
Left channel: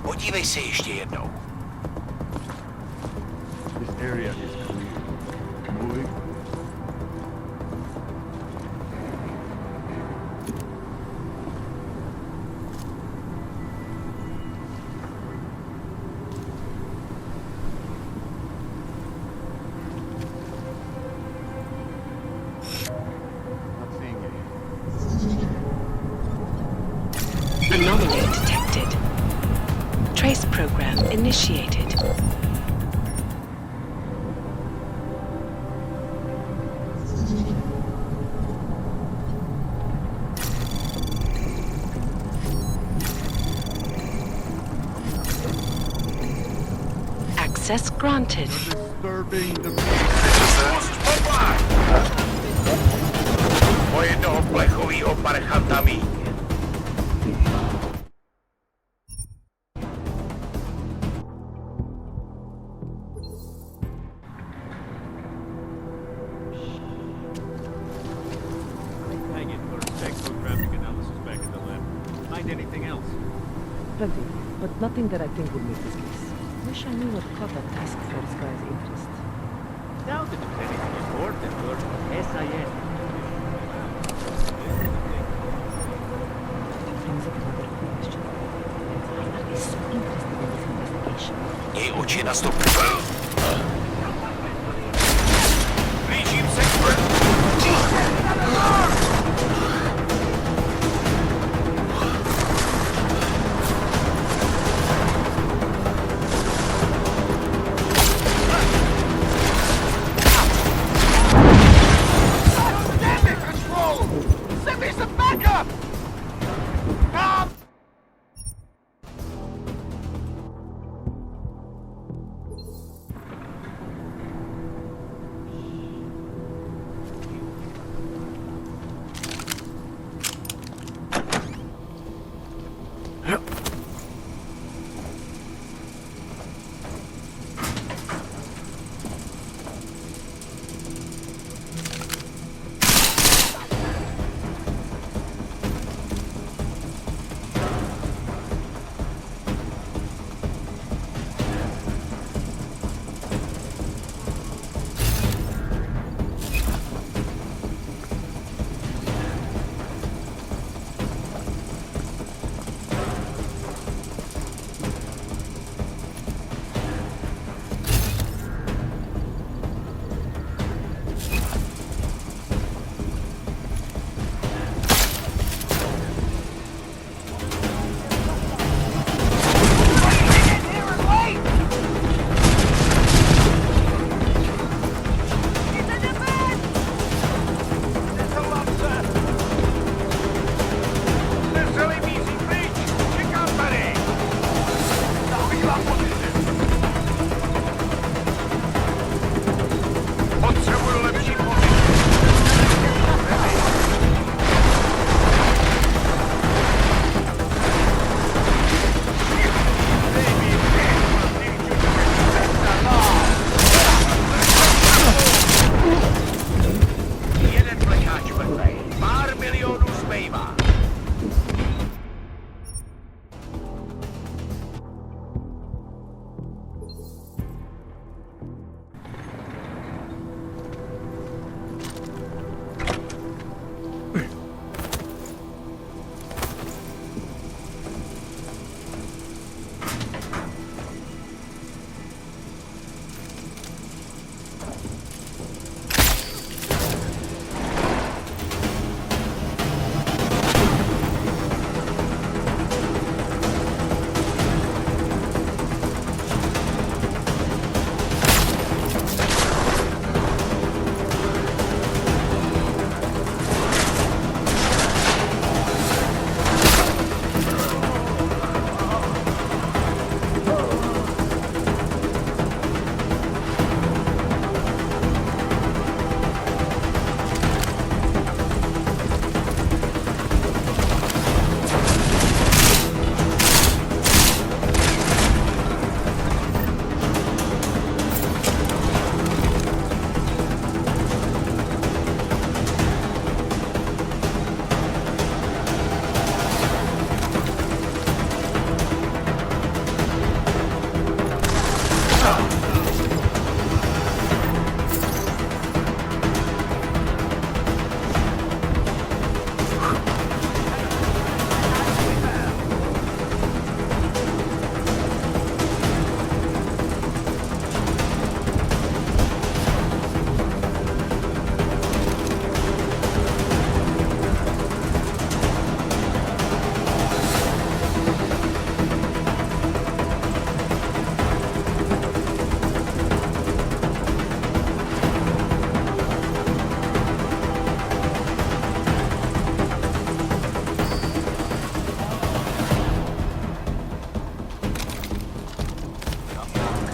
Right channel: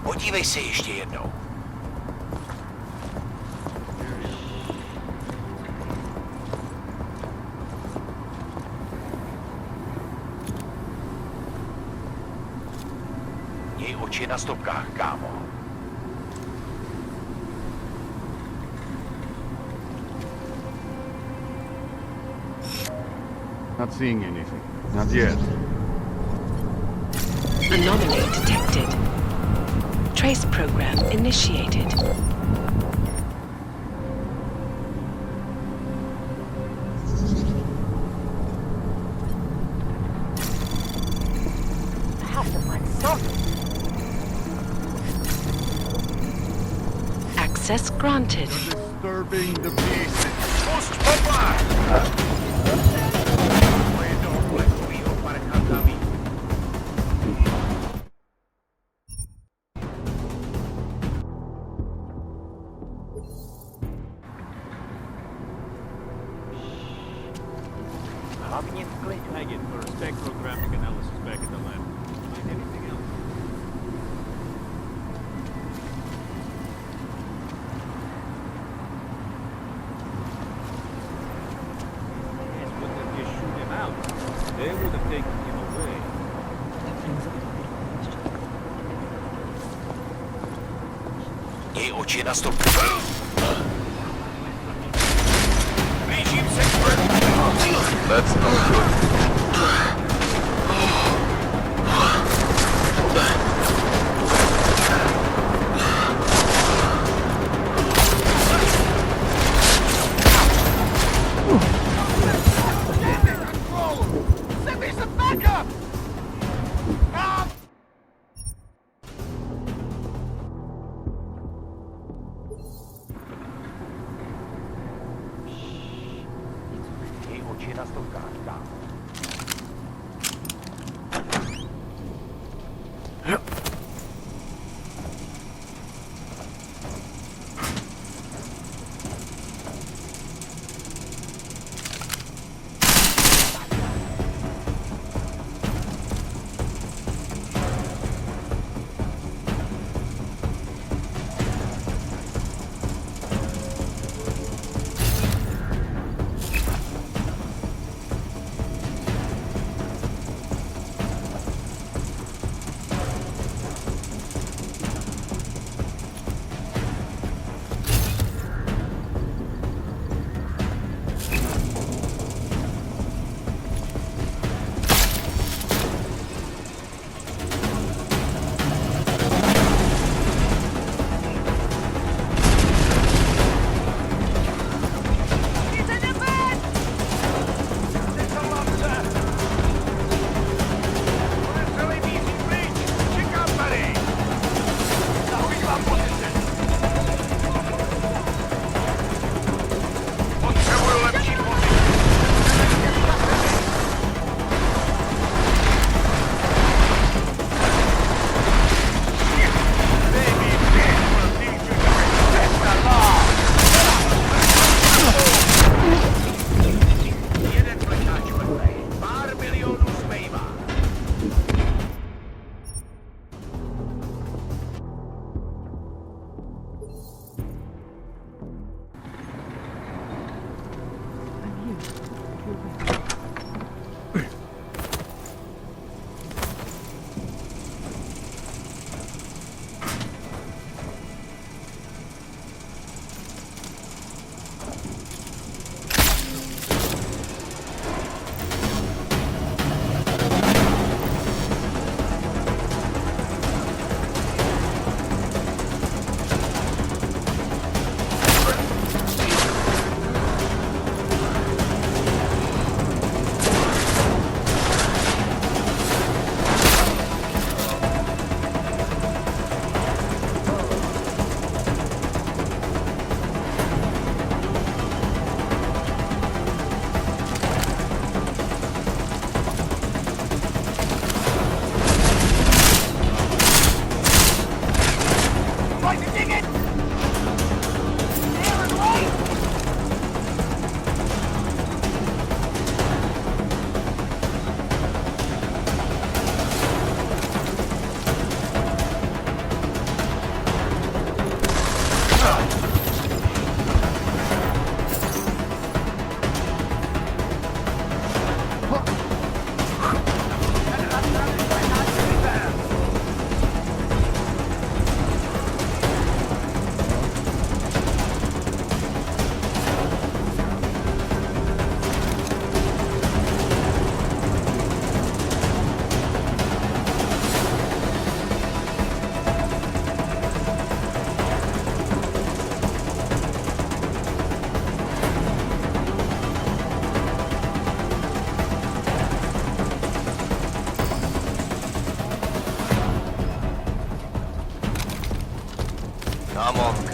Podívej se ještě jednou. This area. Měj oči na stopkách, kámo. Not seeing anything. Not yet. Anomaly detected. Trace program initiated. Access granted. Disturbing the peace. O jednoho plechovýho parchanta míň. Hlavně v klidu. Peggy, for spectrographic analysis back in the lab. Find anything else? Plenty, but nothing that I think would make us guess. Wish I knew what cover task force grand interest. Down to do anything important, or SIS wouldn't just shoot him out. They would have taken him away. That brings up another question. That is so interesting. Měj oči na stopkách. Blížím se k vrchu. Send me some backup!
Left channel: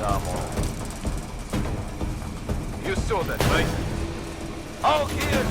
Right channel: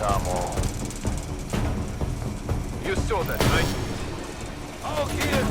Samo. You saw that, right? All here!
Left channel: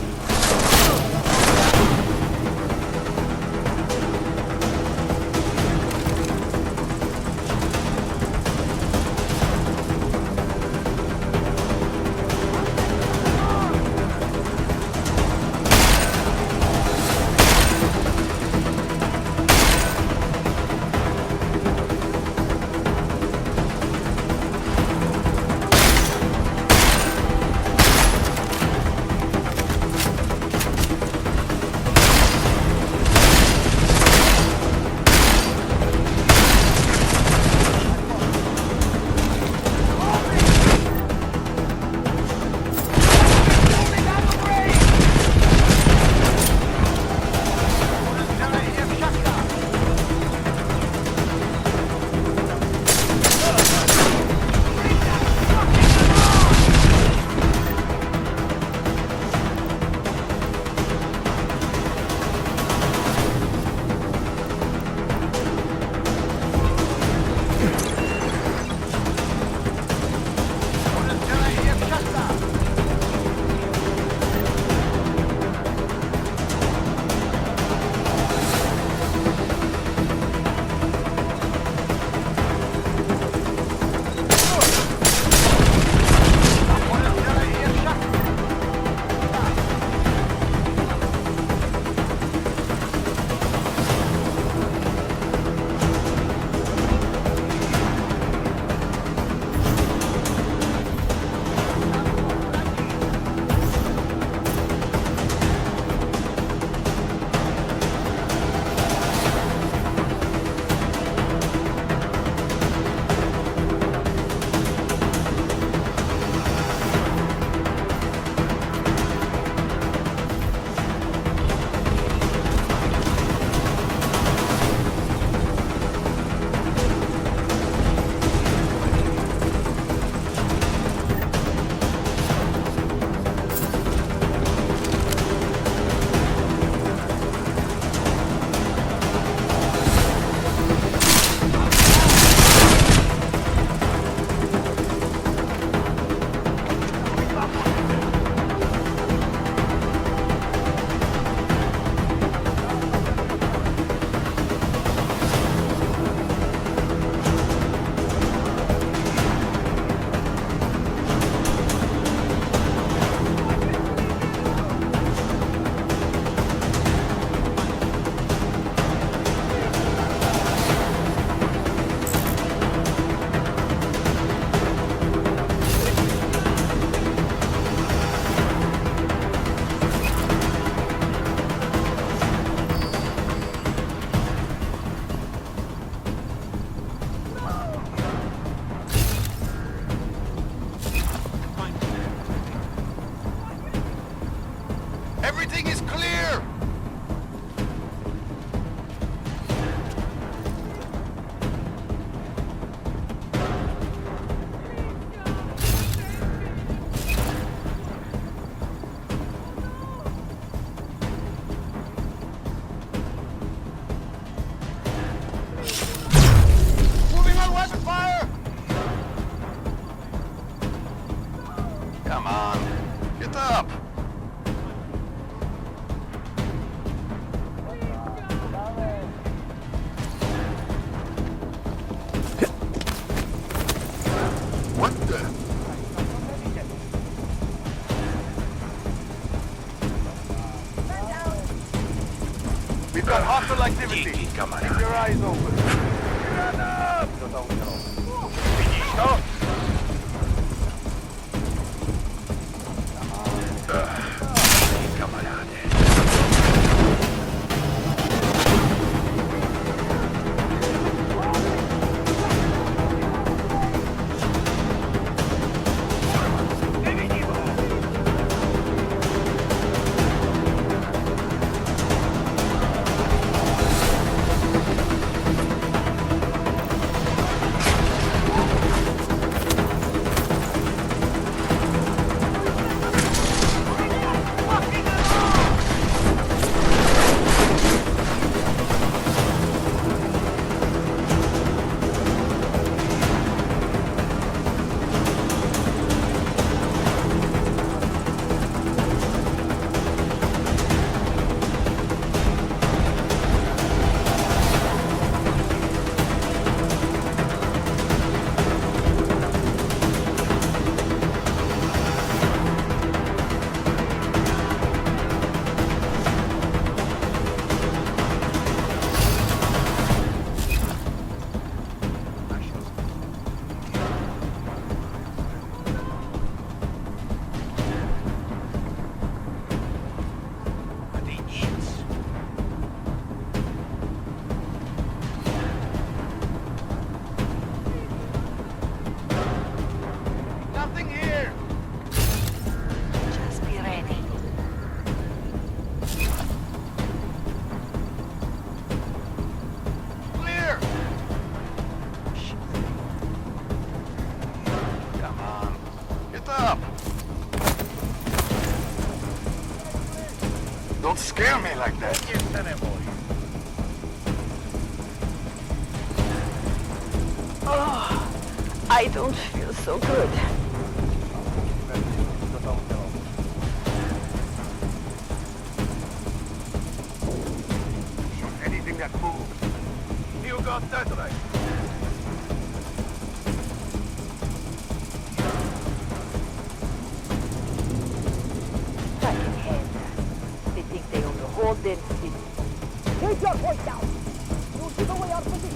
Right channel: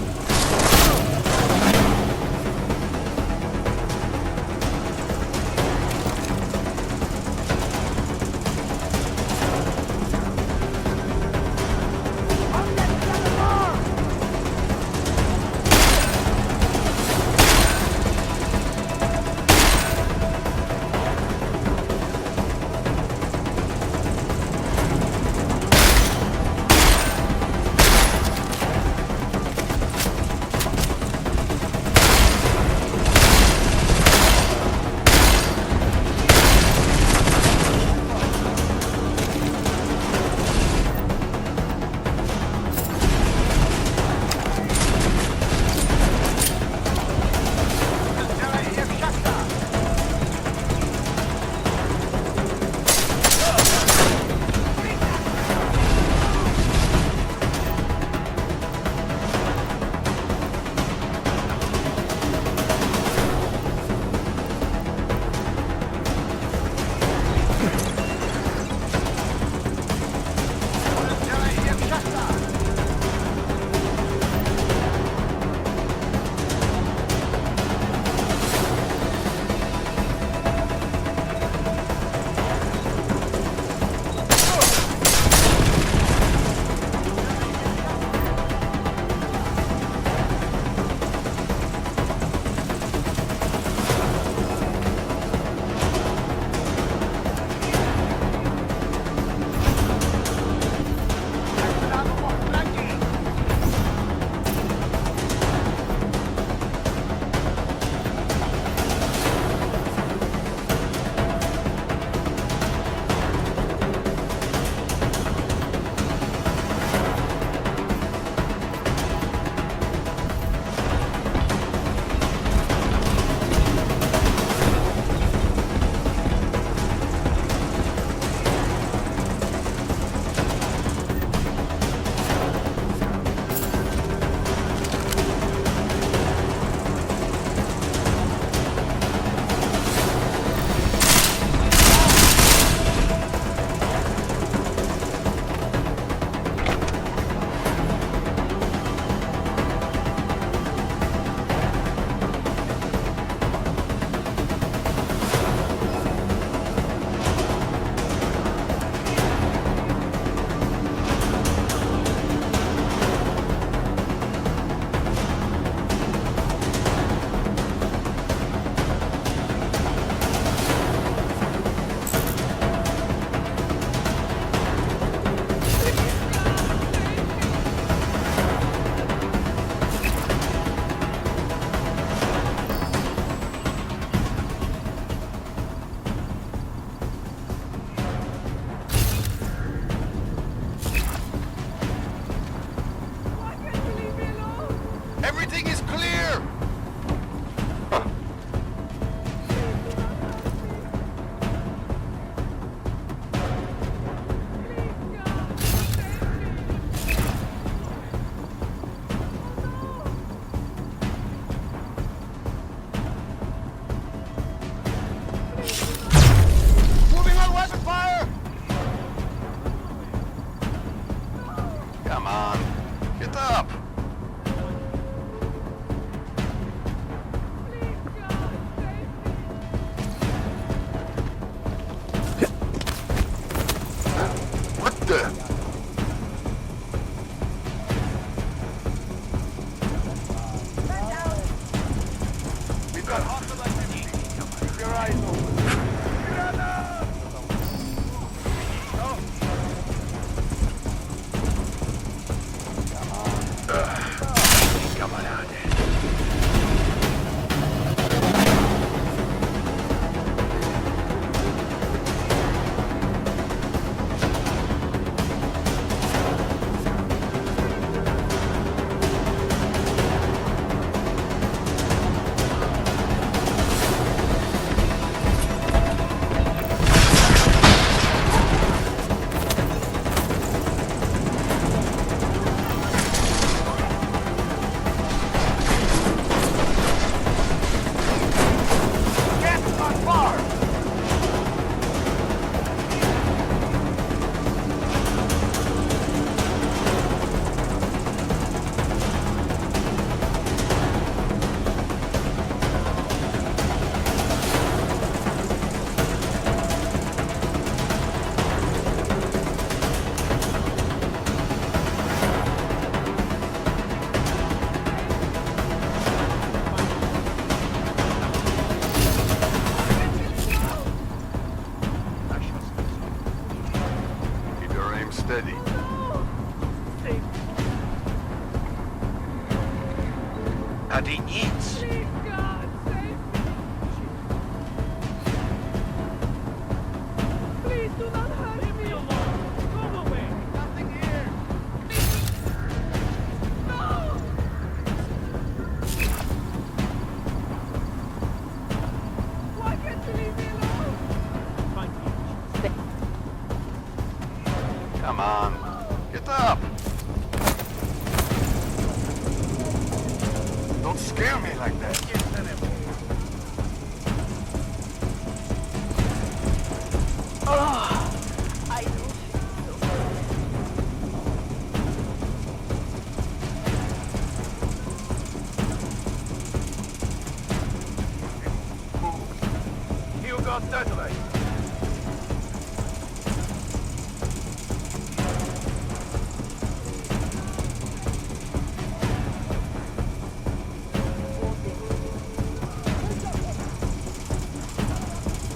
Everything is clear! Moving on weapon fire! Come on, get up! What the? We've got hostile activity. Keep your eyes open. Granada! Finito? Camarade. Come on. Get up! Don't scare me like that. Oh, I don't feel so good. Anything that moves. You got that right. They think they own the whole dead city. Take your voice out! You'll give away our position!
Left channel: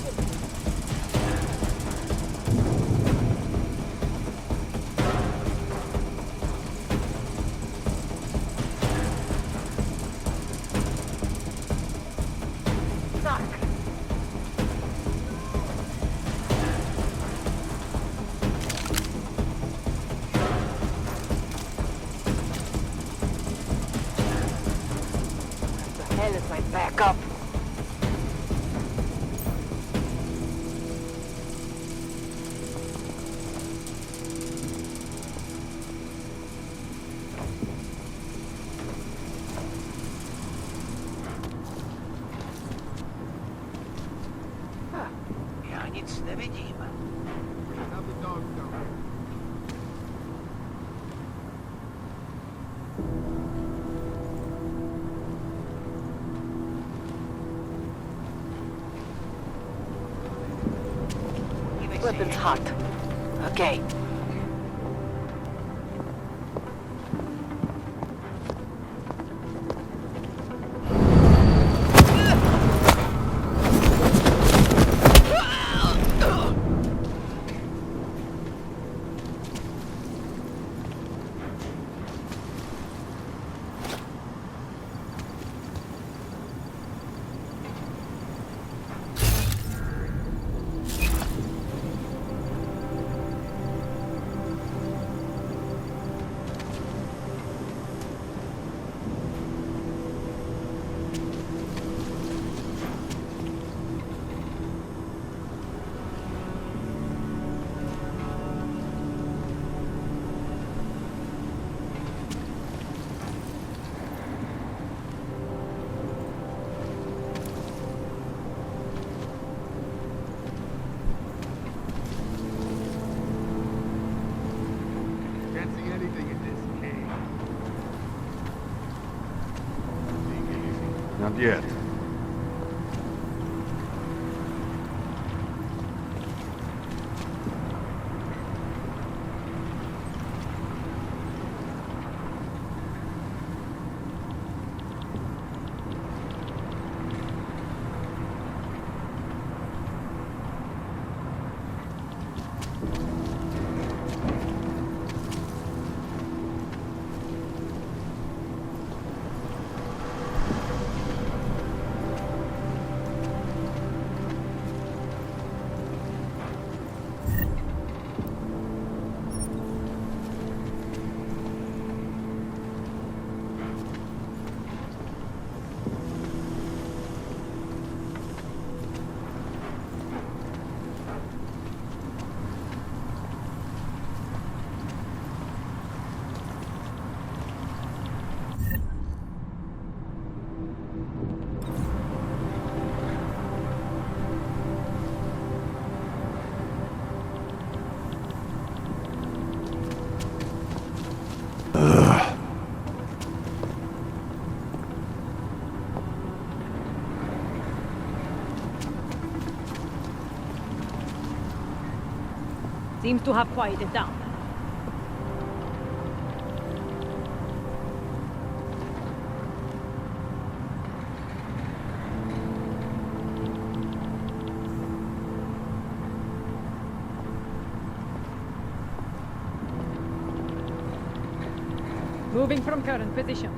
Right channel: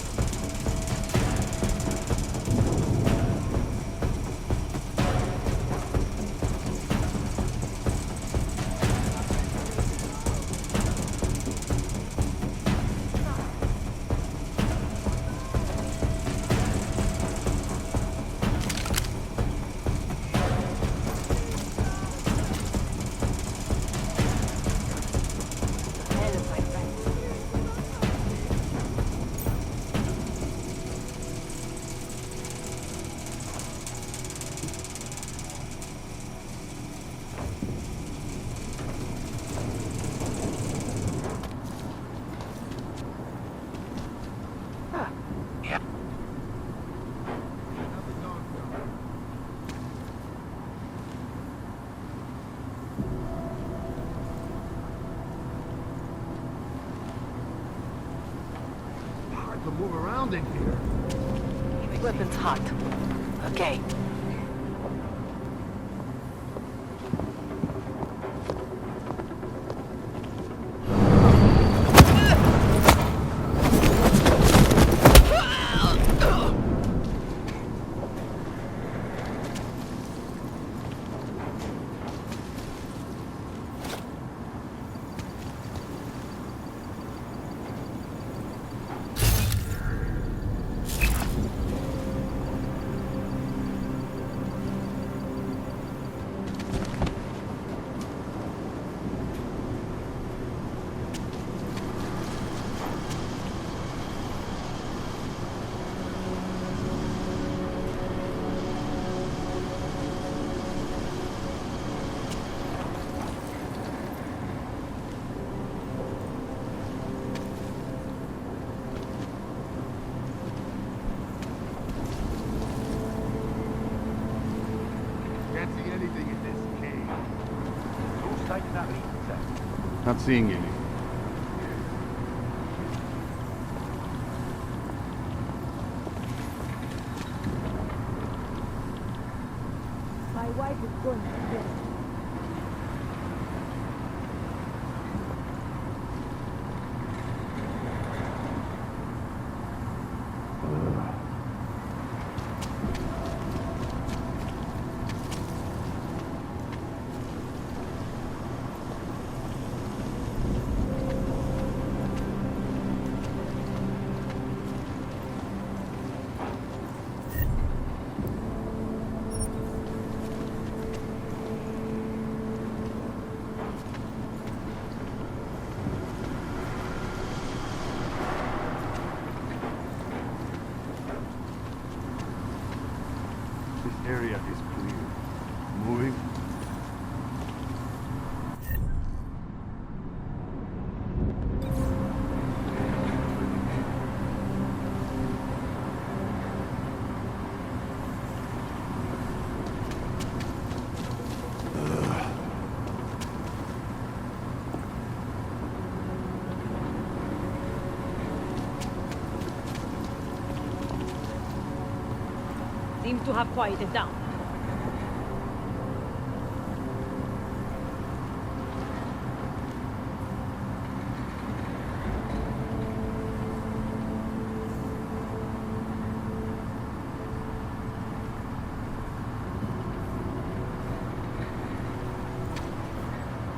Hell is my backup. Ja nic nevidím. Now the dog's gone. Hard to move around in here. Weapons hot. Okay. Can't see anything in this cave. Looks like nothing. Not seeing anything. Not yet. Area is clear. Moving. Seems to have quieted down. Moving from current position.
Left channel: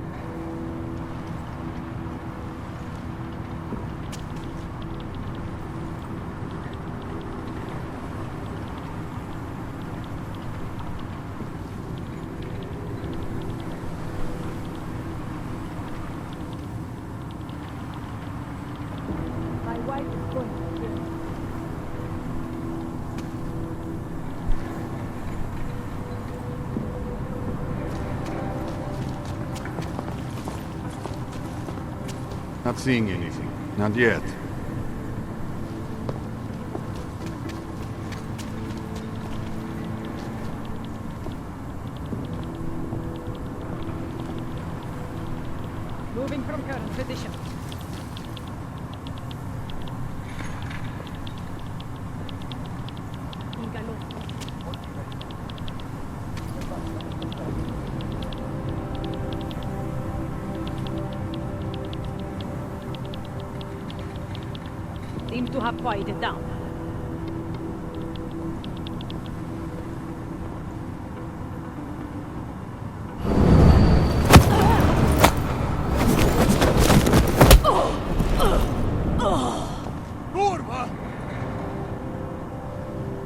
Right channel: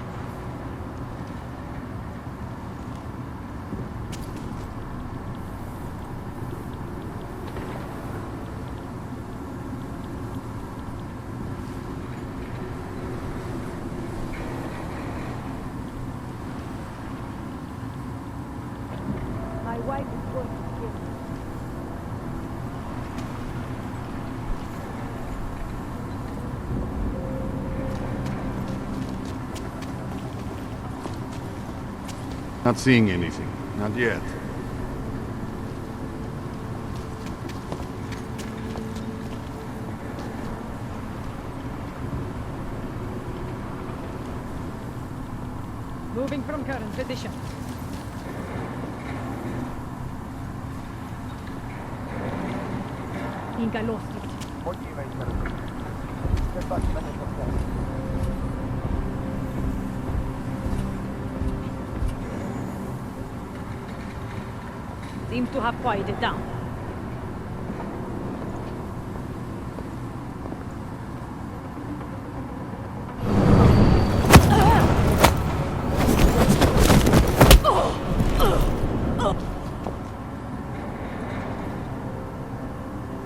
My wife is going to kill me. Not seeing anything. Not yet. Moving from current position. Inca lost. Seems to have quieted down.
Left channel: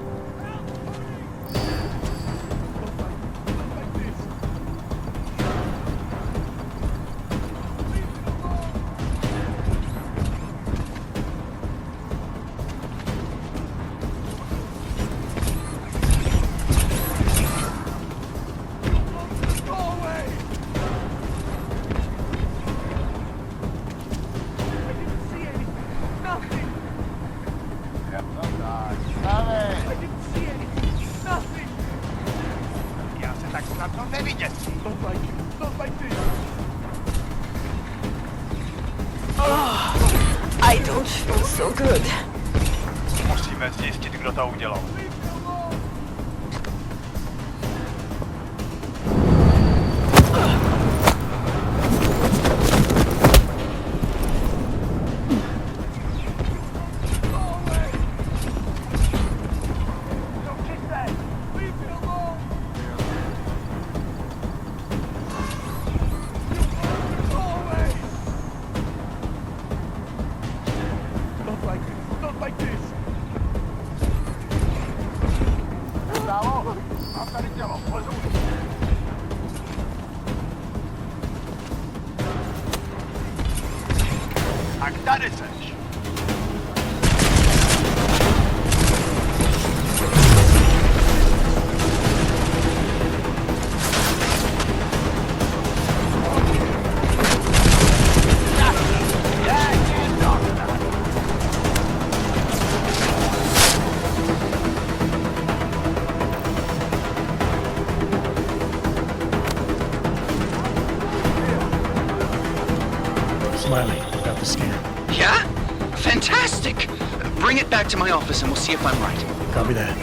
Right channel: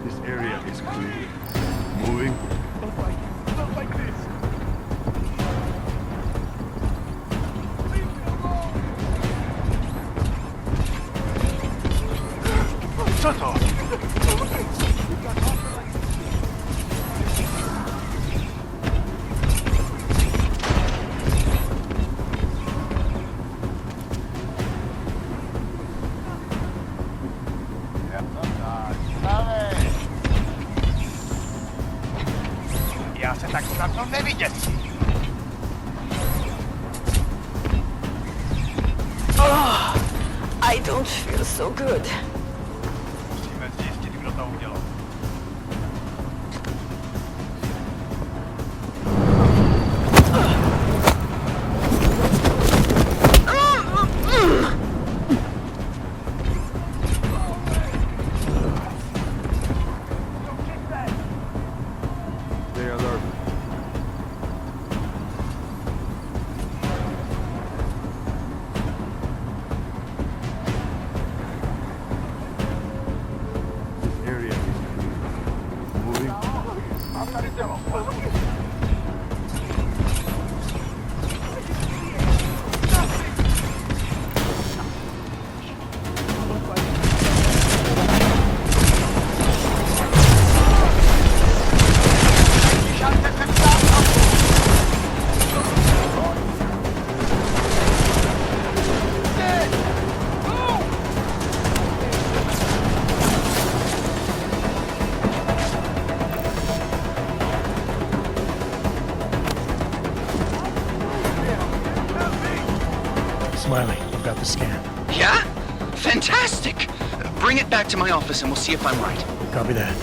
This area is clear. Moving. Not like this. Shut up. Já se tak snadno nevyděsí. Oh, I don't feel so good. Musíme zjistit, kdo to udělal. They are there. Not like this. Area. Bravo, mám tady tělo. Tak tady seš. Smiley, I've got the scan. Yeah? Fantastic! Bring it back to my office and we'll see if I'm right. Copy that.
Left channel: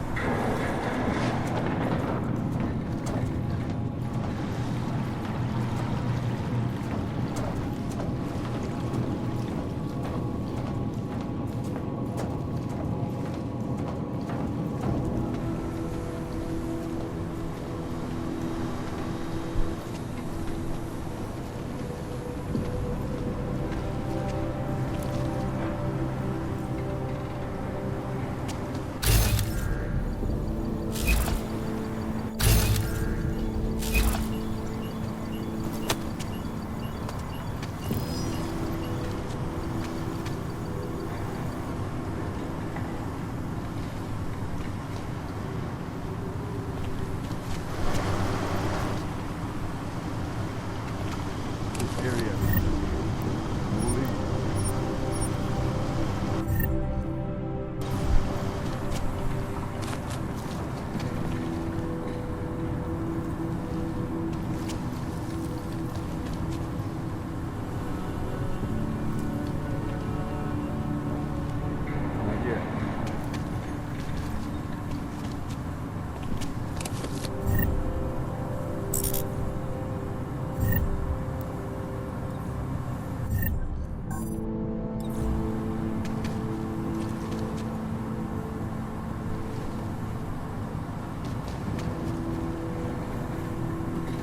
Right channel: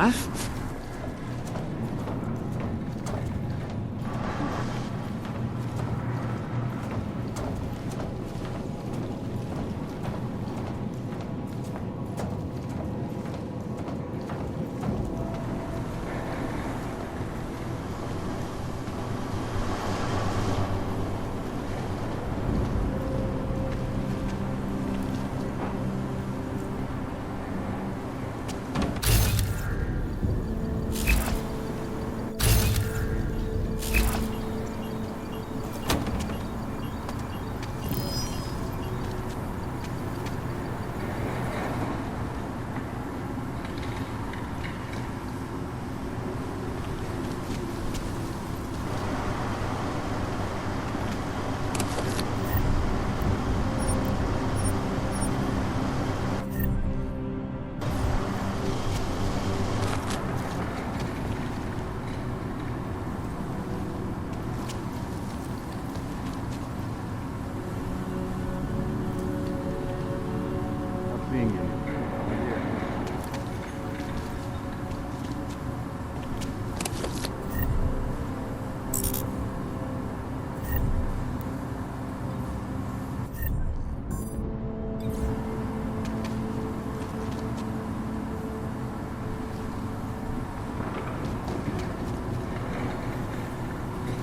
huh?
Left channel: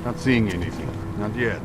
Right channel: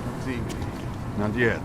Not seeing anything. Not yet.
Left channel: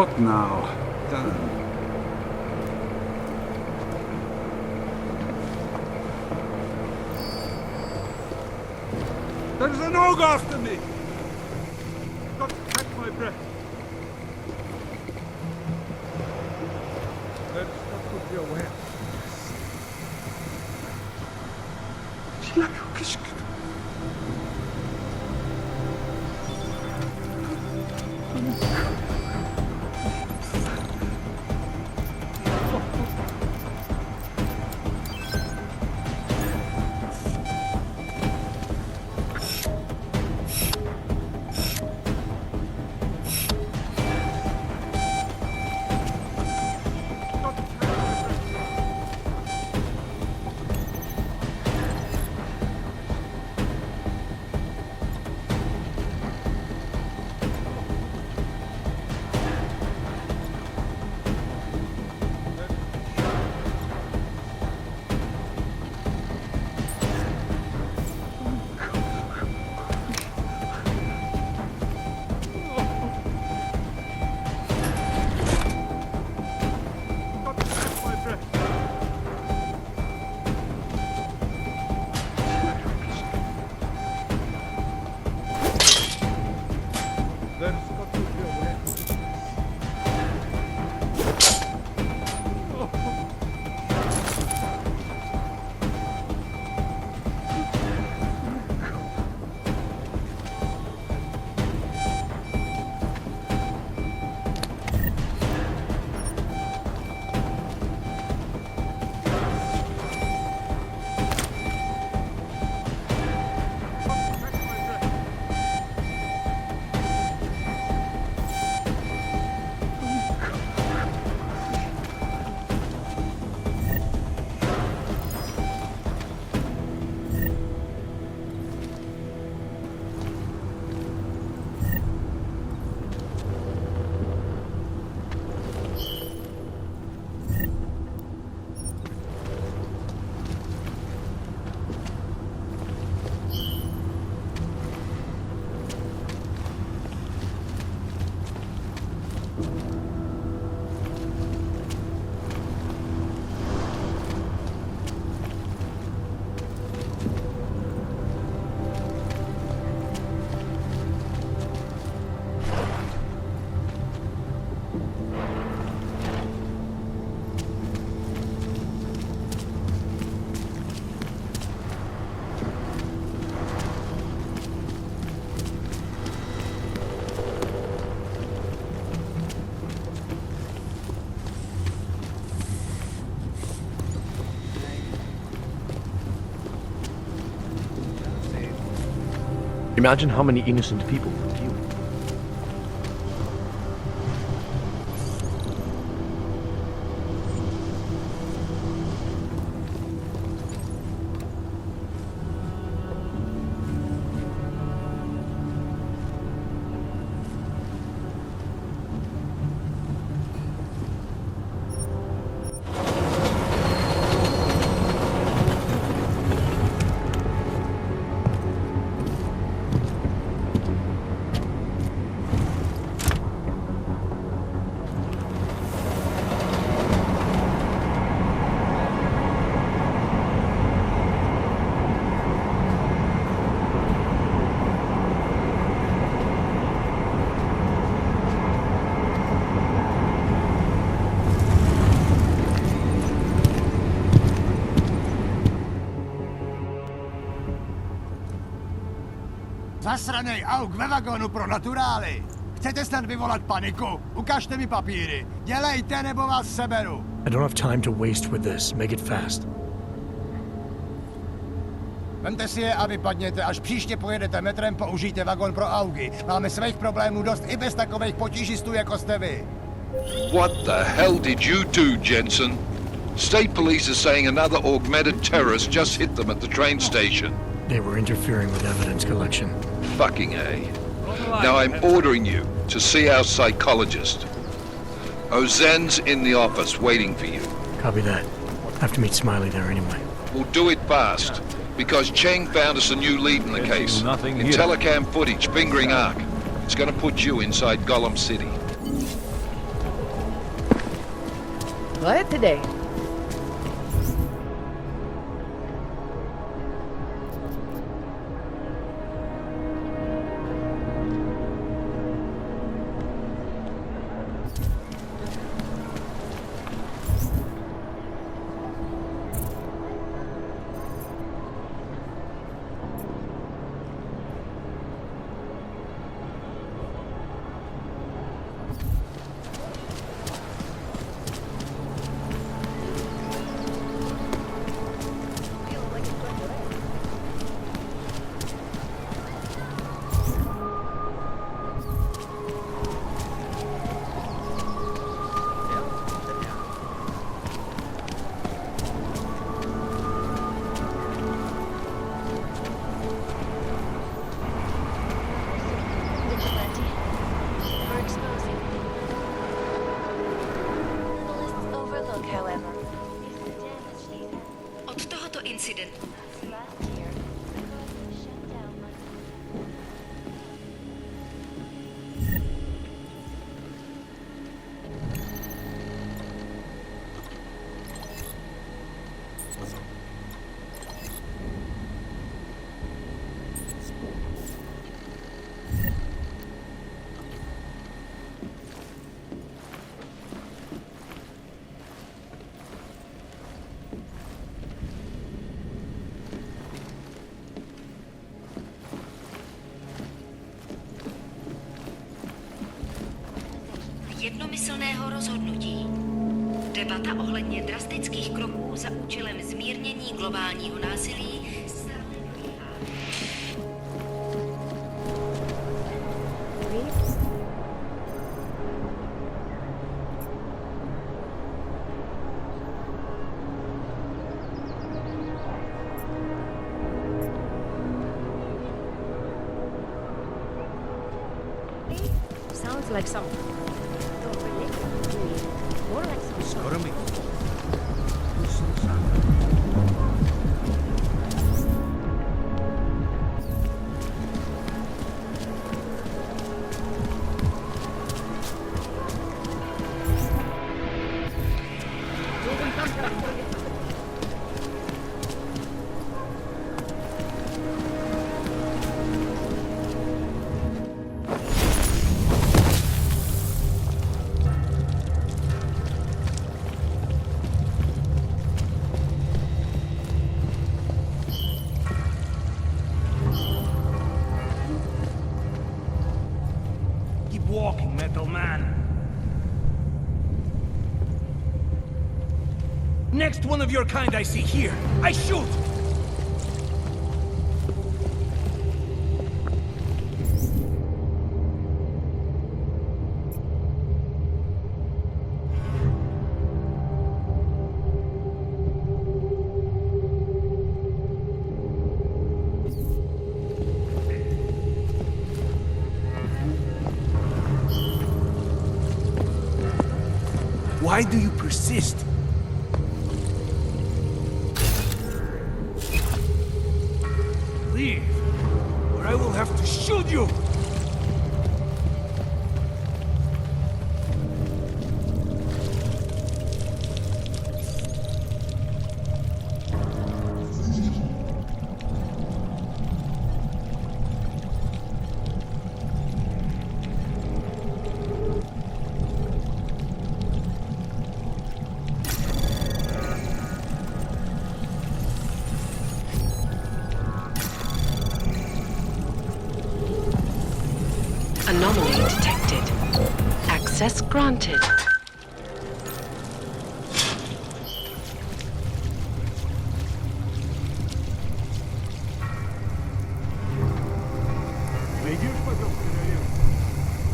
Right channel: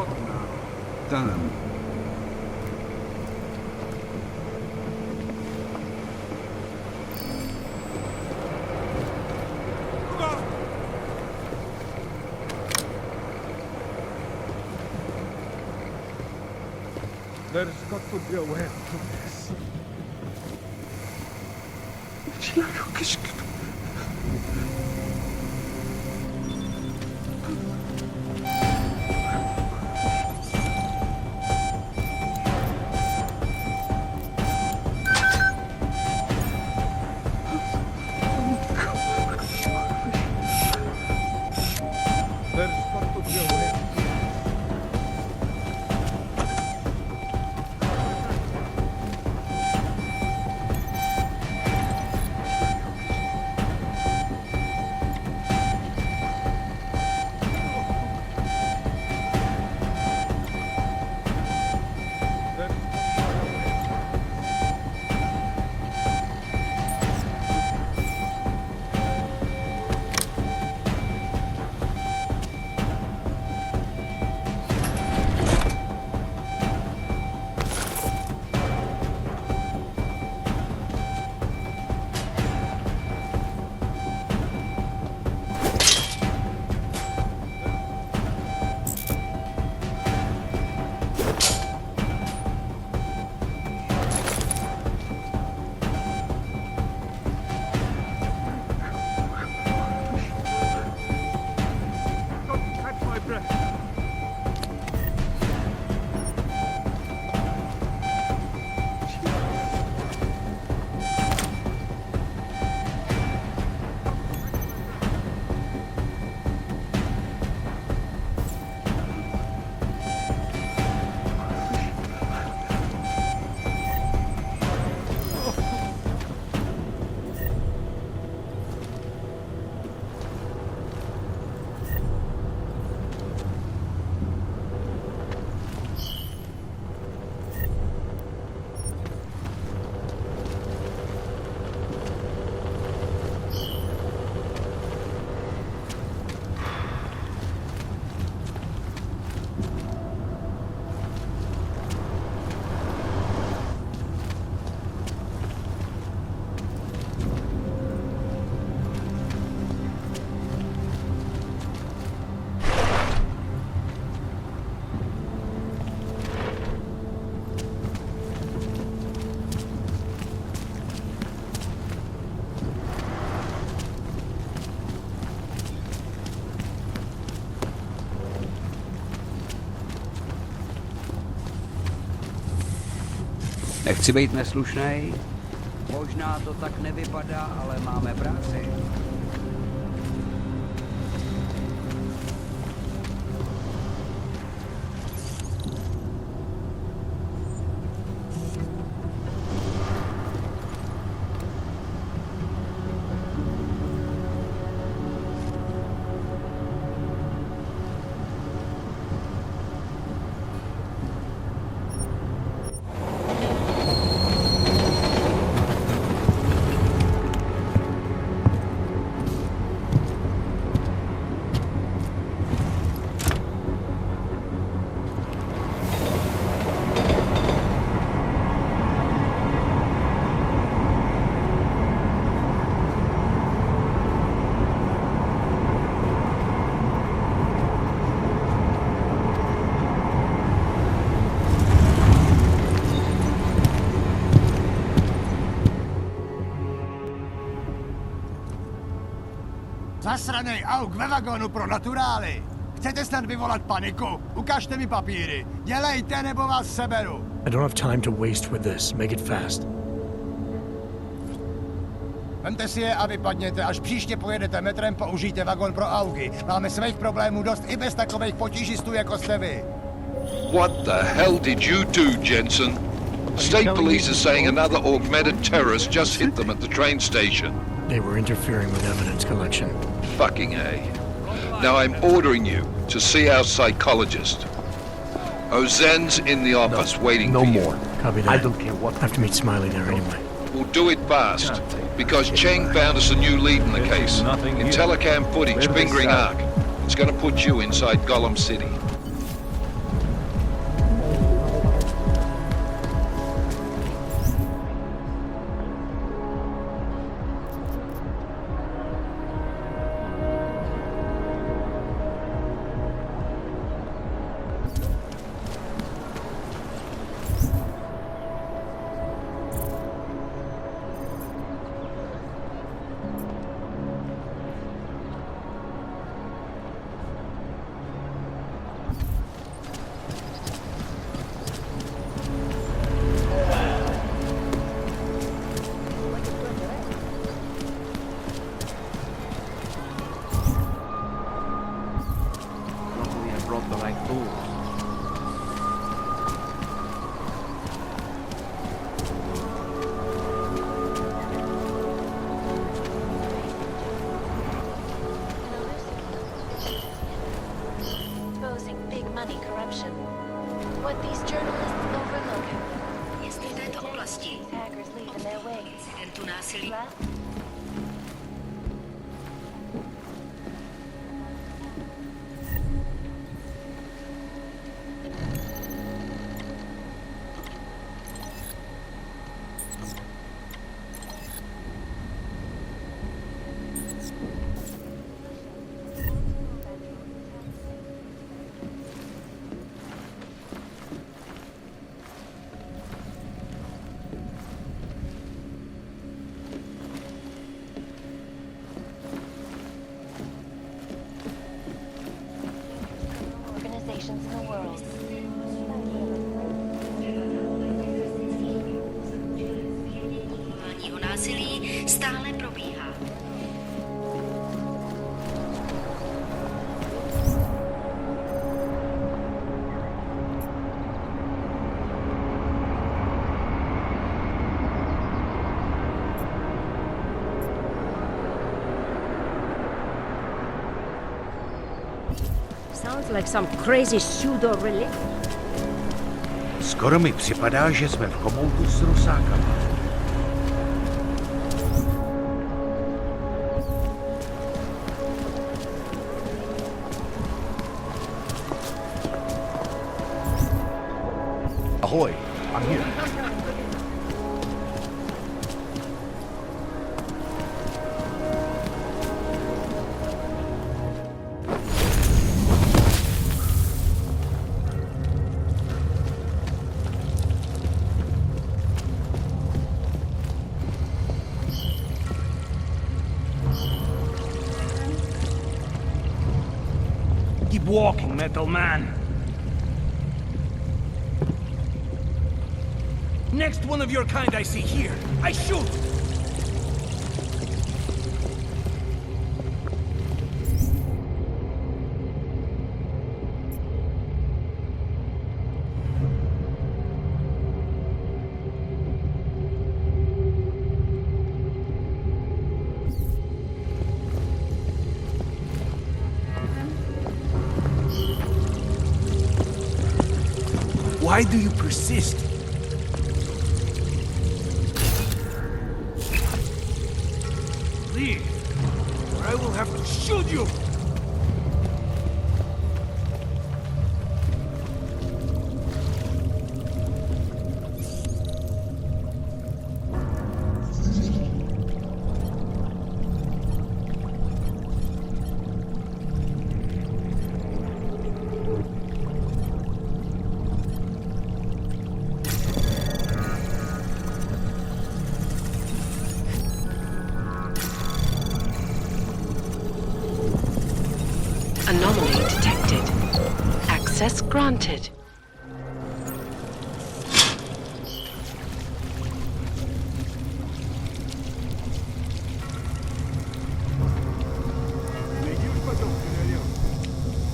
book now. Done. There's an og after me! I've got to catch my breath. There's got to be a way out of this. Nechci být neslušnej. Možná to tak nevypadá, ale máme práci. Imagine how many innocent people would feel. Zasranej auk ve vagónu pro naturály! Chcete snad vyvolat paniku? Ukažte mi papíry. Dělejte, nebo vás seberu. I don't have time to waste with this. Make it fast. Vemte si je a vypadněte. Až příště pojedete metrem, použijte vagón pro augy. Máme svých problémů dost i bez takových potížistů, jako jste vy. What the hell did you do, Jensen? State police are saying another augmented terrorist just hit them at the train station. They were interfering with evidence collection. Fucking A. Now I'm ordering you to see our psychologist. Ozen's in the office waiting for you. Copy that. I have to meet Smiley there anyway. We'll do it fast, because Cheng found us a new lead in the case. In telecam footage fingering Ark. It's gonna put you inside Gollum City. today. Jednomyslného rozhodnutí. Debata ohledně drastických kroků za účelem zmírnění globálního násilí stále probíhá. Sounds like some crazy pseudo-religion. Skoro mi připadá, že jsme v komoutu s rusákama. Ahoj. Keep walking, Metal Man. Next one of your kind I see here, I shoot! Why do you persist? Leave, or I will have to shoot you! Anomaly detected. Access granted.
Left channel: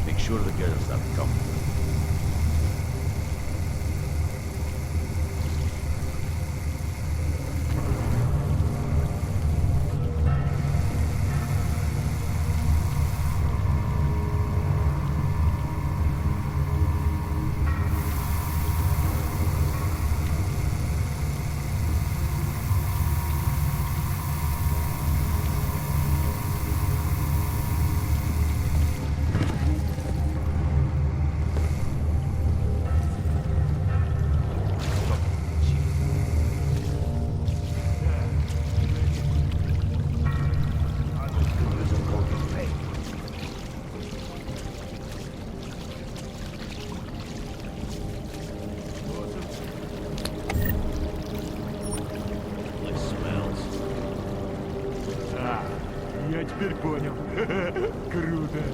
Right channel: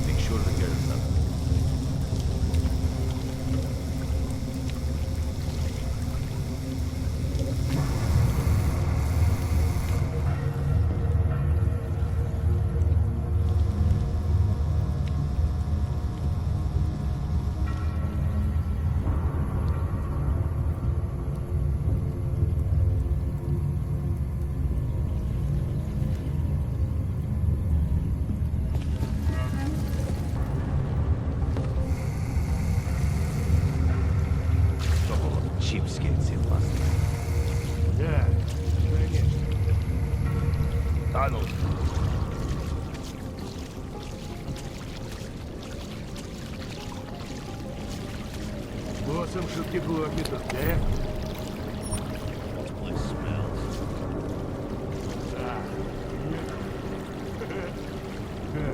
Make sure the girls have come. got some particular meters there? Place smells. А, я теперь понял. Круто.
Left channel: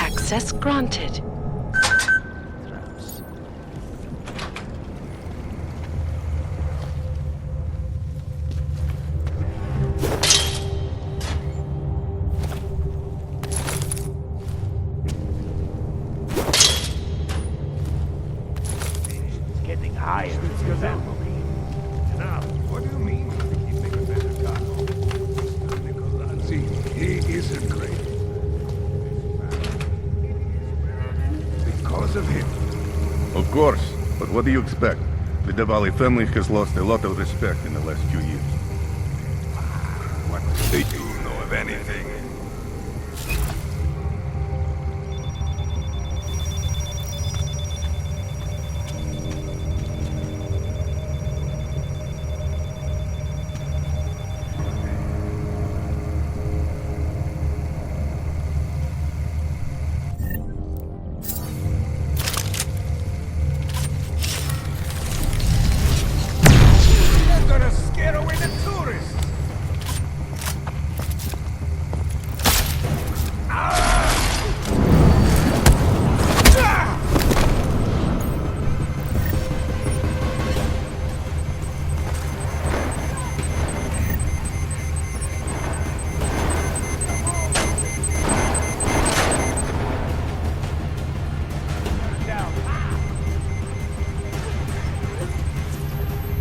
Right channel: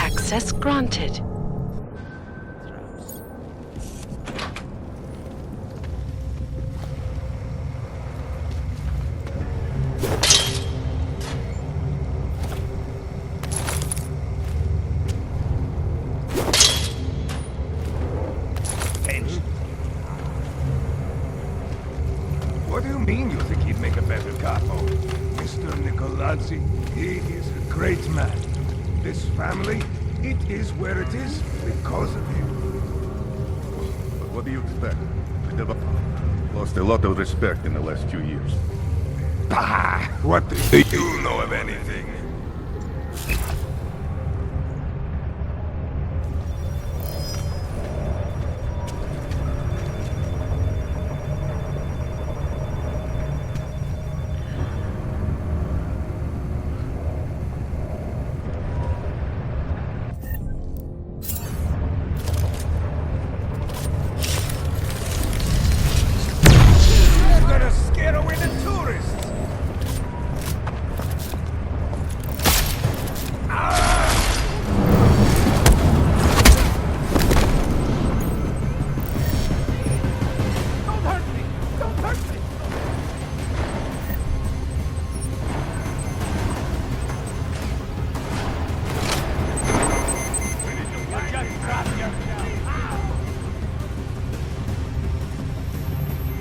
Access granted. Tension's getting higher. What do you mean you think he'd make a better capo? Mr. Nicolazzi, he is a great man. This family, it is where it is because of him. Of course, but what do you expect? The Diwali family has lost a lot of respect in the last few years. Ah, what do you know of anything? They're gonna scare away the tourists!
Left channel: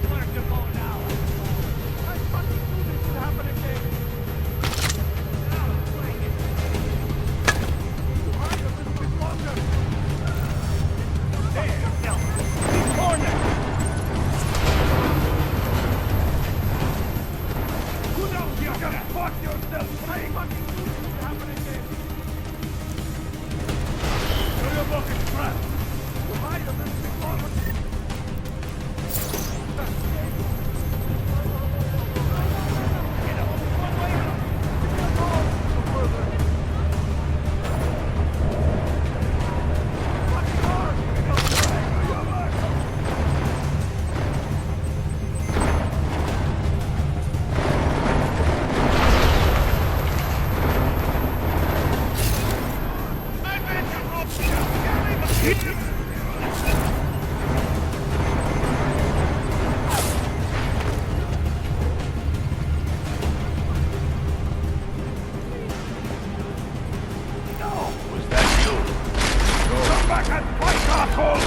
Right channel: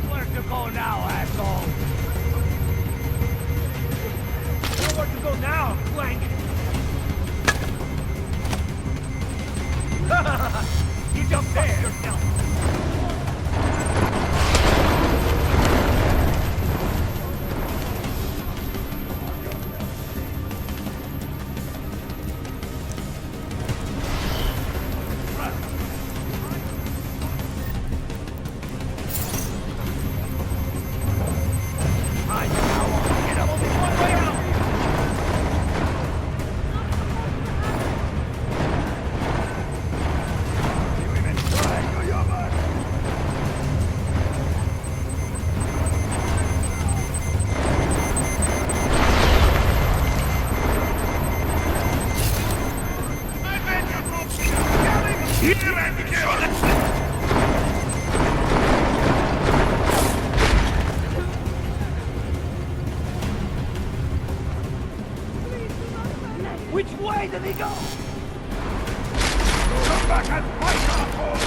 Where to go now, asshole? Where to go now, blank? You jumped there yourself. Corner. You know you're gonna fuck yourself, right? You're a fucking trap. You hide them in the corner. Get up, only one way out! Which way did he go? Was that you? Come back and fight, asshole!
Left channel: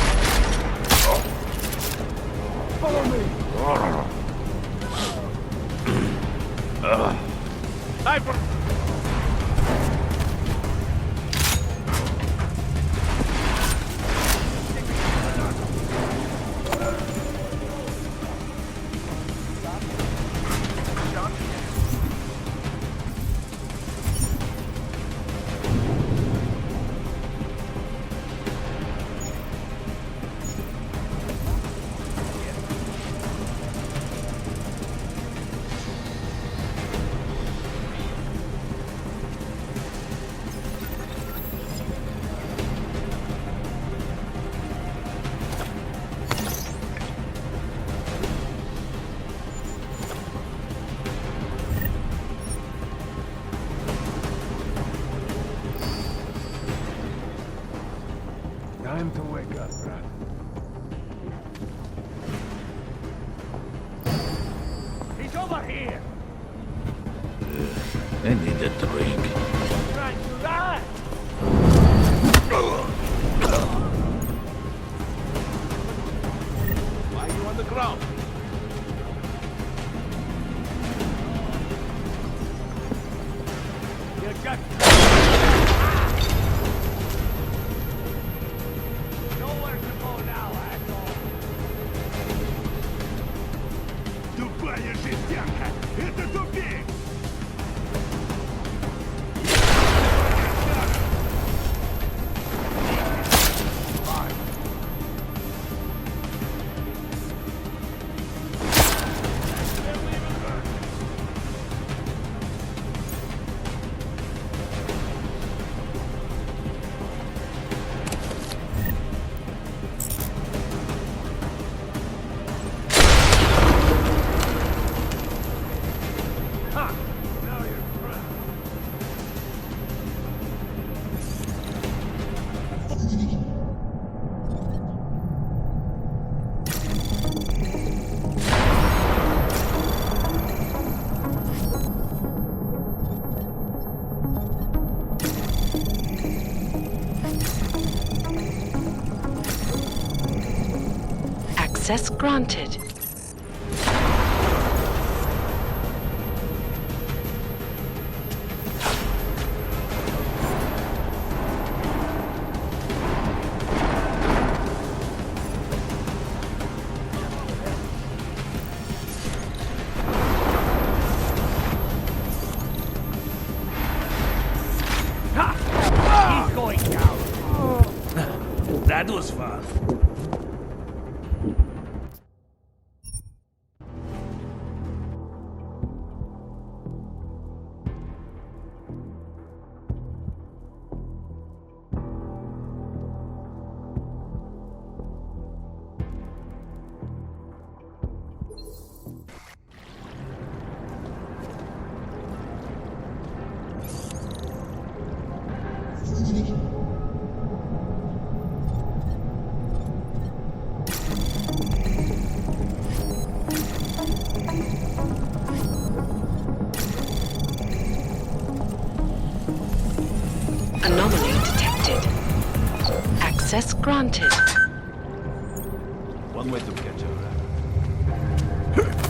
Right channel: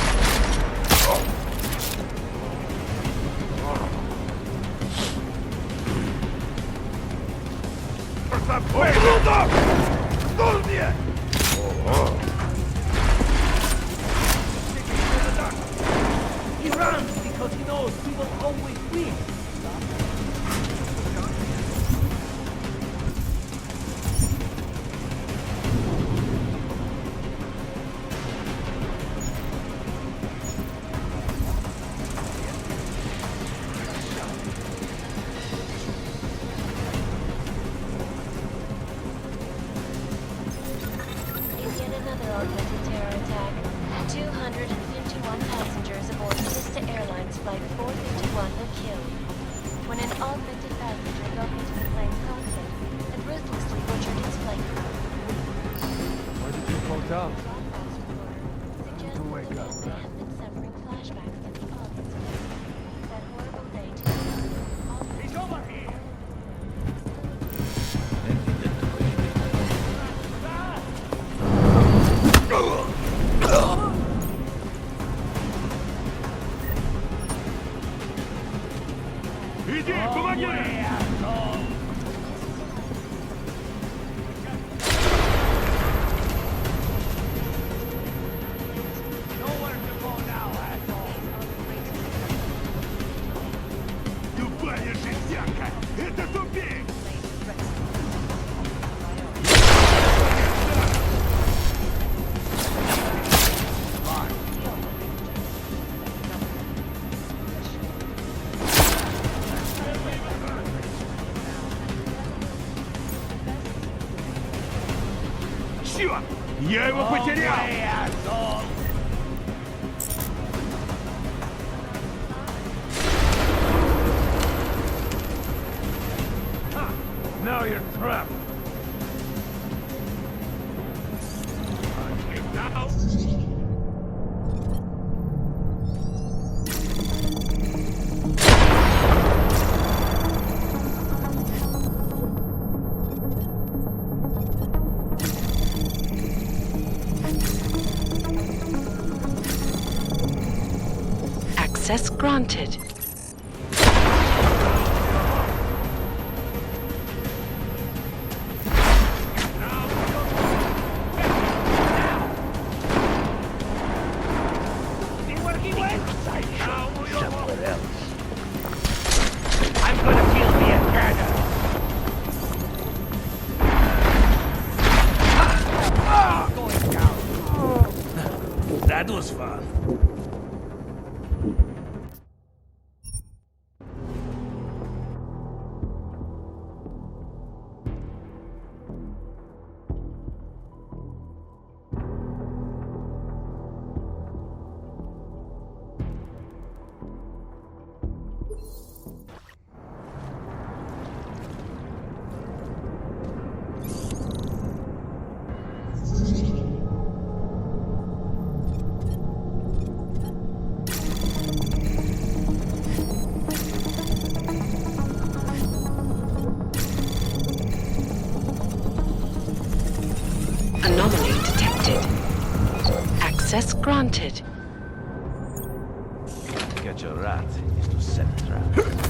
Follow me. Time for some quick look up! Dulnie! Sticking to the dark. He runs because he knows he will always be. Shot him. In yet another organized terror attack, 251 passengers aboard Vista Airlines Flight 451 were killed. When an all-50 passenger broke into the plane cockpit and ruthlessly butchered its plane. Woke up. Time to wake up, bruh. He's over here! I need a drink. Trying to run! Why are you on the ground? Иди, помоги! You just... Nowhere to go now, asshole! Тупая жестянка! Это тупик! Черт! Я его потерял! Ha! Now you're trapped! Access granted. That was fun. Anomaly detected. Access granted. One way to catch a rat is to set a trap.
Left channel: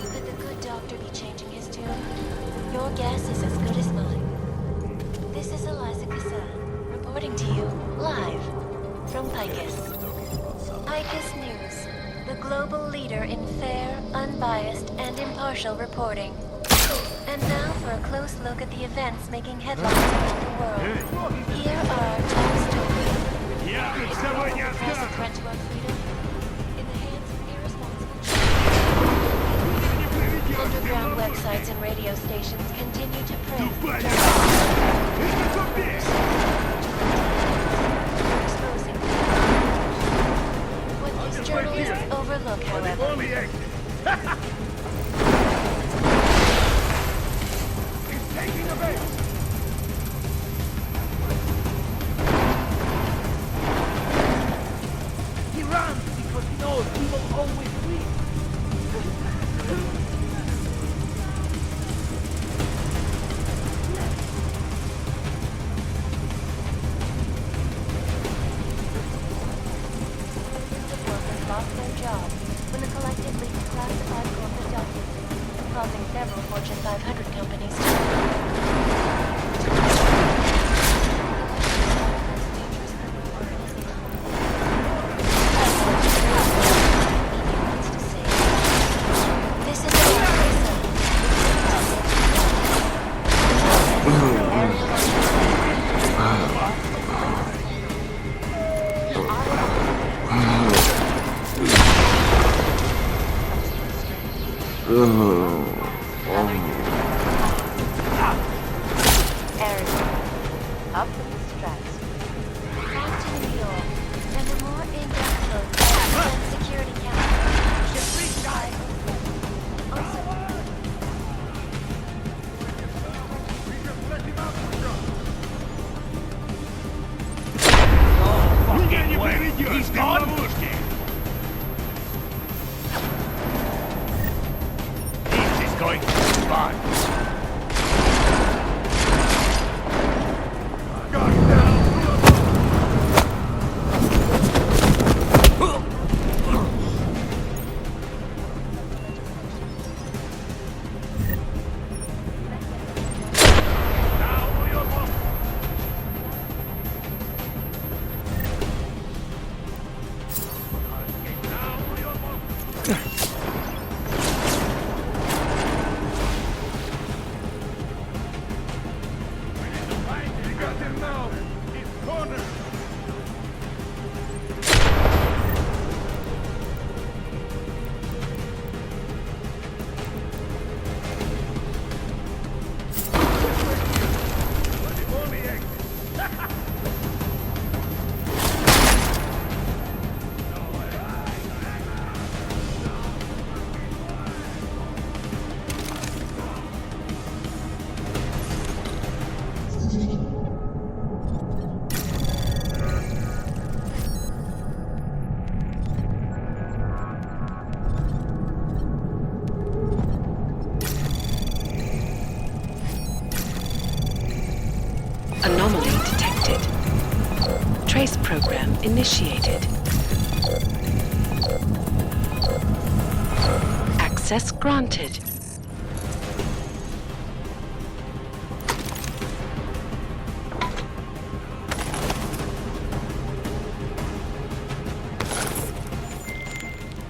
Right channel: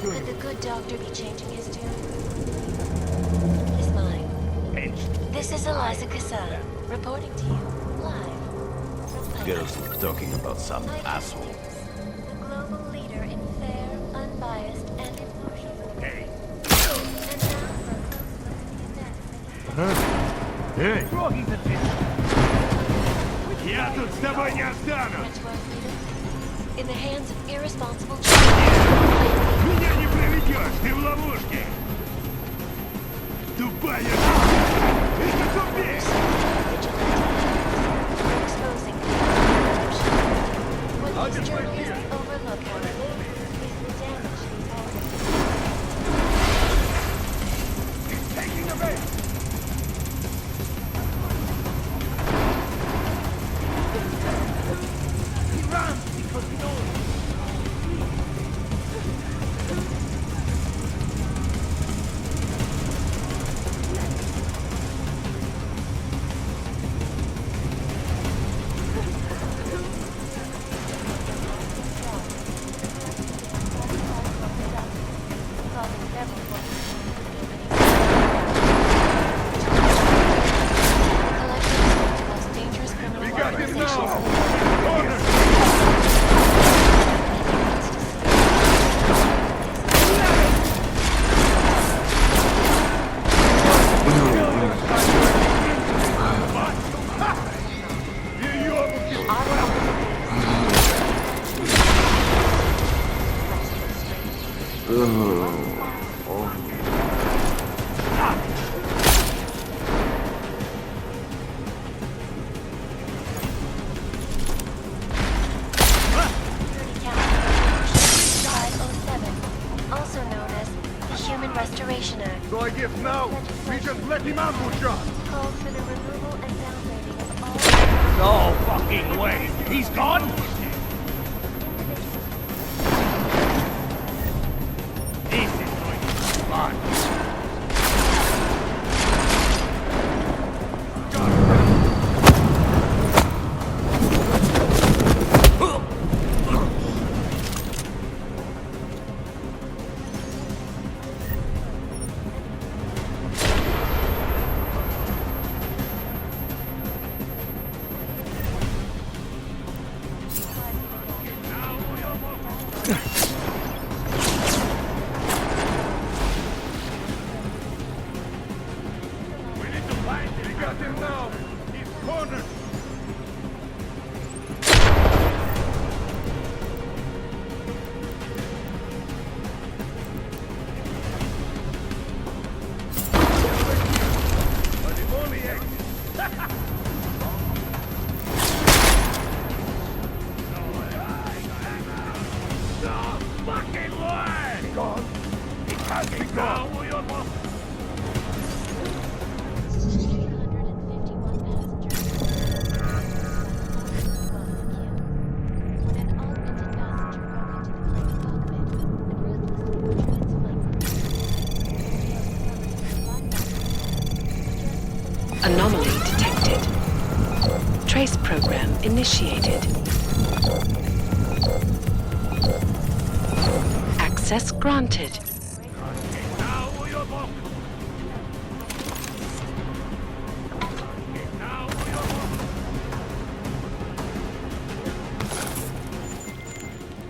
Could the good doctor be changing his tune? Your guess is as good as mine. This is Eliza Kassan, reporting to you, live, from Picus. Talking about some Picus News, the global leader in fair, unbiased, and impartial reporting. And now for a close look at the events making headlines around the world. Here are Я тут с тобой не останусь! in the hands of irresponsible Меня не проведешь, ты в ловушке! Тупая! Это тупик! What these journalists overlook, however, He's taking the bait! He runs because he knows he will always win. lost their jobs when the collectively classified corporate documents, causing several Fortune 500 companies collectively one of the most dangerous criminal organizations in the world. Wants to say, this is No fucking way! He's gone? This is going to be fun! Got him! We need to find him. We got him now. He's cornered. But the only exit. Anomaly detected. Trace program initiated. Access granted.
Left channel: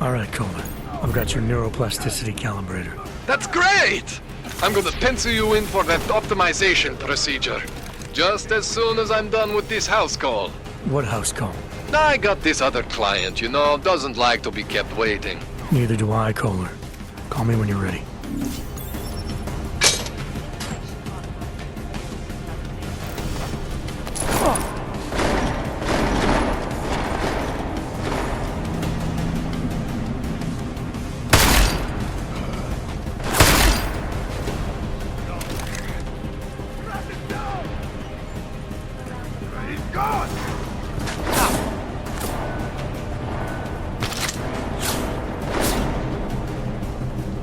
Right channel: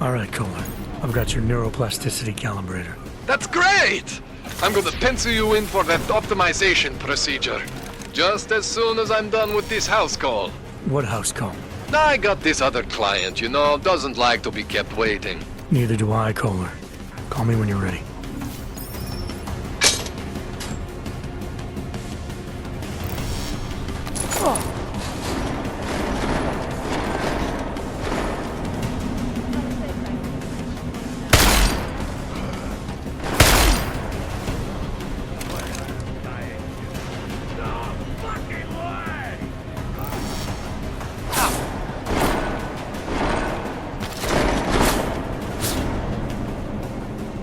All right, Kohler. I've got your neuroplasticity calibrator. That's great! I'm gonna pencil you in for that optimization procedure. Just as soon as I'm done with this house call. What house call? I got this other client, you know, doesn't like to be kept waiting. Neither do I, Kohler. Call me when you're ready.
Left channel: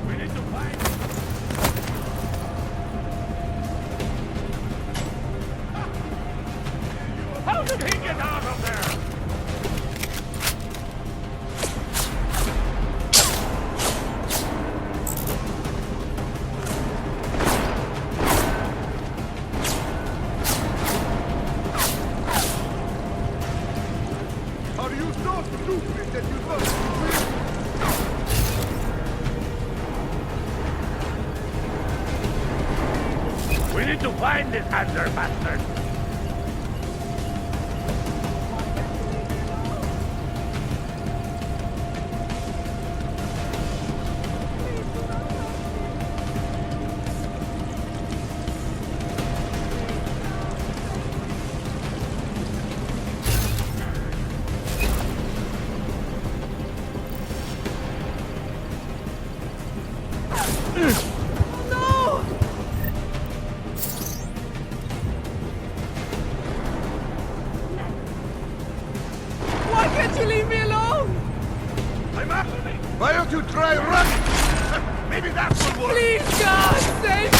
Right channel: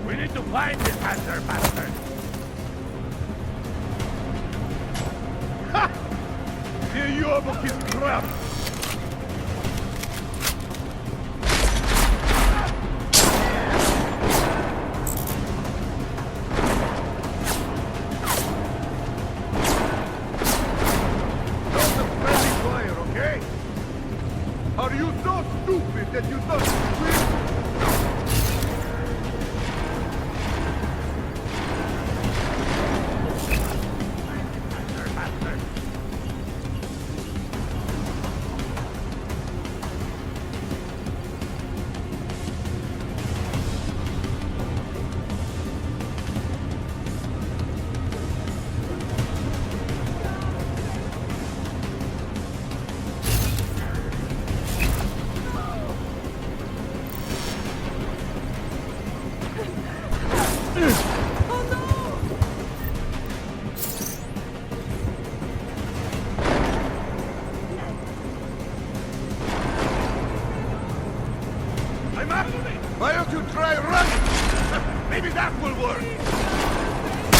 We need to find this bastard. Ha! Here you are, but you can get out of there. Are you so stupid that you thought you will? We need to find this under bastard. Why don't you try running? Maybe that will work. Please, God, save me!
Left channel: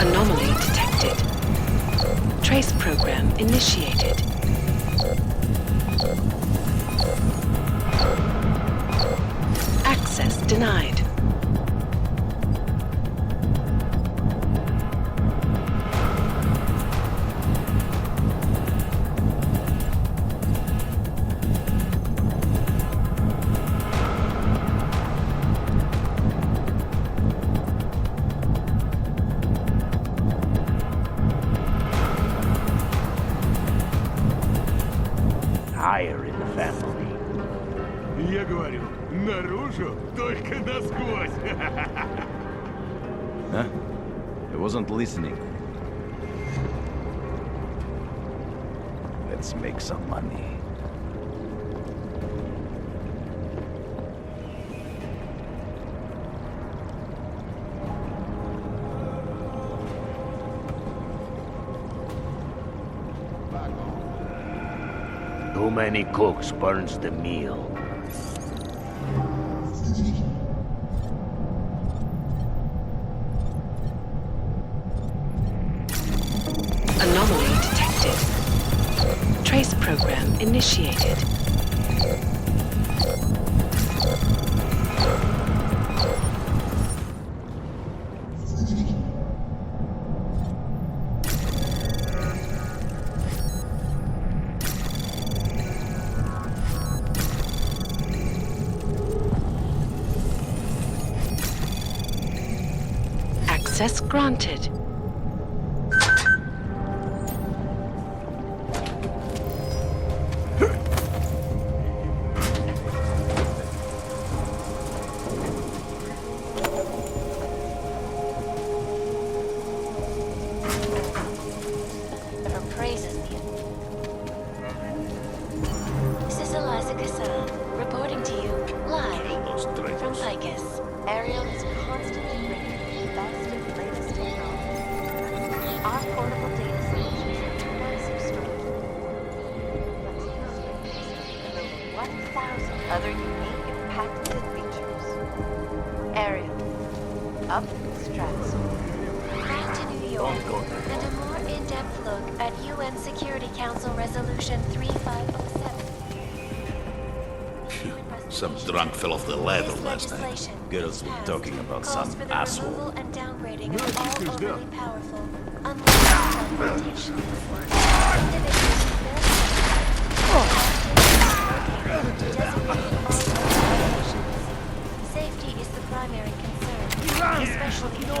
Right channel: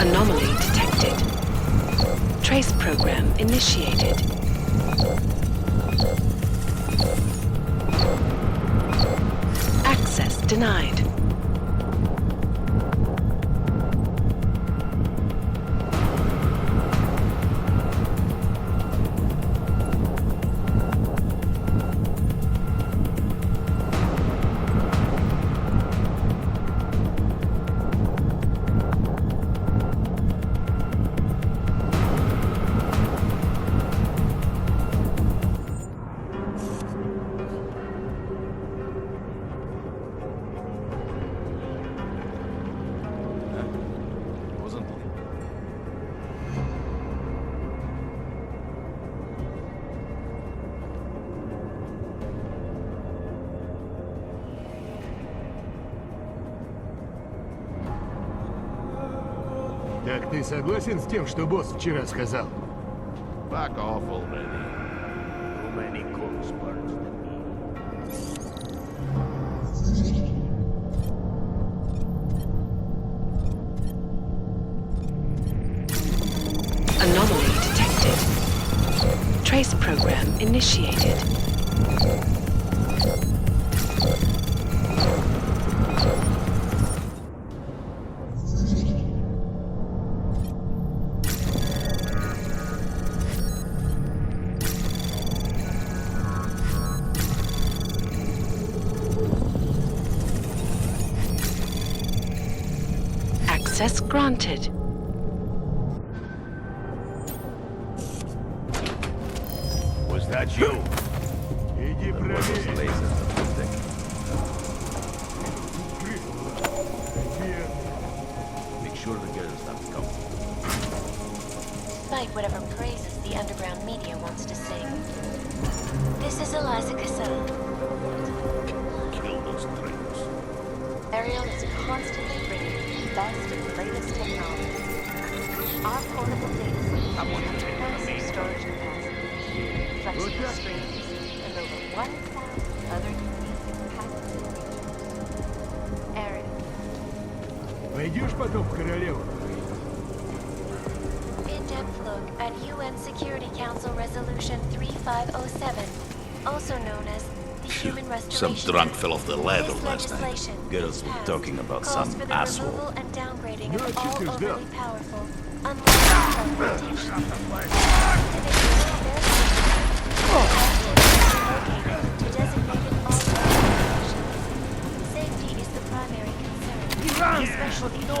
Anomaly detected. Trace program initiated. Access denied. Higher in the family. Я говорю, наружу, только насквозь. Huh? I wasn't listening. Let's make some money. Да, Так ты согласен с тем, что босс вчера сказал? Back off already. Too many cooks burns the meal. Anomaly detected. Trace program initiated. Access granted. Was that you? Иди проверь. Make sure the girl's not coming. Despite whatever praises the underground media wants to sing. This is Eliza Cassan, reporting to you live from Lycus. Ariel is constantly bringing you the best and latest technology. Our portable data solutions have massive storage capacity, flexible screens, and over 1,000 other unique and patented features. Ariel, up. Пойдешь потом в королеву? Back to New York, and a more in-depth look at UN Security Council Resolution 3507, also known as the Human Some Restoration drunk Act. fell off the ladder This last night. legislation, Girls if were passed, talking about calls some for the asshole. removal and downgrading of No, all she's overly done. powerful, unlawful confrontation. Individuals who bear located to designated all locations. Safety is the primary concern, especially in the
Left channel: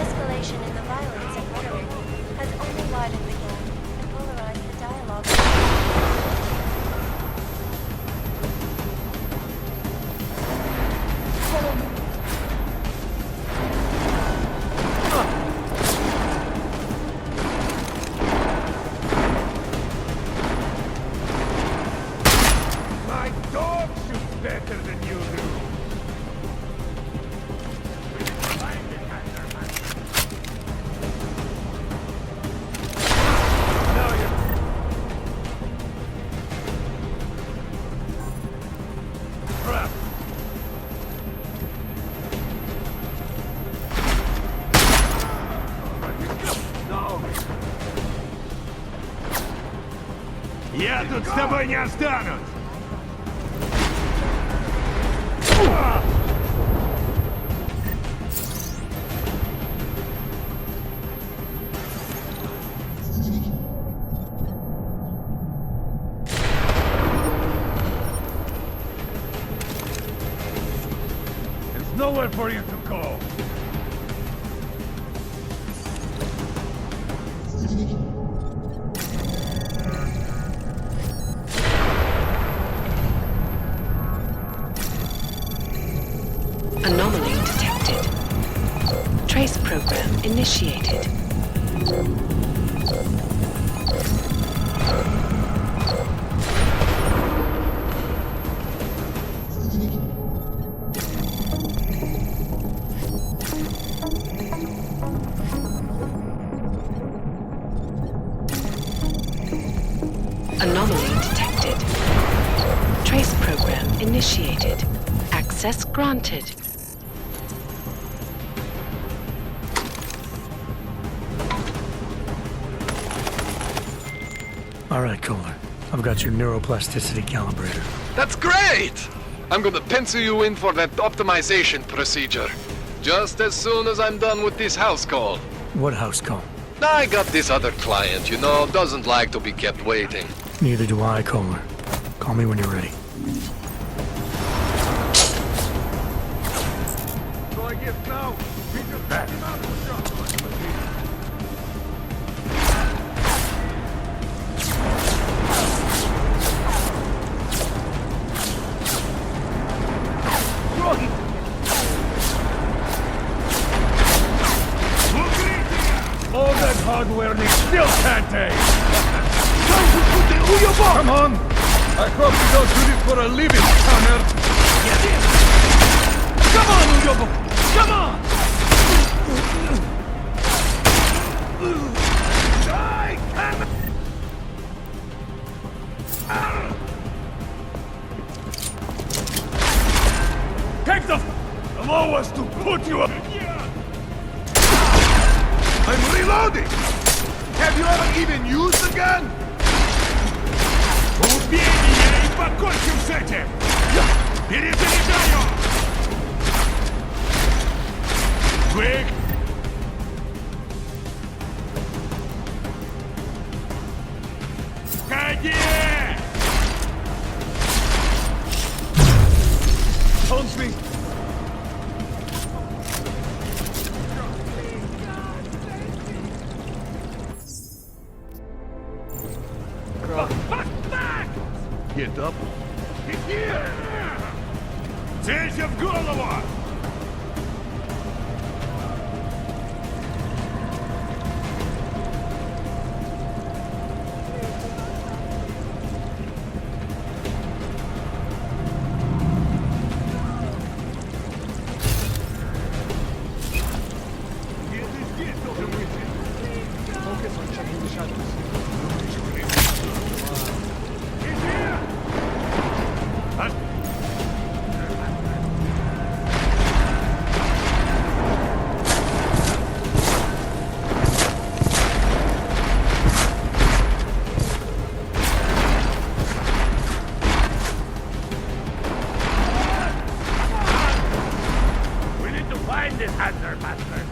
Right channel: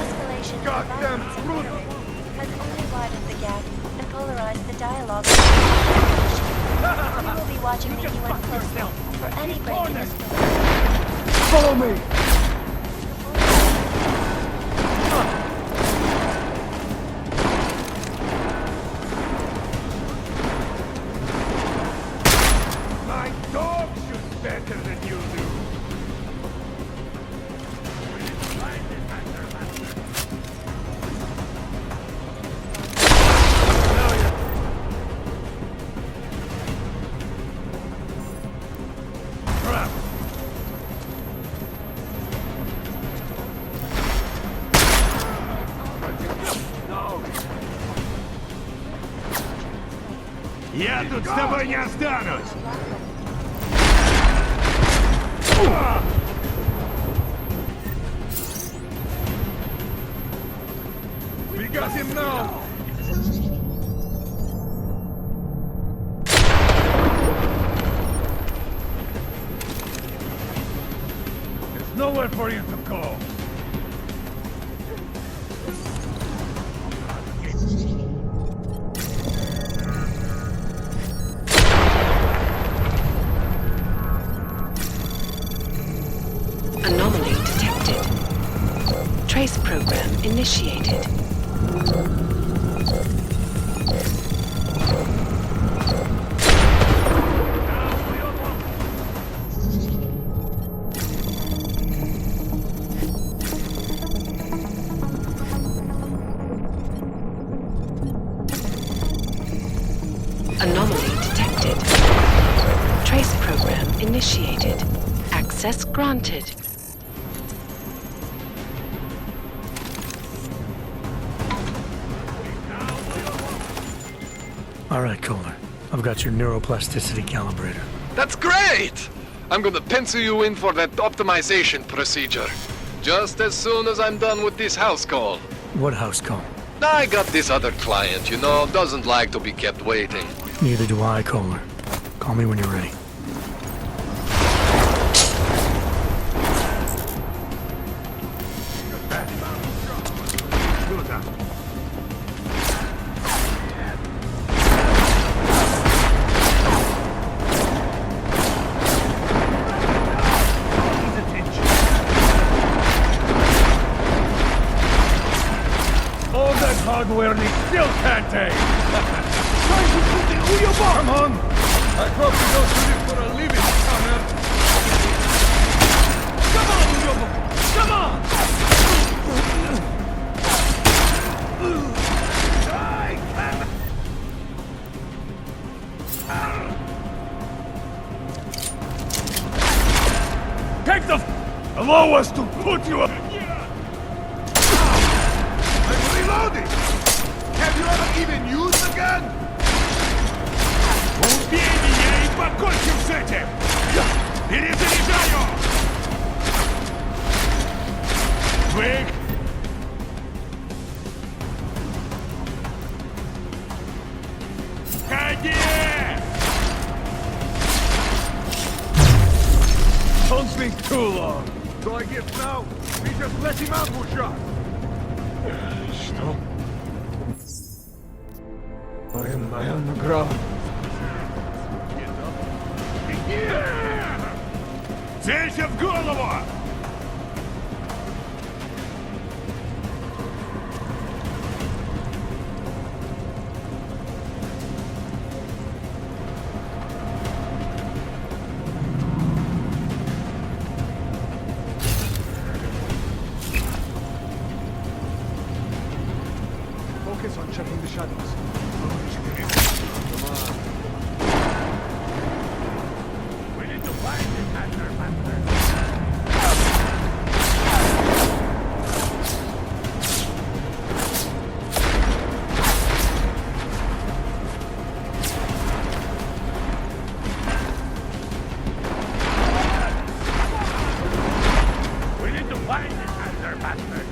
escalation in the violence occurring has only widened the gap and polarized the dialogue. We'll be watching the UN closely for any breakthroughs. Follow me! My dog shoots better than you do! We need to find it, Master. Now you're... Crap! No! Я тут с тобой не останусь! We got him now! There's nowhere for you to go! Anomaly detected. Trace program initiated. Anomaly detected. Trace program initiated. Access granted. All right, Kohler. I've got your neuroplasticity calibrator. That's great! I'm gonna pencil you in for that optimization procedure. Just as soon as I'm done with this house call. What house call? I got this other client, you know, doesn't like to be kept waiting. Neither do I, Kohler. Call me when you're ready. Он that hard learning still can't take! Come on! I hope you don't do this for a living, Connor! Come on, Uyobo! Come on! Die, Connor! Take the allow us to put you up! I'm reloading! Have you ever even used the gun? Убей меня и покончим с этим! Перезаряжаю! Вы... Ходи! Don't think too long. So I guess now we just let him out for shot. Get up. Целься в голову! Focus on checking the shadows. We need to find this Hunter bastard.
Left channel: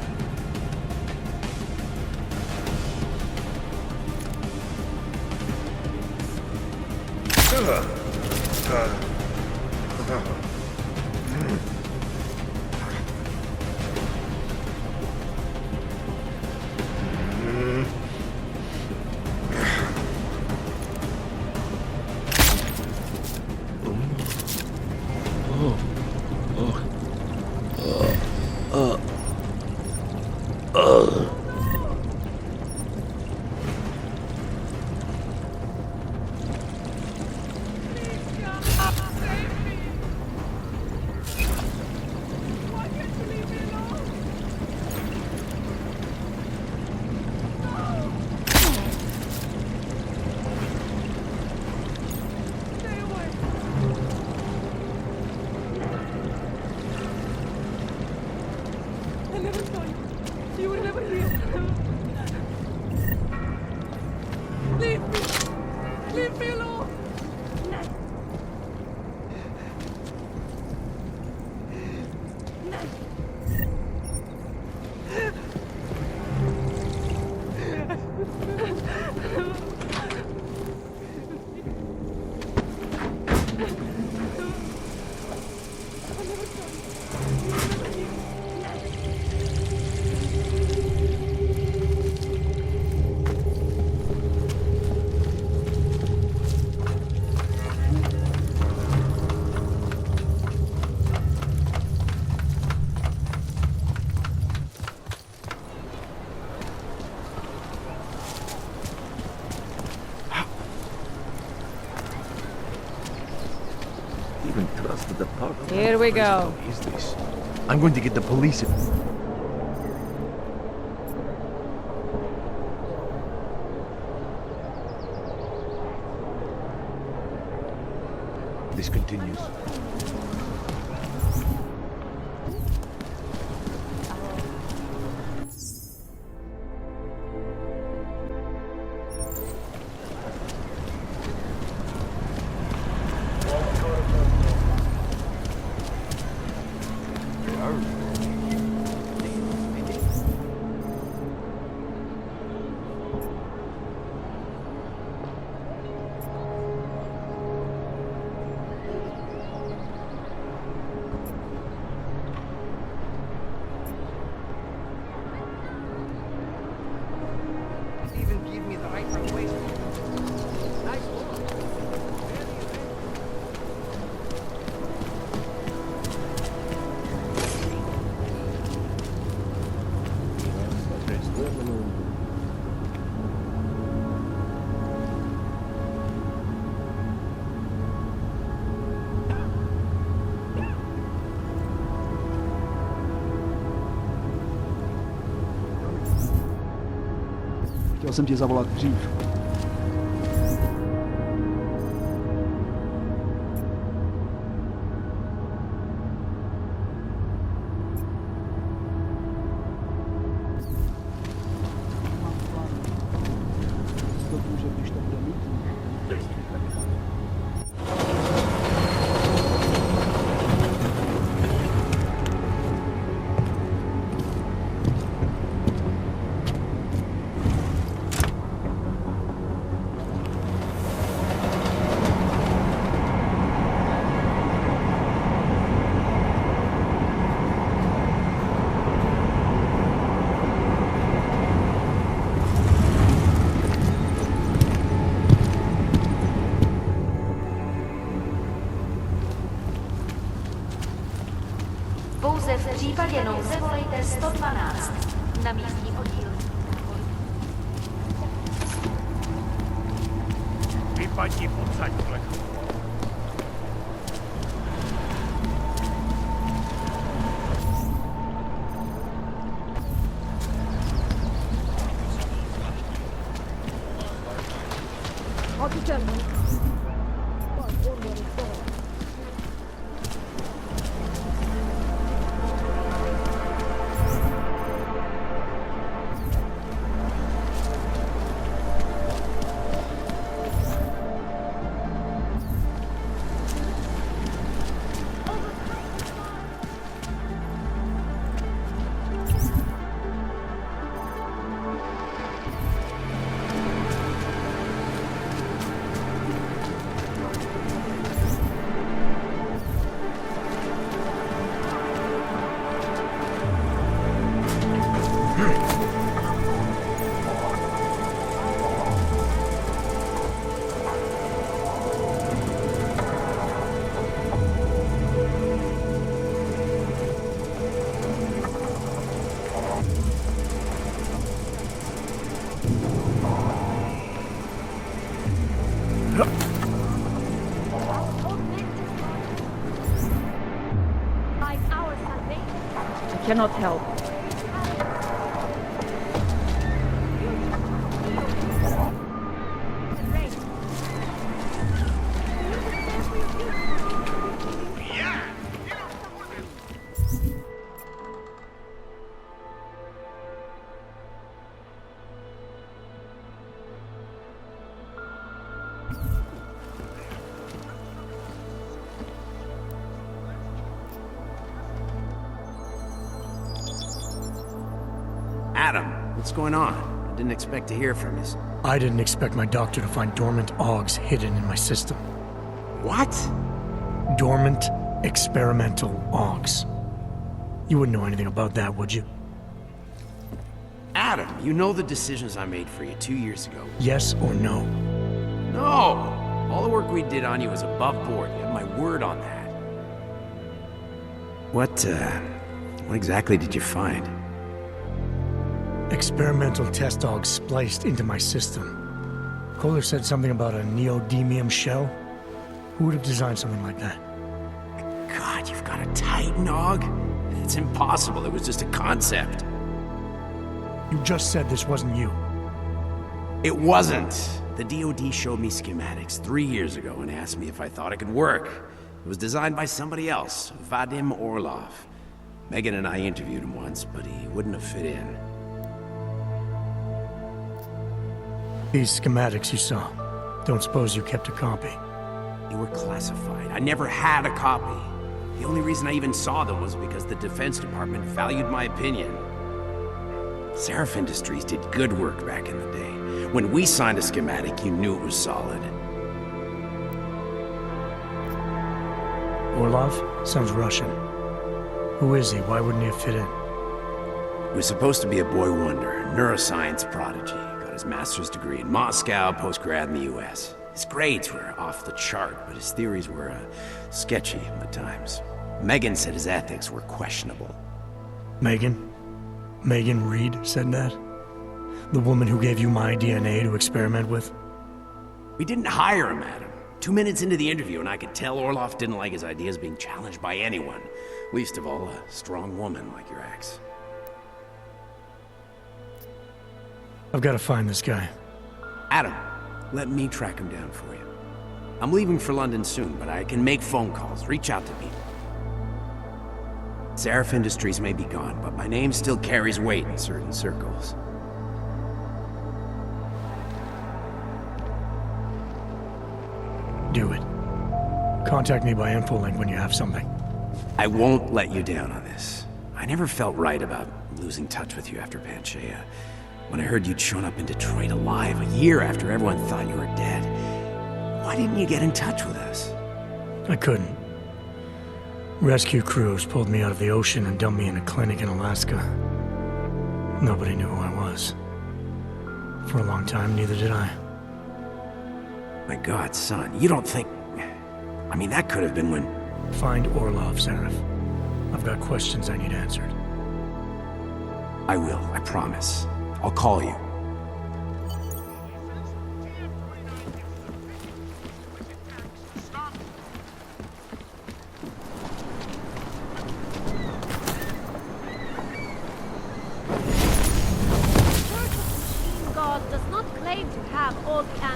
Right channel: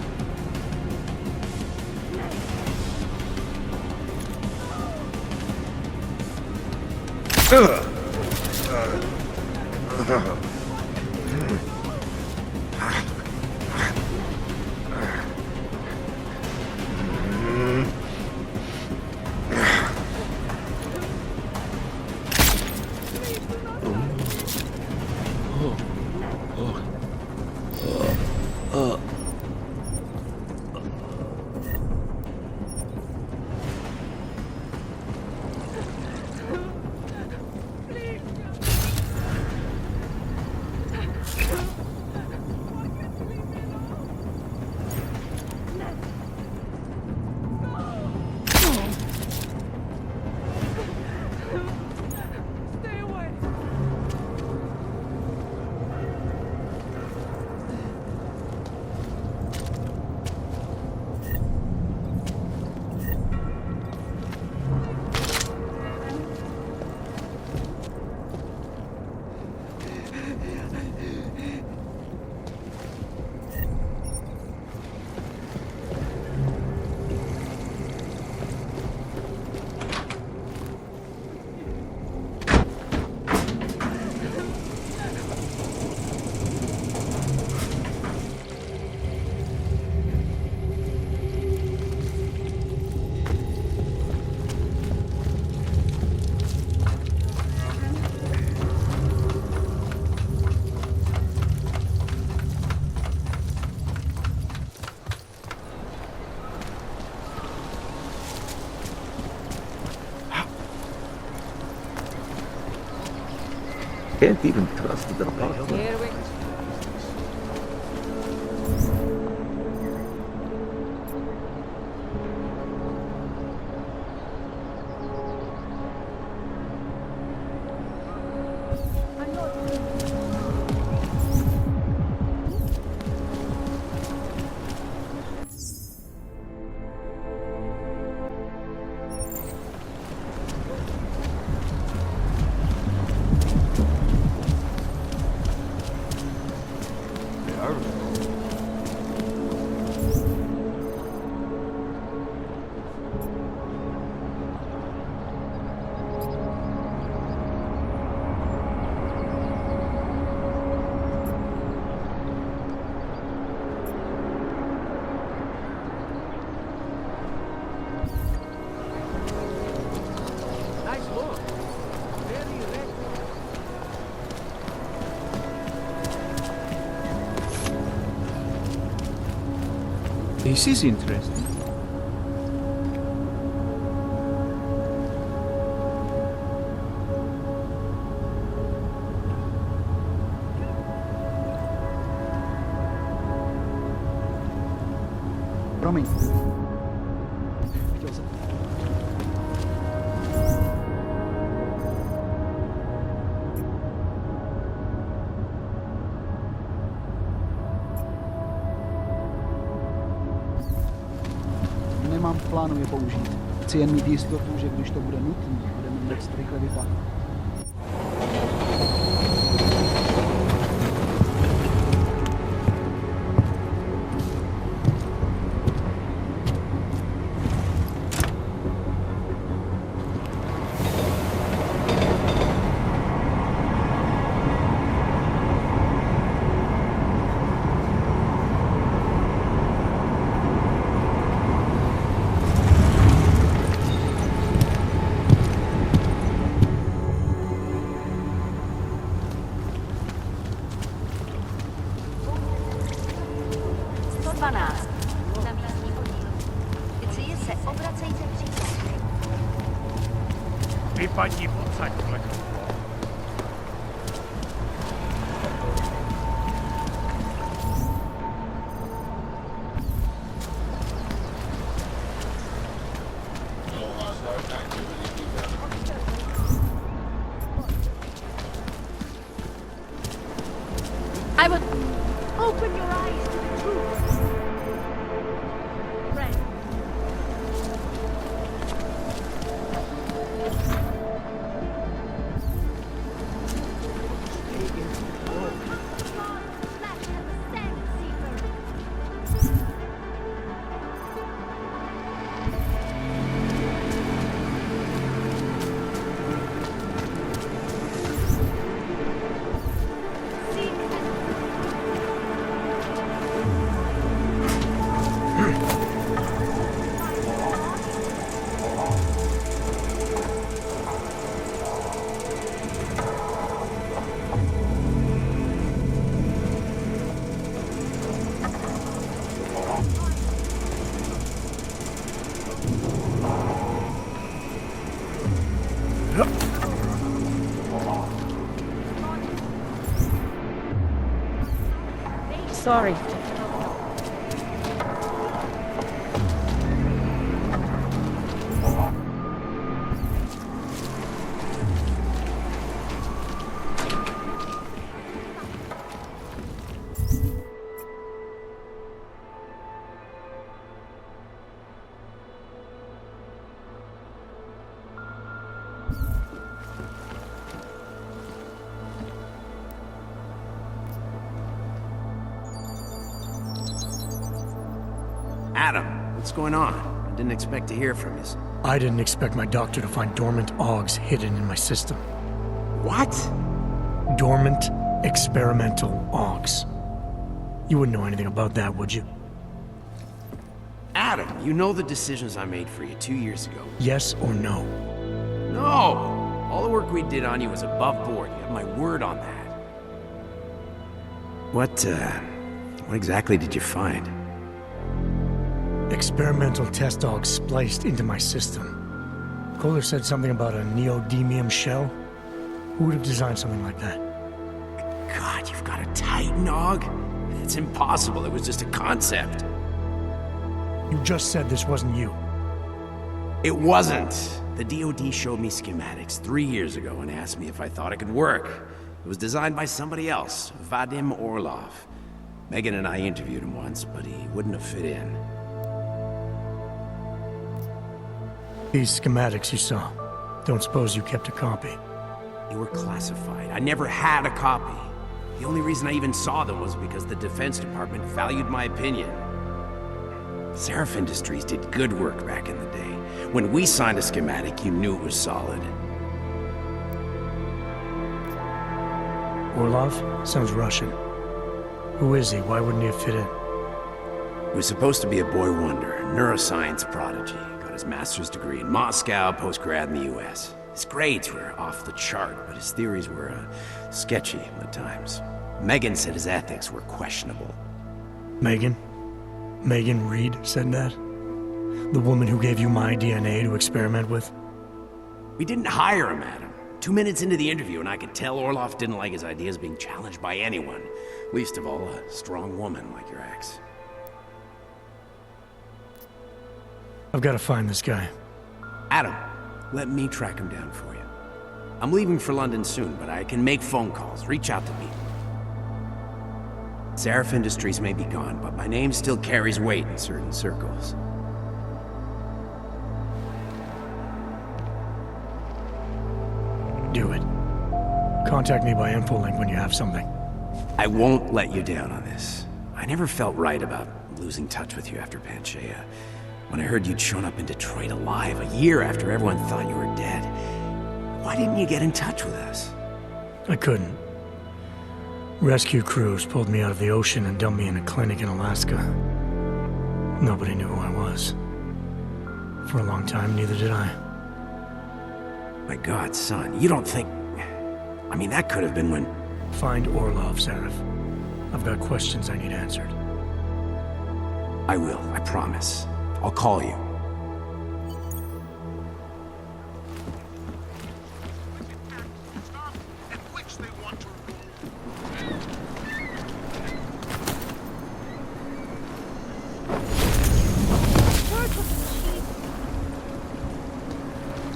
Can't even trust the department. Here we go. What is this? I'm going to get the police in. This continues. This is interesting. Promiň. Chtěl jsem ti zavolat dřív. Nemám v plánu je použít. Chci jen mít jistotu, že když to bude nutné, budeme dost rychle vypadnout. Pouze v případě nouze volejte 112. Na místní oddíl. Policii se obracejte přímo. Vypadni odsaď, plechu. I will open your eyes. Right. Sorry, I cannot help. Adam, what's going on? I didn't expect to hear from you. I didn't expect my doctor to find dormant AUGs hidden in my system. What? Dormant experimental AUGs. You wouldn't know anything about that, would you? Adam, you know the decisions I made for you 2 years ago. Yes or no? No! All the work we did on you was above board. You have my word on that. What exactly did you find? Experimental test AUGs spliced into my system. Kohler said something about a neodymium shell. Who would have designed something like that? God, you've got a Titan AUG? It's impossible. It was just a concept. You just said this wasn't you. It wasn't. The DoD showed me schematics 3 years ago and asked me if I thought it could work. It was designed by somebody else, Vadim Orlov. Megan and I interviewed him once, but he wouldn't have fit in. These schematics you saw. Don't suppose you kept a copy? They were classified. I never had a copy. The only reason I even saw them was because the Defense Department valued my opinion. Seraph Industries did good work back in the day. When we signed a schematic, you knew it was solid. Orlov? Sounds Russian. Who is he? Why wouldn't he have fit in? He was supposed to be a boy wonder, neuroscience prodigy. Got his master's degree in Moscow, post-grad in the US. His grades were off the chart, but his theories were sketchy at times. Megan said his ethics were questionable. Megan? Megan Reed said that? The woman who gave you my DNA to experiment with? We didn't hire him, Adam. 2 minutes into the interview, and I could tell Orlov didn't like his ideas being challenged by anyone. Least of all, a strong woman like your ex. I've got to find this guy. Adam, let me track him down for you. I'm leaving for London soon, but I can make phone calls, reach out to people. Seraph Industries may be gone, but my name still carries weight in certain circles. Do it. Contact me by infolink when you have something. I won't let you down on this. I never felt right about losing touch with you after Panchaea. When I heard you'd shown up in Detroit alive a year after everyone thought you were dead. Why didn't you get in touch with us? I couldn't. Rescue crews pulled me out of the ocean and dumped me in a clinic in Alaska. Nobody knew who I was. For a long time, neither did I. My God, son, you don't think... I mean, that could have been when... Find Orlov, Seraph. I've got questions I need answered. I will, I promise. I'll call you.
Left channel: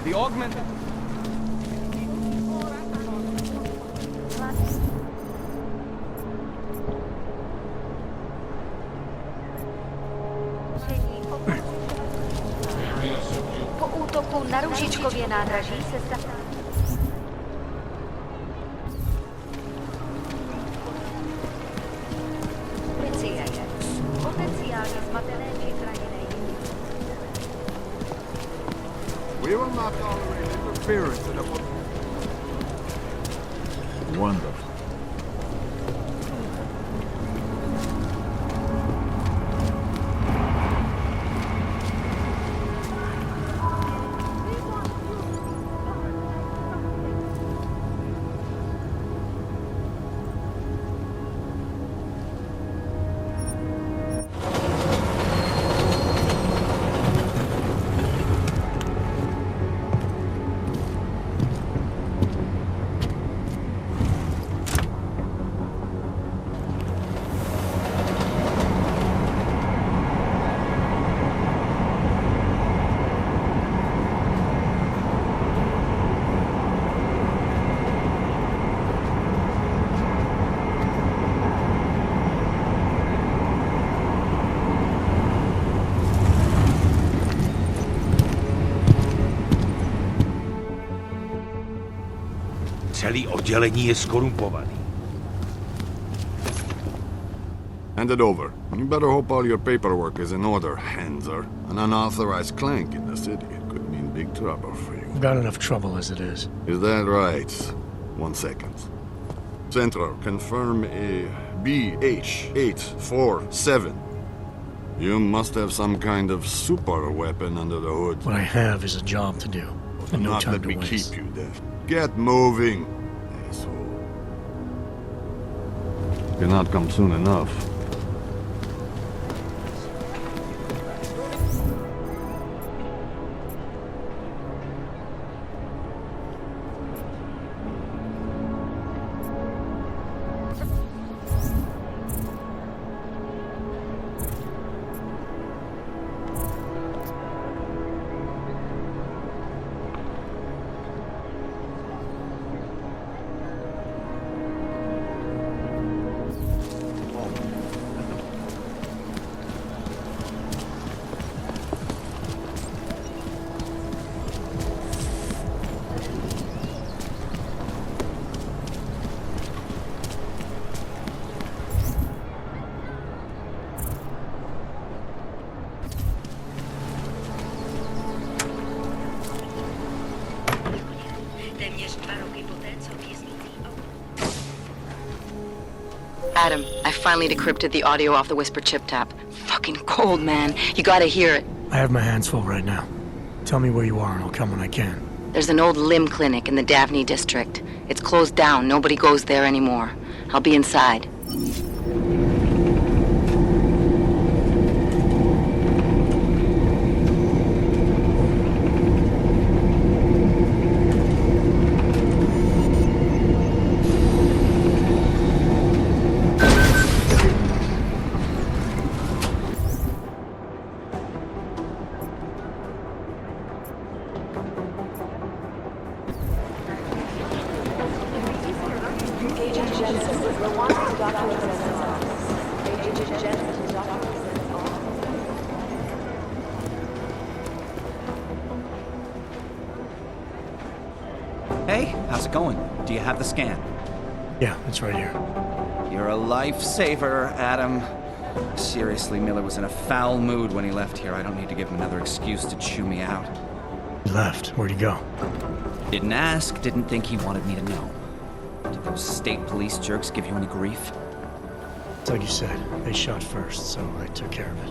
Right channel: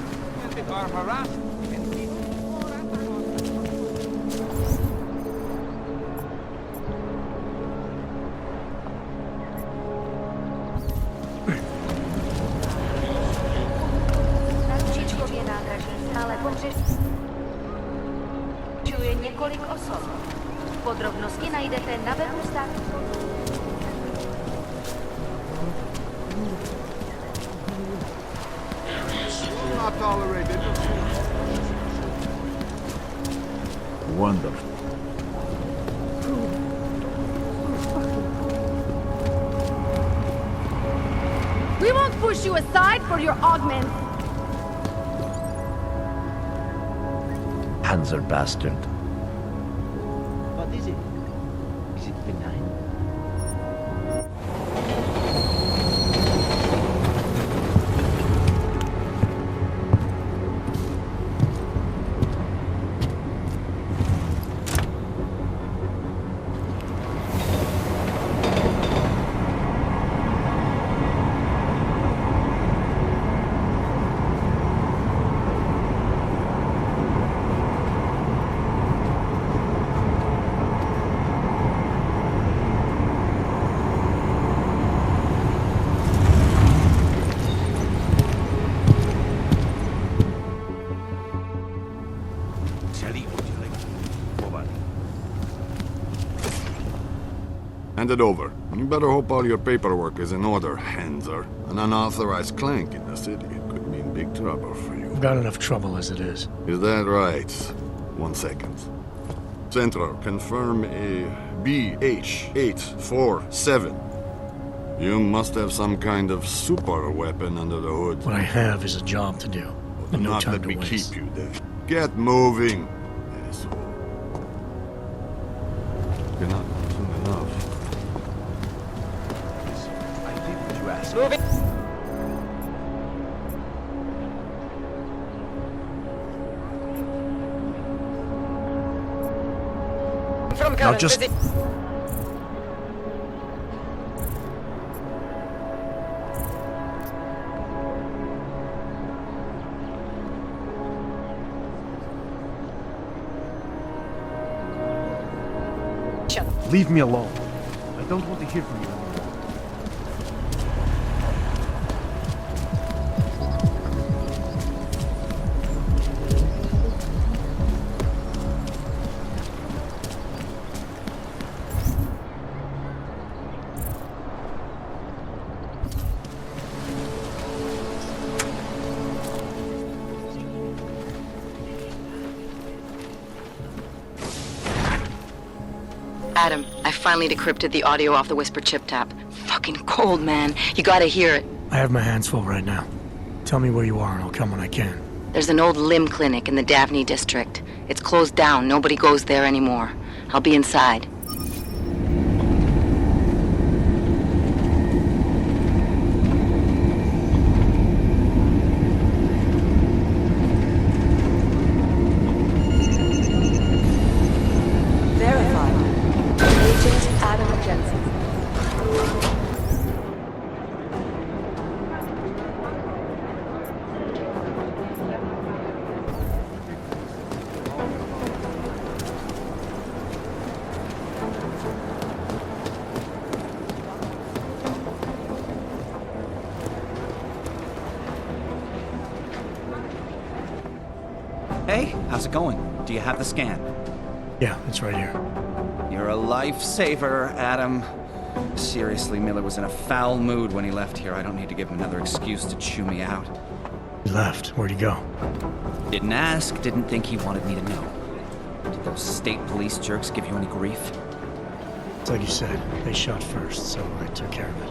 The augmented are harassed. Po útoku na Růžičkově nádraží se stále pohřešuje několik osob. Podrobnosti najdete na webu státní policie. Potenciálně zmatené We will not tolerate interference in the Wonderful. We won't push you aside for your augment. Panzer bastard. What is it? Is it benign? Celý oddělení je skorumpovaný. Hand it over. You better hope all your paperwork is in order, Hanser. An unauthorized clank in the city could mean big trouble for you. I've got enough trouble as it is. Is that right? 1 second. Central, confirm a BH-847. You must have some kind of super weapon under the hood. What I have is a job to do, and no Not time let to me waste. keep you then. Get moving, asshole. Cannot come soon enough. Now just... Leave me alone. I don't want to hear from you. Adam, I finally decrypted the audio off the Whisper chip tap. Fucking cold, man. You gotta hear it. I have my hands full right now. Tell me where you are and I'll come when I can. There's an old limb clinic in the Davni district. It's closed down. Nobody goes there anymore. I'll be inside. Hey, how's it going? Do you have the scan? Yeah, it's right here. You're a lifesaver, Adam. Seriously, Miller was in a foul mood when he left here. I don't need to give him another excuse to chew me out. He left. Where'd he go? Didn't ask, didn't think he wanted me to know. Did those state police jerks give you any grief? It's like you said, they shot first, so I took care of it.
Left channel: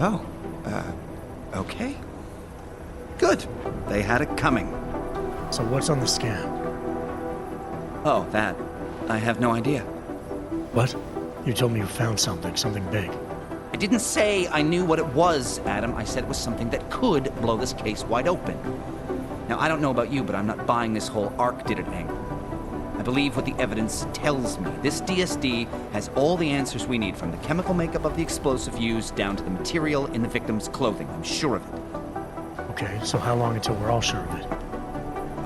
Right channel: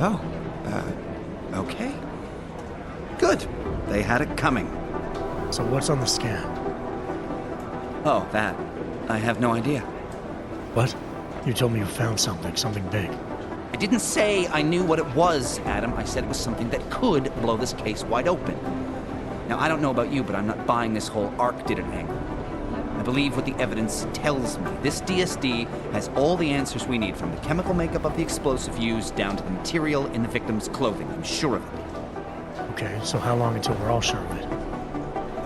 Oh, okay. Good. They had it coming. So what's on the scan? Oh, that. I have no idea. What? You told me you found something big. I didn't say I knew what it was, Adam. I said it was something that could blow this case wide open. Now, I don't know about you, but I'm not buying this whole Ark did it angle. I believe what the evidence tells me. This DSD has all the answers we need, from the chemical makeup of the explosive used down to the material in the victim's clothing. I'm sure of it. Okay, so how long until we're all sure of it?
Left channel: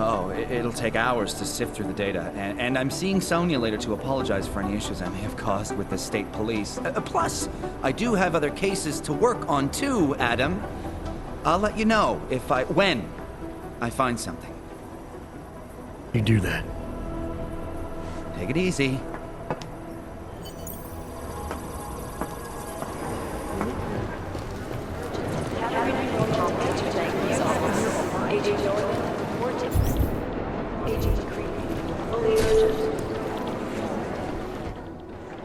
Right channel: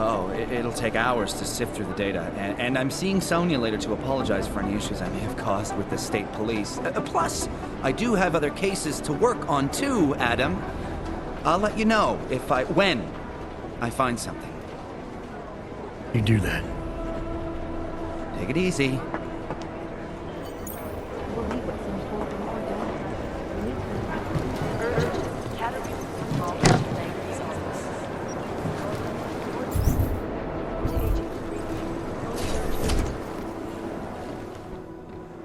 Oh, it'll take hours to sift through the data, and I'm seeing Sonia later to apologize for any issues I may have caused with the state police. Plus, I do have other cases to work on too, Adam. I'll let you know when I find something. You do that. Take it easy.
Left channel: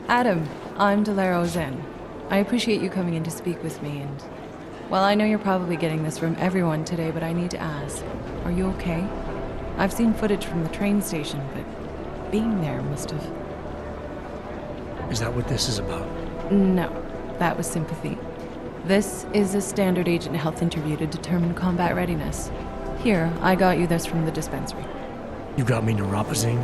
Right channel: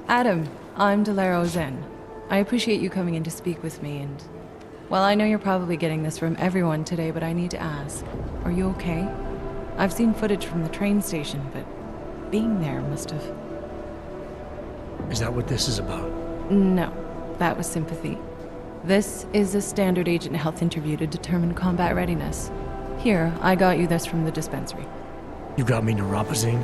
Adam, I'm Delaro Zen. I appreciate you coming in to speak with me, and... well, I know you're probably getting this from everyone today, but I need to ask. Are you okay? I've seen footage from the train station, but being there must have... Is that what this is about? No, that was sympathy. This is a standard agent health interview to determine combat readiness. Here, I got you this from the dispensary. You got me neuropazine?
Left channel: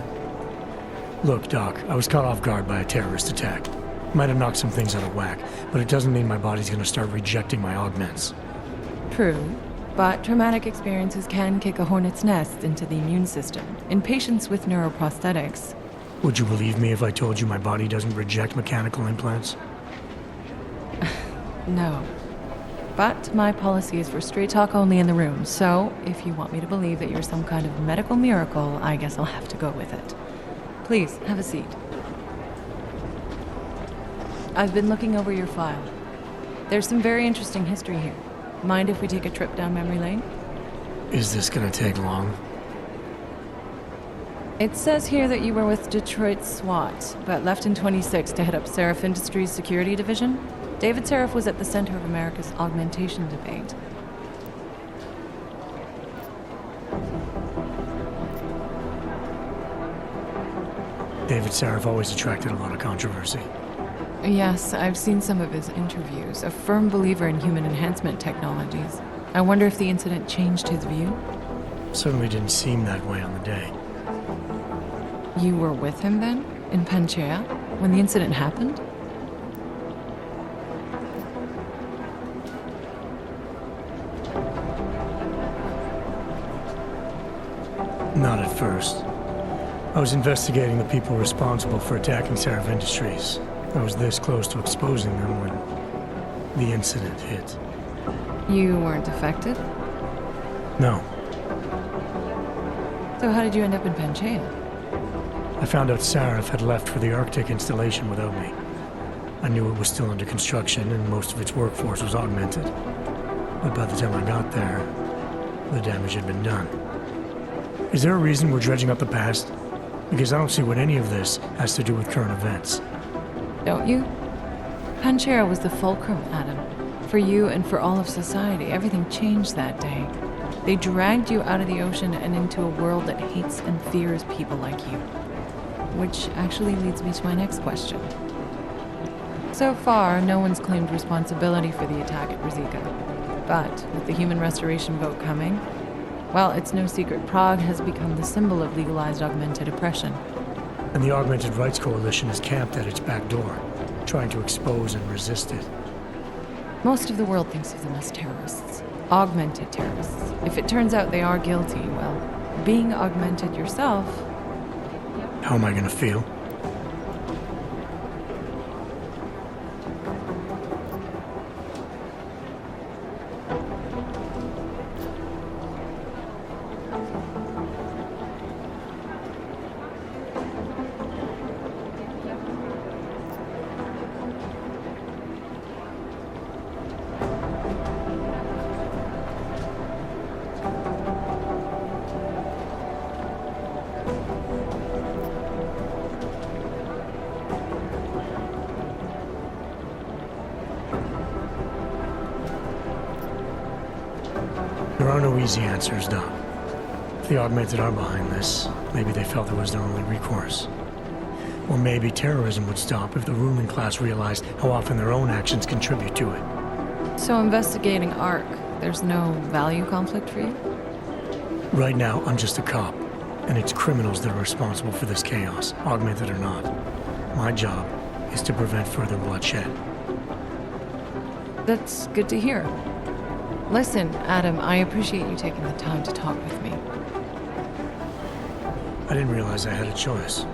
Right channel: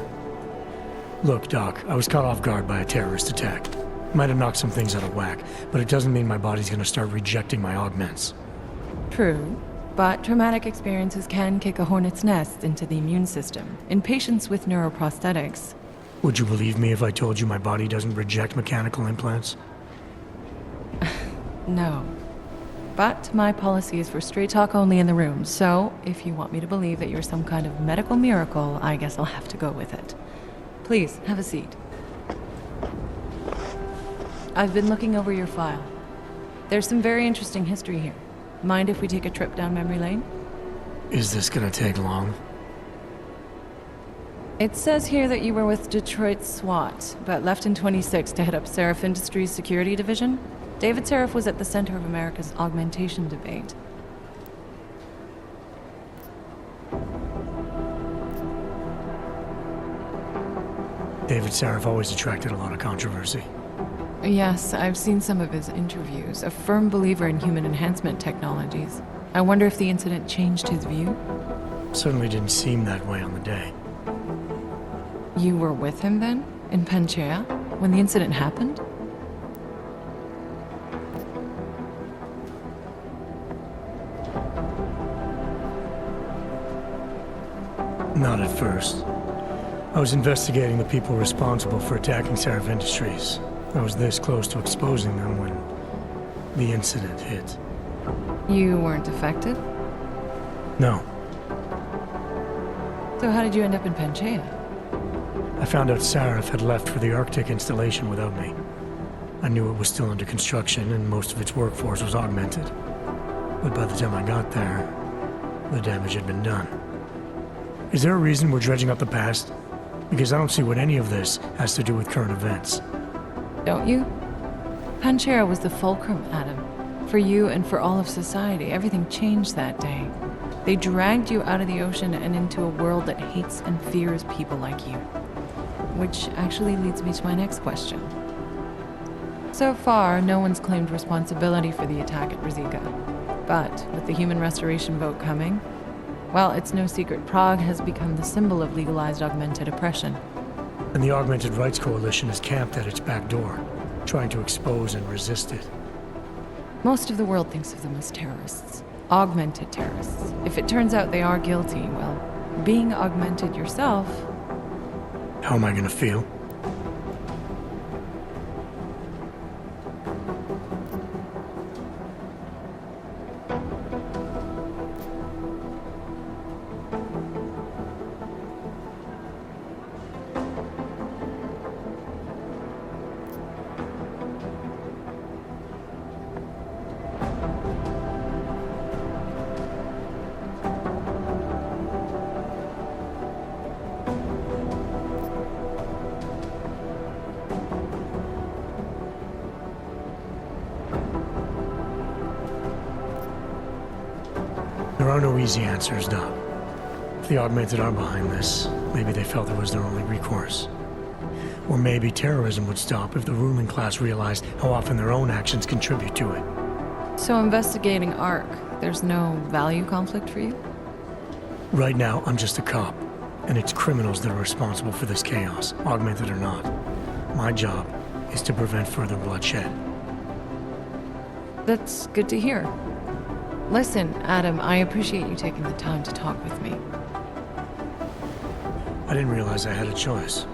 Look, Doc, I was caught off guard by a terrorist attack. Might have knocked some things out of whack, but it doesn't mean my body's gonna start rejecting my augments. True, but traumatic experiences can kick a hornet's nest into the immune system. In patients with neuroprosthetics... Would you believe me if I told you my body doesn't reject mechanical implants? No. But my policy is for straight talk only in the room, so if you want me to believe that you're some kind of medical miracle, I guess I'll have to go with it. Please, have a seat. I've been looking over your file. There's some very interesting history here. Mind if we take a trip down memory lane? Is this gonna take long? It says here that you were with Detroit SWAT, but left in 26 to head up Seraph Industries' security division. David Seraph was at the center of America's augmentation debate. David Seraph always attracted a lot of controversy. Yes, I've seen some of his interviews. A firm believer in human enhancement technologies. I wonder if the incident changed his view? Certainly didn't seem that way on the day. You were with him then? In Panchea? When the incident happened? Not at first. I was investigating the people responsible for attacking Seraph Industries. I was this close to exposing them when the incident hit. You weren't affected? No. So how did you end up in Panchea? I found out Seraph had left for the Arctic installation without me. I knew it was still under construction and most of its workforce was augmented. But by the time I got there, the damage had been done. Is there a reason we're dredging up the past? Because I don't see what any of this has to do with current events. Don't you? Panchea was the fulcrum, Adam. For you and for all of society, everything changed that day. They dragged you out of the ocean and into a world that hates and fears people like you. Which actually leads me to my next question. So far, no one's claimed responsibility for the attack at Rizika. But with the human restoration vote coming, well, it's no secret Prague has become the symbol of legalized augmented oppression. And the Augmented Rights Coalition is camped at its back door, trying to expose and resist it. Most of the world thinks of them as terrorists. Augmented terrorists. If it turns out they are guilty, well, being augmented yourself... How am I gonna feel? There are no easy answers, Doc. If the Augmented are behind this, maybe they felt it was their only recourse. Or maybe terrorism would stop if the ruling class realized how often their own actions contribute to it. So investigating ARC, there's no value conflict for you? Right now, I'm just a cop, and it's criminals that are responsible for this chaos, Augmented or not. My job is to prevent further bloodshed. That's good to hear. Listen, Adam, I appreciate you taking the time to talk with me. I didn't realize I had a choice.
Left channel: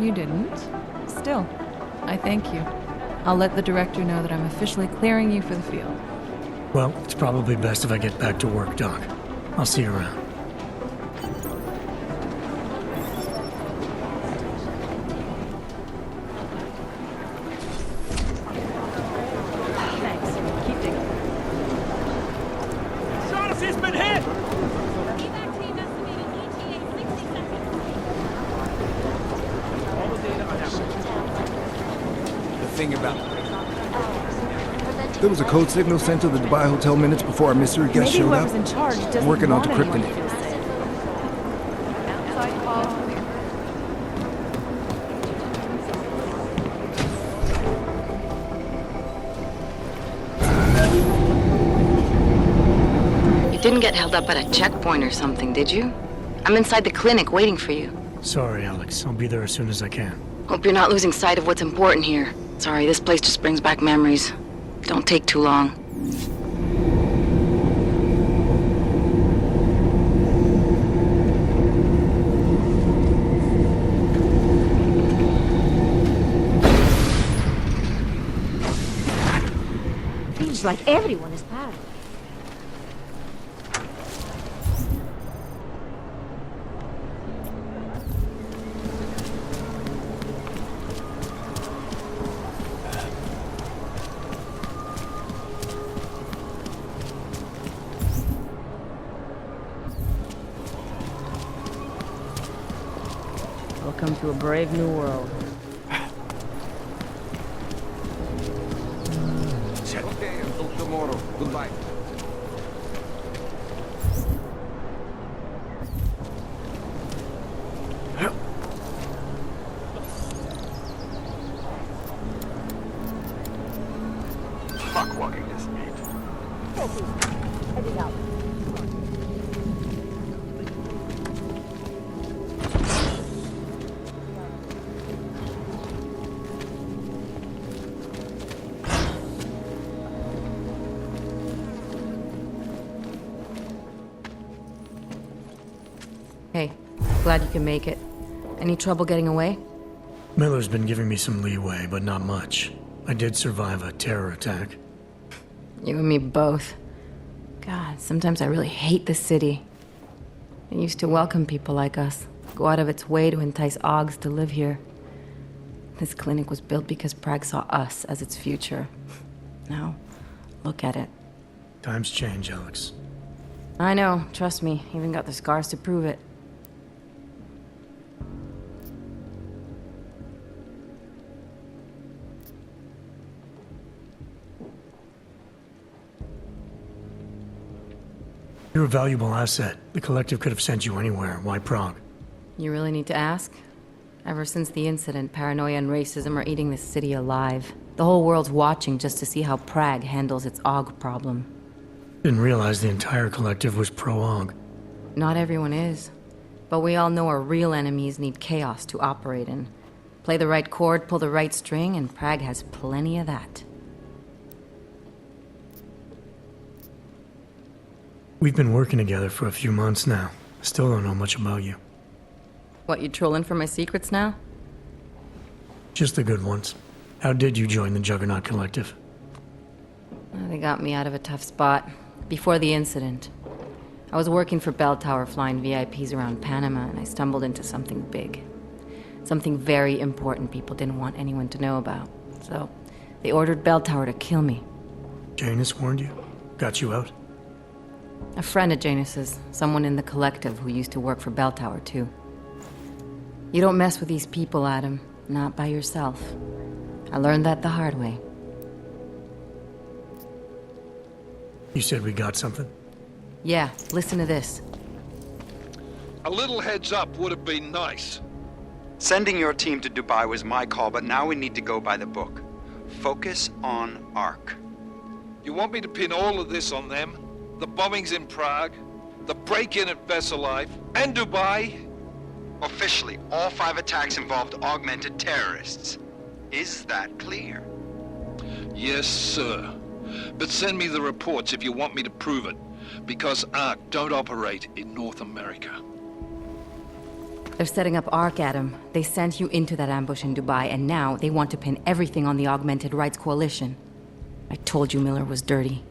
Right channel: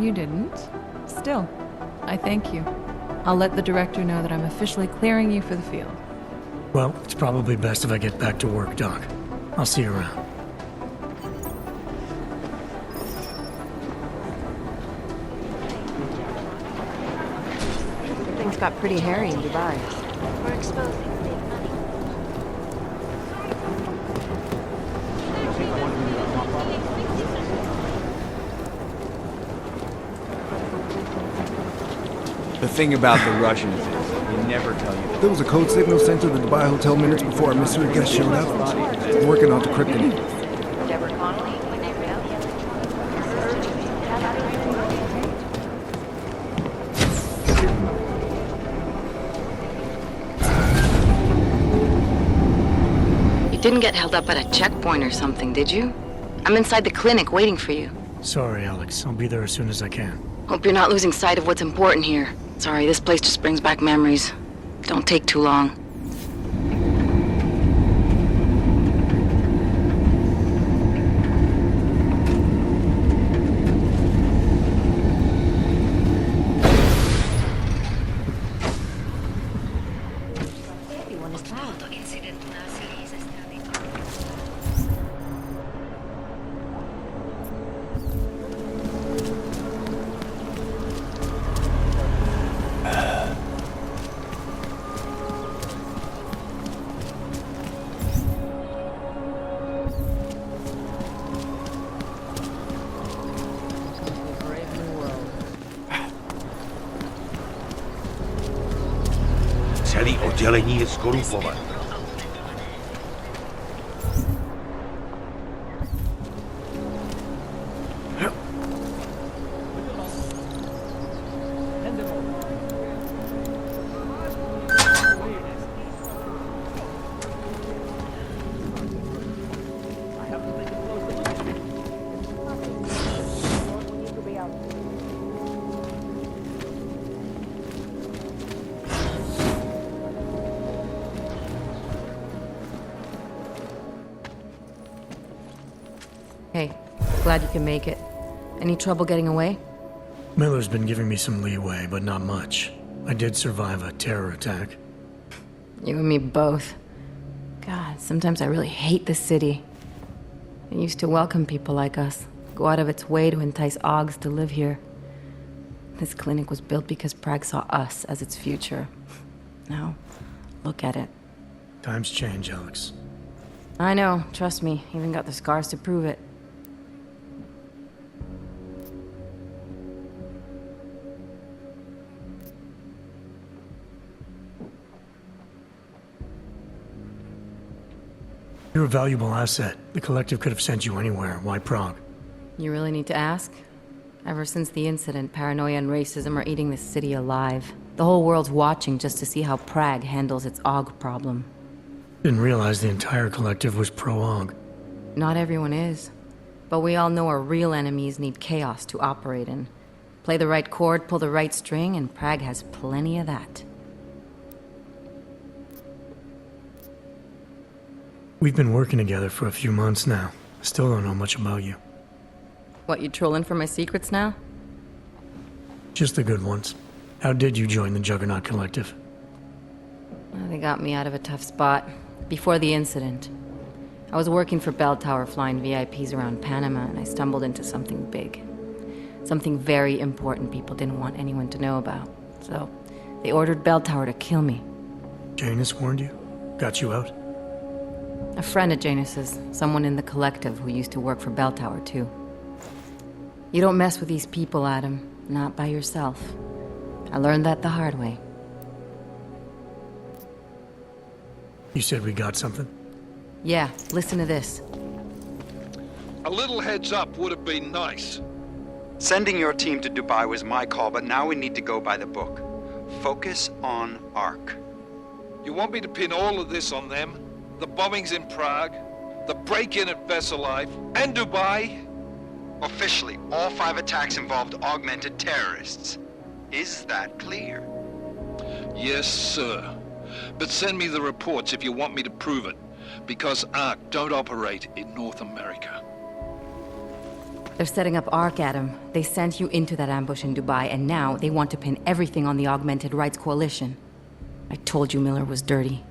You didn't. Still, I thank you. I'll let the director know that I'm officially clearing you for the field. Well, it's probably best if I get back to work, Doc. I'll see you around. Things got pretty hairy in the bar. Shaughnessy's been hit! The thing about the Russians, they never target. There was a code signal sent to the Dubai Hotel minutes before our mystery guest showed up. Whoever's in charge doesn't Working on want decrypting anyone it. to say. You didn't get held up at a checkpoint or something, did you? I'm inside the clinic waiting for you. Sorry, Alex. I'll be there as soon as I can. Hope you're not losing sight of what's important here. Sorry, this place just brings back memories. Don't take too long. Seems like everyone is proud. Welcome to a brave new world. Celý oddělení je zkorumpované. Hey, glad you can make it. Any trouble getting away? Miller's been giving me some leeway, but not much. I did survive a terror attack. You and me both. God, sometimes I really hate this city. It used to welcome people like us, go out of its way to entice Augs to live here. This clinic was built because Prague saw us as its future. Now, look at it. Times change, Alex. I know, trust me, even got the scars to prove it. You're a valuable asset. The Collective could have sent you anywhere. Why Prague? You really need to ask? Ever since the incident, paranoia and racism are eating this city alive. The whole world's watching just to see how Prague handles its AUG problem. Didn't realize the entire Collective was pro-AUG. Not everyone is. But we all know our real enemies need chaos to operate in. Play the right chord, pull the right string, and Prague has plenty of that. We've been working together for a few months now. Still don't know much about you. What, you trolling for my secrets now? Just the good ones. How did you join the Juggernaut Collective? They got me out of a tough spot. Before the incident. I was working for Bell Tower flying VIPs around Panama, and I stumbled into something big. Something very important people didn't want anyone to know about. So, they ordered Bell Tower to kill me. Janus warned you? Got you out? A friend of Janus's, someone in the Collective who used to work for Bell Tower, too. You don't mess with these people, Adam. Not by yourself. I learned that the hard way. You said we got something? Yeah, listen to this. A little heads up would have been nice. Sending your team to Dubai was my call, but now we need to go by the book. Focus on ARC. You want me to pin all of this on them? The bombings in Prague, the break-in at Versalife, and Dubai? Officially, all 5 attacks involved augmented terrorists. Is that clear? Yes, sir. But send me the reports if you want me to prove it, because ARC don't operate in North America. They're setting up ARC, Adam. They sent you into that ambush in Dubai, and now they want to pin everything on the Augmented Rights Coalition. I told you Miller was dirty.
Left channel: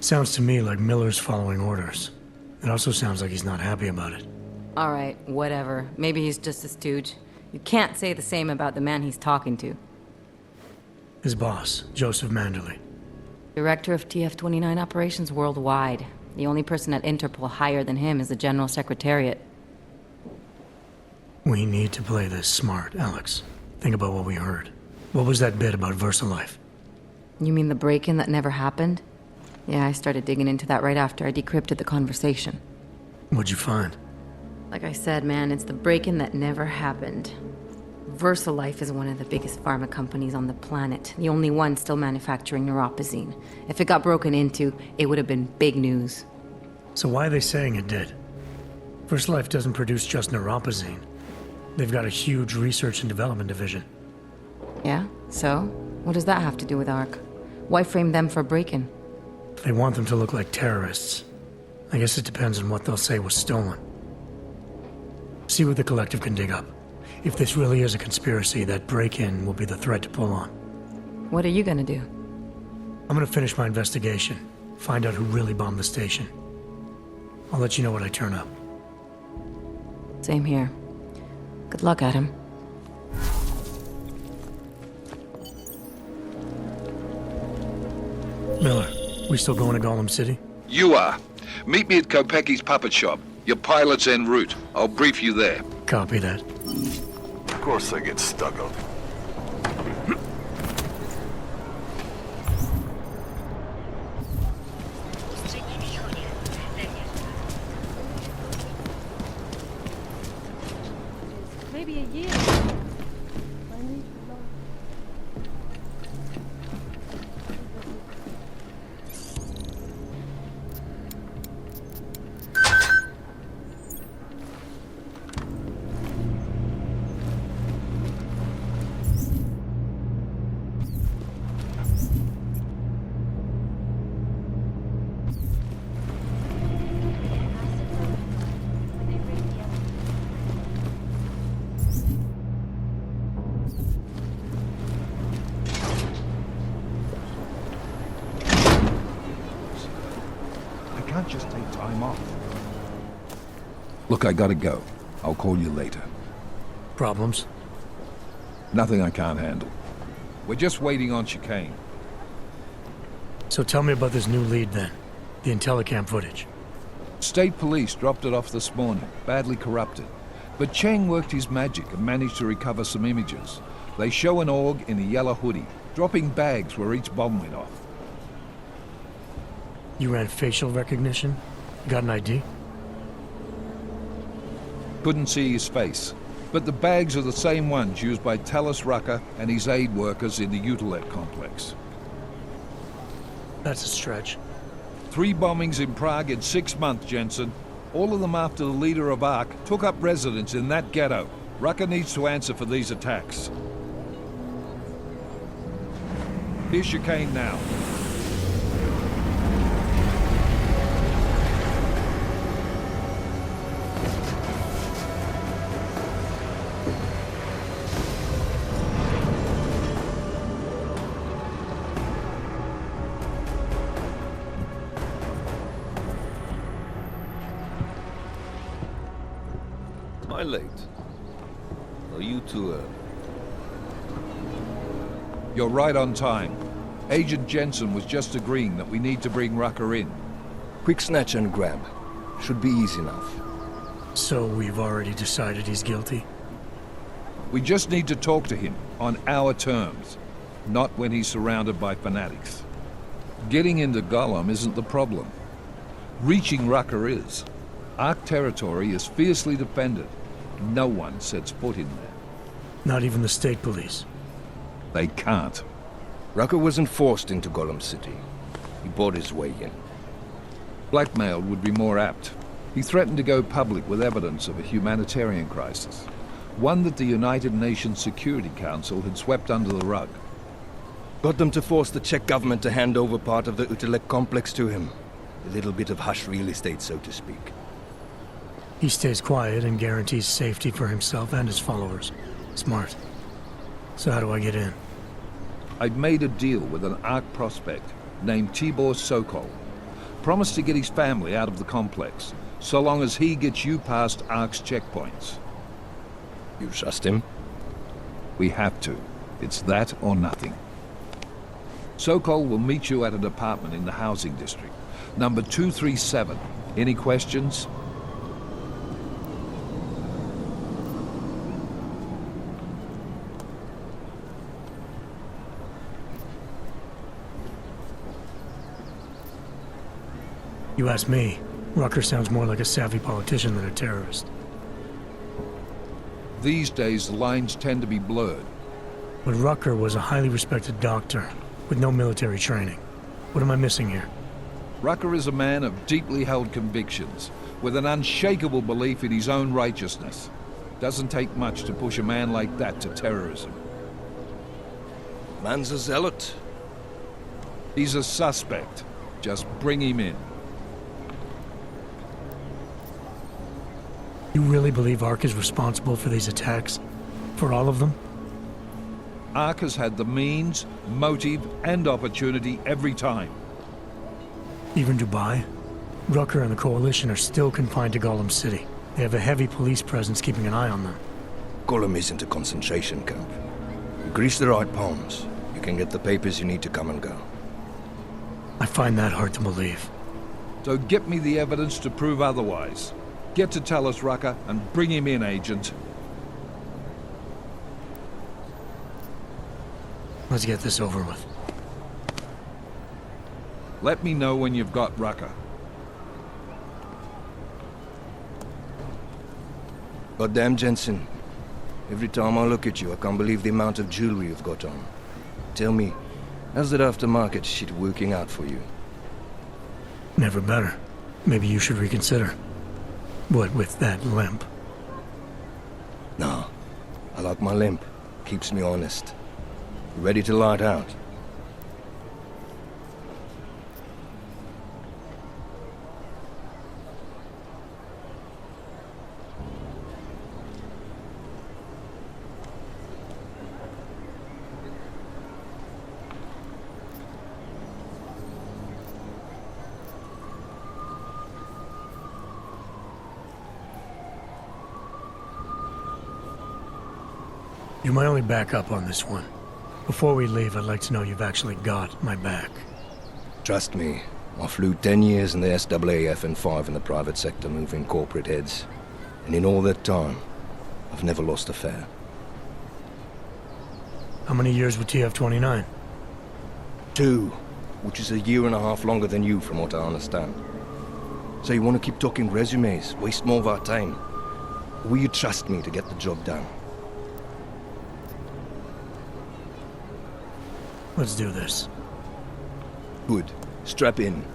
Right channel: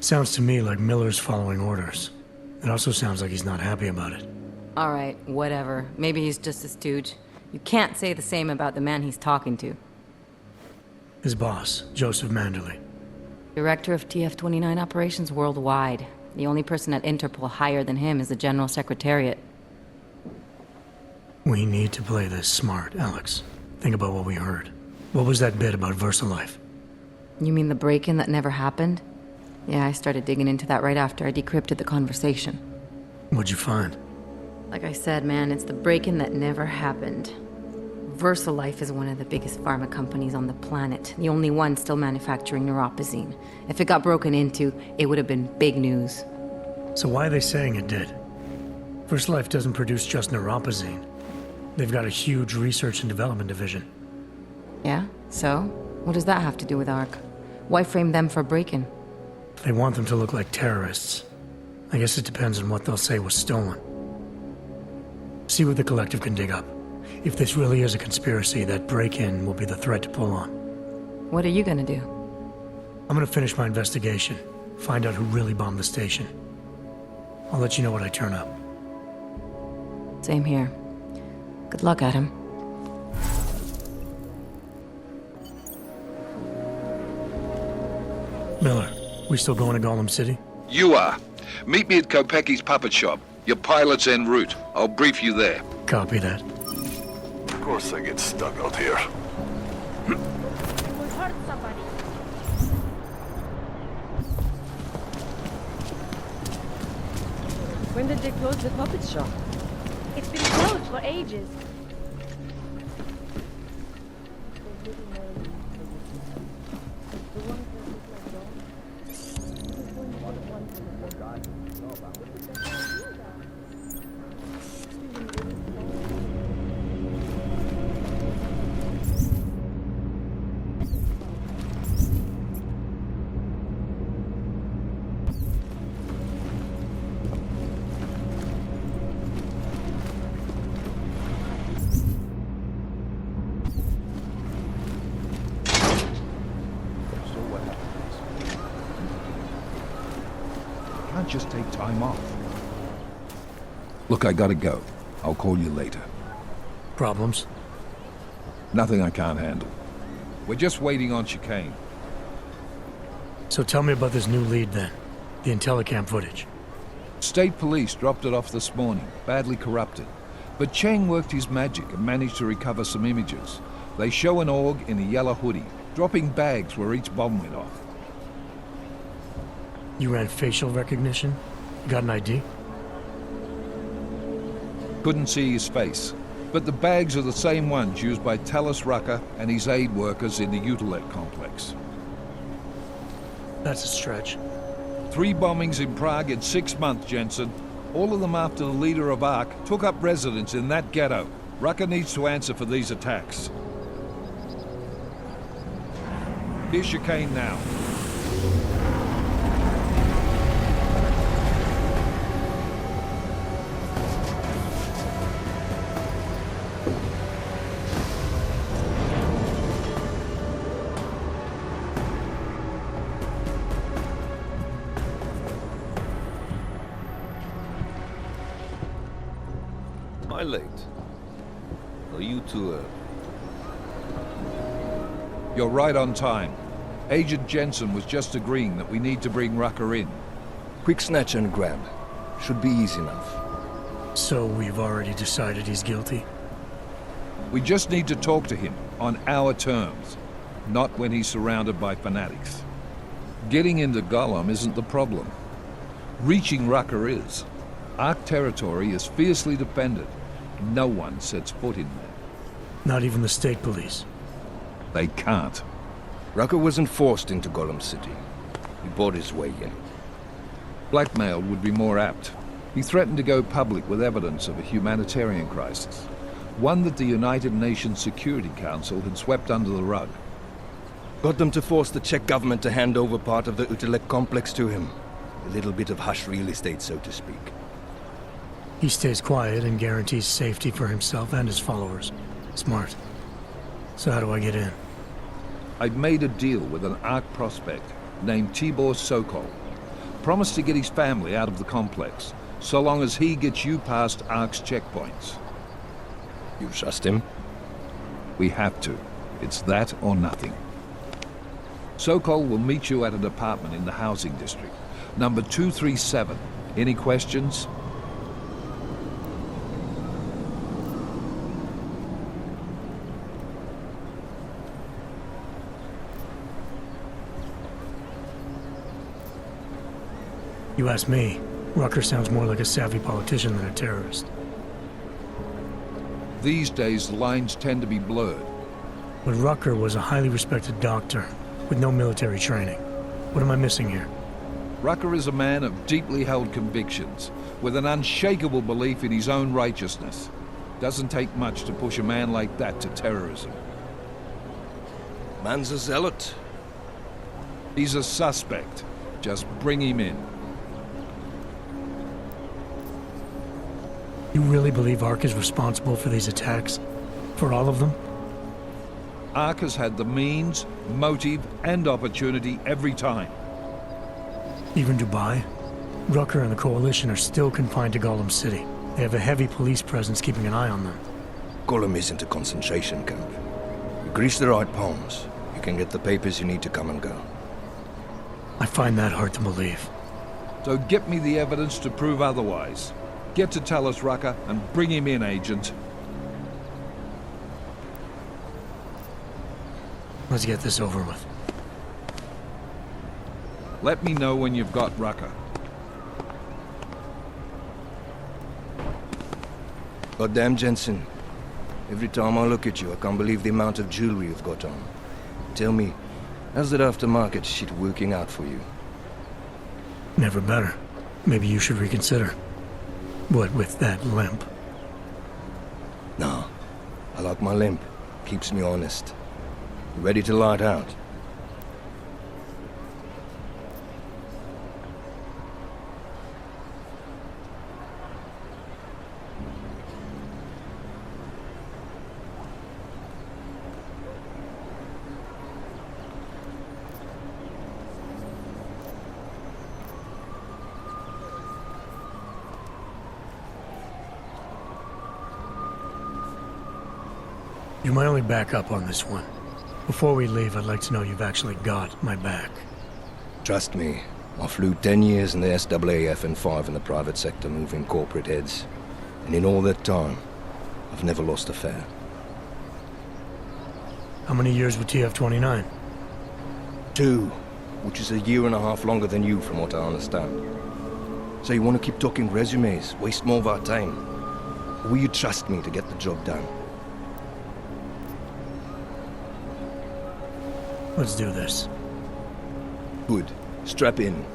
Sounds to me like Miller's following orders. It also sounds like he's not happy about it. All right, whatever. Maybe he's just a stooge. You can't say the same about the man he's talking to. His boss, Joseph Manderley. Director of TF-29 operations worldwide. The only person at Interpol higher than him is the General Secretariat. We need to play this smart, Alex. Think about what we heard. What was that bit about Versalife? You mean the break-in that never happened? Yeah, I started digging into that right after I decrypted the conversation. What'd you find? Like I said, man, it's the break-in that never happened. Versalife is one of the biggest pharma companies on the planet, the only one still manufacturing neuropozyne. If it got broken into, it would have been big news. So why are they saying it did? Versalife doesn't produce just neuropozyne. They've got a huge research and development division. Yeah? So? What does that have to do with ARC? Why frame them for break-in? They want them to look like terrorists. I guess it depends on what they'll say was stolen. See what the collective can dig up. If this really is a conspiracy, that break-in will be the thread to pull on. What are you gonna do? I'm gonna finish my investigation. Find out who really bombed the station. I'll let you know when I turn up. Same here. Good luck, Adam. Miller, we still going to G.O.M.D City? You are. Meet me at Kopecki's puppet shop. Your pilot's en route. I'll brief you there. Copy that. Of course I get stuck out here. When did they close the puppet shop? It's been closed for ages, maybe a year. Can't just take time off. Look, I gotta go. I'll call you later. Problems? Nothing I can't handle. We're just waiting on chicane. So tell me about this new lead then. The Intellicam footage. State police dropped it off this morning, badly corrupted. But Cheng worked his magic and managed to recover some images. They show an org in a yellow hoodie, dropping bags where each bomb went off. You ran facial recognition? Got an ID? Couldn't see his face, but the bags are the same ones used by Talis Rucker and his aid workers in the Utilet complex. That's a stretch. 3 bombings in Prague in 6 months, Jensen. All of them after the leader of ARC took up residence in that ghetto. Rucker needs to answer for these attacks. Here's chicane now. Am I late? Are you too early? You're right on time. Agent Jensen was just agreeing that we need to bring Rucker in. Quick snatch and grab. Should be easy enough. So we've already decided he's guilty? We just need to talk to him on our terms, not when he's surrounded by fanatics. Getting into G.O.M.D isn't the problem. Reaching Rucker is. Ark territory is fiercely defended. No one sets foot in there. Not even the state police? They can't. Rucker wasn't forced into G.O.M City. He bought his way in. Blackmail would be more apt. He threatened to go public with evidence of a humanitarian crisis. One that the United Nations Security Council had swept under the rug. Got them to force the Czech government to hand over part of the Utilek complex to him. A little bit of hush real estate, so to speak. He stays quiet and guarantees safety for himself and his followers. Smart. So how do I get in? I've made a deal with an Ark prospect named Tibor Sokol. Promised to get his family out of the complex, so long as he gets you past Ark's checkpoints. You trust him? We have to. It's that or nothing. Sokol will meet you at an apartment in the housing district. Number 237. Any questions? You ask me, Rucker sounds more like a savvy politician than a terrorist. These days, the lines tend to be blurred. But Rucker was a highly respected doctor, with no military training. What am I missing here? Rucker is a man of deeply held convictions, with an unshakable belief in his own righteousness. Doesn't take much to push a man like that to terrorism. Man's a zealot. He's a suspect. Just bring him in. You really believe Ark is responsible for these attacks? For all of them? Ark has had the means, motive, and opportunity every time. Even Dubai? Rucker and the Coalition are still confined to G.O.M City. They have a heavy police presence keeping an eye on them. G.O.M isn't a concentration camp. You grease the right palms, you can get the papers you need to come and go. I find that hard to believe. So get me the evidence to prove otherwise. Get to tell us, Rucker, and bring him in, Agent. Let's get this over with. Let me know when you've got Rucker. Goddamn, Jensen. Every time I look at you, I can't believe the amount of jewelry you've got on. Tell me, how's that aftermarket shit working out for you? Never better. Maybe you should reconsider. What with that limp? No. I like my limp. Keeps me honest. You ready to light out? You're my only backup on this one. Before we leave, I'd like to know you've actually got my back. Trust me, I flew 10 years in the SAAF and 5 in the private sector moving corporate heads. And in all that time, I've never lost a fare. How many years with TF-29? 2, which is a year and a half longer than you from what I understand. So you want to keep talking resumes, waste more of our time? Or will you trust me to get the job done? Let's do this. Good. Strap in.